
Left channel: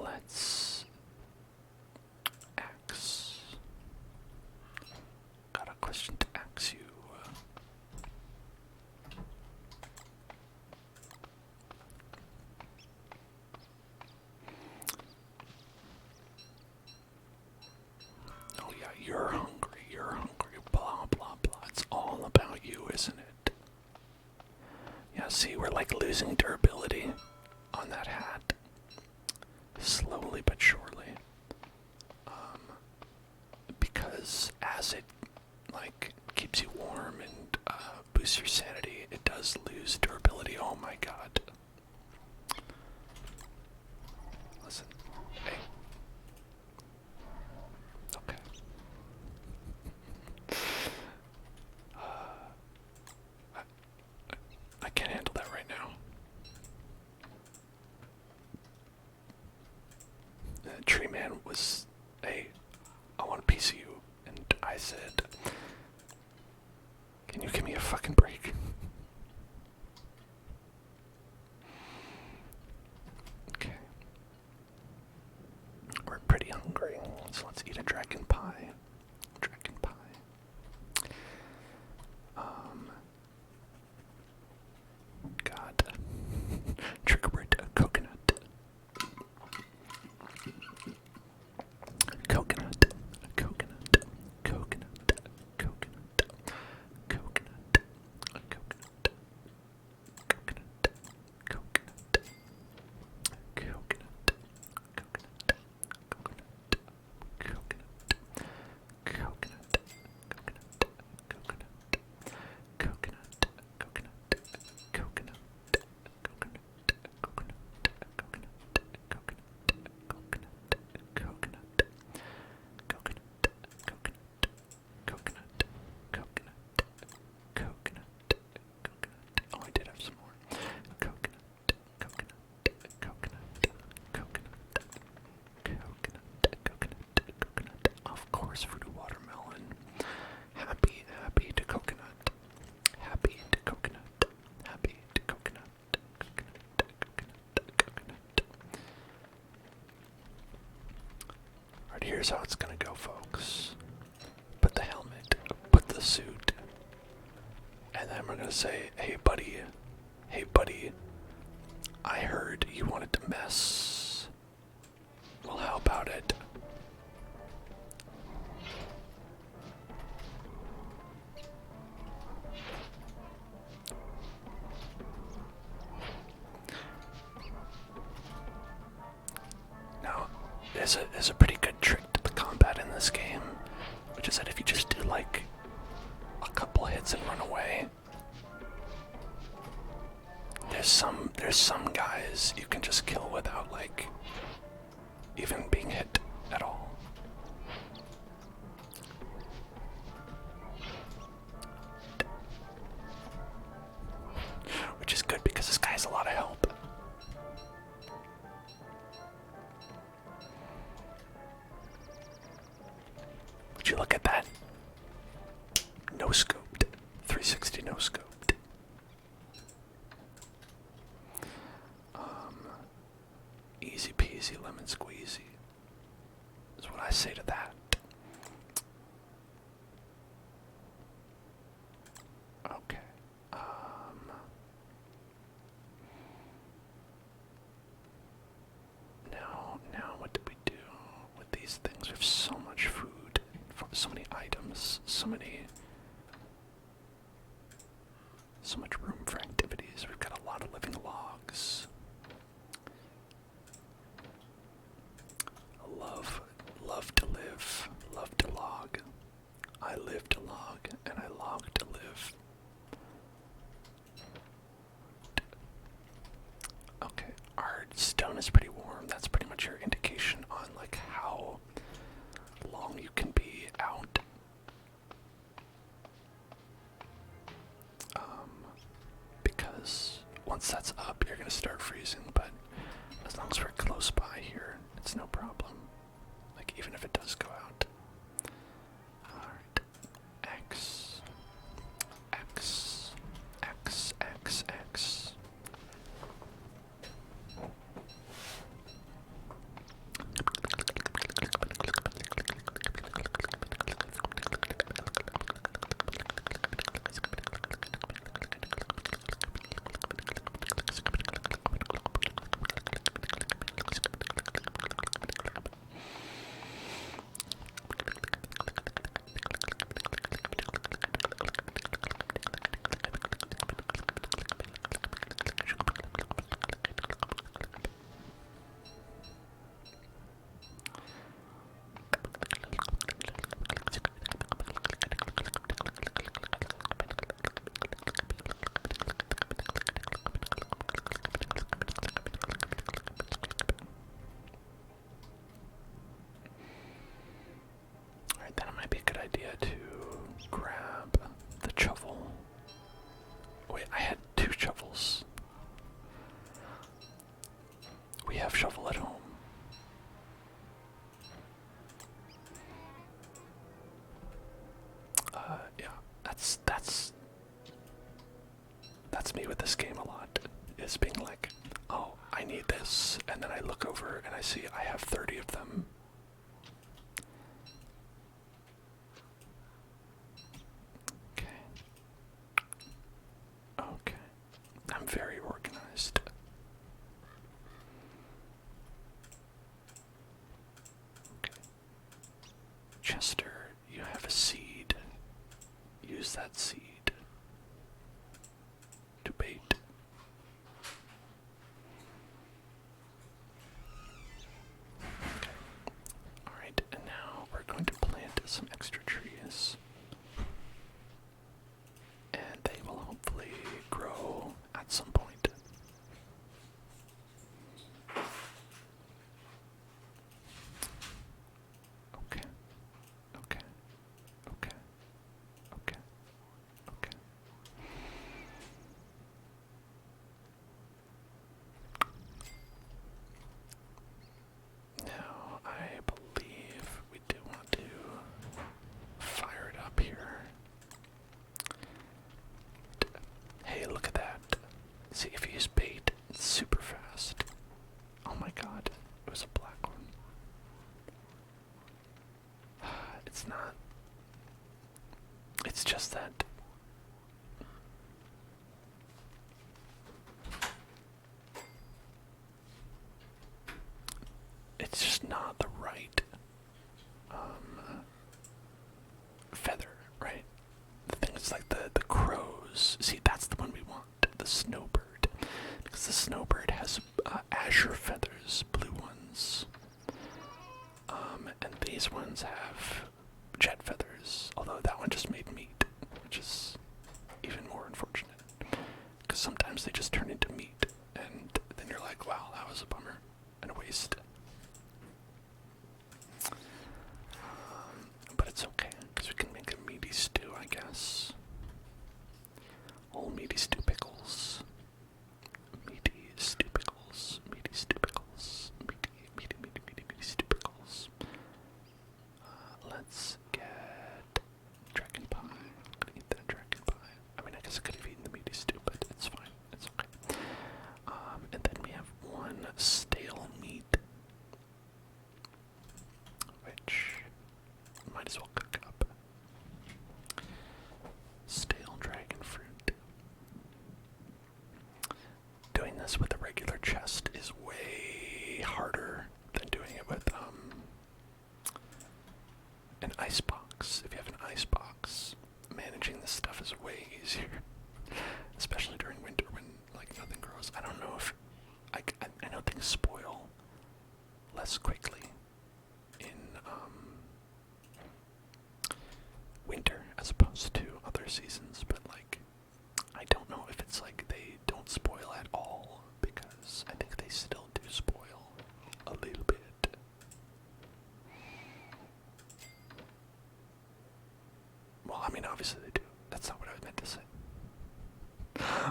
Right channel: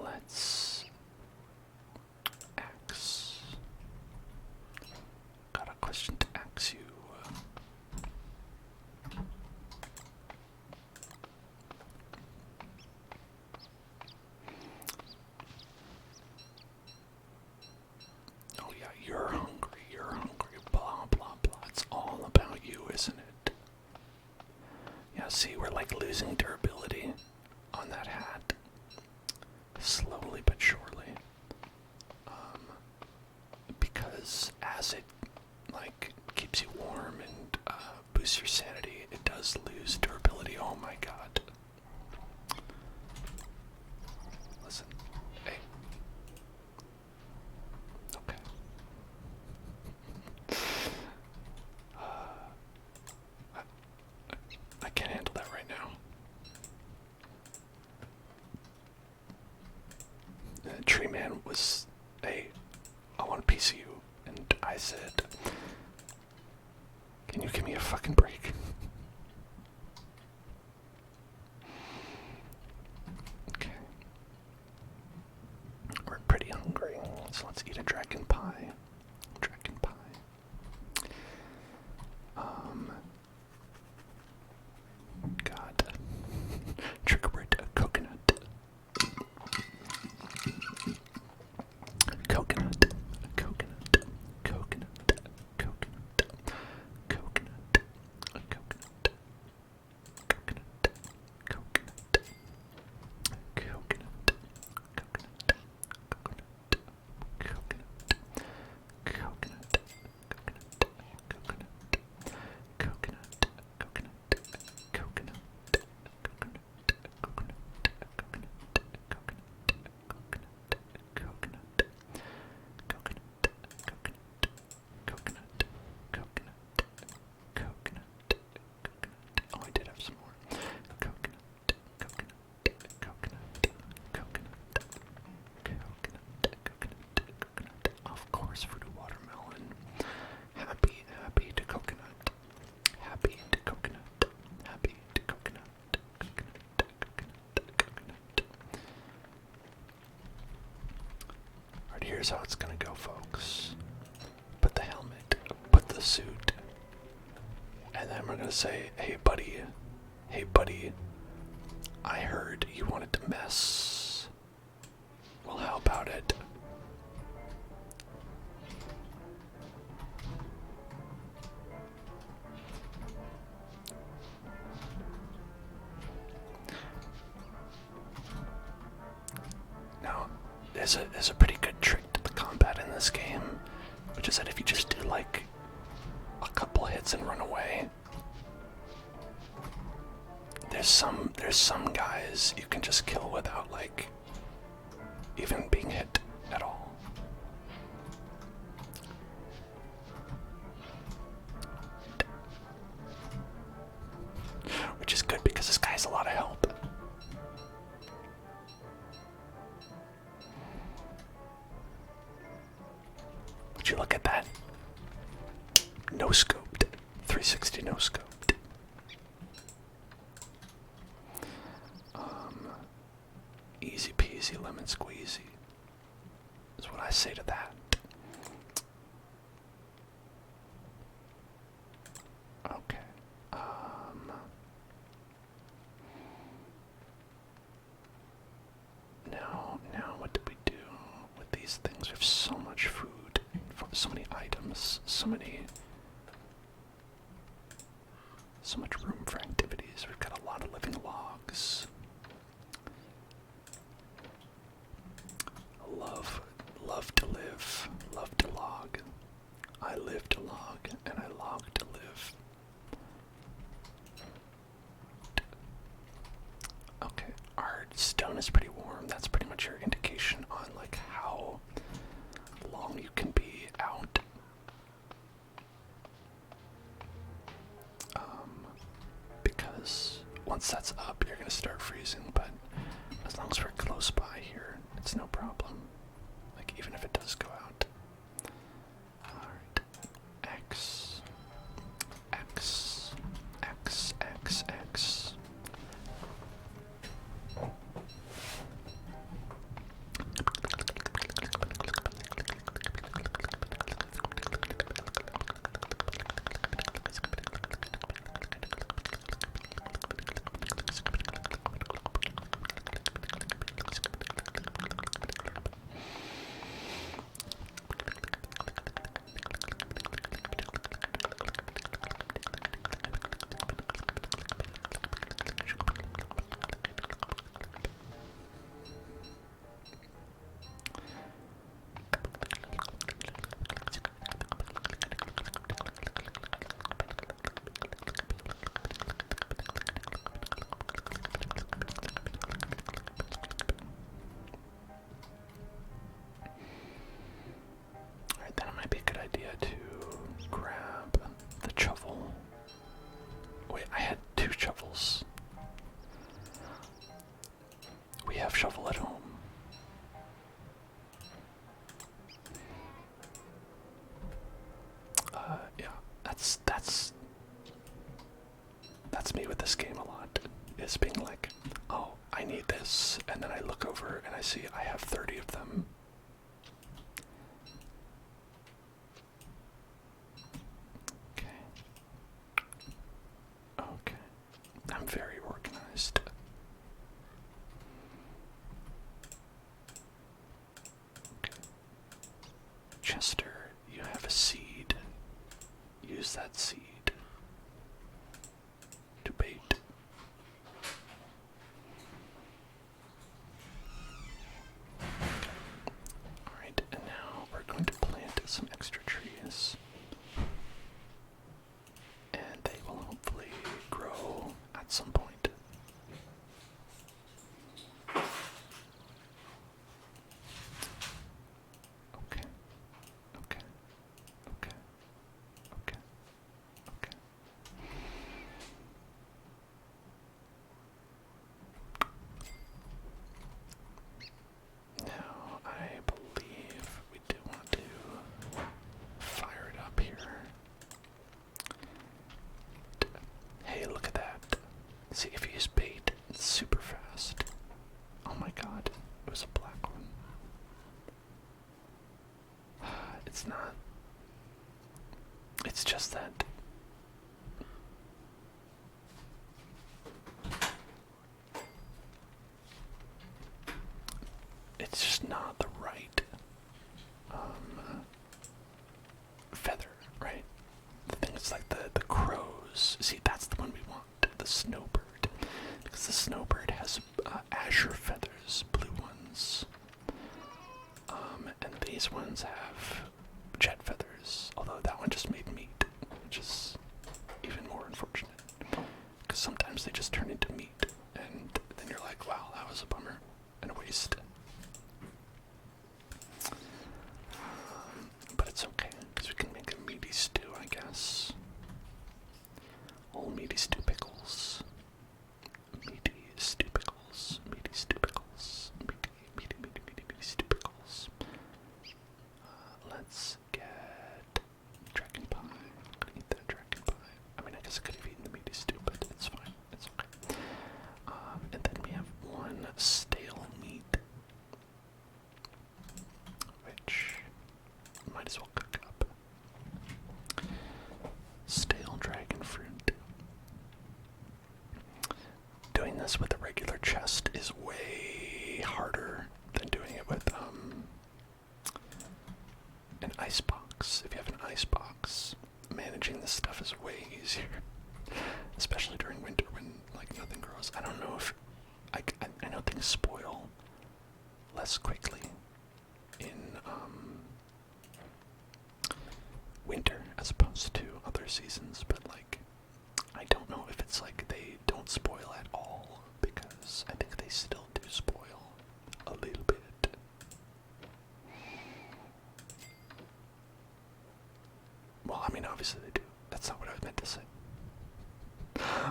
Let's axe. Got a question to ask you. Oh yeah, you're hungry, blah blah blah. It's all about you, isn't it? Yeah, see, we're like losing durability on that hat. Slowly but surely. Because as it like keeps you warm and boosts your sanity, it does lose durability. Oh my god. Listen. Hey. Okay. I can't handle that right now. The tree man was, hey, I want a piece of you. And I said, can you give me a fucking break? Okay. We're pretty hungry, so let's eat a dragon pie. Dragon pie. God. Trigger word, coconut. Coconut. Coconut. Coconut. Coconut. Coconut. Coconut. Coconut. Coconut. Coconut. Oh, I did have some more. Coconut. Of course, fruit of watermelon. Happy to coconut. Happy to coconut. Happy to coconut. Coconut. Alright, here's how it's gonna go, folks. Put the helmet, put the suit, and then we're gonna say, hey buddy, I heard you wanted to mess. Well, how about it? Now, there's a pretty good trick to the combat in this game, which is that if you just do like a couple hits and run away, there's some guys you can just kill without like even being hit at all. Which is good because this guy has a lot of help. Would you look at that? No scoped. 360 no scoped. Easy peasy lemon squeezy is what I say to that. Okay. Now what do we do with these things? We have so much food, so many items, so much room for activities. We've got a lot of living logs. Love to live, love to log. I live to log, and I log to live. Okay, our stone is pretty warm. That's pretty much your indication on like how long you can be out. Because once that's up, you're gonna start freezing, but as long as we're close by here, it's no problem. Like, even if it does go out. Alright. X. X. X. X. X. Then it might be a good idea to grab the shovel. Wait, I had 2 shovels. We have shovel at home. Yeah, that's me with this game a lot. Is being like, oh, I need this, and then I look over and I see I have 30 of them. Okay. I'm very organized. Okay. Chester, you have a seed. Use that seed to bait. Okay. Alright, and now we're going to plant some extra trees. And they will hopefully grow at some point. Okay. Okay. Okay. Okay. Okay. Now, I believe we do want to fire it up here. Hey, look at that. See, if you use bait, it's super fast. Oh my god, it was a black one. It's not. It's just that. It's just not the right feather, right? The thing is like the crows. See, that's the one we want, the snowbird. Because the snowbird has azure feathers, blue ones. And these ones have jet feathers, although that one just made meat, which is even more unfortunate. Because sometimes they just turn into meat, and then you're like, wow, that was a bummer and a waste. But it's okay, because we can make a meaty stew, I guess. Old meaty stew pickles. Meaty stew pickles. Meaty stew pickles. Meaty stew pickles. Let's get managing this stuff is way easier, especially during winter when like nothing grows. I don't know if I know things spoil less quickly in winter as opposed to other seasons, but like I don't know if it's like they don't spoil at all, because I think they still do spoil a little bit. Well, I mean, obviously they do. That's not what I meant to say.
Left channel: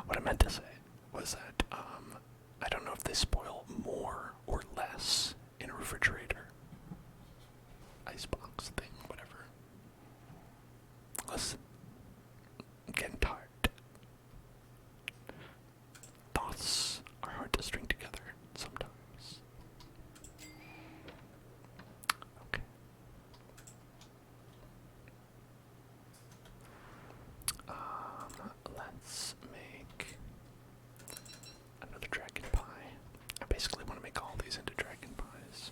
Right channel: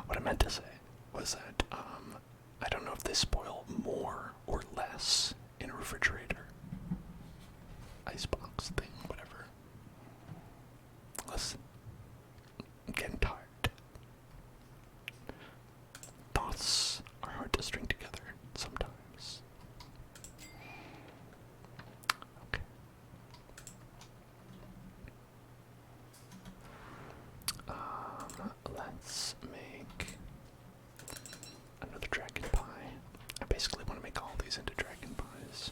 What I meant to say was that I don't know if they spoil more or less in a refrigerator, icebox thing, whatever. Listen, I'm getting tired. Thoughts are hard to string together sometimes. Okay. Let's make another dragon pie. I basically want to make all these into dragon pies.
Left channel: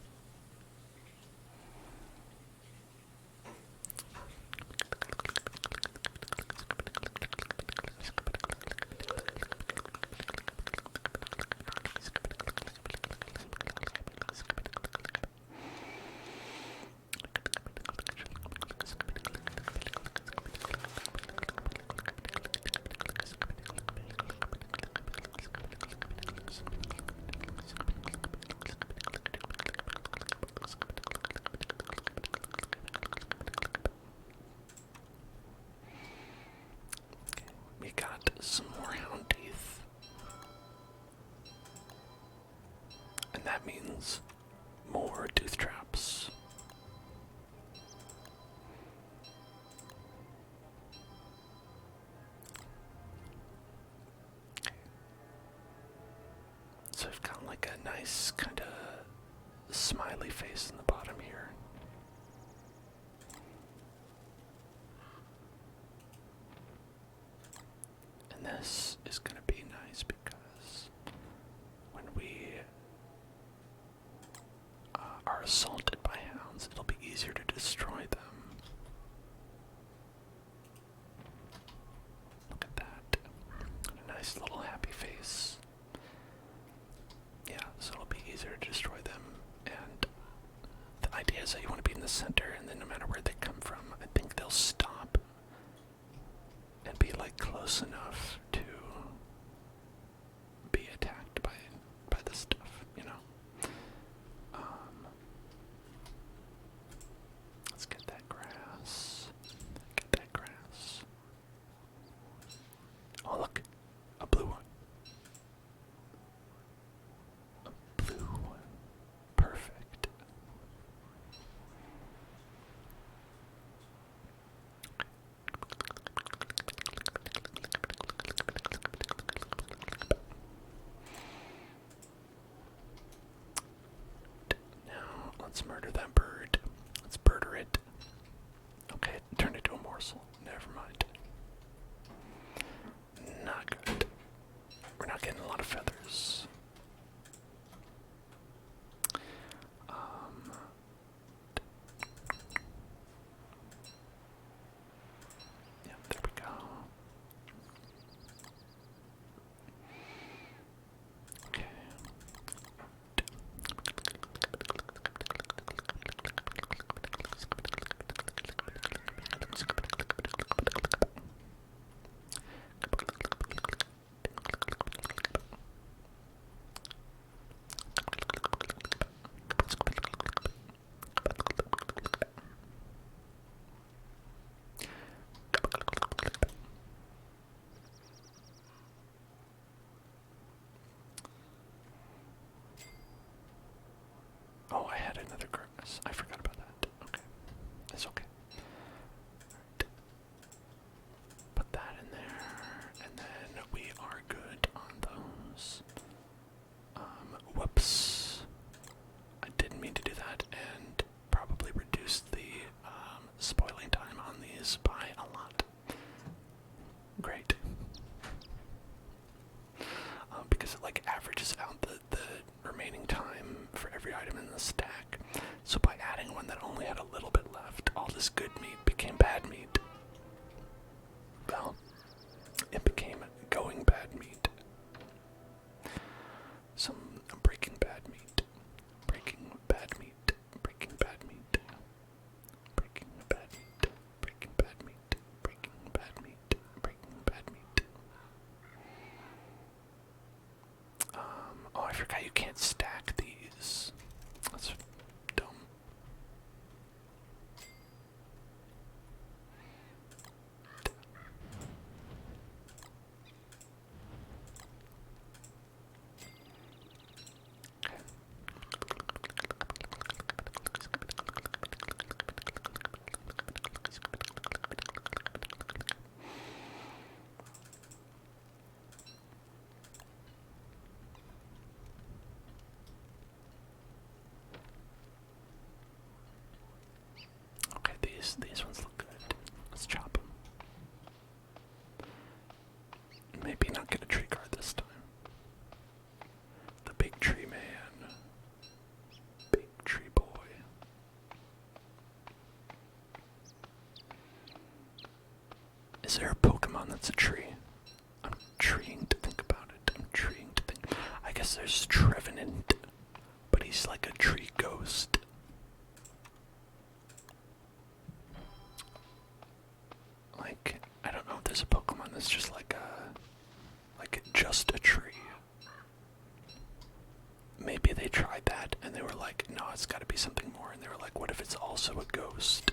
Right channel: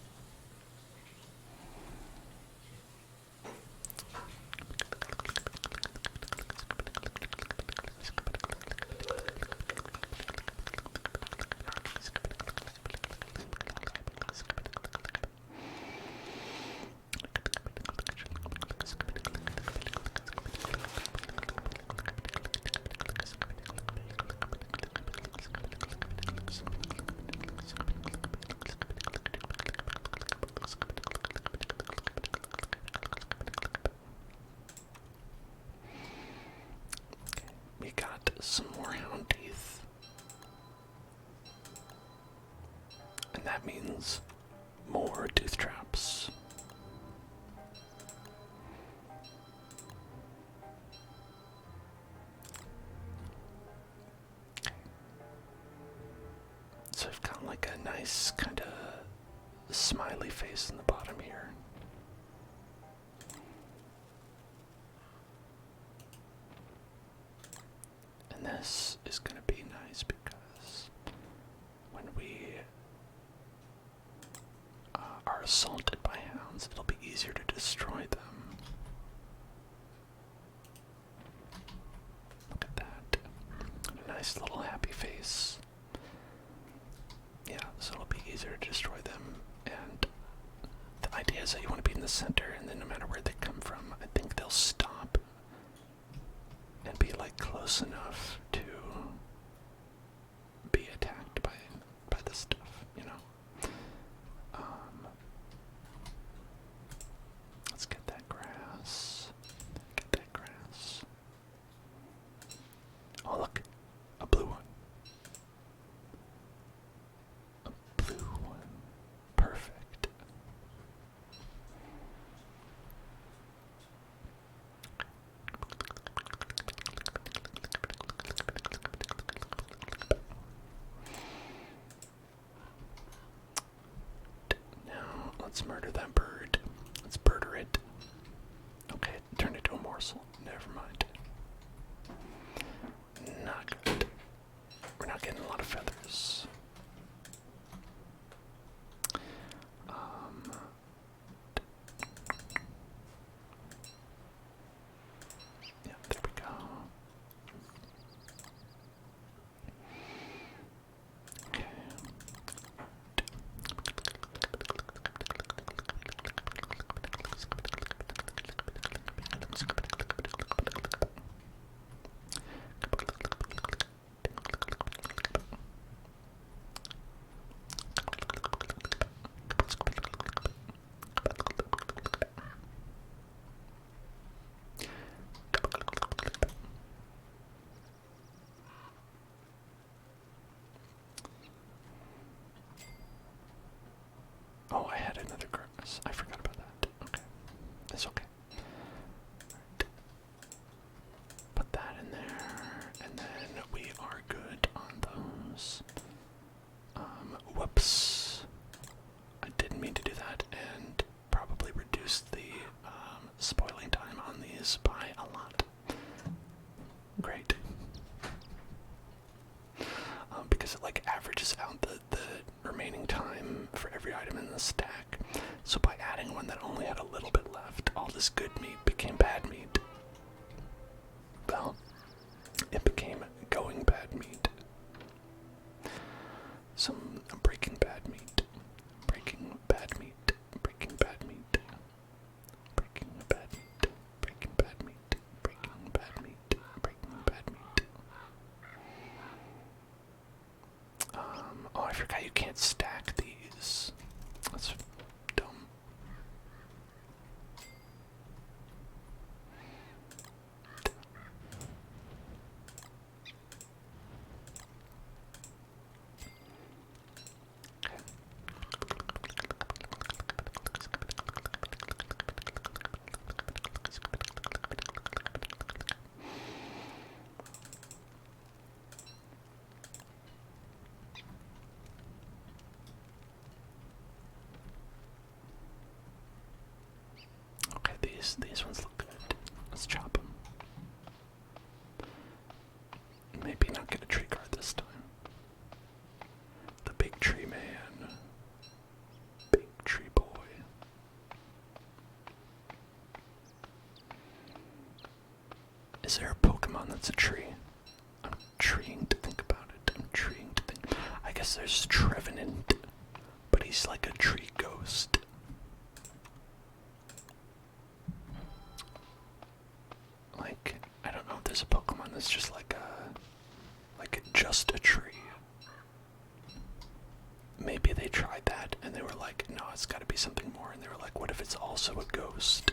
We got some more hound teeth. And that means more tooth traps. So I've got like a nice kind of smiley face in the bottom here. And this is going to be nice because when we are assaulted by hounds, it'll be easier to destroy them. Look at that. A nice little happy face. Yeah, so it'll be easier to destroy them. And the idea is that you want to be in the center, and then no matter where they come from, I think they'll stop and be like close enough to be attacked by this stuff, you know. Let's get that grass. Get that grass. Oh look, a blue one. A blue one. Perfect. Now, let's murder that bird. Let's murder it. Okay, it turned into a morsel. Never mind. Not good. We're not getting a lot of feathers. Yeah, there we go. Okay. Oh, I had another grass. I forgot about that. Okay. It's okay. Right. Put that in there, and then we are good on those. Whoops. I didn't mean to do that, and probably reduced the spoiling time on these by a lot. Great. Because it like averages out the remaining time for every item in the stack. So by adding one that only had a little bit left, all this good meat became bad meat. it became going bad meat. Some breaking bad meat. Breaking bad meat. Breaking bad meat. Breaking bad meat. Breaking bad meat. Breaking bad meat. Breaking bad meat. Oh, I forgot you can't stack these. That's dumb. Okay, these ones look good. Let's chop them. Maybe not get a tree card this time. The big tree man. Big tree boy. Is there a Pokemon that's a tree? I'm trying to think about it. I'm trying to think. I guess there's Trevenant, but he's like a tree ghost. Like, I don't know if there's a Pokemon that's just like just a tree. Maybe they tried that and they were like, no, it's gotta be something more. And they were like, what if it's also a ghost?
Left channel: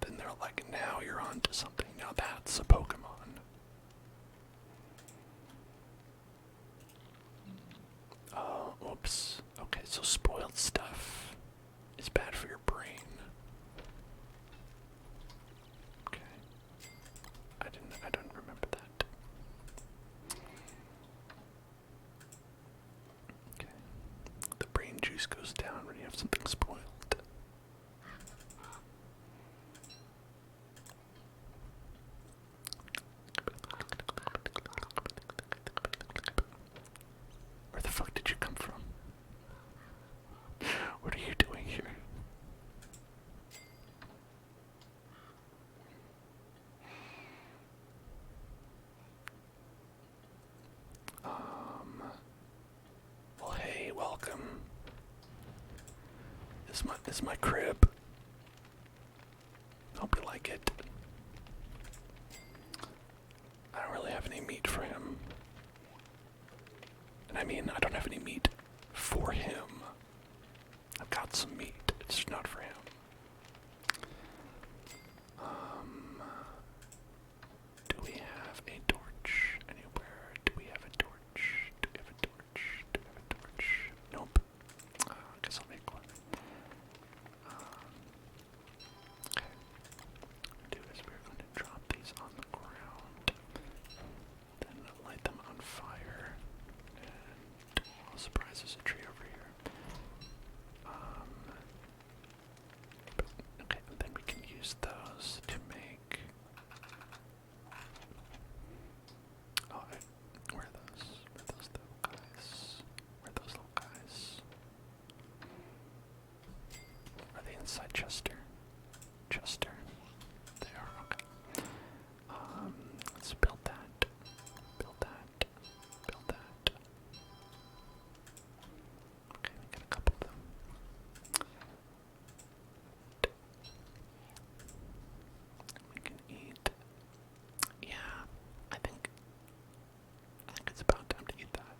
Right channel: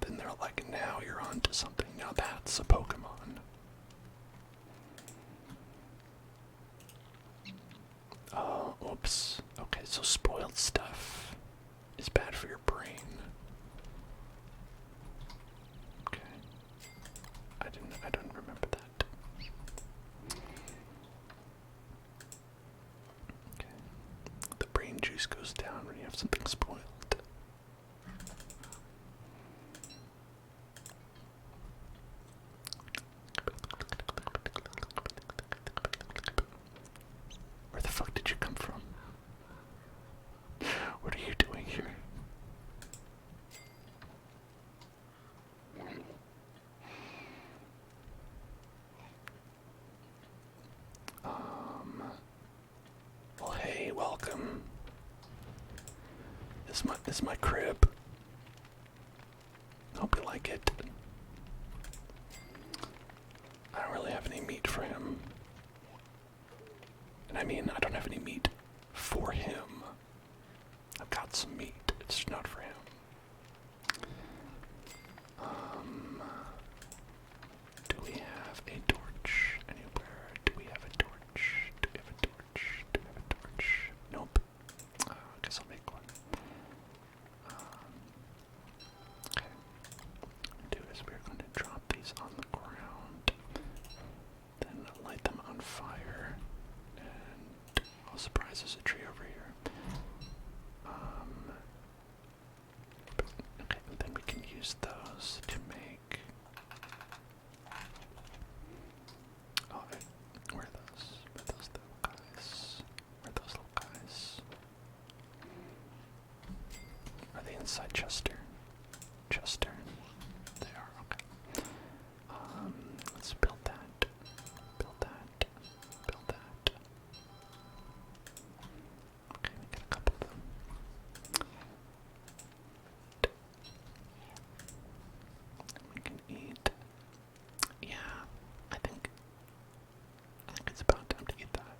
Then they're like, now you're on to something. Now that's a Pokemon. Oh, oops. Okay, so spoiled stuff is bad for your brain. Okay. I don't remember that. Okay. The brain juice goes down when you have something spoiled. Where the fuck did you come from? What are you doing here? Well, hey, welcome. This is my crib. Hope you like it. I don't really have any meat for him. And I mean, I don't have any meat for him. I've got some meat. It's not for him. Do we have a torch anywhere? Do we have a torch? Do we have a torch? Do we have a torch? Nope. I guess I'll make one. Okay. What we're going to do is we're going to drop these on the ground, then light them on fire, and oh, surprise, there's a tree over here. Okay, and then we can use those to make. Oh, where are those? Where are those little guys? Where are those little guys? Are they inside Chester? Chester. They are, okay. Let's build that. Build that. Build that. Okay, we got a couple of them. We can eat. Yeah, I think it's about time to eat that.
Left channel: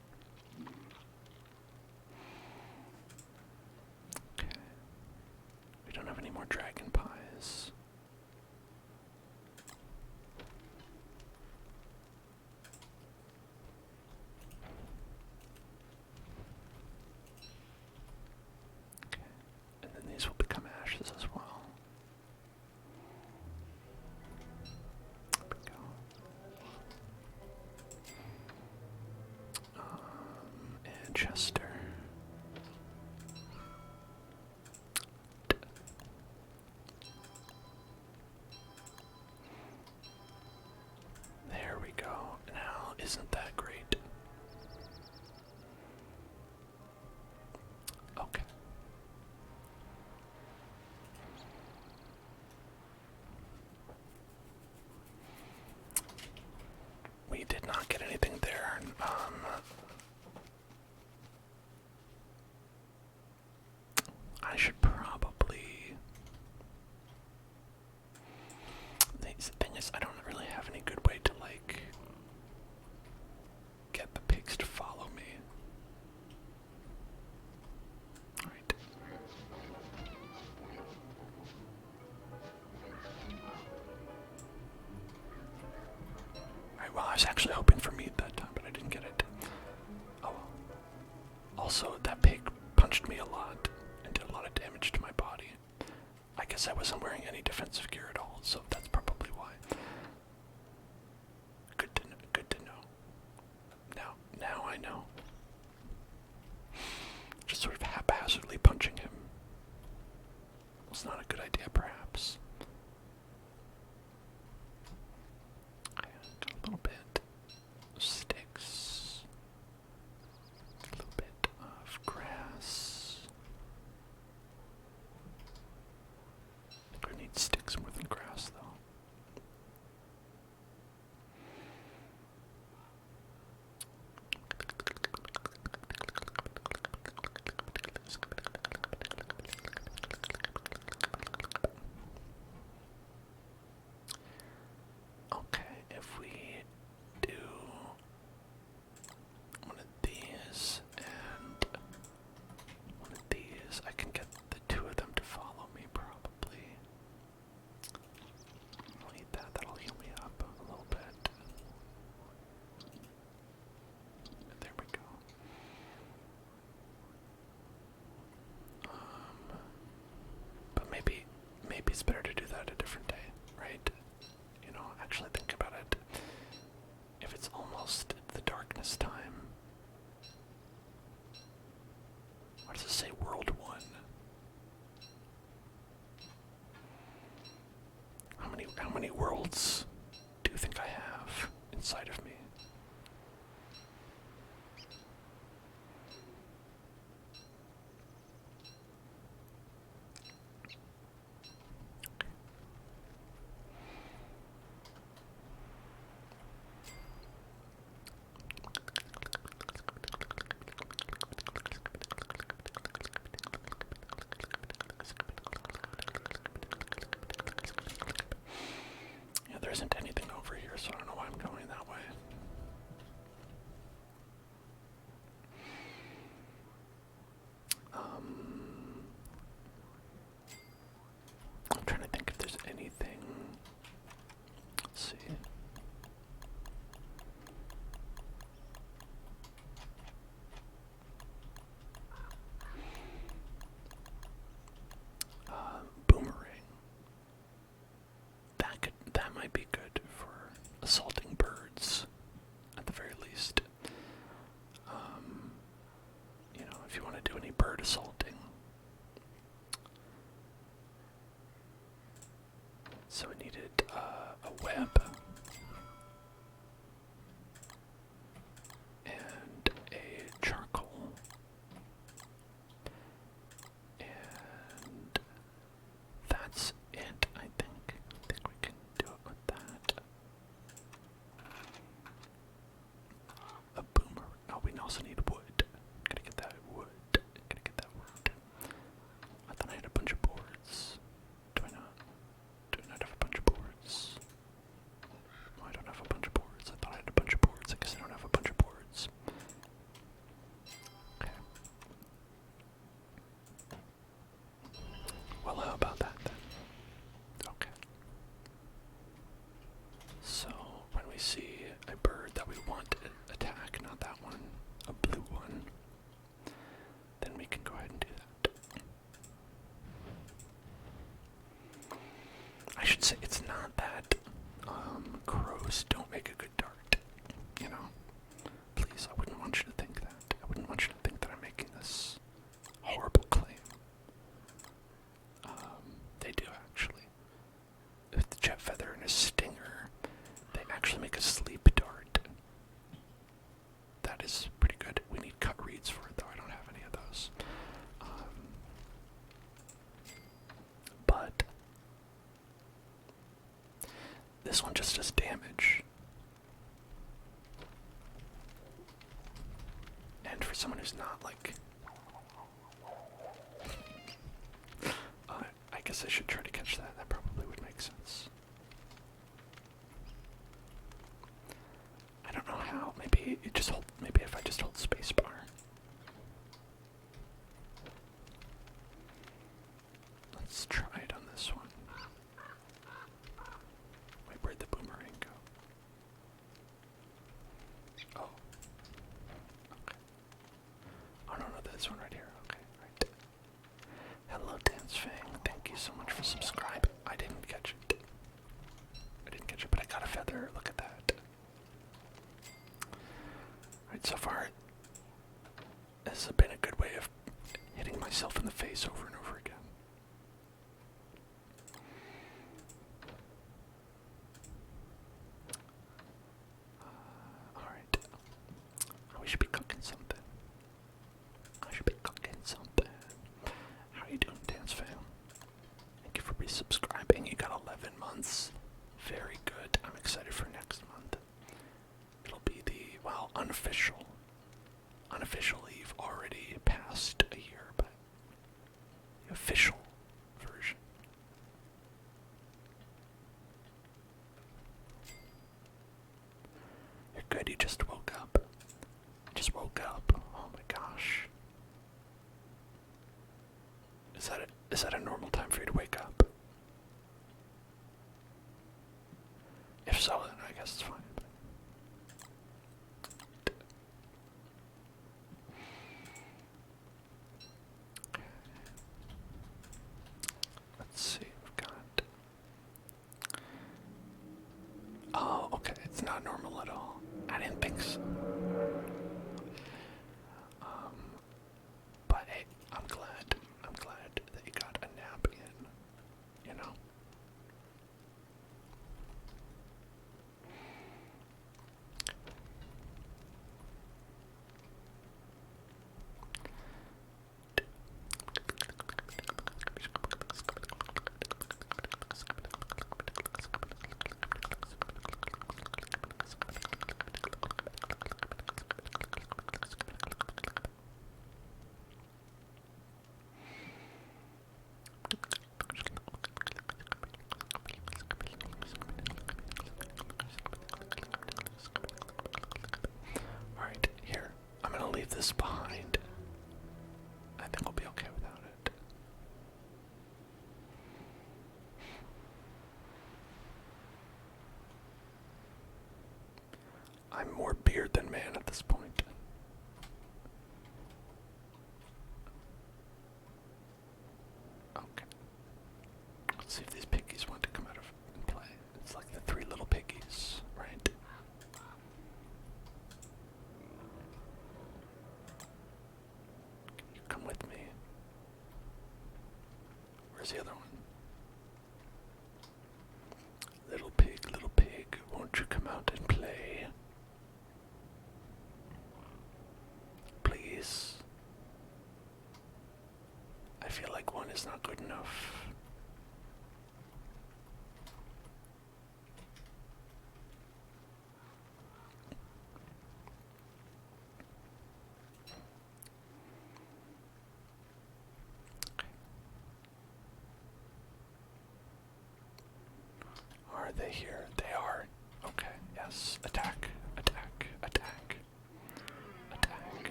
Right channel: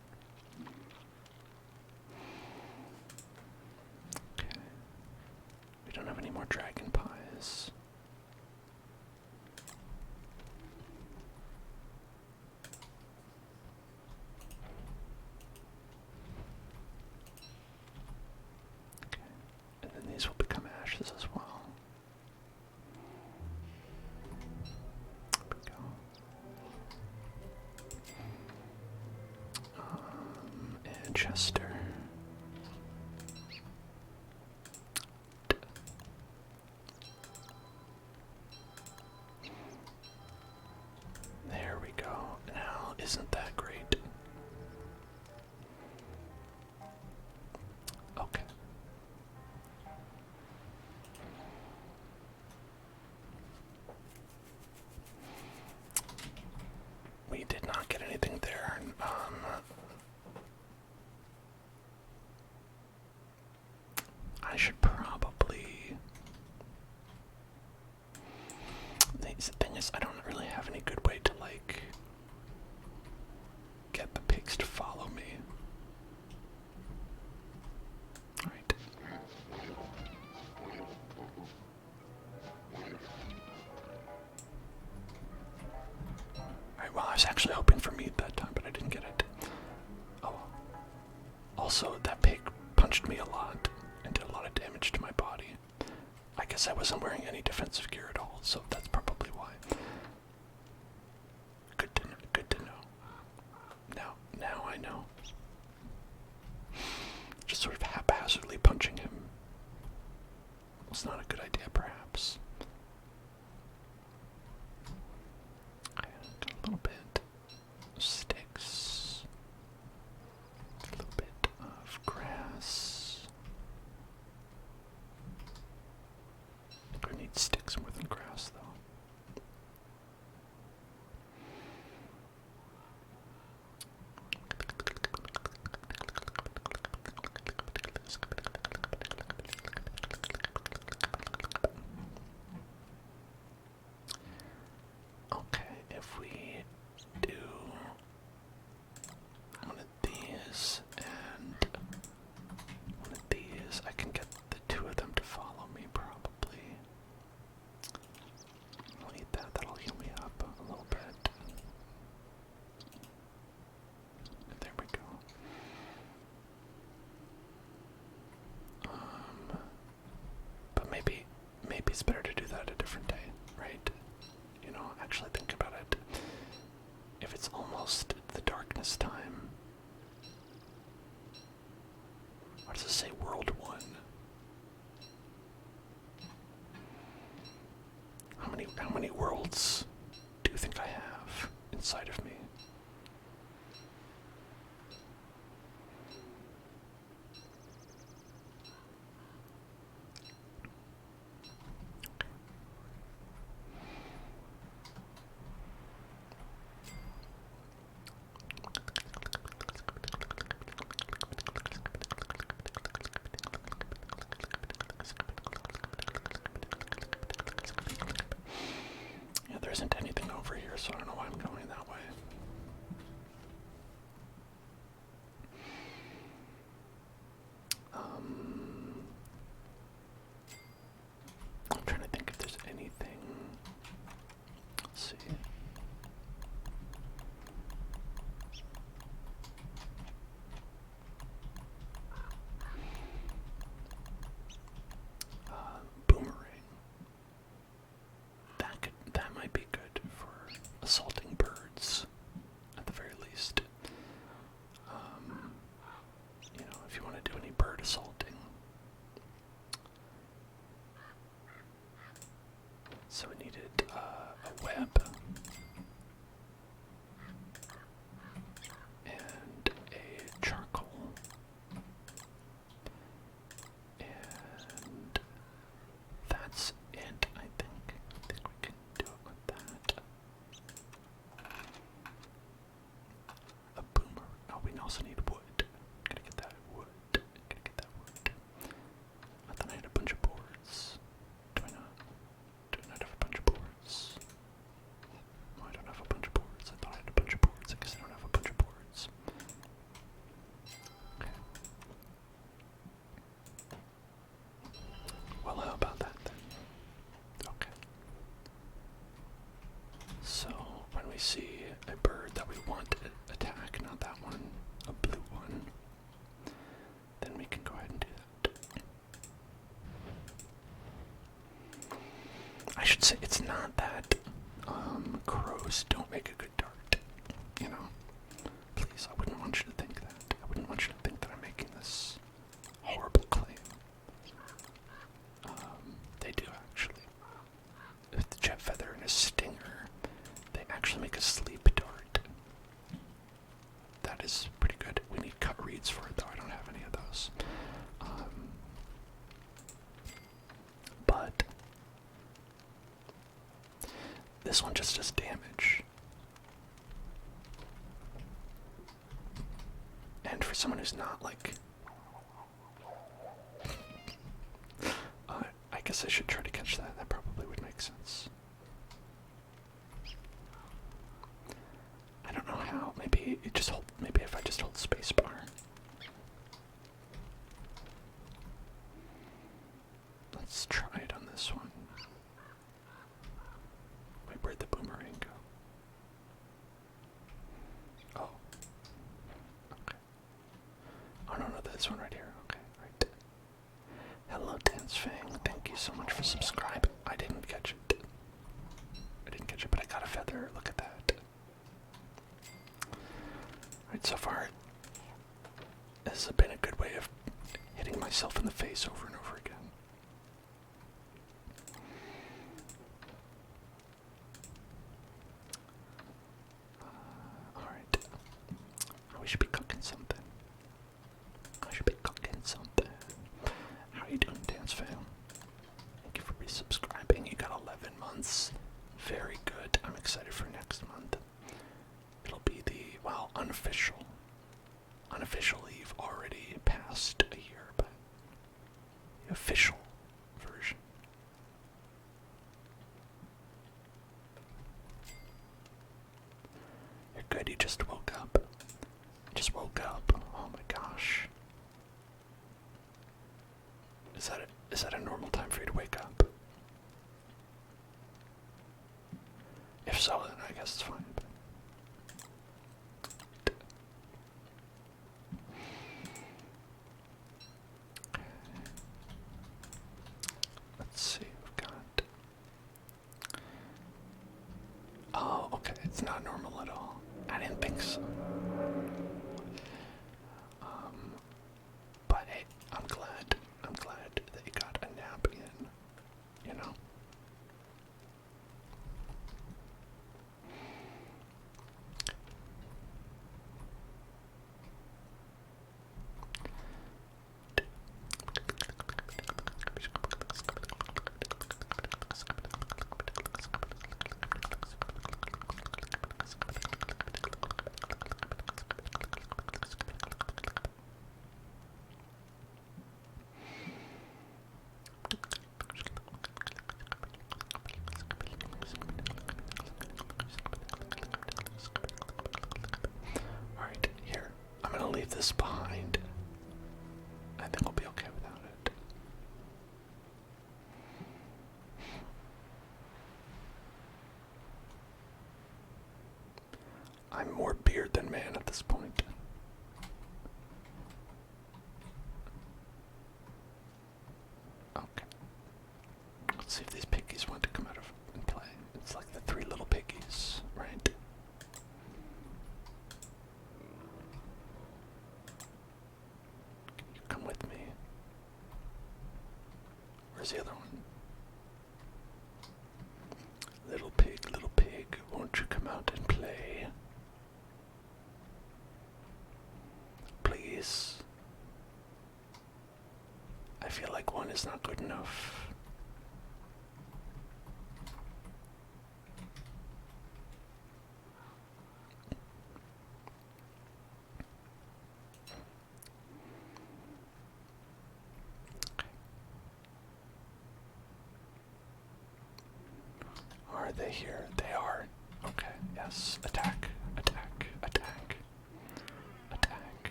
Okay. We don't have any more dragon pies. Okay. And then these will become ashes as well. There we go. And Chester. There we go. Now, isn't that great? Okay. should probably... The thing is, I don't really have any good way to, like, get the pigs to follow me. Alright. Alright, well, I was actually hoping for meat that time, but I didn't get it. Oh. Also, that pig punched me a lot and did a lot of damage to my body. I guess I wasn't wearing any defensive gear at all, so that's probably why. Good to know. Good to know. Now I know. Just sort of haphazardly punching him was not a good idea, perhaps. Okay, got a little bit of sticks, a little bit of grass. I think we need sticks more than grass, though. Okay, if we do one of these and one of these, I can get the two of them to follow me, probably. I'll eat that, that'll heal me up a little bit. There we go. But maybe it's better to do that a different day, right? You know, actually think about it. If it's almost the darkness time, what does it say? World 1. How many worlds do you think I have inside of me? Yeah, there isn't anything over here, so I don't know why I'm going that way. I'm trying to think if there's anything. Let's see. Boomerang. That might be good for assaulting birds, at the very least. You know, if you want to do any bird assaulting. So we needed a web and a charcoal and that's it, I think. I think we can do it with that. A boomer. Oh, we also need wood. Gotta get that wood. Gotta get that wood. I thought I had a bunch of boards. Do I not? Do I not have a bunch of boards? No, I don't have a bunch of boards. I thought I had a bunch of boards. I guess I don't have a bunch of boards. Okay. Well, how about that then? Okay. So, when we see a bird that we want to attack, not that one, a blue one, then we can go ahead and do that. I should say it's not that crows don't make a good dart, you know? Please, I wouldn't want you to think that. I wouldn't want you to think that I'm making this horrible claim. They do, actually. With the jet feather and a stinger, they actually make a sleep dart. That is pretty good. We need cut reeds for it, though. I don't have any of those. But this one just does damage. And for someone who's not, like, guess I should try to catch that. That probably would make sense. I don't know how. Maybe it just hold. Maybe if I just hold spacebar. Let's try it on this one. Wait, where'd the boomerang go? Oh. Okay. Oh no, this one right here. Okay, right. Hello, Dance Fang. Thank you so much for subscribing. I didn't catch it. But I got a feather. Look at that. Alright, so far, this has been a good way of hitting myself in the face over and over again. Alright. We should be cooking something. How are you doing, Dance Fam? Thank you for resubscribing. You got 11 months. Very good. I'm excited for next month. It'll be the, well, unofficial. Unofficially, you've already passed a year, but the official version. You're good, you just woke up. Oh my gosh. Is that a normal time for you to wake up? If so, then I guess it's fine. Let's see, we've got... Oh, okay, it's not normal at all. I didn't think so. But hey, I'm glad that you got a nap in, you know? Alright, here. I'm gonna leave this behind. I think we'll be okay without it. I'm more beard than man at this point. Okay. Let's see if these piggies want to come out of and play. It's like the three little piggies, right? You come with me. Where's the other one? Little pig, won't you come out and play? Please. I feel like one is not good enough. Are they here? They are. Okay, yes. Attack.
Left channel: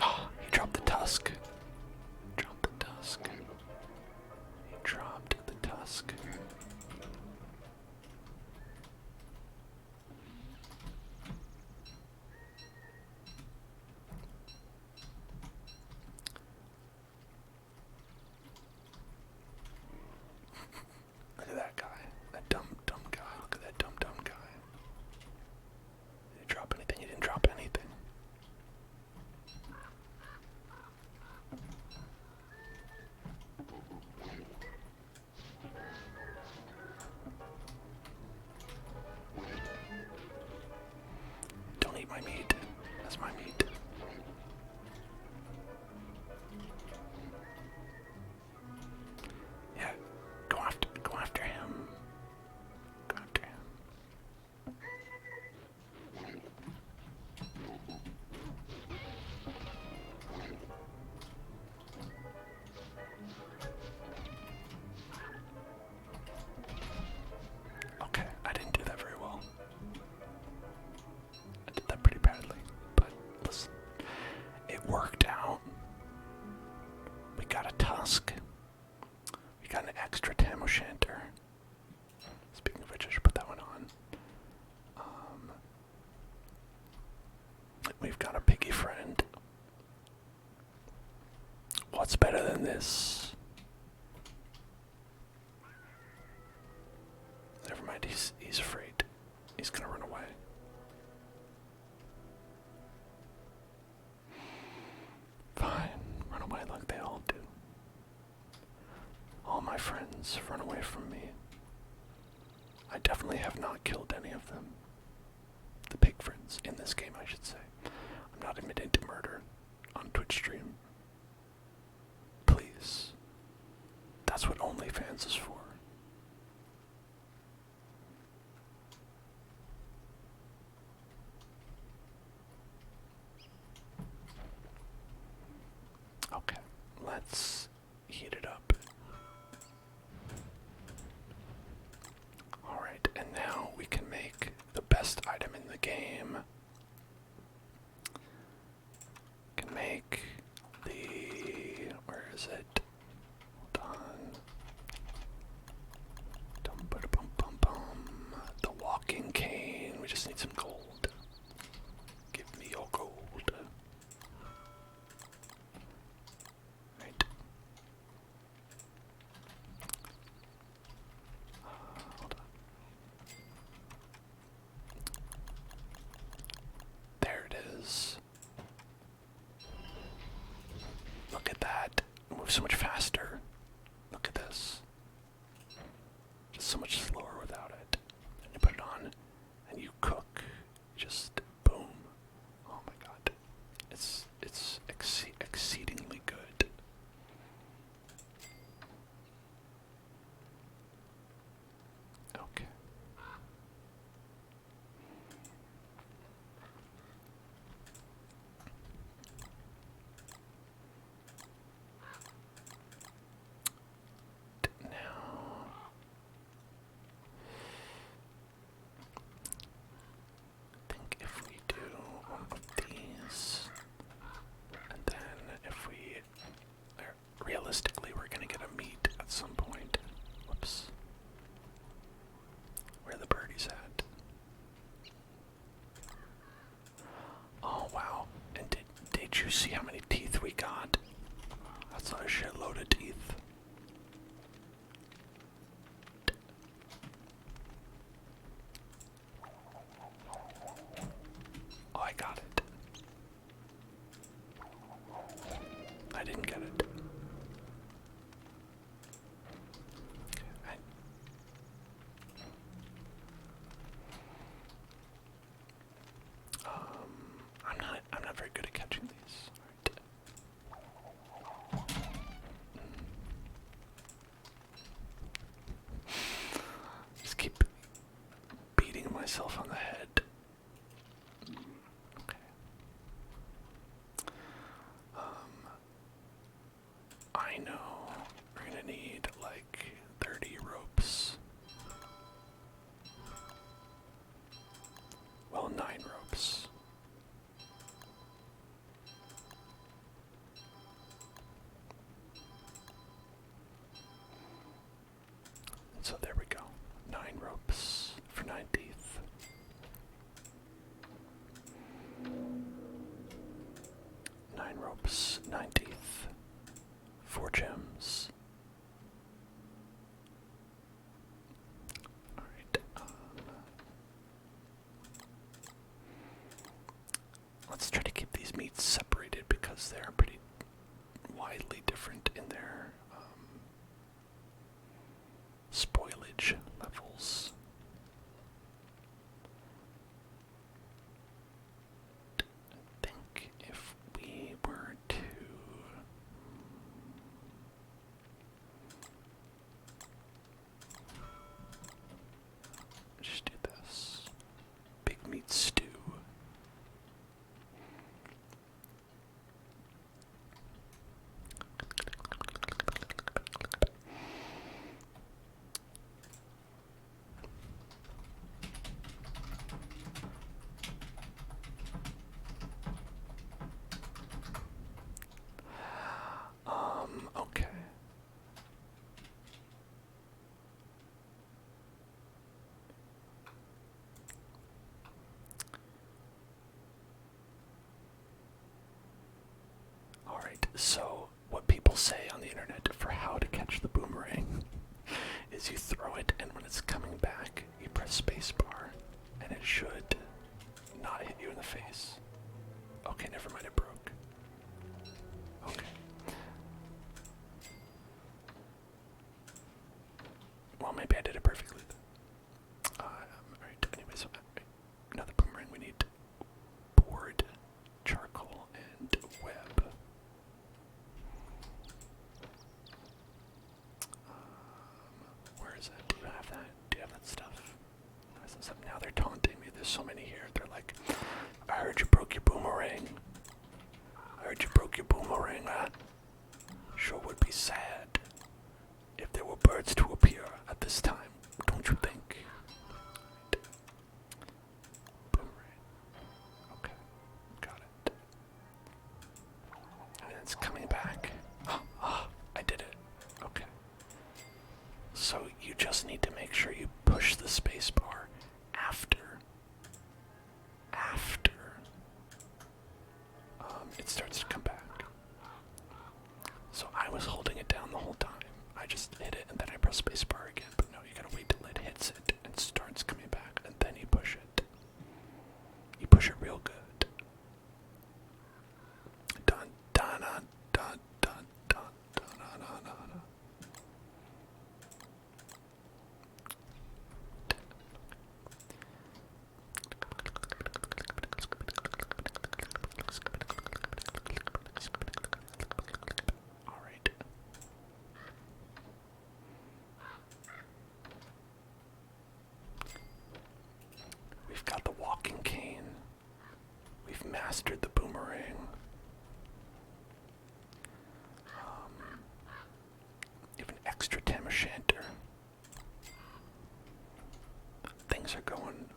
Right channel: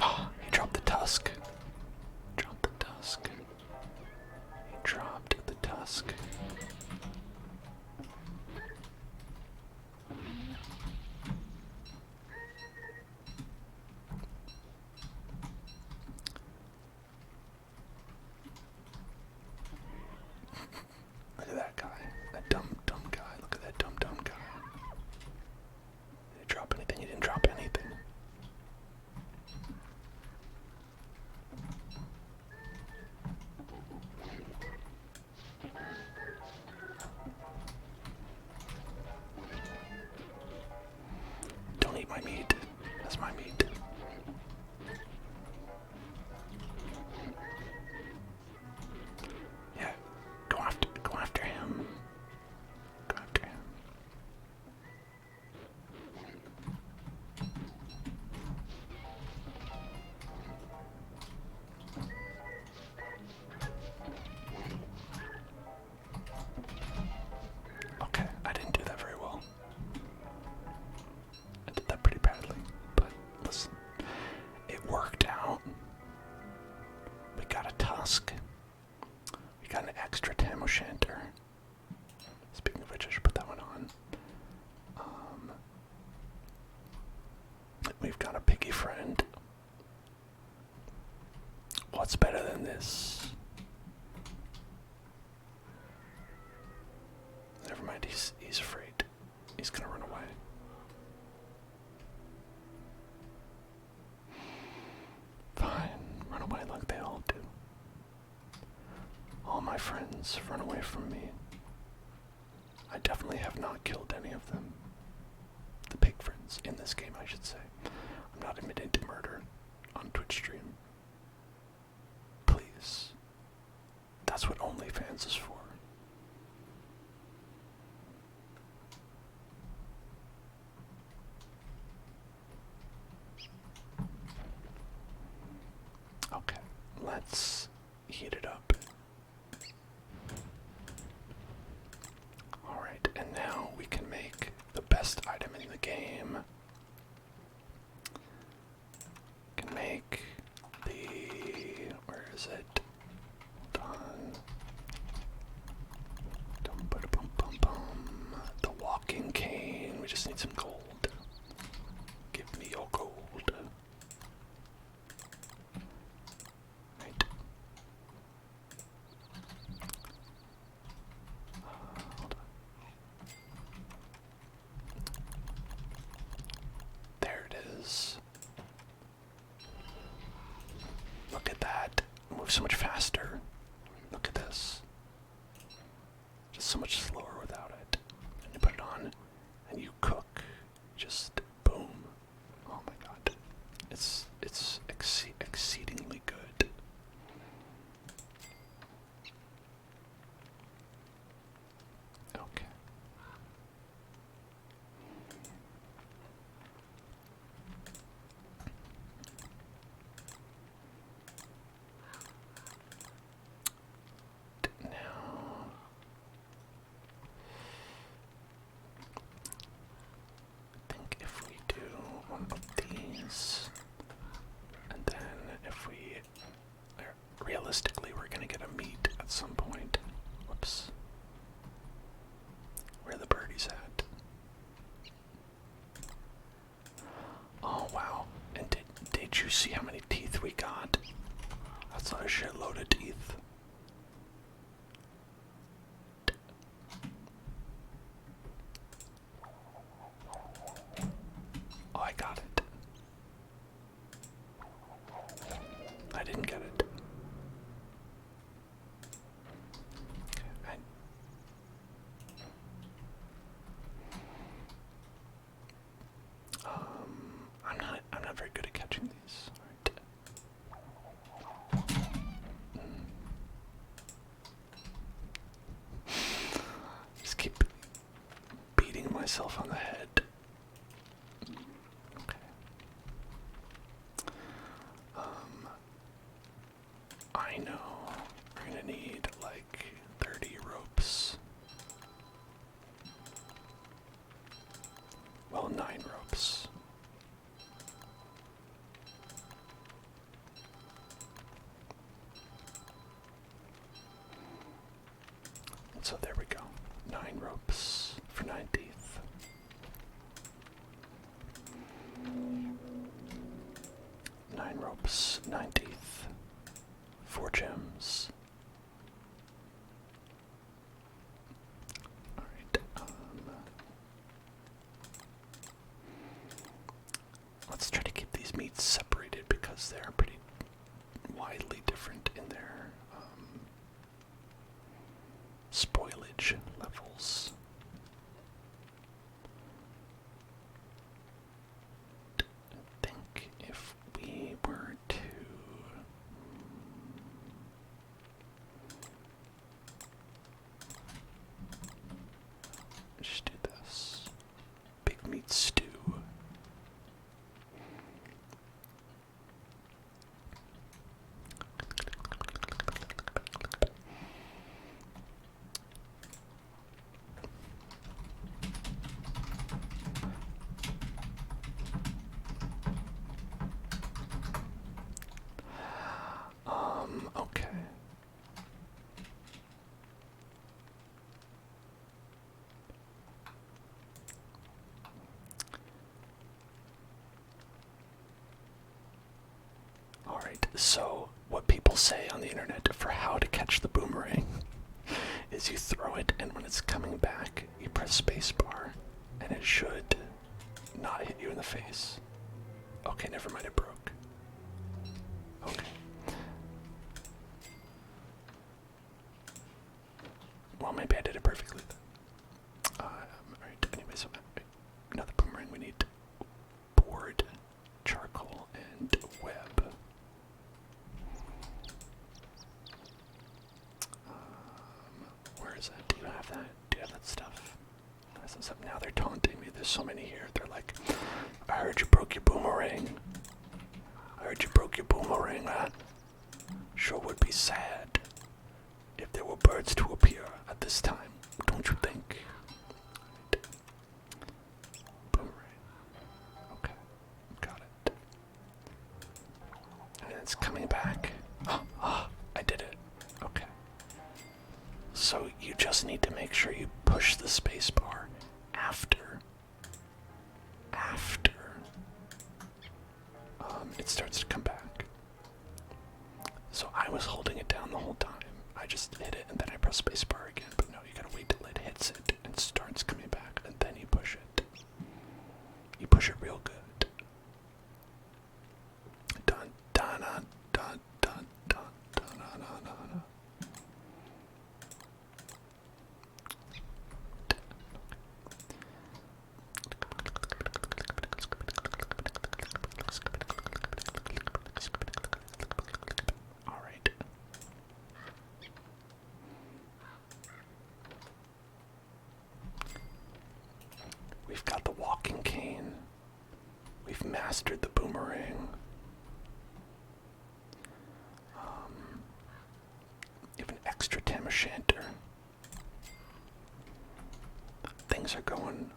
Oh, he dropped the tusk. He dropped the tusk. shanter. Speaking of which, I should put that one on. We've got a piggy friend. What's better than this? Never mind, he's afraid. He's gonna run away. Fine, run away like they all do. All my friends run away from me. I definitely have not killed any of them. The pig friends, in this game I should say. I'm not admitting to murder on Twitch stream. Please. That's what OnlyFans is for. Okay, let's heat it up. Alright, and now we can make the best item in the game. Can make the... where is it? Hold on. The walking cane. We just need some gold. Give me your gold. Right. Hold on. There it is. Look at that. It moves so much faster. Look at this. Just so much slower without it. And you put it on and you cook. Just boom. Oh my god. It's exceedingly good. Okay. Now, I think if we do one of these, and then if we, realistically, we're gonna get a meat at some point. Whoops. Where are the birdies at? Oh wow! And did you see how many teeth we got? That's not a shitload of teeth. Oh, I got it. I didn't get it. Okay, I'm not very good at catching these. Right. Just keep beating myself on the head. Okay. I know we're gonna need like 30 ropes. Well, 9 ropes. And so there we go. 9 ropes for 9 teeth. 9 ropes, 9 teeth, 4 gems. Alright, let's try to keep these meats separated because they're pretty widely different in their spoilage levels. I think if we were to just do this big meat stew. So, what people say on the internet for how to catch the boomerang is you throw it, and when it's coming back, you press spacebar, and it should not hit you in the face. Okay, never mind, it broke. Okay. Well, maybe I did it perfectly then. Alright, anyways, another boomerang. We need board, charcoal, and web. Where is that? Do you have that? Do you have that stuff? Now they're taunting me. There's so many here. They're like, I heard you broke your boomerang. I heard you broke your boomerang, huh? Sure would be sad if there were birds to appear at this time, don't you think? Boomerang. Okay, got it. And it's coming back. I did it. Okay. So you just need to make sure you push the space bar after it starts to come back. So I was holding it down the whole time. I just hit it and then I press spacebar again, but no, you gotta wait till it hits it and starts coming back, and then you push it. You push it real good. Dun dun dun dun dun dun dun dun dun dun. All right. We've got the walking cane. We've mastered the boomerang. Even extra tam o'shanter. Things are going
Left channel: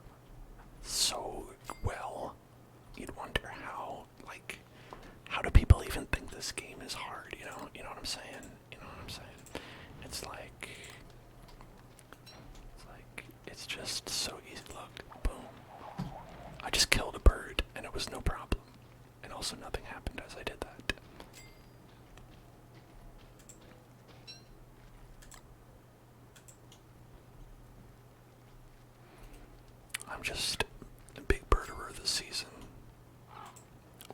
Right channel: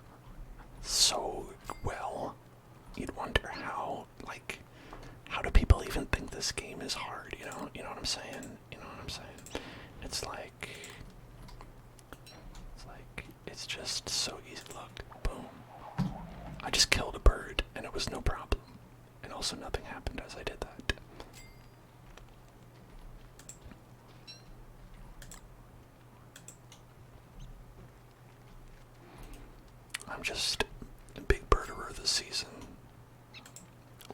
so well. You'd wonder how, like, how do people even think this game is hard? You know what I'm saying? You know what I'm saying? It's like it's just so easy. Look, boom. I just killed a bird, and it was no problem. And also nothing happened as I did that. I'm just a big birderer this season.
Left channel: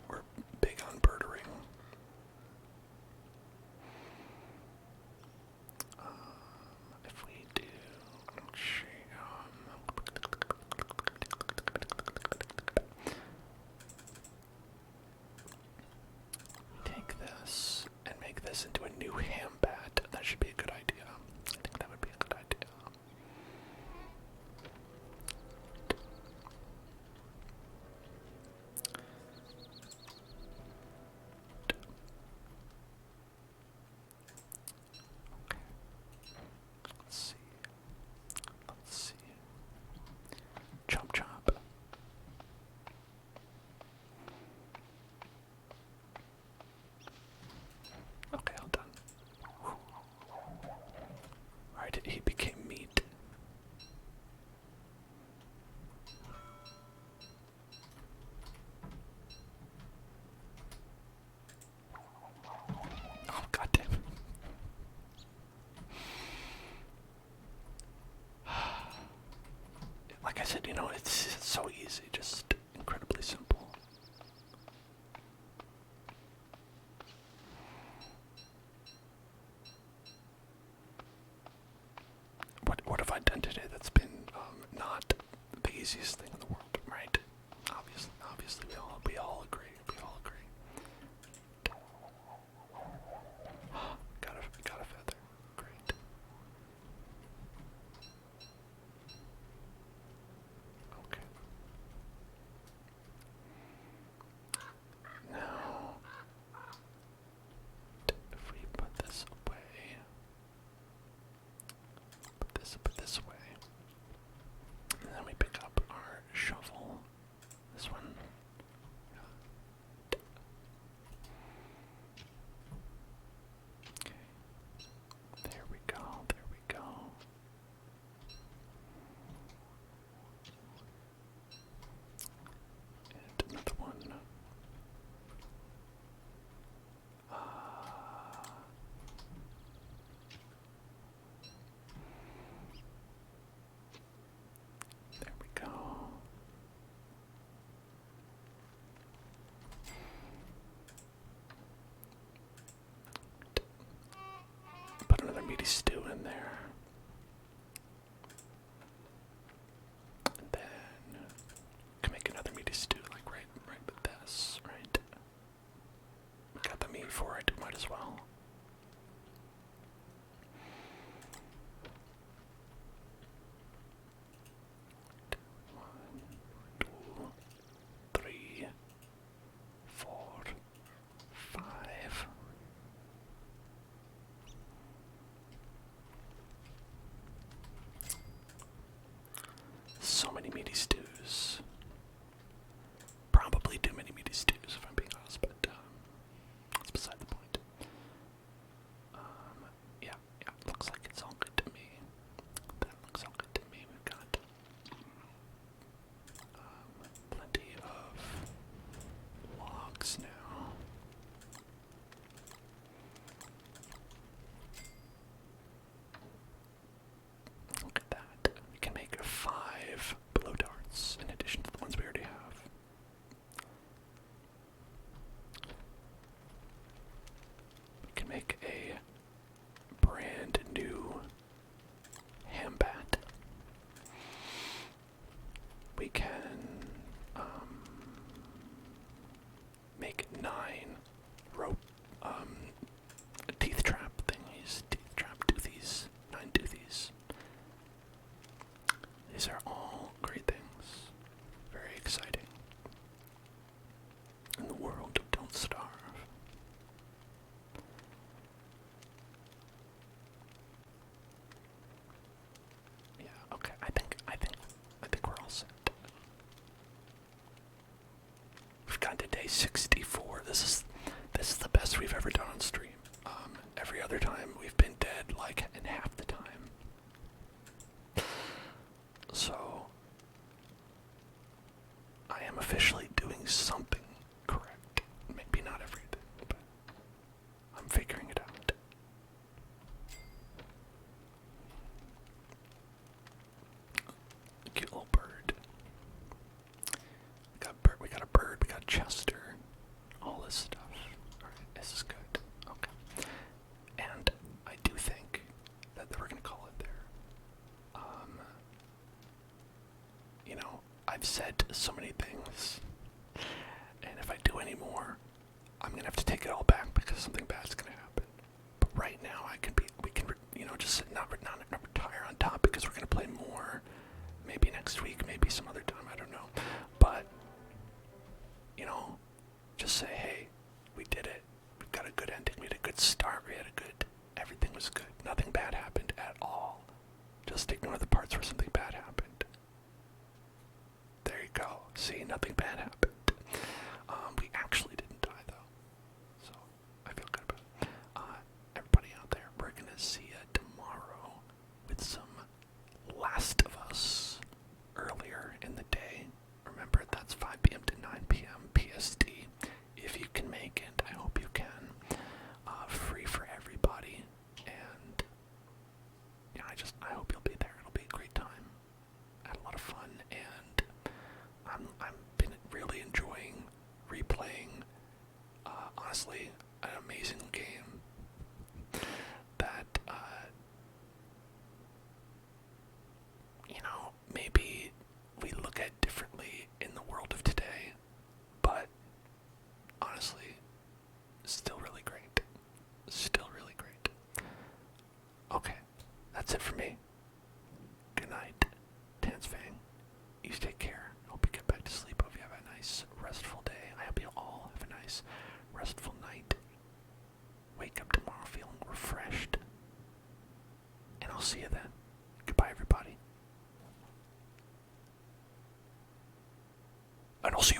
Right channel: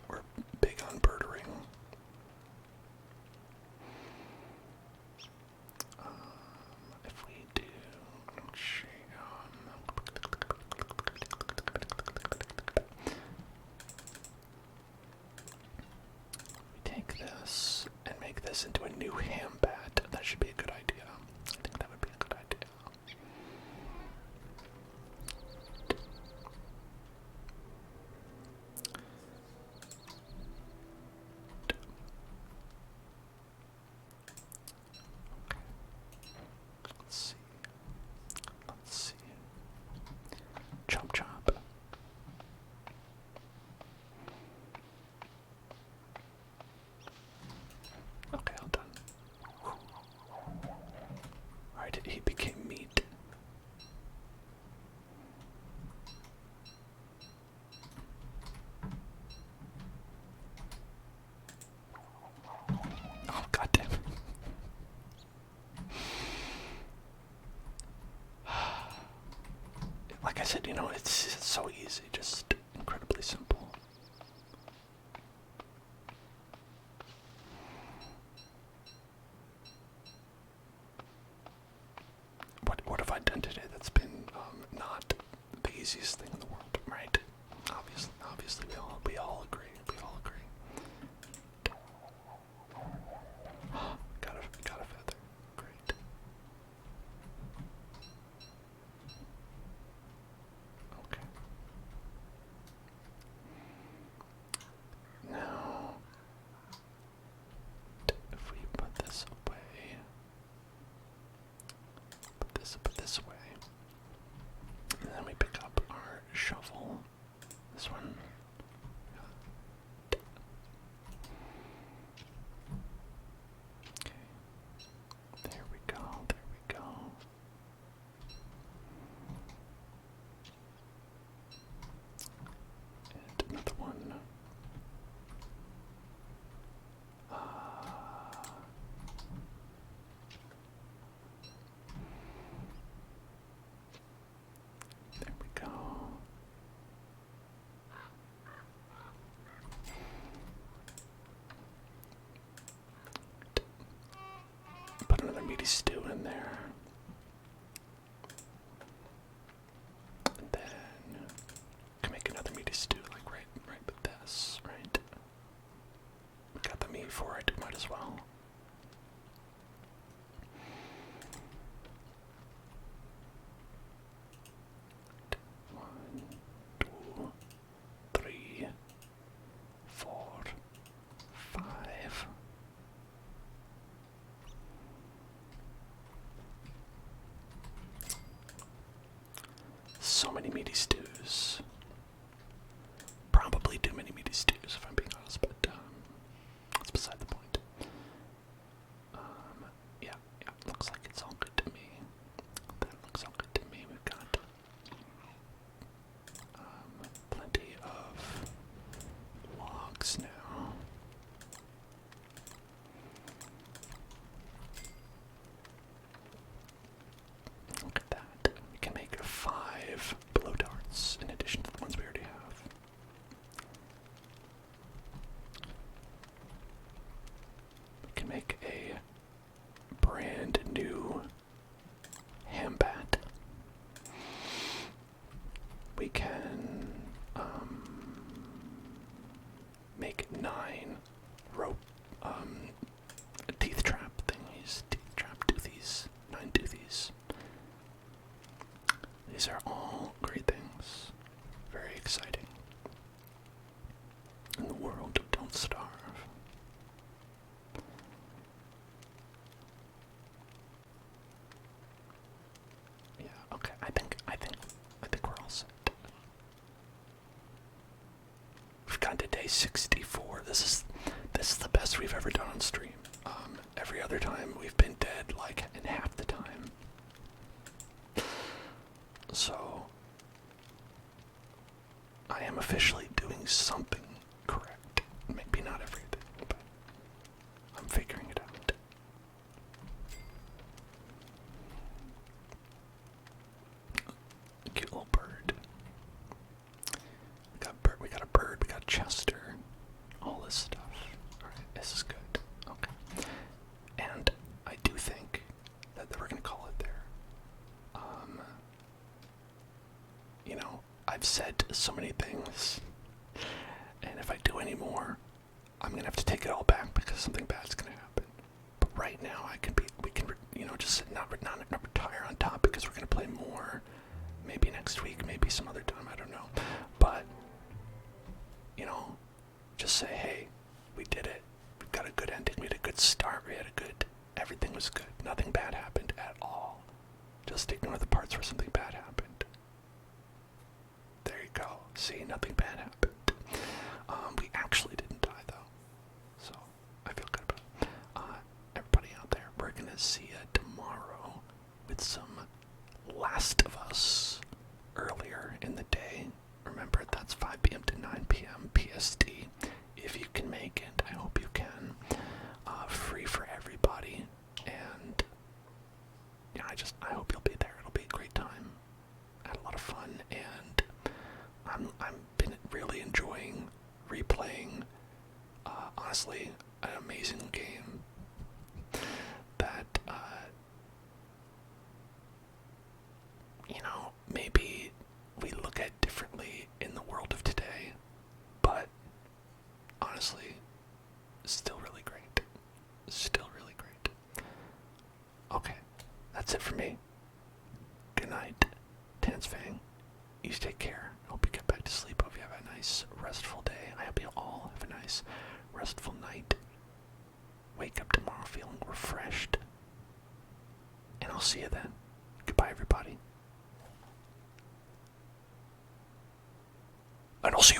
We're big on birdering. If we do, take this and make this into a new ham bat. That should be a good idea. I think that would be a good idea. Let's see. Chop chop. Okay, all done. Alright, he became meat. Oh, goddamn. Like I said, it's so easy, just incredibly simple. What have I done today that's been not the easiest thing in the world, right? Obviously, we all agree. We all agree. Got a feather. Great. Okay. Now, if we put this away, put this away, and then we pick up our shovel. This one. meaty stew in there. And then can make another meaty stew, like right with this, right? We got the meat for it, might as well. One, two, three, four, five. So many meaty stews. Probably too many meaty stews, if I'm being honest, but that's beside the point. Yeah, looks like it's all good to me. That looks all good to me. We've got plenty of logs now. Look at that. We can make 5 blow darts in addition to the ones we already have. We can make a brand new ham bat. We can make 9 rope teeth trap thingies, teeth trap toothies, 9 toothies. These are all great things. Very exciting. In the world of Don't Starve. Yeah, okay, I think we're all set. We've gotten to day 64. This is the best we've ever done on stream. Every other time we've been dead like in half the time. So I am officially doing something correct. Maybe not everything, but I'm figuring it out. A cute little bird. We got a bird, we got Chester, all this stuff. Alright, this is good. Okay. And I do think that we're gonna call it there. You know, I've said so many things, and if I do any more, I'm gonna have to take it all back because something bad's gonna happen. But right now, we can, just not retire on top because we're gonna play more. Maybe next week, maybe some other time, I don't know. But, just say, hey, we did it. We've got a good ending. We had a good start. Everything was good. Nothing bad happened at all. Just ignore the parts where something bad happened. There you go. See, nothing bad happened. We actually didn't die, though. So, I feel good about it. Everybody out there, we're going to see you tomorrow with some Last of Us earlier in the day. Remember, that's 5 p.m. to 9 p.m. PST. If you can make it, I hope you can. Free for everybody. And, yeah, I hope you'll be there. It'll be a great time. I had a lot of fun, and I've been really enjoying replaying, honestly, an amazing game that, maybe we look at differently in the world of today, but honestly, still really great. Still really great. Okay, that's it for me. Good night, Tansfang. You take care. Hope you get back to sleep. Hope you have a nice, restful day. I hope you all have a nice, restful night. Wake up tomorrow feeling refreshed. And I'll see you then. Goodbye, everybody. And I'll see you